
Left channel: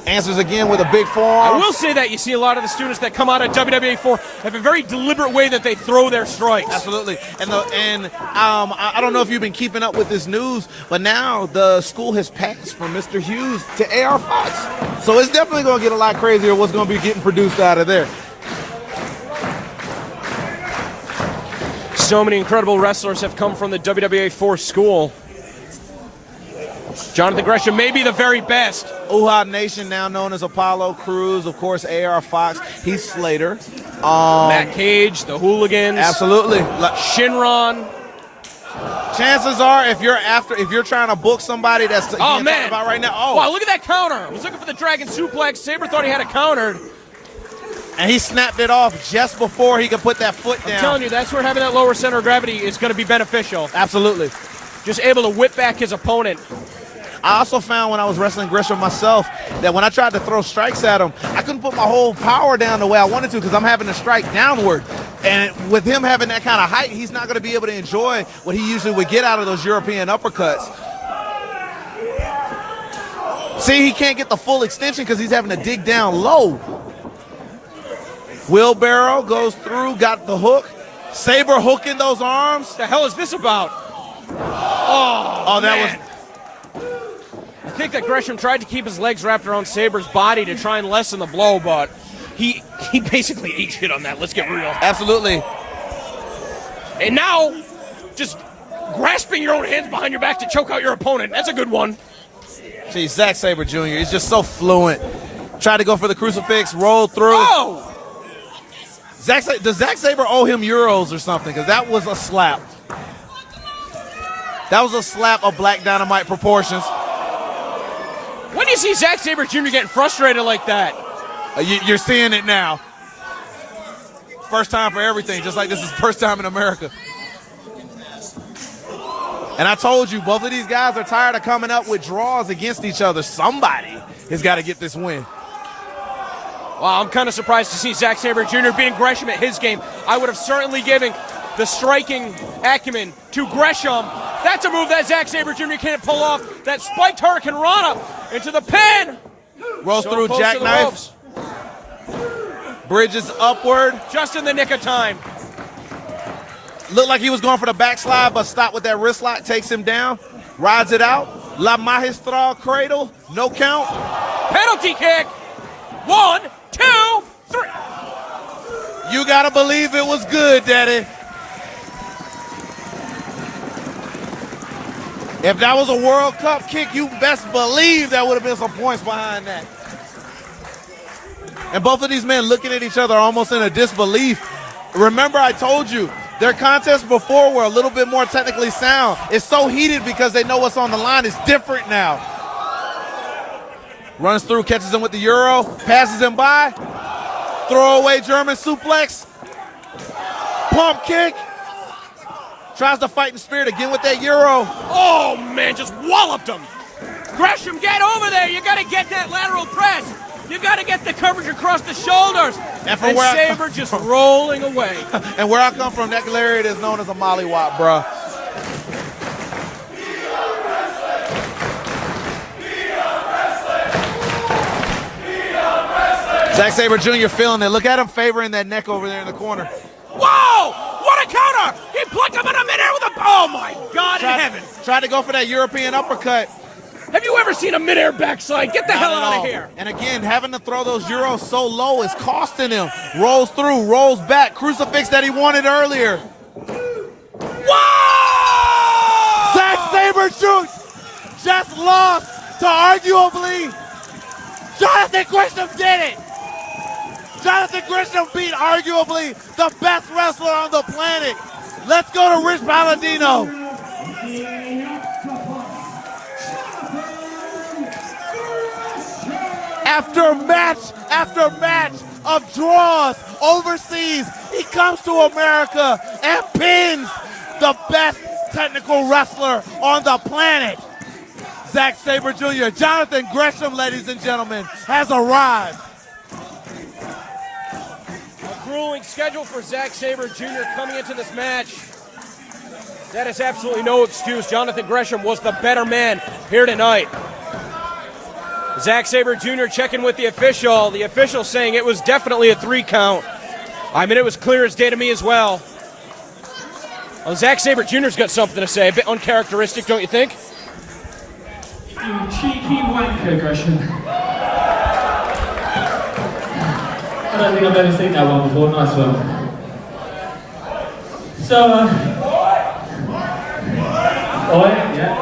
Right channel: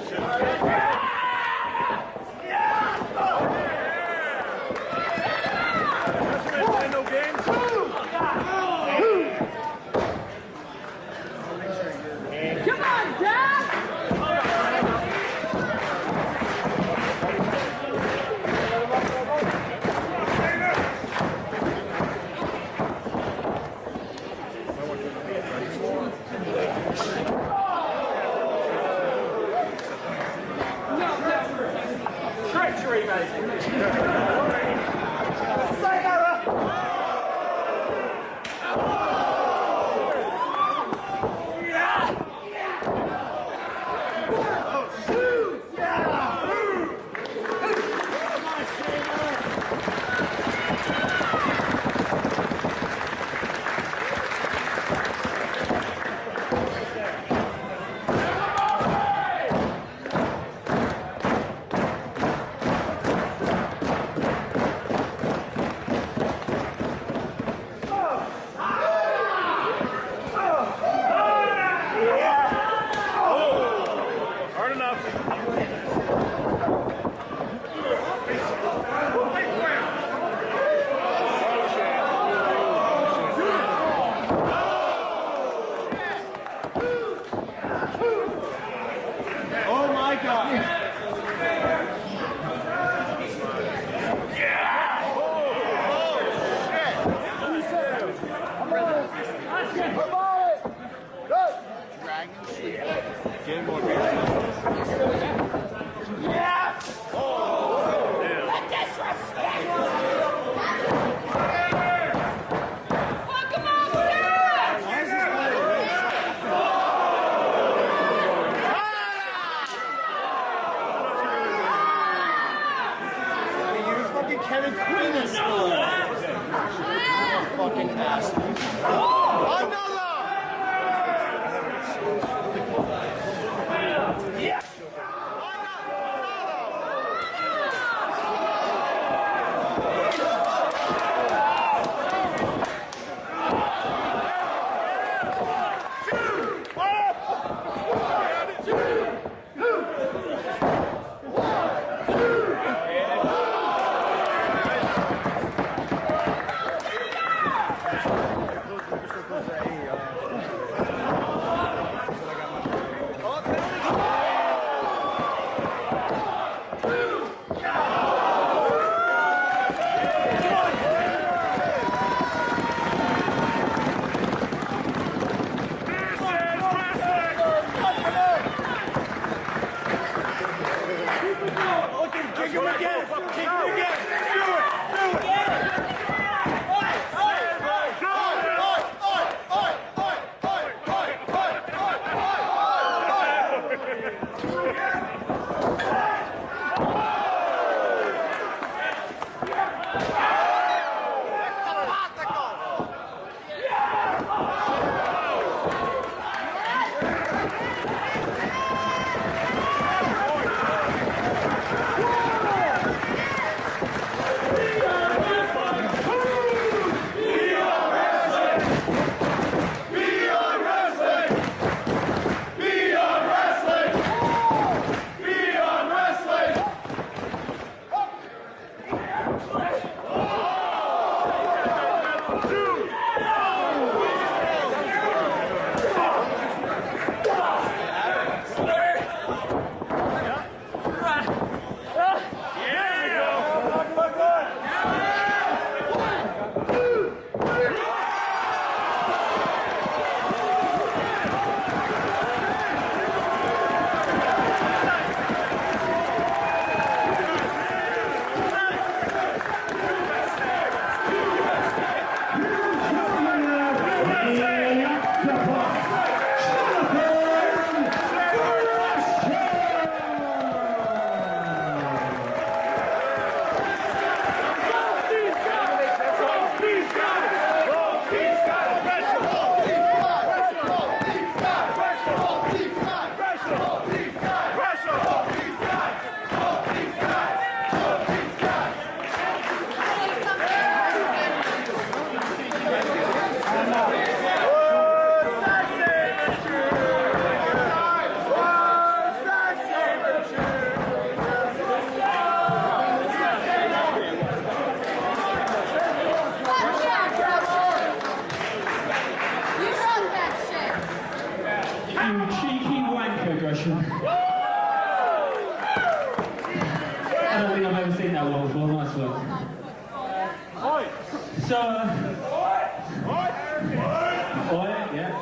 answers again with a big forearm. I will say that you see a lot of the students that come out of WWA4 have a very deliberate way that they throw their strikes. Absolutely. I don't know if you've been keeping up with this news, but now the school has passed from Mr. Hughes to AR Fox. So it's definitely going to get a lot crazier what's going to be getting produced out of there. So many incredible wrestlers have come from the WWA4 school. Jonathan Gresham may be the very best. Uhaa Nation, now known as Apollo Crews, of course, AR Fox, Heath Slater. Matt Cage, the Hooligans. Absolutely. Shinron. Chances are, if you're trying to book somebody that's about right now. Oh, wow, look at that counter. He was looking for the Dragon Suplex. Sabre thought he had a counter. And he snapped it off just before he could put that foot down. I'm telling you, that's where having that lower center of gravity is going to be beneficial. Absolutely. Just able to whip back his opponent. I also found when I was wrestling Gresham myself that when I tried to throw strikes at him, I couldn't put my whole power down the way I wanted to because I'm having to strike downward. And with him having that kind of height, he's not going to be able to enjoy what he usually would get out of those European uppercuts. See, he can't get the full extension because he's having to dig down low. Wheelbarrow goes through, got the hook. Sabre hooking those arms. What the hell is this about? Oh, that was... I think that Gresham tried to keep his legs wrapped around Sabre's body to try and lessen the blow, but he basically ate shit on that. Let's get real. Absolutely. And now, just grasping your own hands behind your back to choke out your opponent. That's a good one. Gee, Zack Sabre Jr., he's just so fluent. Tried to go for the crucifix, rolled through. Oh! Does Zack Sabre owe him euros or something? Because that was a slap. That was a slap of Black Dynamite proportions. When do you see Zack Sabre Jr. getting frustrated like that? You're seeing it now. First time for everything, just like this is first time in America. And I told you, both of these guys are tired of coming up with draws against each other. Somebody has got to get this win. Well, I'm kind of surprised to see Zack Sabre Jr. beating Gresham at his game. I would have certainly given the striking acumen to Gresham. That's a move that Zack Sabre Jr. can't pull off. That spiked Hurricane Rana into the pin. Rolls through jackknife. Bridges upward. Just in the nick of time. Looked like he was going for the backslide, but stopped with that wrist lock, takes him down, rides it out. La Magistral Cradle, no count. Penalty kick. 1, 2, 3. You gotta believe it was good, Daddy. If that was a World Cup kick, you best believe there would have been some points behind that. And both of these men looking at each other almost in a disbelief. Remember, I told you, their contests before were a little bit more technically sound. It's so heated because they know what's on the line. It's different now. Runs through, catches him with the Euro, passes him by. Throwaway German suplex. Pump kick. Tries to fight in spirit again with that Euro. Oh, man, just walloped him. Gresham, get over there. You got to get that lateral press. You got to get the coverage across the shoulders. And Sabre just rolling away. And where I come from, that lariat is known as a mollywop, bruh. Zack Sabre Jr. feeling it. Look at him favoring that neck over there in the corner. Whoa! What a counter! He plucked him in the midair with a... Oh, my God in heaven. Tried to go for that European uppercut. Have you ever seen a midair backslide? Get the hell out of here. And again, having to throw those Euros so low is costing him. Rolls through, rolls back. Crucifix that he wanted earlier. Whoa! Zack Sabre Jr. just lost to arguably Jonathan Gresham did it. Jonathan Gresham beat arguably the best wrestler on the planet. Let's go to Rich Palladino. After match of draws overseas, he comes to America and pins the best technical wrestler on the planet. Zack Sabre Jr., Jonathan Gresham, ladies and gentlemen, has arrived. Grueling schedule for Zack Sabre Jr. coming into this match. That is absolutely no excuse. Jonathan Gresham was the better man here tonight. Zack Sabre Jr. checking with the official. The official saying it was definitely a 3 count. I mean, it was clear as day to me as well. Well, Zack Sabre Jr.'s got something to say. A bit uncharacteristic, don't you think? You cheeky wanker, Gresham. I don't think I've ever seen that one before. Nice one. So, Oi, yeah.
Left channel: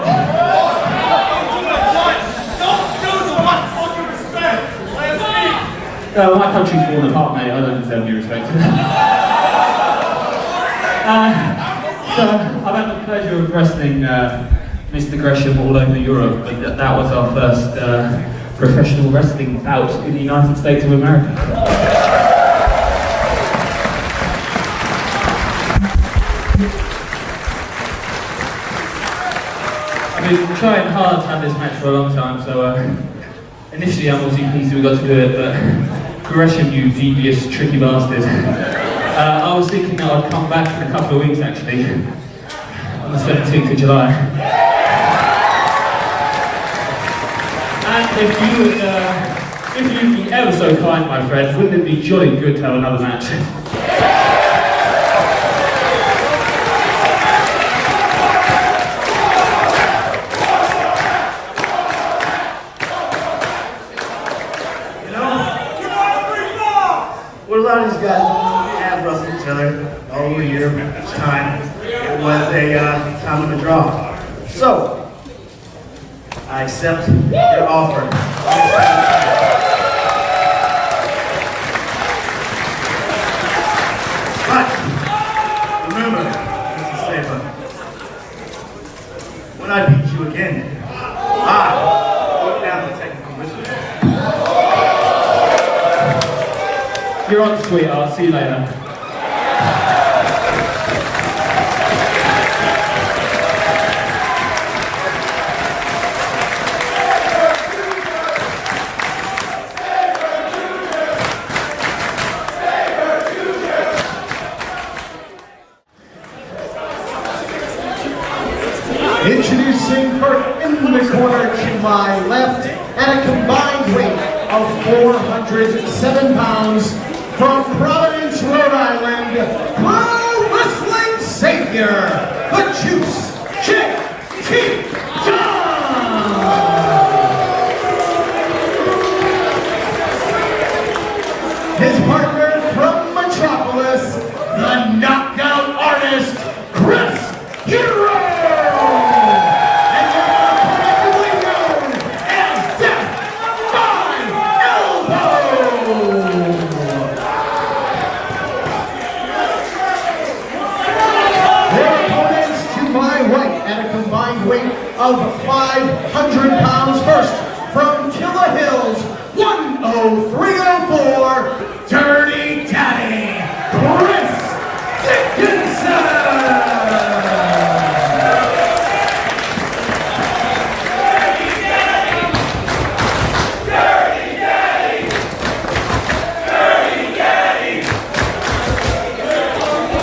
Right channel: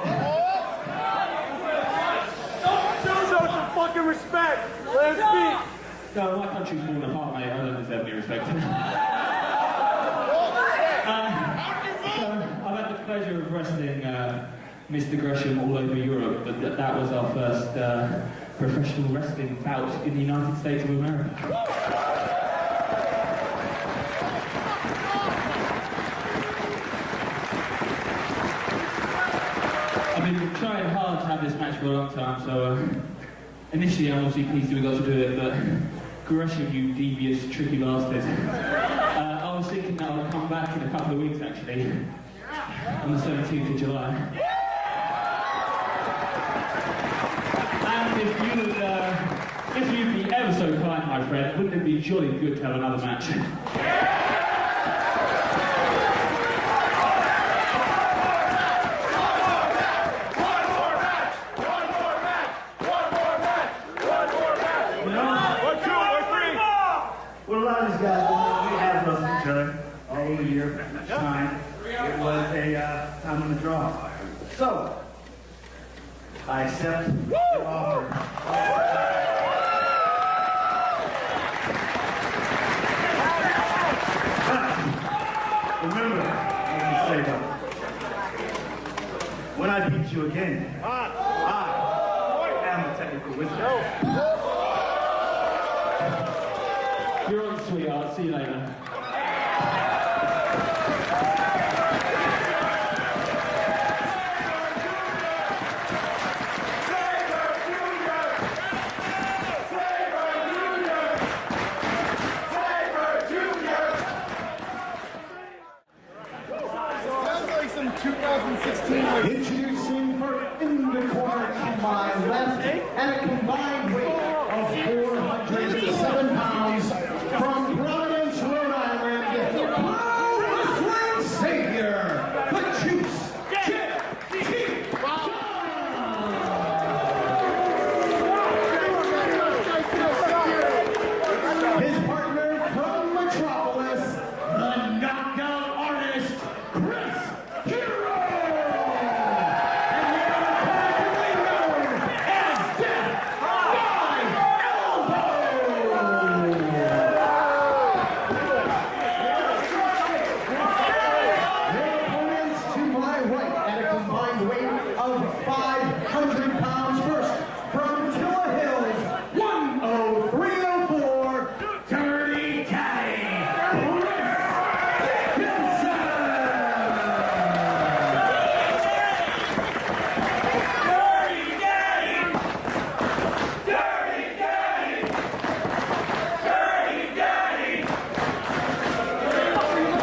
My country's fallen apart, mate. I don't deserve any respect. So, I've had the pleasure of wrestling Mr. Gresham all over Europe, but that was our first professional wrestling bout in the United States of America. I've been trying hard to have this match for a long time, so initially I'm obviously pleased we got to do it, but Gresham, you devious, tricky bastard. I was thinking that I'd come back in a couple of weeks, actually, on the 17th of July. And if you'd be ever so kind, my friend, wouldn't it be jolly good to have another match? What a lot of these guys have wrestled each other all over here each time. It was a time of a draw. So, I accept your offer. But, remember, Mr. Sabre, when I beat you again, I put down the technical wisdom. You're on, sweetheart. See you later. Introducing first in the corner to my left at a combined weight of 407 pounds from Providence, Rhode Island, Pro Wrestling Savior, the Juice, J.T. John! of 500 pounds. First, from Killer Hills, 10304, Dirty Daddy, Chris Dickinson.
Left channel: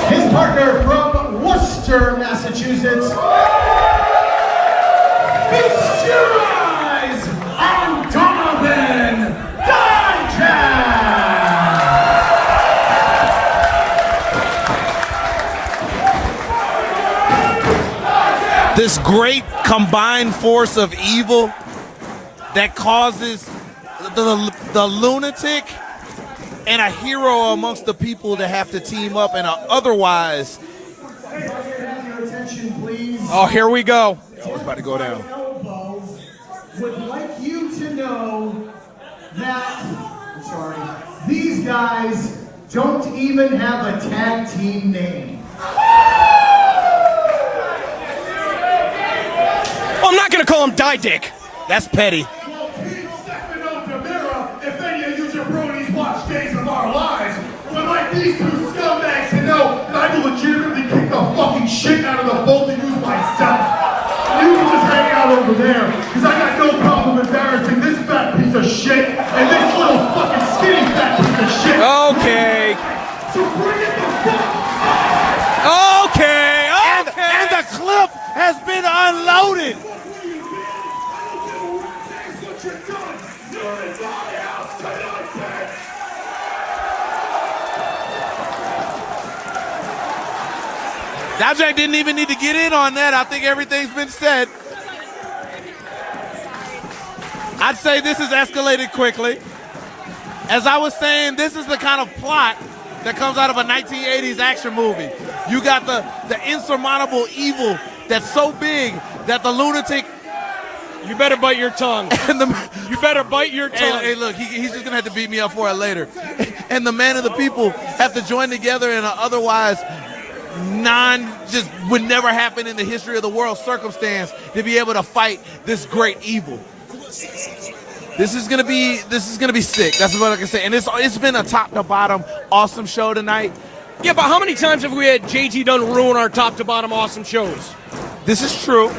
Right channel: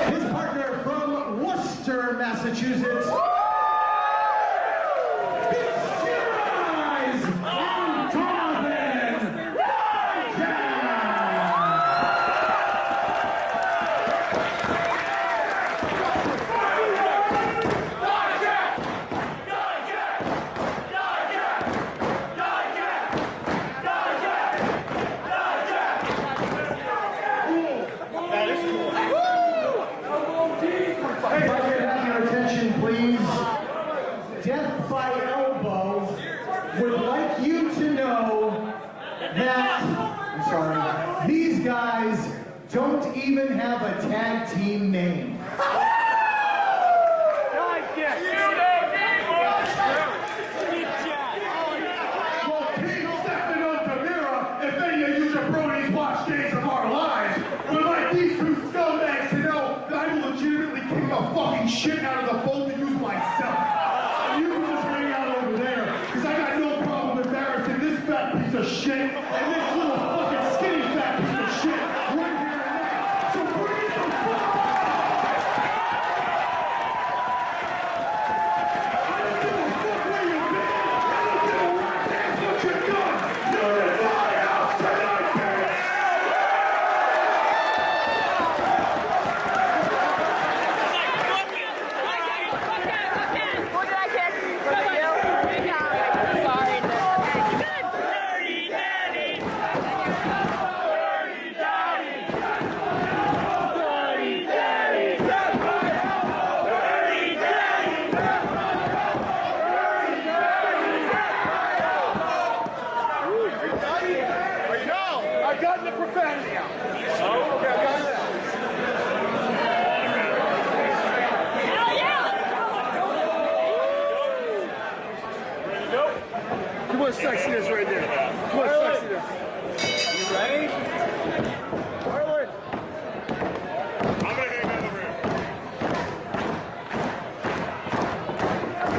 His partner from Worcester, Massachusetts, feast your eyes on Donovan Dijak. This great combined force of evil that causes the lunatic and a hero amongst the people to have to team up in a otherwise. Your attention, please. Oh, here we go. It's about to go down. Elbow would like you to know that, these guys don't even have a tag team name. Well, I'm not going to call him Dick. That's petty. If any of you jabronis watch Days of Our Lives, would like these two scumbags to know that I will legitimately kick the fucking shit out of the both of you myself. You can just hang out over there, because I got no problem embarrassing this fat piece of shit and this little fucking skinny fat piece of shit. Okay. So bring it the fuck Okay. And the clip has been unloaded. Dijak didn't even need to get in on that. I think everything's been said. I'd say this has escalated quickly. As I was saying, this is the kind of plot that comes out of a 1980s action movie. You got the insurmountable evil that's so big that the lunatic. You better bite your tongue. You better bite your tongue. Hey, look, he's just gonna have to beat me up for it later. And the man and the people have to join together in an otherwise just would never happen in the history of the world circumstance to be able to fight this great evil. This is gonna be sick. That's what I can say. And it's been a top to bottom awesome show tonight. Yeah, but how many times have we had JT Dunn ruin our top to bottom awesome shows? This is true.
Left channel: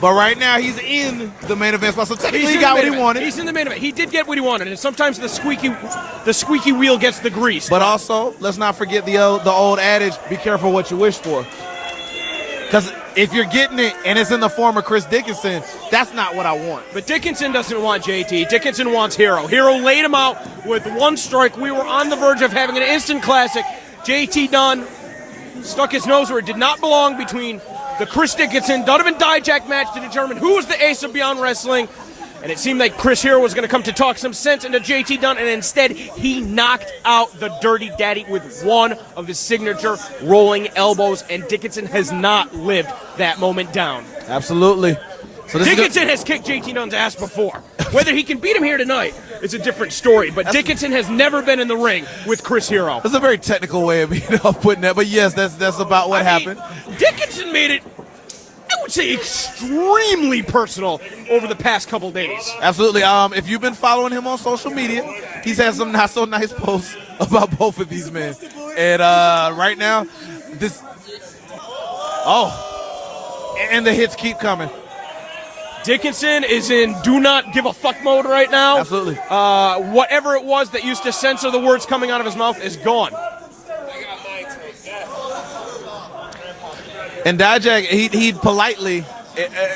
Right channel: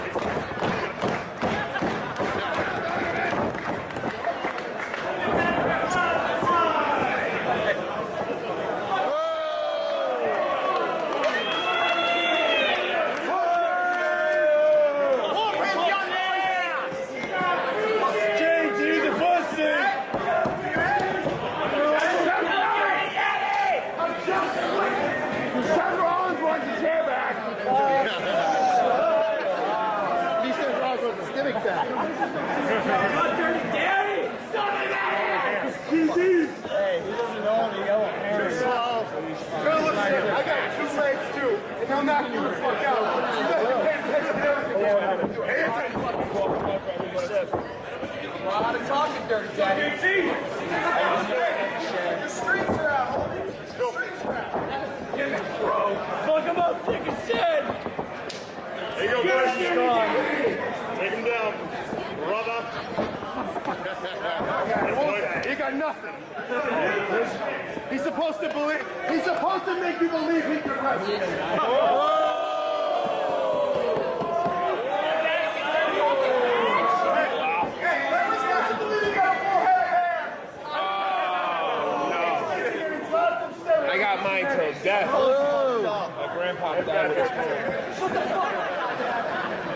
But right now he's in the main event spot, so technically he got what he wanted. He's in the main event. He did get what he wanted, and sometimes the squeaky wheel gets the grease. But also, let's not forget the old adage: be careful what you wish for. Because if you're getting it and it's in the form of Chris Dickinson, that's not what I want. But Dickinson doesn't want JT. Dickinson wants Hero. Hero laid him out with one strike. We were on the verge of having an instant classic. JT Dunn stuck his nose where it did not belong between the Chris Dickinson Donovan Dijak match to determine who was the ace of Beyond Wrestling. And it seemed like Chris Hero was going to come to talk some sense into JT Dunn, and instead he knocked out the Dirty Daddy with one of his signature rolling elbows, and Dickinson has not lived that moment down. Absolutely. So Dickinson has kicked JT Dunn's ass before. Whether he can beat him here tonight is a different story, but Dickinson has never been in the ring with Chris Hero. That's a very technical way of putting that, but yes, that's about what happened. Dickinson made it, I would say, extremely personal over the past couple days. Absolutely. If you've been following him on social media, he's had some not so nice posts about both of these men. And right now, and the hits keep coming. Dickinson is in do not give a fuck mode right now. Absolutely. Whatever it was that used to censor the words coming out of his mouth is gone. I got mine to death. And Dijak, he politely,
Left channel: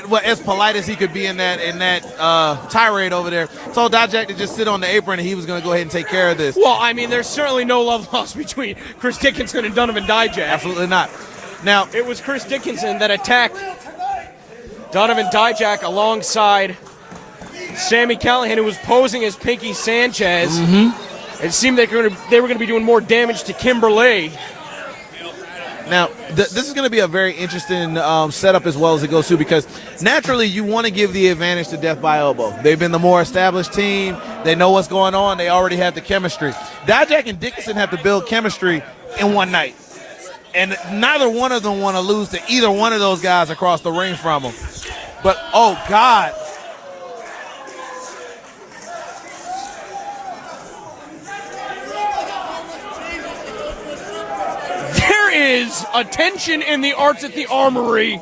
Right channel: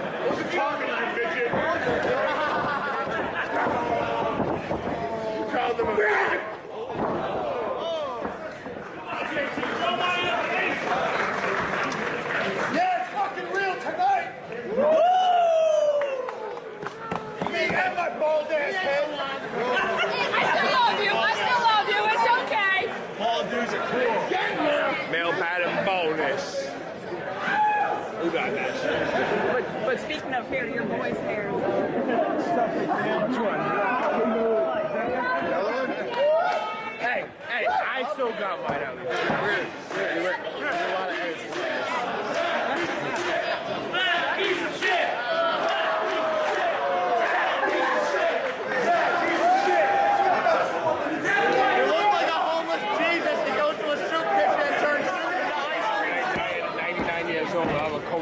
well, as polite as he could be in that tirade over there, told Dijak to just sit on the apron and he was going to go ahead and take care of this. Well, I mean, there's certainly no love lost between Chris Dickinson and Donovan Dijak. Absolutely not. Now, it was Chris Dickinson that attacked Donovan Dijak alongside Sami Callihan, who was posing as Pinky Sanchez. It seemed like they were going to be doing more damage to Kimberly. Now, this is going to be a very interesting setup as well as it goes through, because naturally you want to give the advantage to Death by Elbow. They've been the more established team. They know what's going on. They already have the chemistry. Dijak and Dickinson have to build chemistry in one night. And neither one of them want to lose to either one of those guys across the ring from them. But, oh, God. There is a tension in the arts at the Armory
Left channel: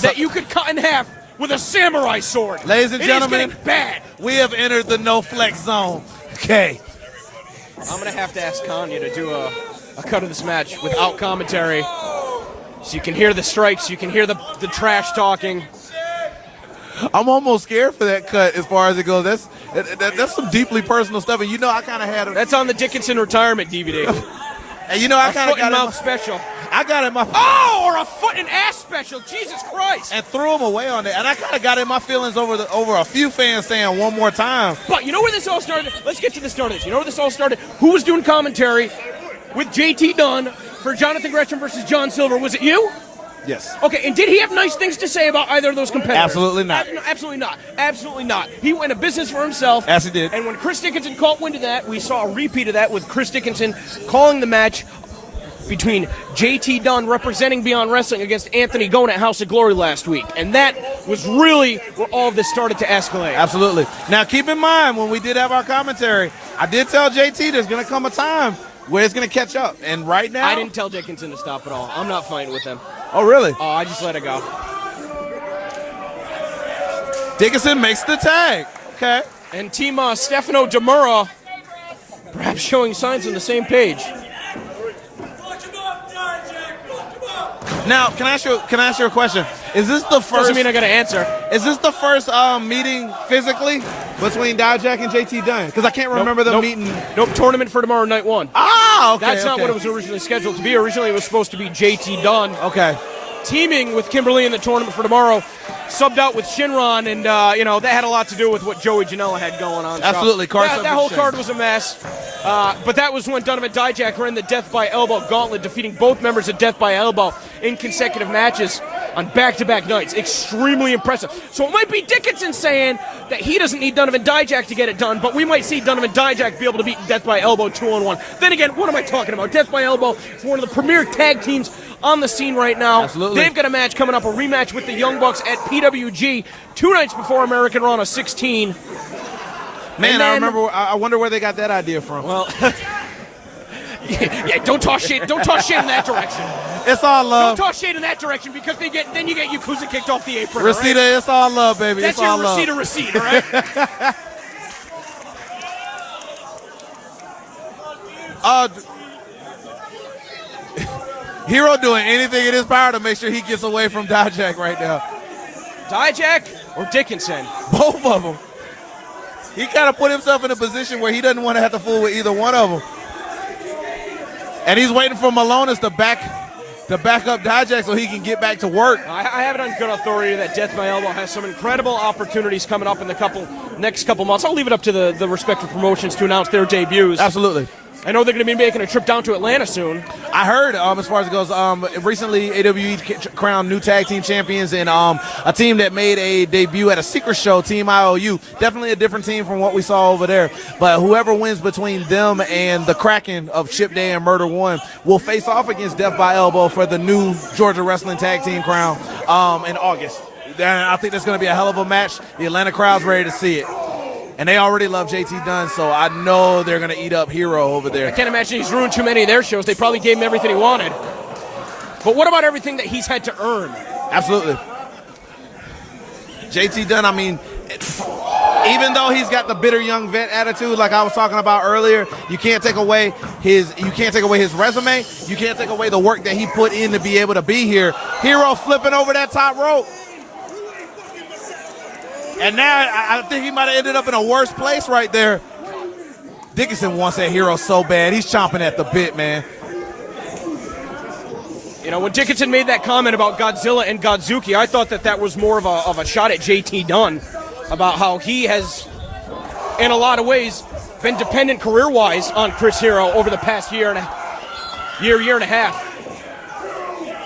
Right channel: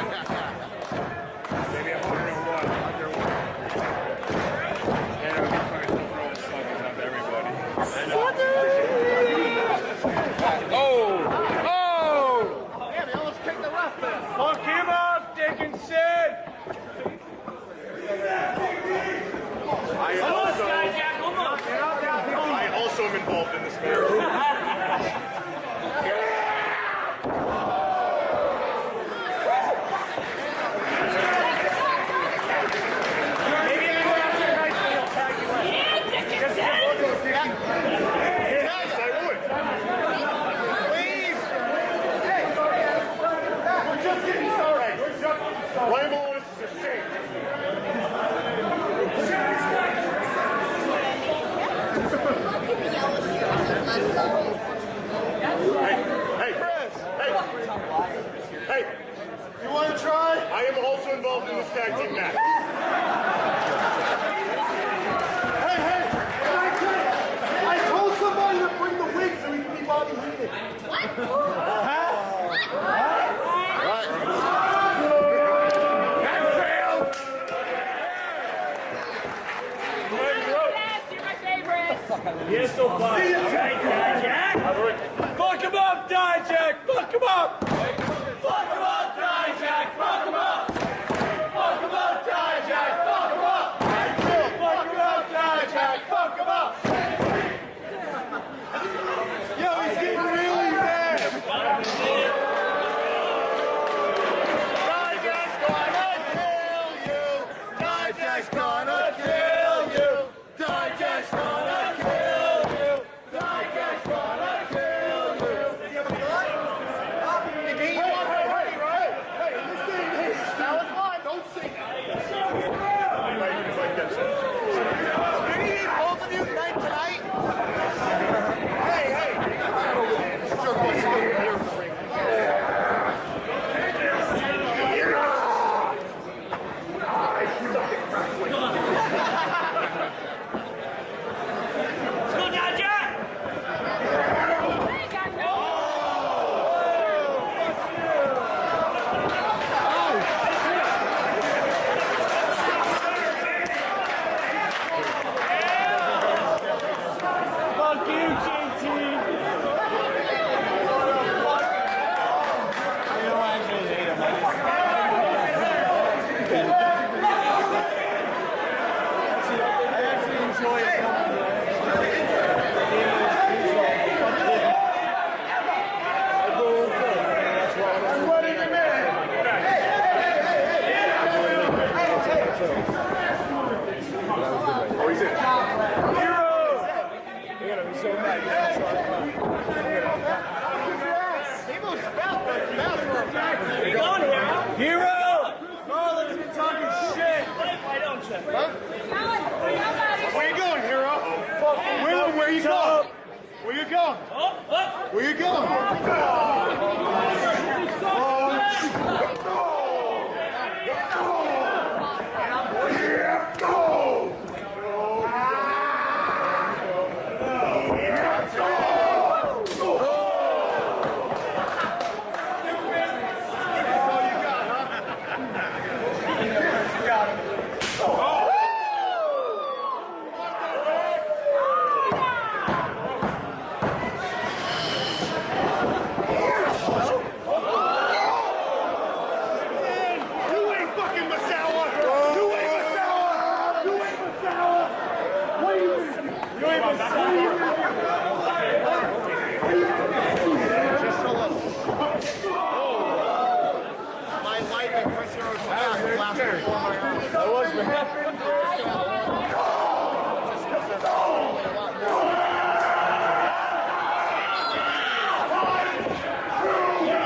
that you could cut in half with a samurai sword. Ladies and gentlemen, it is getting bad. we have entered the no flex zone. Okay. I'm going to have to ask Kanye to do a cut of this match without commentary. So you can hear the strikes, you can hear the trash talking. I'm almost scared for that cut as far as it goes. That's some deeply personal stuff, and you know I kind of had it. That's on the Dickinson retirement DVD. And you know I kind of got mouth special. I got it in my or a foot and ass special. Jesus Christ! And threw him away on it. And I kind of got in my feelings over a few fans saying one more time. But you know where this all started? Let's get to this started. You know where this all started? Who was doing commentary with JT Dunn for Jonathan Gresham versus John Silver? Was it you? Yes. Okay, and did he have nice things to say about either of those competitors? Absolutely not. Absolutely not. Absolutely not. He went a business for himself. Yes, he did. And when Chris Dickinson caught wind of that, we saw a repeat of that with Chris Dickinson calling the match between JT Dunn representing Beyond Wrestling against Anthony Gone at House of Glory last week. And that was really where all of this started to escalate. Absolutely. Now, keep in mind, when we did have our commentary, I did tell JT there's going to come a time where it's going to catch up. And right now... I didn't tell Dickinson to stop at all. I'm not fighting with him. Oh, really? Oh, I just let it go. Dickinson makes the tag. Okay. And Team Stefano Demura perhaps showing signs on the same page. Now, can I ask you a question? Is this the first? Doesn't mean I got to answer. Is this the first meeting physically between Dijak and JT Dunn? Because I can't remember them meeting. Nope, tournament for tomorrow, night one. Ah, okay. That's not what it was originally scheduled to be. Originally, it was supposed to be JT Dunn. Okay. Teaming with Kimberly in the tournament for tomorrow, subbed out with Shinron, and that had a lot to do with what Joey Janela had going on. Absolutely, so that whole card was a mess. But that was when Donovan Dijak ran the Death by Elbow gauntlet, defeating both members of Death by Elbow in consecutive matches on back-to-back nights. Extremely impressive. So it might be Dickinson saying that he doesn't need Donovan Dijak to get it done, but we might see Donovan Dijak be able to beat Death by Elbow 2-on-1. Then again, what am I talking about? Death by Elbow is one of the premier tag teams on the scene right now. Absolutely. They've got a match coming up, a rematch with the Young Bucks at PWG 2 nights before American Raw 16. Man, I wonder where they got that idea from. Well, yeah, don't talk shit. Don't talk shit in that direction. It's all love. Don't talk shit in that direction because then you get Yakuza kicked off the apron. Reseda, right? it's all love, baby. That's it's all your love. receipt, right? Hero doing anything in his power to make sure he gets away from Dijak right now. Dijak or Dickinson? Both of them. He kind of put himself in a position where he doesn't want to have to fool with either one of them. And he's waiting for Malonis to back up Dijak so he can get back to work. I have it on good authority that Death by Elbow has some incredible opportunities coming up in the next couple months. I'll leave it up to the respective promotions to announce their debuts. Absolutely. I know they're going to be making a trip down to Atlanta soon. I heard, as far as it goes, recently AWE crowned new tag team champions, and a team that made a debut at a secret show, Team IOU. Definitely a different team from what we saw over there. But whoever wins between them and the Kraken of Chip Day and Murder One will face off against Death by Elbow for the new Georgia Wrestling Tag Team crown in August. And I think that's going to be a hell of a match. The Atlanta crowd's ready to see it. And they already love JT Dunn, so I know they're going to eat up Hero over there. I can't imagine he's ruined too many of their shows. They probably gave him everything he wanted. But what about everything that he's had to earn? Absolutely. JT Dunn, I mean, even though he's got the bitter young vet attitude like I was talking about earlier, you can't take away his resume. You can't take away the work that he put in to be able to be here. Hero flipping over that top rope. And now I think he might have ended up in a worse place right there. Dickinson wants that Hero so bad. He's chomping at the bit, man. You know, when Dickinson made that comment about Godzilla and Godzuki, I thought that was more of a shot at JT Dunn about how he has, in a lot of ways, been dependent career-wise on Chris Hero over the past year and a half.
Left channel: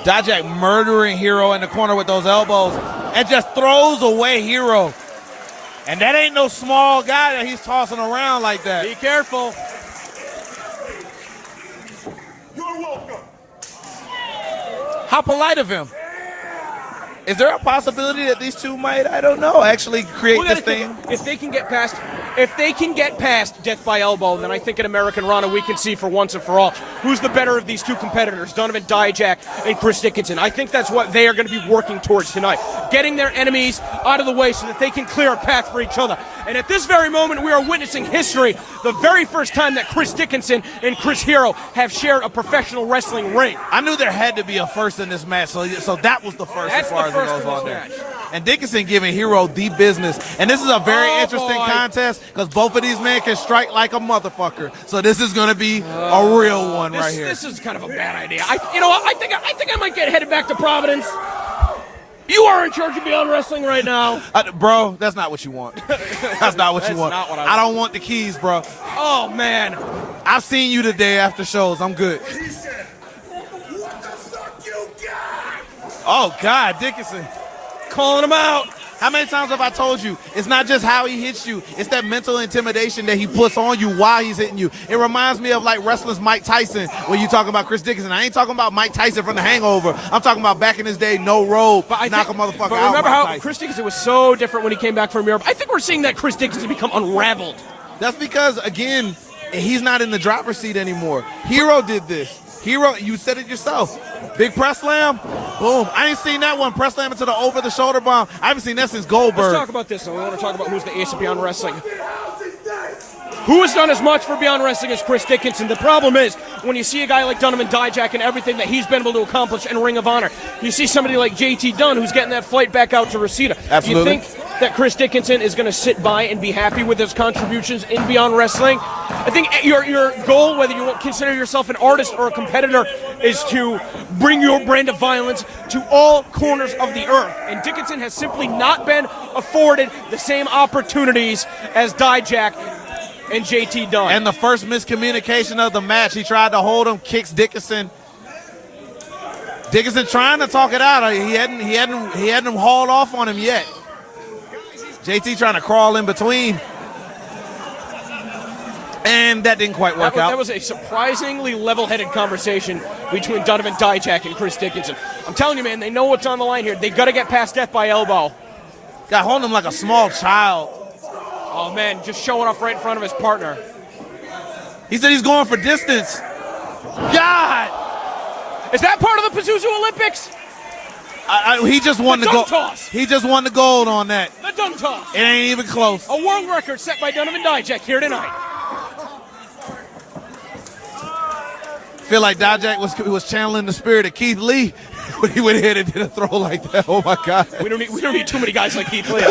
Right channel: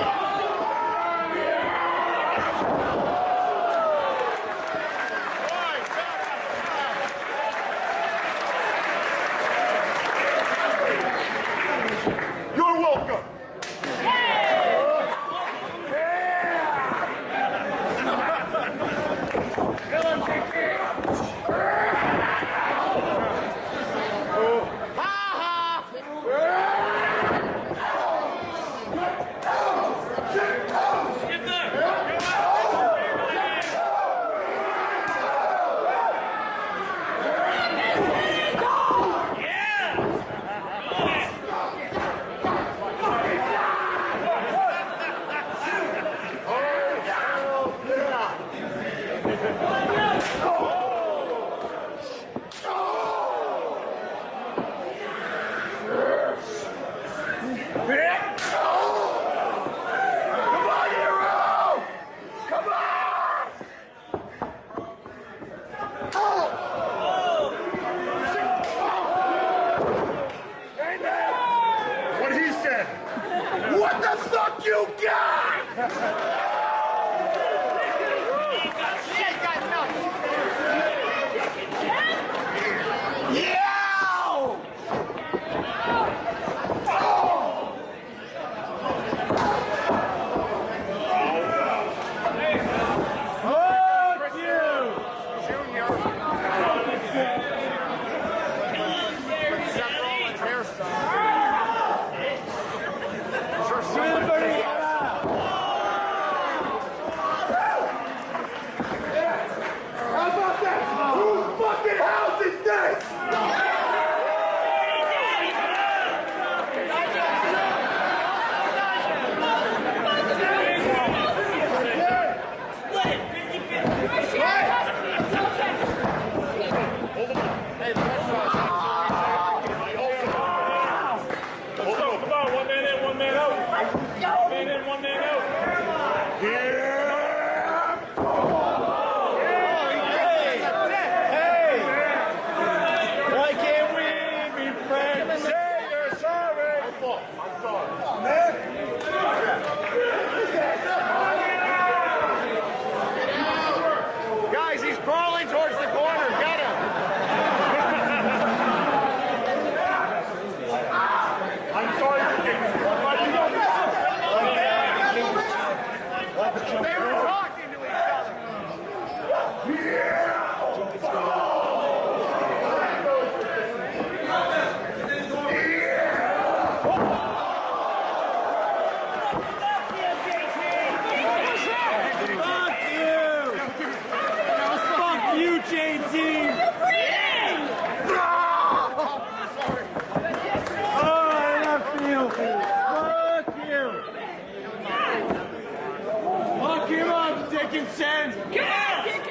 Dijak murdering Hero in the corner with those elbows and just throws away Hero. And that ain't no small guy that he's tossing around like that. Be careful. You're welcome. How polite of him. Is there a possibility that these two might, I don't know, actually create this thing? If they can get past death by elbow, then I think in American Rana we can see for once and for all who's the better of these two competitors, Donovan Dijak and Chris Dickinson. I think that's what they are going to be working towards tonight, getting their enemies out of the way so that they can clear a path for each other. And at this very moment, we are witnessing history, the very first time that Chris Dickinson and Chris Hero have shared a professional wrestling ring. I knew there had to be a first in this match, so that was the first. That's as far the as first it goes on match. there. And Dickinson giving Hero the business. And this is a very interesting contest because both of these men can strike like a motherfucker. So this is going to be a real one right here. This is kind of a bad idea. I think I might get headed back to Providence. You are in charge of Beyond Wrestling right now. Bro, that's not what you want. That's not what you want. I don't want the keys, bro. Oh, man. I've seen you today after shows. I'm good. What he said. What the fuck you got? Oh, God, Dickinson. Calling him out. How many times have I told you? It's not just how he hits you. It's that mental intimidation that he puts on you while he's hitting you. It reminds me of like wrestlers Mike Tyson when you talk about Chris Dickinson. I ain't talking about Mike Tyson from The Hangover. I'm talking about back in his day, no robe, knock a motherfucker out. Remember how Chris Dickinson was so different when he came back from Europe? I think we're seeing that Chris Dickinson become unraveled. That's because, again, he's not in the driver's seat anymore. Hero did this. Hero, you said it yourself. Big press slam, boom. I ain't seen that one. Press slam into the over-the-shoulder bomb. I haven't seen that since Goldberg. Let's talk about this. We're going to talk about who's the ace of Beyond Wrestling. Who has done as much for Beyond Wrestling as Chris Dickinson? The problem is, when you see a guy like Donovan Dijak and everything that he's been able to accomplish in Ring of Honor, you see somebody like JT Dunn who's getting that flight back out to Reseda. Absolutely. You think that Chris Dickinson is going to sit by and be happy with his contributions in Beyond Wrestling? I think your goal, whether you consider yourself an artist or a competitor, is to bring your brand of violence to all corners of the earth. And Dickinson has simply not been afforded the same opportunities as Dijak and JT Dunn. And the first miscommunication of the match, he tried to hold him, kicks Dickinson. Dickinson trying to talk it out. He hadn't him hauled off on him yet. JT trying to crawl in between. And that didn't quite work out. That was a surprisingly level-headed conversation between Donovan Dijak and Chris Dickinson. I'm telling you, man, they know what's on the line here. They got to get past death by elbow. Got holding him like a small child. Oh, man, just showing off right in front of his partner. He said he's going for distance. God! Is that part of the Pazuzu Olympics? He just won the gold. He just won the gold on that. A dunk toss. It ain't even close. A world record set by Donovan Dijak here tonight. Feel like Dijak was channeling the spirit of Keith Lee when he went ahead and did a throw like that. Oh my God! We don't need too many guys like Keith Lee.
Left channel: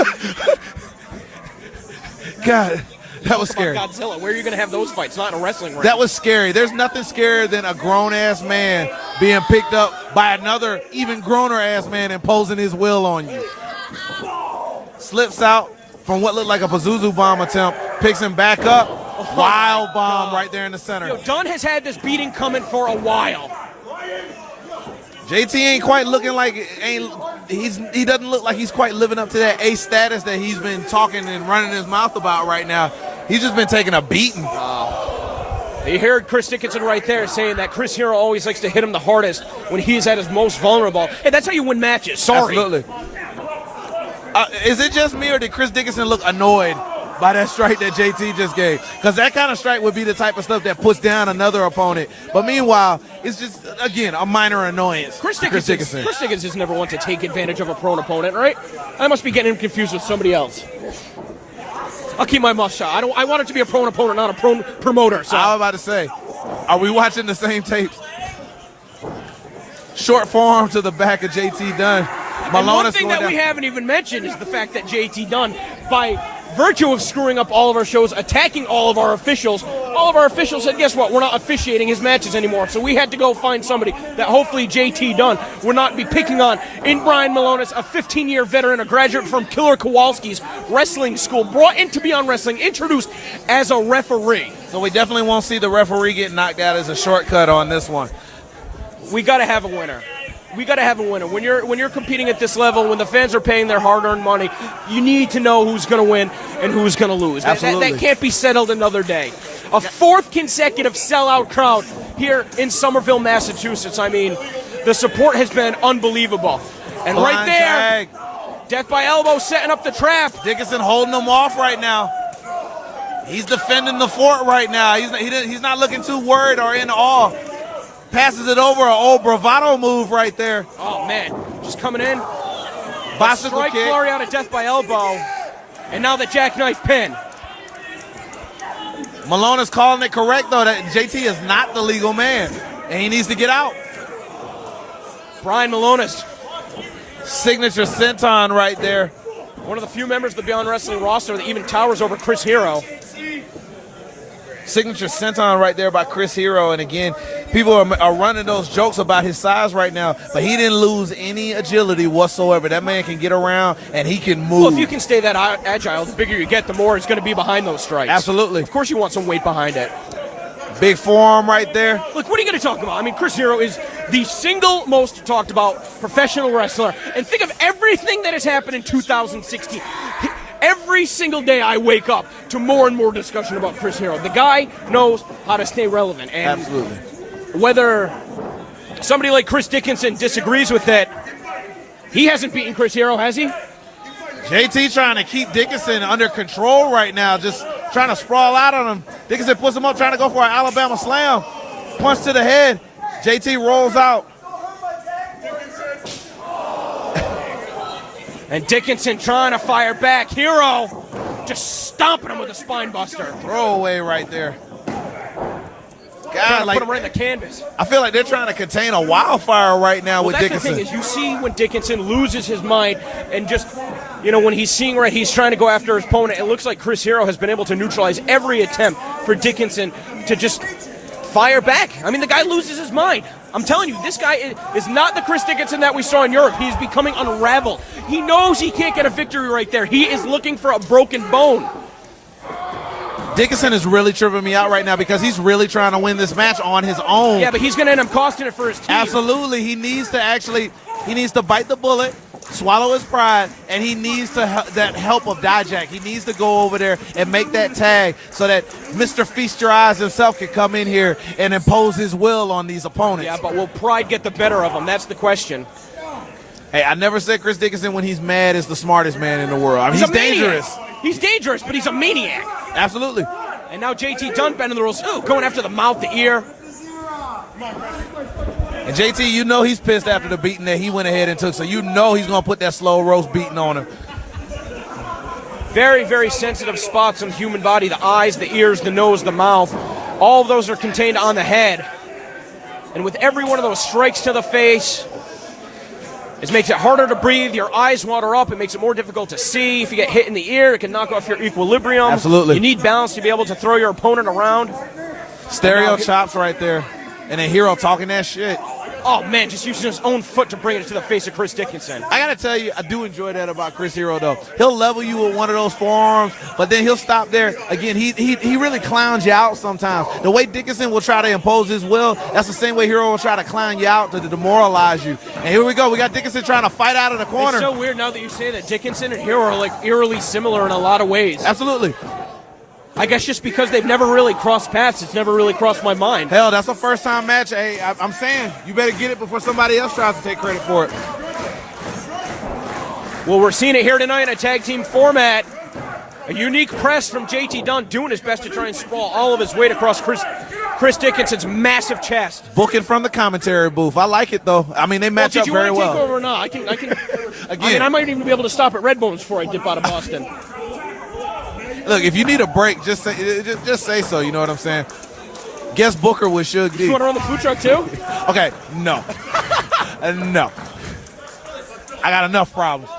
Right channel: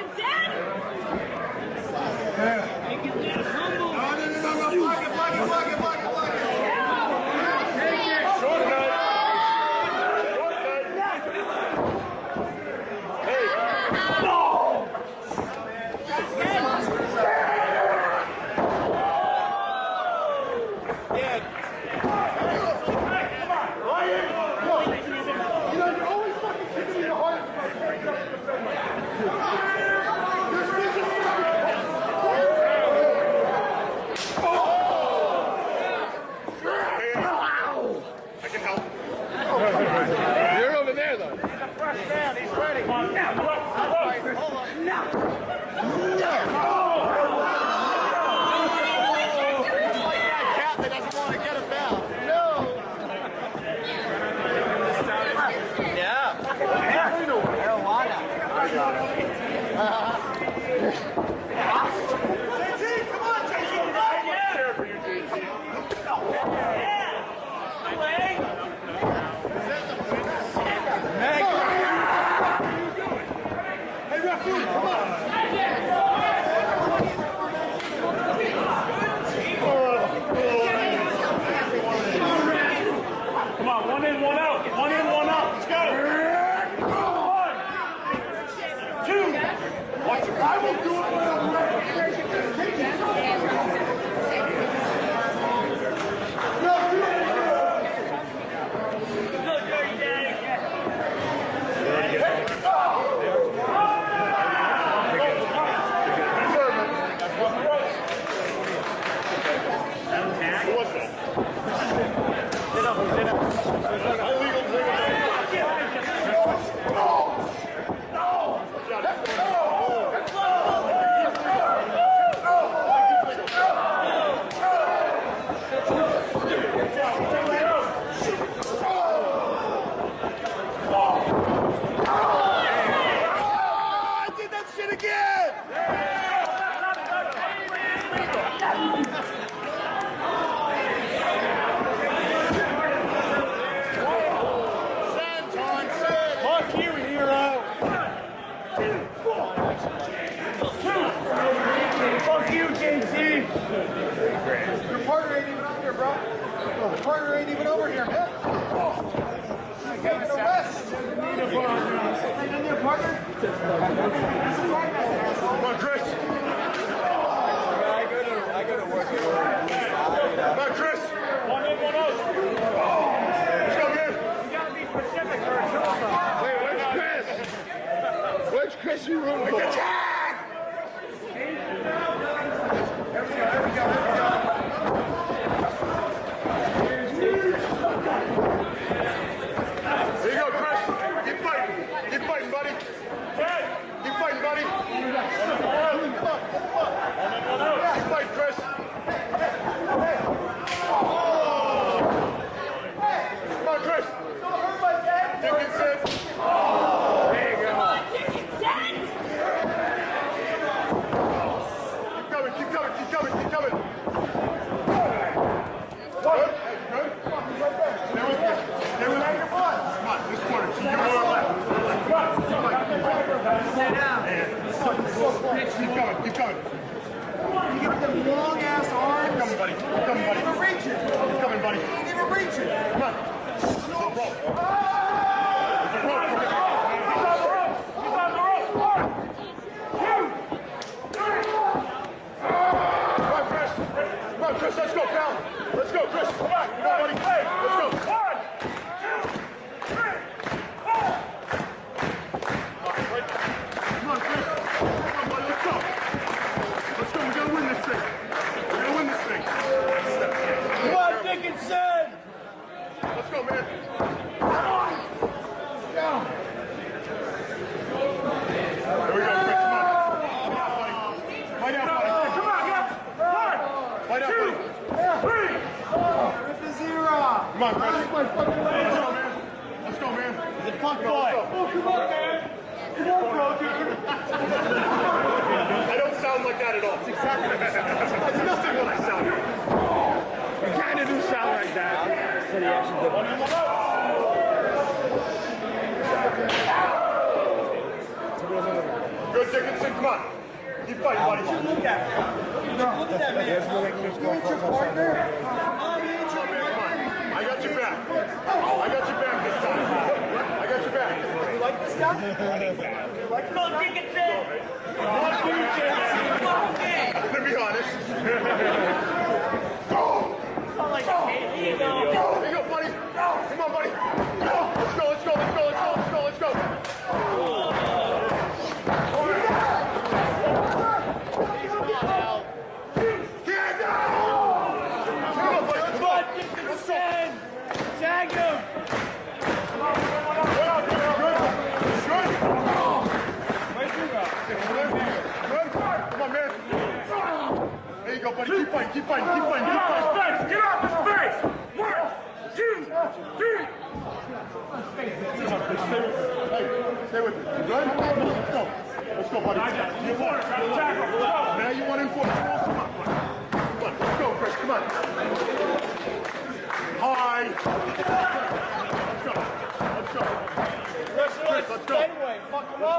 God, that was scary. Where are you going to have those fights? Not in wrestling. That was scary. There's nothing scarier than a grown-ass man being picked up by another even growner-ass man imposing his will on you. Slips out from what looked like a Pazuzu bomb attempt, picks him back up, wild bomb right there in the center. Dunn has had this beating coming for a while. JT ain't quite looking like he doesn't look like he's quite living up to that ace status that he's been talking and running his mouth about right now. He's just been taking a beating. You heard Chris Dickinson right there saying that Chris Hero always likes to hit him the hardest when he's at his most vulnerable. Hey, that's how you win matches. Sorry. Absolutely. Is it just me or did Chris Dickinson look annoyed by that strike that JT just gave? Because that kind of strike would be the type of stuff that puts down another opponent. But meanwhile, it's just, again, a minor annoyance. Chris Dickinson's never want to take advantage of a prone opponent, right? I must be getting him confused with somebody else. I'll keep my mouth shut. I want it to be a prone opponent, not a prone promoter. So. I was about to say, are we watching the same tapes? Short forearm to the back of JT Dunn. And one thing that we haven't even mentioned is the fact that JT Dunn, by virtue of screwing up all of our shows, attacking all of our officials said, guess what, we're not officiating his matches anymore. So we had to go find somebody that hopefully JT Dunn would not be picking on in Brian Malonis, a 15-year veteran, a graduate from Killer Kowalski's wrestling school, brought into Beyond Wrestling, introduced as a referee. So we definitely won't see the referee get knocked out as a shortcut on this one. We got to have a winner. We got to have a winner. When you're competing at this level, when the fans are paying their hard-earned money, you need to know who's going to win and who's going to lose. Absolutely. That can't be settled another day. A fourth consecutive sellout crowd here in Somerville, Massachusetts. I mean, the support has been unbelievable. And right there, death by elbow setting up the trap. Dickinson holding him off right now. He's defending the fort right now. He's not looking too worried or in awe. Passes it over, an old bravado move right there. Oh, man, just coming in. Bicycle Strike kick. flurry out of death by elbow. And now the jackknife pin. Malone is calling it correct, though, that JT is not the legal man, and he needs to get out. Brian Malonis. Signature senton right there. One of the few members of the Beyond Wrestling roster that even towers over Chris Hero. Signature senton right there by Chris Hero, and again, people are running those jokes about his size right now, but he didn't lose any agility whatsoever. That man can get around, and he can move. Well, if you can stay that agile, the bigger you get, the more it's going to be behind those strikes. Absolutely. Of course you want some weight behind it. Big forearm right there. Look, what are you going to talk about? I mean, Chris Hero is the single most talked about professional wrestler. And think of everything that has happened in 2016. Every single day I wake up to more and more discussion about Chris Hero. The guy knows how to stay relevant. And absolutely. Whether somebody like Chris Dickinson disagrees with it, he hasn't beaten Chris Hero, has he? JT trying to keep Dickinson under control right now, just trying to sprawl out on him. Dickinson puts him up, trying to go for an Alabama slam. Punch to the head. JT rolls out. And Dickinson trying to fire back. Hero just stomping him with a spine buster. Throwaway right there. God, like, put him right in the canvas. I feel like they're trying to contain a wildfire right now with That's Dickinson. The thing is, you see when Dickinson loses his mind and just, when he's seeing right, he's trying to go after his opponent. It looks like Chris Hero has been able to neutralize every attempt for Dickinson to just fire back. I mean, the guy loses his mind. I'm telling you, this guy is not the Chris Dickinson that we saw in Europe. He's becoming unraveled. He knows he can't get a victory right there. He is looking for a broken bone. Dickinson is really tripping me out right now because he's really trying to win this match on his own. Yeah, but he's going to end up costing it for his team. Absolutely. He needs to bite the bullet, swallow his pride, and he needs that help of Dijak. He needs to go over there and make that tag so that Mr. Feast Your Eyes himself can come in here and impose his will on these opponents. Yeah, but will pride get the better of him? That's the question. Hey, I never said Chris Dickinson when he's mad is the smartest man in the world. I mean, he's dangerous. He's dangerous, but he's a maniac. Absolutely. And now JT Dunn bending the rules, going after the mouth, the ear. And JT, you know he's pissed after the beating that he went ahead and took, so you know he's going to put that slow roast beating on him. Very, very sensitive spots in the human body, the eyes, the ears, the nose, the mouth. All of those are contained on the head. And with every one of those strikes to the face, it makes it harder to breathe, your eyes water up, it makes it more difficult to see. If you get hit in the ear, it can knock off your equilibrium. Absolutely. You need balance to be able to throw your opponent around. Stereo chops right there. And then Hero talking that shit. Oh, man, just using his own foot to bring it to the face of Chris Dickinson. I got to tell you, I do enjoy that about Chris Hero, though. He'll level you with one of those forearms, but then he'll stop there. Again, he really clowns you out sometimes. The way Dickinson will try to impose his will, that's the same way Hero will try to clown you out to demoralize you. And here we go. We got Dickinson trying to fight out of the corner. It's so weird now that you say that Dickinson and Hero are like eerily similar in a lot of ways. Absolutely. I guess just because they've never really crossed paths, it's never really crossed my mind. Hell, that's a first-time match. Hey, I'm saying, you better get it before somebody else tries to take credit for it. Well, we're seeing it here tonight in a tag team format. A unique press from JT Dunn doing his best to try and sprawl all of his weight across Chris Dickinson's massive chest. Booking from the commentary booth. I like it, though. I mean, they match up very well. Or not? I might even be able to stop at Red Bones before I dip out of Boston. Look, if you need a break, just say so. You know what I'm saying? Guest booker with Suge D. You want to run the food truck too? Okay, no. No. I got enough problems.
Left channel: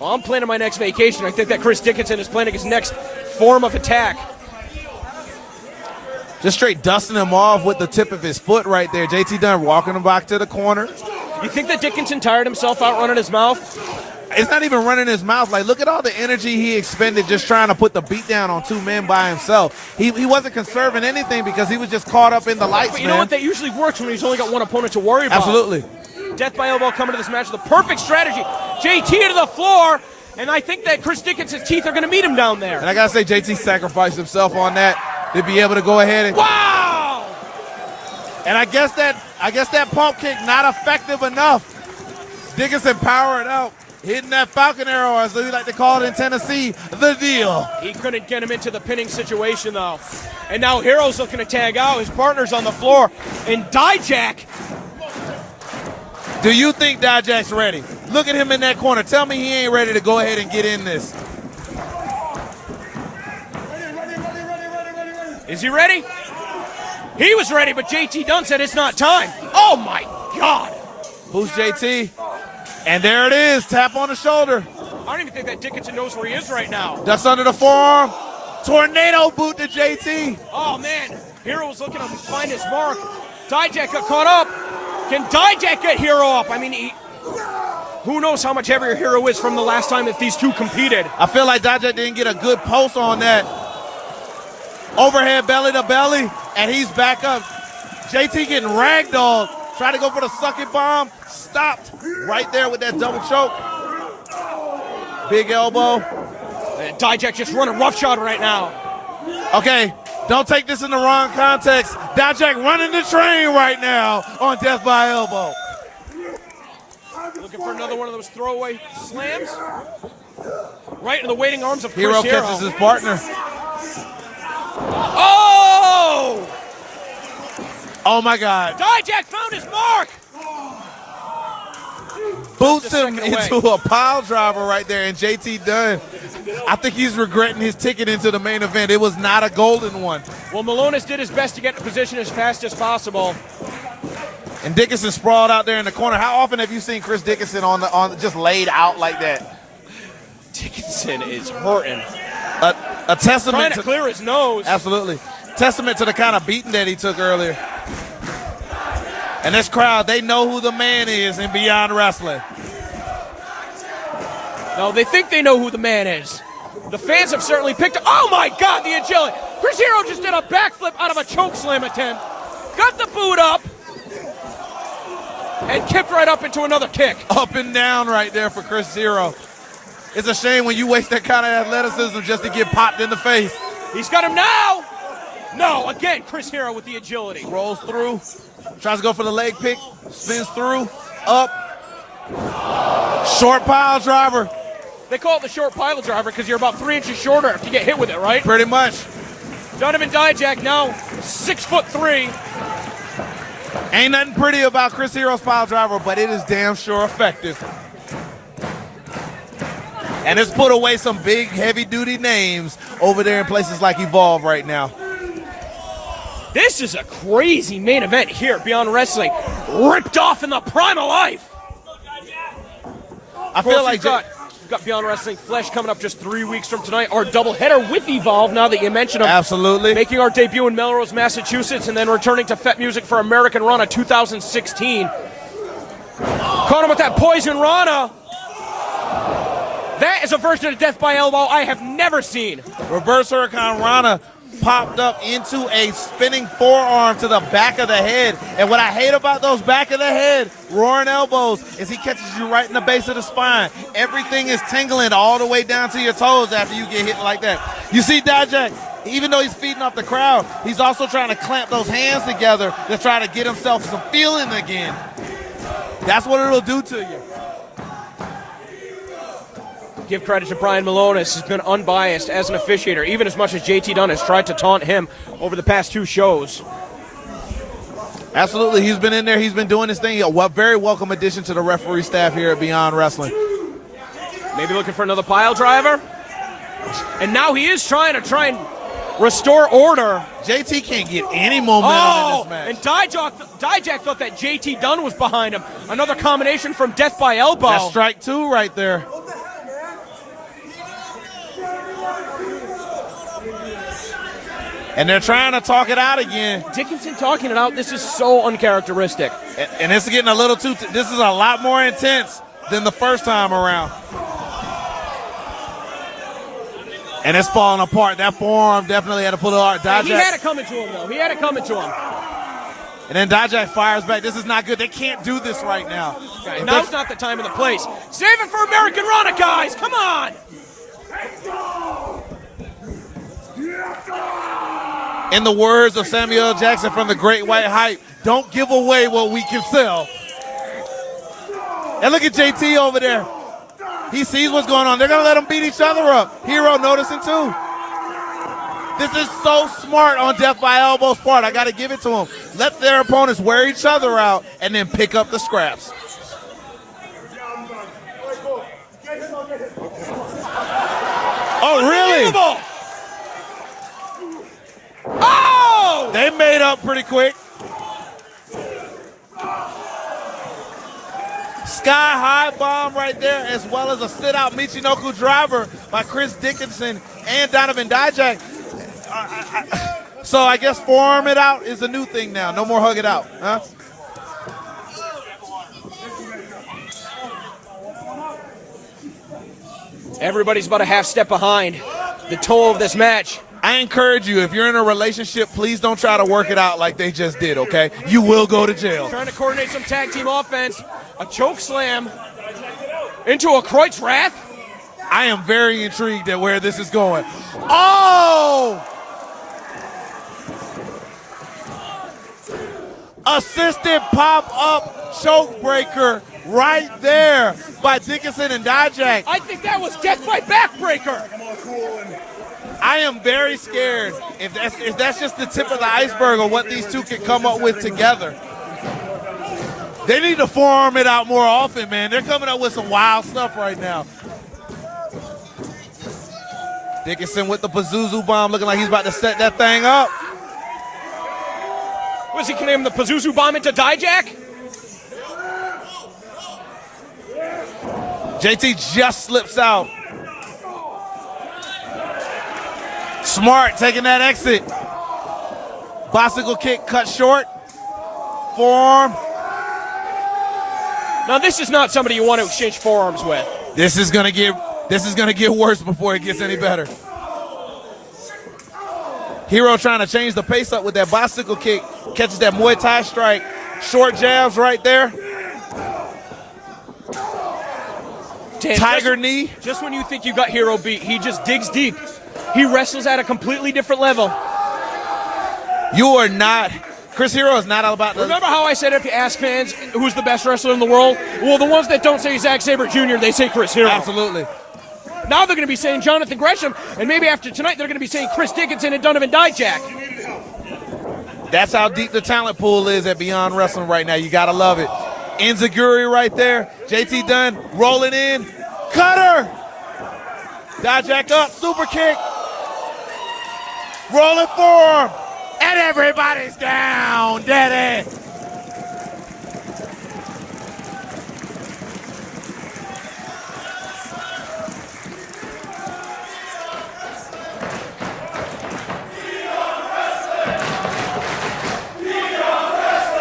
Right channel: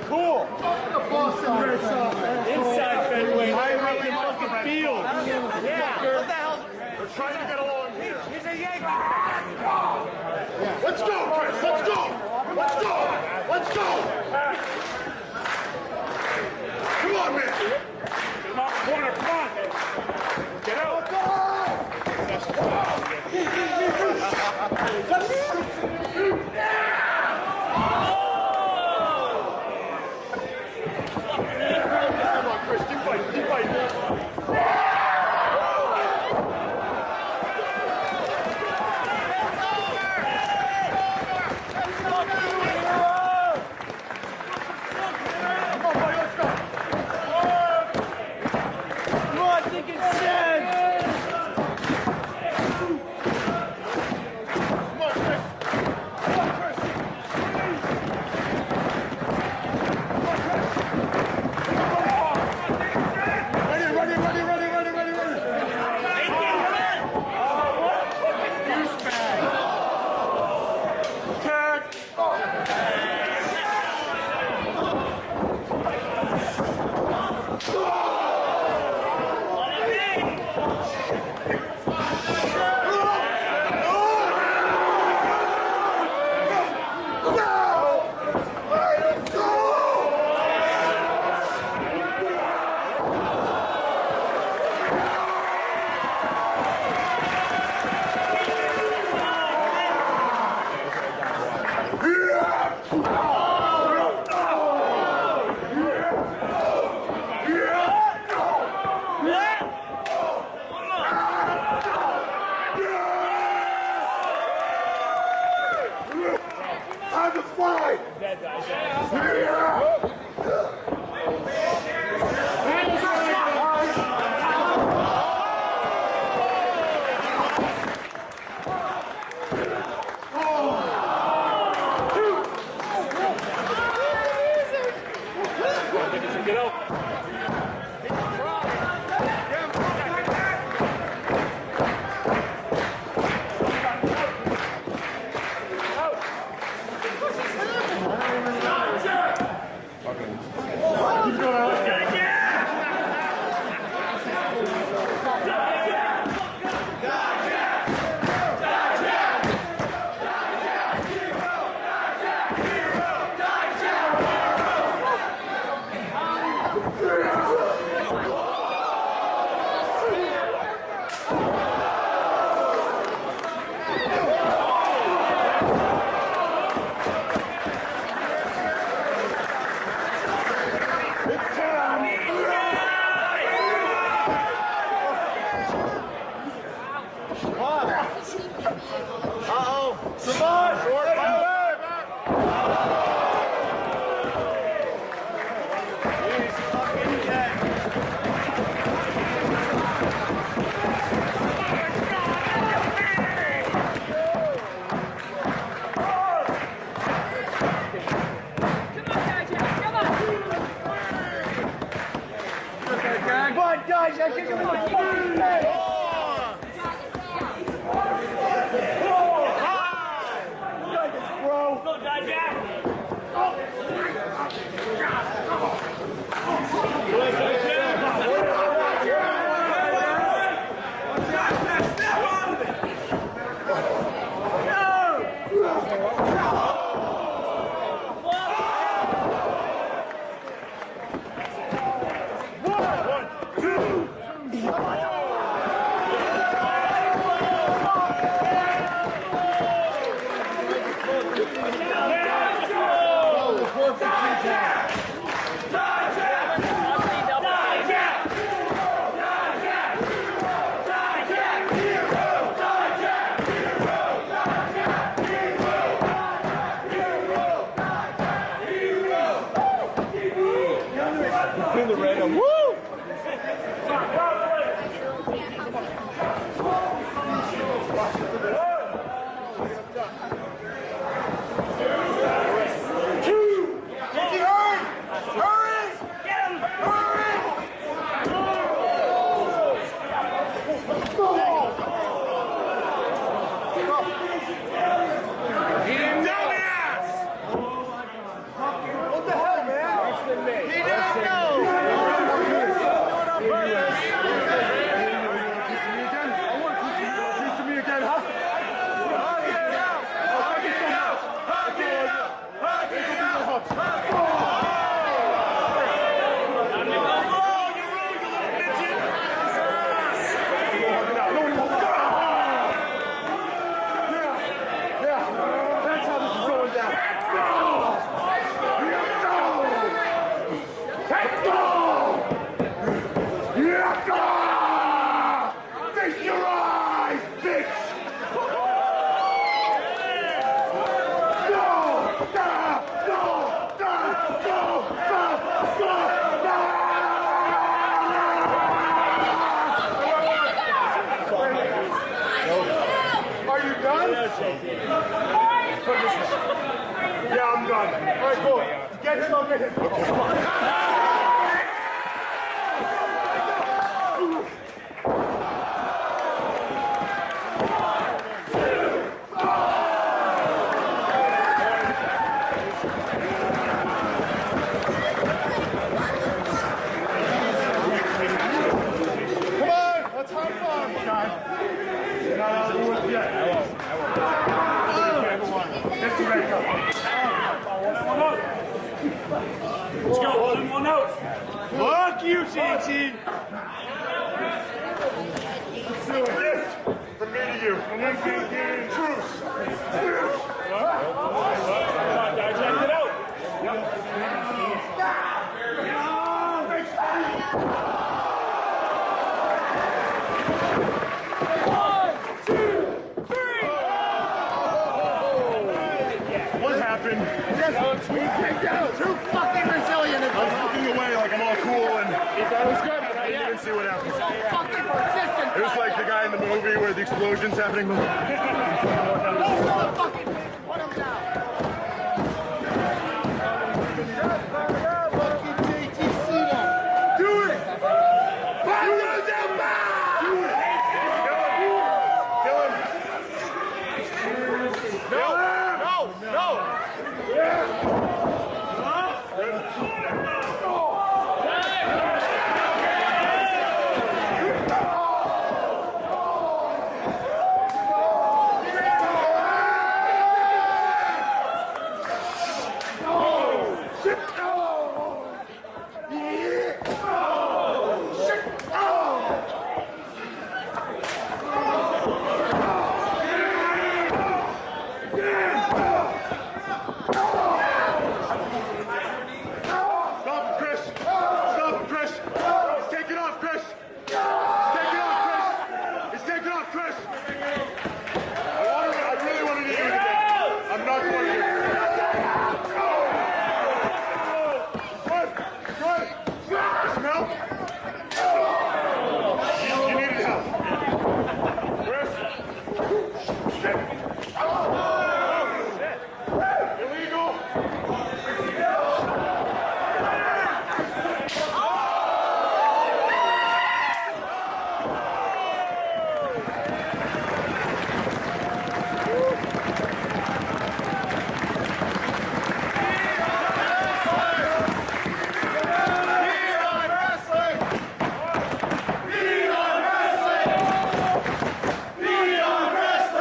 Well, I'm planning my next vacation. I think that Chris Dickinson is planning his next form of attack. Just straight dusting him off with the tip of his foot right there. JT Dunn walking him back to the corner. You think that Dickinson tired himself out running his mouth? It's not even running his mouth. Like, look at all the energy he expended just trying to put the beat down on two men by himself. He wasn't conserving anything because he was just caught up in the lights, You know what? That usually works when he's only got one opponent to worry about. Absolutely. Death by elbow coming to this match. The perfect strategy. JT to the floor. And I think that Chris Dickinson's teeth are going to meet him down there. And I got to say, JT sacrificed himself on that. to be able to go ahead and. Wow! And I guess that pump kick not effective enough. Dickinson powering up, hitting that Falcon Arrow, as they like to call it in Tennessee, the deal. He couldn't get him into the pinning situation, though. And now Hero's looking to tag out. His partner's on the floor. And Dijak. Do you think Dijak's ready? Look at him in that corner. Tell me he ain't ready to go ahead and get in this. Is he ready? He was ready, but JT Dunn said it's not time. Oh, my God. Who's JT? And there it is, tap on the shoulder. I don't even think that Dickinson knows where he is right now. That's under the forearm. Tornado boot to JT. Oh, man. Hero was looking to find his mark. Dijak got caught up. Can Dijak get Hero up? I mean, who knows how much heavier Hero is from the last time that these two competed. I feel like Dijak didn't get a good post on that. Overhead belly to belly, and he's back up. JT getting ragdolled. Try to go for the sucky bomb. Stopped right there with that double choke. Big elbow. Dijak just running roughshod right now. Okay, don't take this in the wrong context. Dijak running the train right now on death by elbow. Another one of those throwaway slams. Right in the waiting arms of Chris Hero catches his partner. Oh! Oh my God. Dijak found his mark! Boots him into a pile driver right there, and JT Dunn, I think he's regretting his ticket into the main event. It was not a golden one. Well, Malonis did his best to get in position as fast as possible. And Dickinson sprawled out there in the corner. How often have you seen Chris Dickinson on just laid out like that? Dickinson is hurting. A testament Trying to clear his nose. Absolutely. Testament to the kind of beating that he took earlier. And this crowd, they know who the man is in Beyond Wrestling. No, they think they know who the man is. The fans have certainly picked up. Oh my God, the agility. Chris Hero just did a backflip out of a choke slam attempt. Got the boot up. And kicked right up into another kick. Up and down right there for Chris Hero. It's a shame when you waste that kind of athleticism just to get popped in the face. He's got him now. No, again, Chris Hero with the agility. Rolls through, tries to go for the leg pick, spins through, up. Short pile driver. They call it the short pile driver because you're about 3 inches shorter to get hit with it, right? Pretty much. Donovan Dijak now 6'3". Ain't nothing pretty about Chris Hero's pile driver, but it is damn sure effective. And it's put away some big, heavy-duty names over there in places like Evolve right now. This is a crazy main event here, Beyond Wrestling. Ripped off in the prime of life. I feel like you've got Beyond Wrestling Flesh coming up just 3 weeks from tonight. Our doubleheader with Evolve, now that you mention them. Absolutely. Making our debut in Melrose, Massachusetts, and then returning to Fet Music for American Rana 2016. Caught him with that Poison Rana. That is a version of Death by Elbow I have never seen. Reverse Hurricane Rana popped up into a spinning forearm to the back of the head. And what I hate about those back of the head roaring elbows is he catches you right in the base of the spine. Everything is tingling all the way down to your toes after you get hit like that. You see Dijak, even though he's feeding off the crowd, he's also trying to clamp those hands together to try to get himself some feeling again. That's what it'll do to you. Give credit to Brian Malonis. He's been unbiased as an officiator, even as much as JT Dunn has tried to taunt him over the past 2 shows. Absolutely, he's been in there. He's been doing his thing. A very welcome addition to the referee staff here at Beyond Wrestling. Maybe looking for another pile driver. And now he is trying to restore order. JT can't get any momentum in this match. And Dijak thought that JT Dunn was behind him. Another combination from Death by Elbow. That's strike 2 right there. And they're trying to talk it out again. Dickinson talking it out. This is so uncharacteristic. And it's getting a little too, this is a lot more intense than the first time around. And it's falling apart. That forearm definitely had to pull it out. He had it coming to him. He had it coming to him. And then Dijak fires back. This is not good. They can't do this right now. Now's not the time or the place. Save it for American Rana, guys. Come on. In the words of Samuel L. Jackson from The Great White Hype, don't give away what we can sell. And look at JT over there. He sees what's going on. They're going to let him beat each other up. Hero noticing too. This is so smart on Death by Elbow's part. I got to give it to him. Let their opponents wear each other out and then pick up the scraps. Yeah, I'm done. All right, go. Get him, I'll get him. Oh, really? Oh! They made up pretty quick. Sky high bomb right there, as well as a sit-out Michinoku driver by Chris Dickinson and Donovan Dijak. So I guess forearm it out is a new thing now. No more hug it out, huh? Everybody's about a half step behind the toll of this match. I encourage you, if you're in a relationship, please don't try to work it out like they just did, okay? You will go to jail. Trying to coordinate some tag team offense. A choke slam into a Kreuzrath. I am very intrigued at where this is going. Oh! Assisted pop-up choke breaker right there by Dickinson and Dijak. I think that was Death by Backbreaker. I am very scared if that's just the tip of the iceberg of what these two can come up with together. They need to forearm it out more often, man. They're coming up with some wild stuff right now. Dickinson with the Pazuzu bomb, looking like he's about to set that thing up. Was he claiming the Pazuzu bomb into Dijak? No. JT just slips out. Smart taking that exit. Bicycle kick cut short. Forearm. Now this is not somebody you want to exchange forearms with. This is gonna get worse before it gets any better. Hero trying to change the pace up with that bicycle kick. Catches that Muay Thai strike. Short jabs right there. Tiger knee. Just when you think you got Hero beat, he just digs deep. He wrestles at a completely different level. You are not. Chris Hero is not all about this. Remember how I said if you ask fans who's the best wrestler in the world? Well, the ones that don't say Zack Sabre Jr., they say Chris Hero. Absolutely. Now they're going to be saying Jonathan Gresham, and maybe after tonight they're going to be saying Chris Dickinson and Donovan Dijak. That's how deep the talent pool is at Beyond Wrestling right now. You got to love it. Enziguri right there. JT Dunn rolling in. Cutter! Dijak up, super kick. Rolling forearm. And everybody's down. Dead end.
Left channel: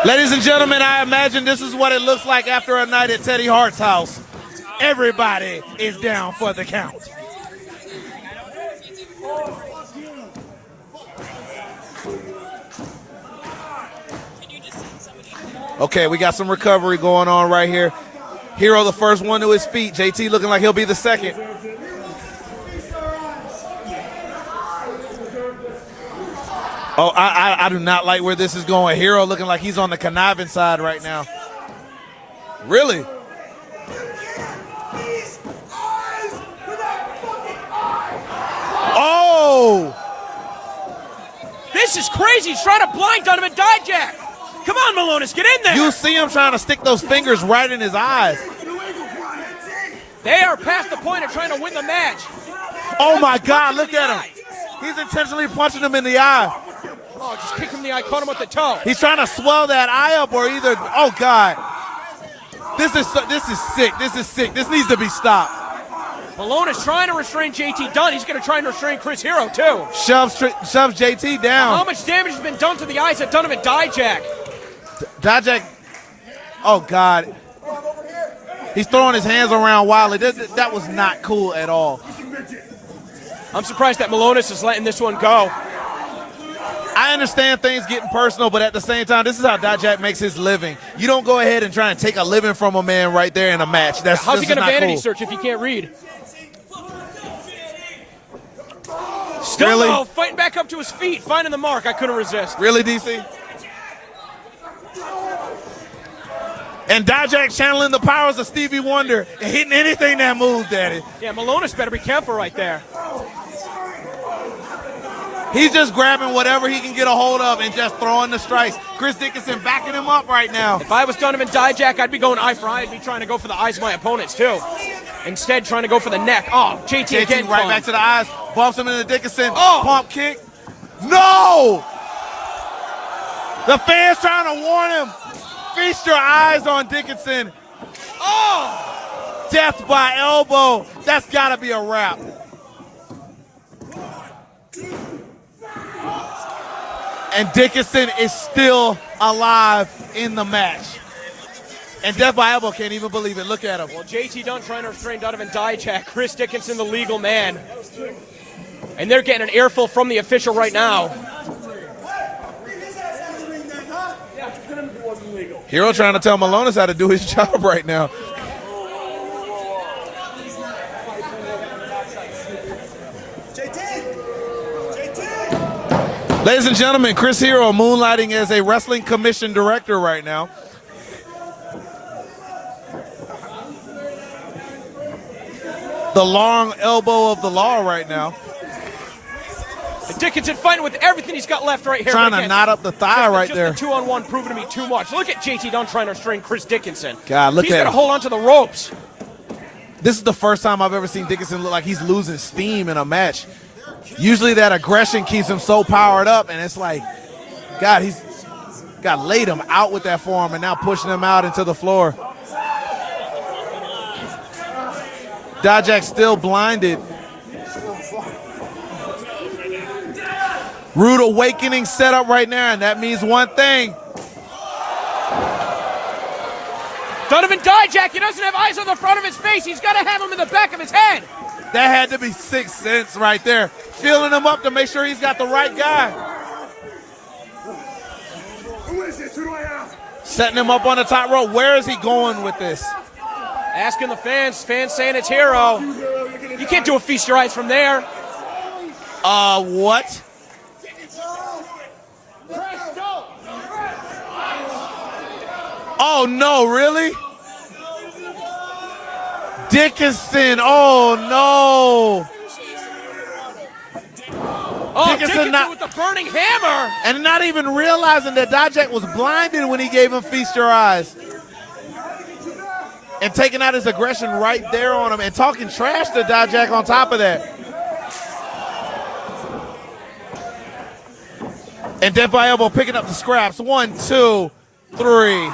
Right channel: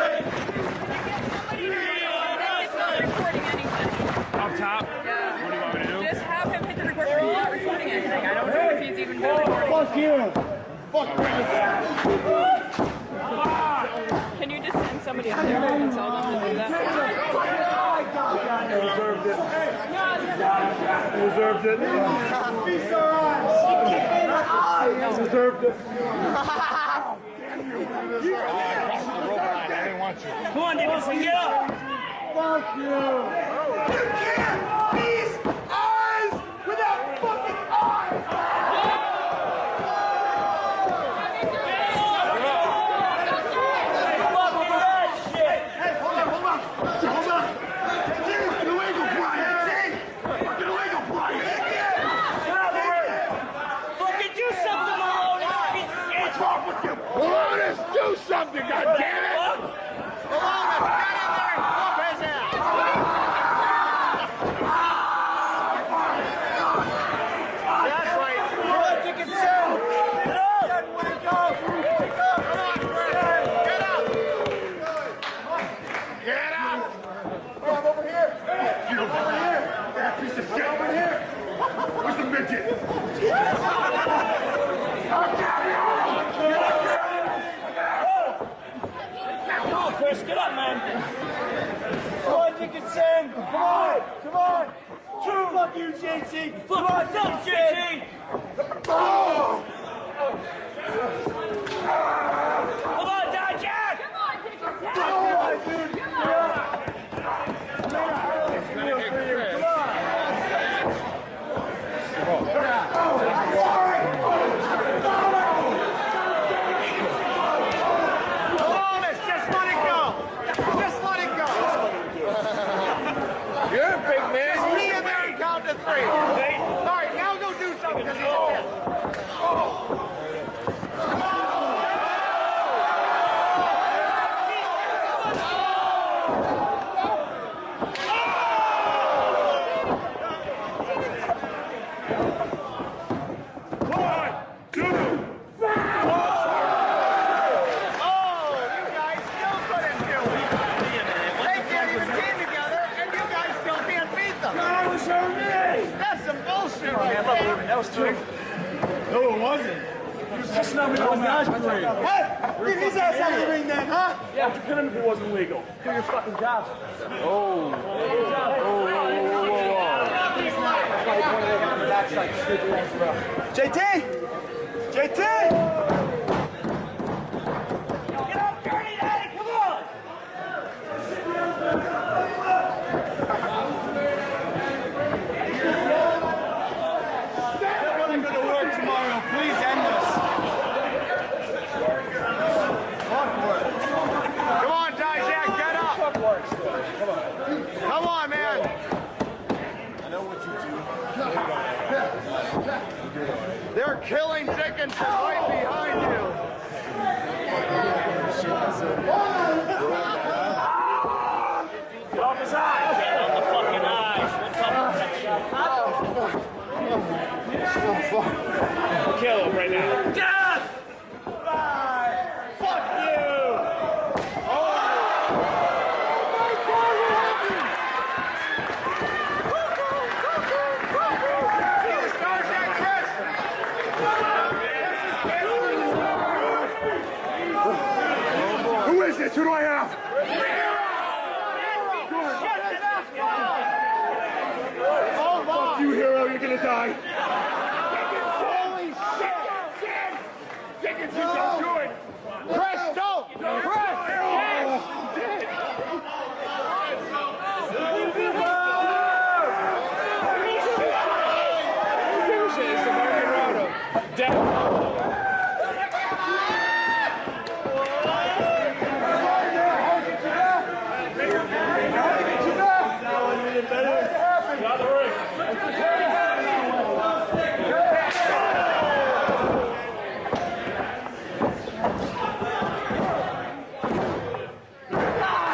Ladies and gentlemen, I imagine this is what it looks like after a night at Teddy Hart's house. Everybody is down for the count. Can you just send somebody out there? Okay, we got some recovery going on right here. Hero, the first one to his feet. JT looking like he'll be the second. Oh, I do not like where this is going. Hero looking like he's on the conniving side right now. Really? Oh! This is crazy. He's trying to blind Donovan Dijak. Come on, Malonis, get in there. You see him trying to stick those fingers right in his eyes. They are past the point of trying to win the match. Oh my God, look at him. He's intentionally punching him in the eye. Just kicked him in the eye, caught him with the toe. He's trying to swell that eye up or either, oh God. This is sick, this is sick. This needs to be stopped. Malone is trying to restrain JT Dunn. He's going to try and restrain Chris Hero, too. Shoves JT down. How much damage has been done to the eyes of Donovan Dijak? Dijak, oh God. He's throwing his hands around wildly. That was not cool at all. I'm surprised that Malonis is letting this one go. I understand things getting personal, but at the same time, this is how Dijak makes his living. You don't go ahead and try and take a living from a man right there in a match. How's he going to vanity cool. search if he can't read? Still Really? though, fighting back up to his feet, finding the mark. I couldn't resist. Really, DC? And Dijak channeling the powers of Stevie Wonder and hitting anything that moves, Daddy. Yeah, Malonis better be careful right there. He's just grabbing whatever he can get a hold of and just throwing the strikes. Chris Dickinson backing him up right now. If I was Donovan Dijak, I'd be going eye for eye. I'm trying to go for the eyes of my opponents, too. Instead, trying to go for the neck. Oh, JT again. right back to the eyes. Bumps him into Dickinson. Oh. Pump kick. No! The fans trying to warn him. Feast your eyes on Dickinson. Oh! Death by elbow. That's got to be a wrap. 1, 2. And Dickinson is still alive in the match. And Death by Elbow can't even believe it. Look at him. JT Dunn trying to restrain Donovan Dijak. Chris Dickinson, the legal man. And they're getting an earful from the official right now. Get his ass out of the ring then, huh? Yeah, but you pin him if it wasn't legal. Hero trying to tell Malonis how to do his job right now. JT! Ladies and gentlemen, Chris Hero moonlighting as a wrestling commission director right now. The long elbow of the law right now. Dickinson fighting with everything he's got left right here. Trying to knot up the thigh right there. The 2-on-1 proving to be too much. Look at JT Dunn trying to restrain Chris Dickinson. God, look he's at got to him. hold on to the ropes. This is the first time I've ever seen Dickinson look like he's losing steam in a match. Usually that aggression keeps him so powered up, and it's like, God, he's got laid him out with that forearm and now pushing him out into the floor. Dijak still blinded. Rude awakening set up right now, and that means one thing. Donovan Dijak, he doesn't have eyes on the front of his face. He's got to have him in the back of his head. That had to be 6 cents right there. Feeling him up to make sure he's got the right guy. Who is this? Who do I have? Setting him up on the top rope. Where is he going with this? Asking the fans saying it's Hero. You can't do a feast your eyes from there. What? Oh, no, really? Dickinson, oh, no. Dickinson with the burning hammer. And not even realizing that Dijak was blinded when he gave him feast your eyes. And taking out his aggression right there on him and talking trash to Dijak on top of that. And Death by Elbow picking up the scraps. 1, 2, 3.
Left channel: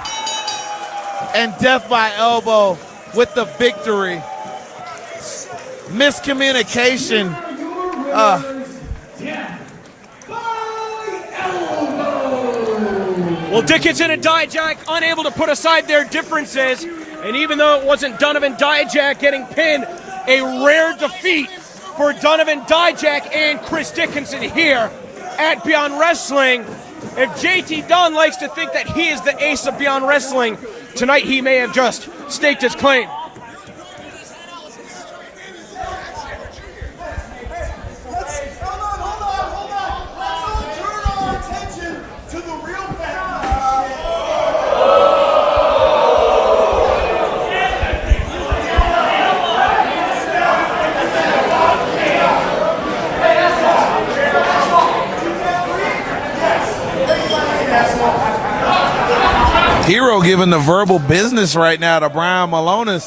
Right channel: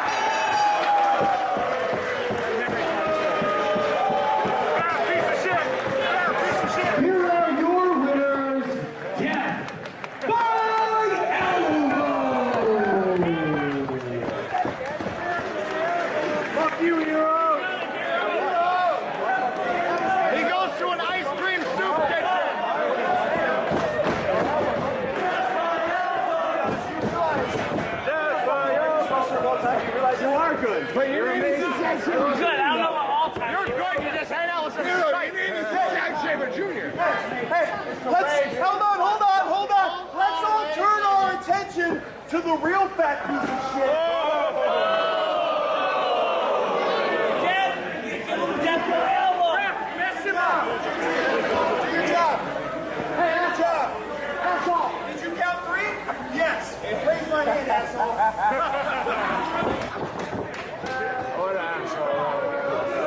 And Death by Elbow with the victory. Miscommunication. Well, Dickinson and Dijak unable to put aside their differences. And even though it wasn't Donovan Dijak getting pinned, a rare defeat for Donovan Dijak and Chris Dickinson here at Beyond Wrestling. If JT Dunn likes to think that he is the ace of Beyond Wrestling, tonight he may have just staked his claim. Hold on. Let's all turn our attention to the real fat piece of shit. Hero giving the verbal business right now to Brian Malonis.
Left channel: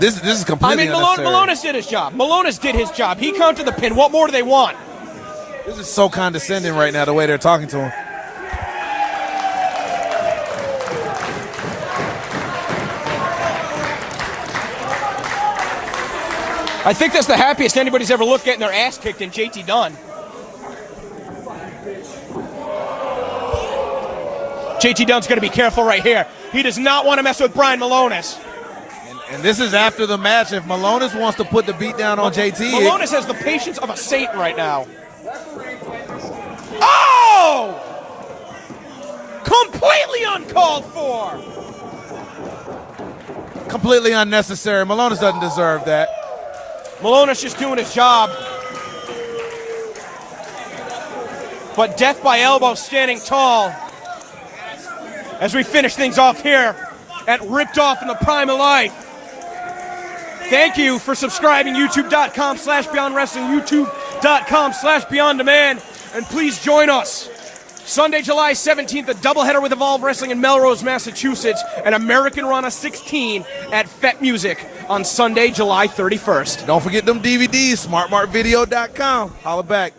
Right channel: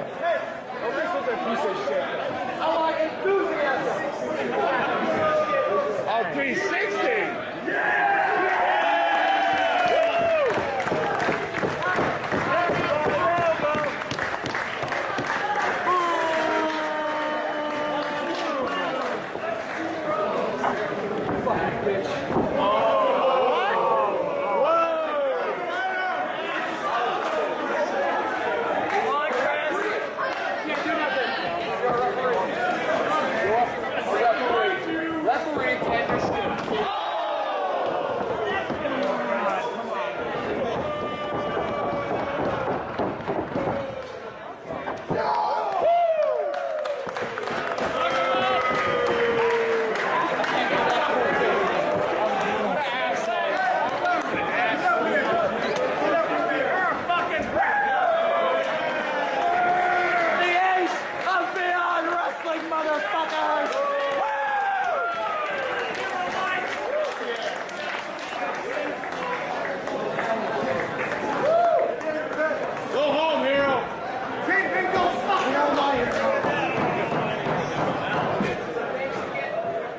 This is completely unnecessary. Malonis did his job. Malonis did his job. He counted the pin. What more do they want? This is so condescending right now, the way they're talking to him. I think that's the happiest anybody's ever looked at in their ass kicked in JT Dunn. JT Dunn's going to be careful right here. He does not want to mess with Brian Malonis. This is after the match. If Malonis wants to put the beat down on JT. Malonis has the patience of a saint right now. Oh! Completely uncalled for. Completely unnecessary. Malonis doesn't deserve that. Polonus just doing his job. But Death by Elbow standing tall as we finish things off here at Ripped Off in the Prime of Life. Thank you for subscribing, youtube.com/Beyond Wrestling, youtube.com/Beyond Demand, and please join us Sunday, July 17th, a doubleheader with Evolve Wrestling in Melrose, Massachusetts, and American Rana 16 at Fet Music on Sunday, July 31st. Don't forget them DVDs, smartmarkvideo.com. Holla back.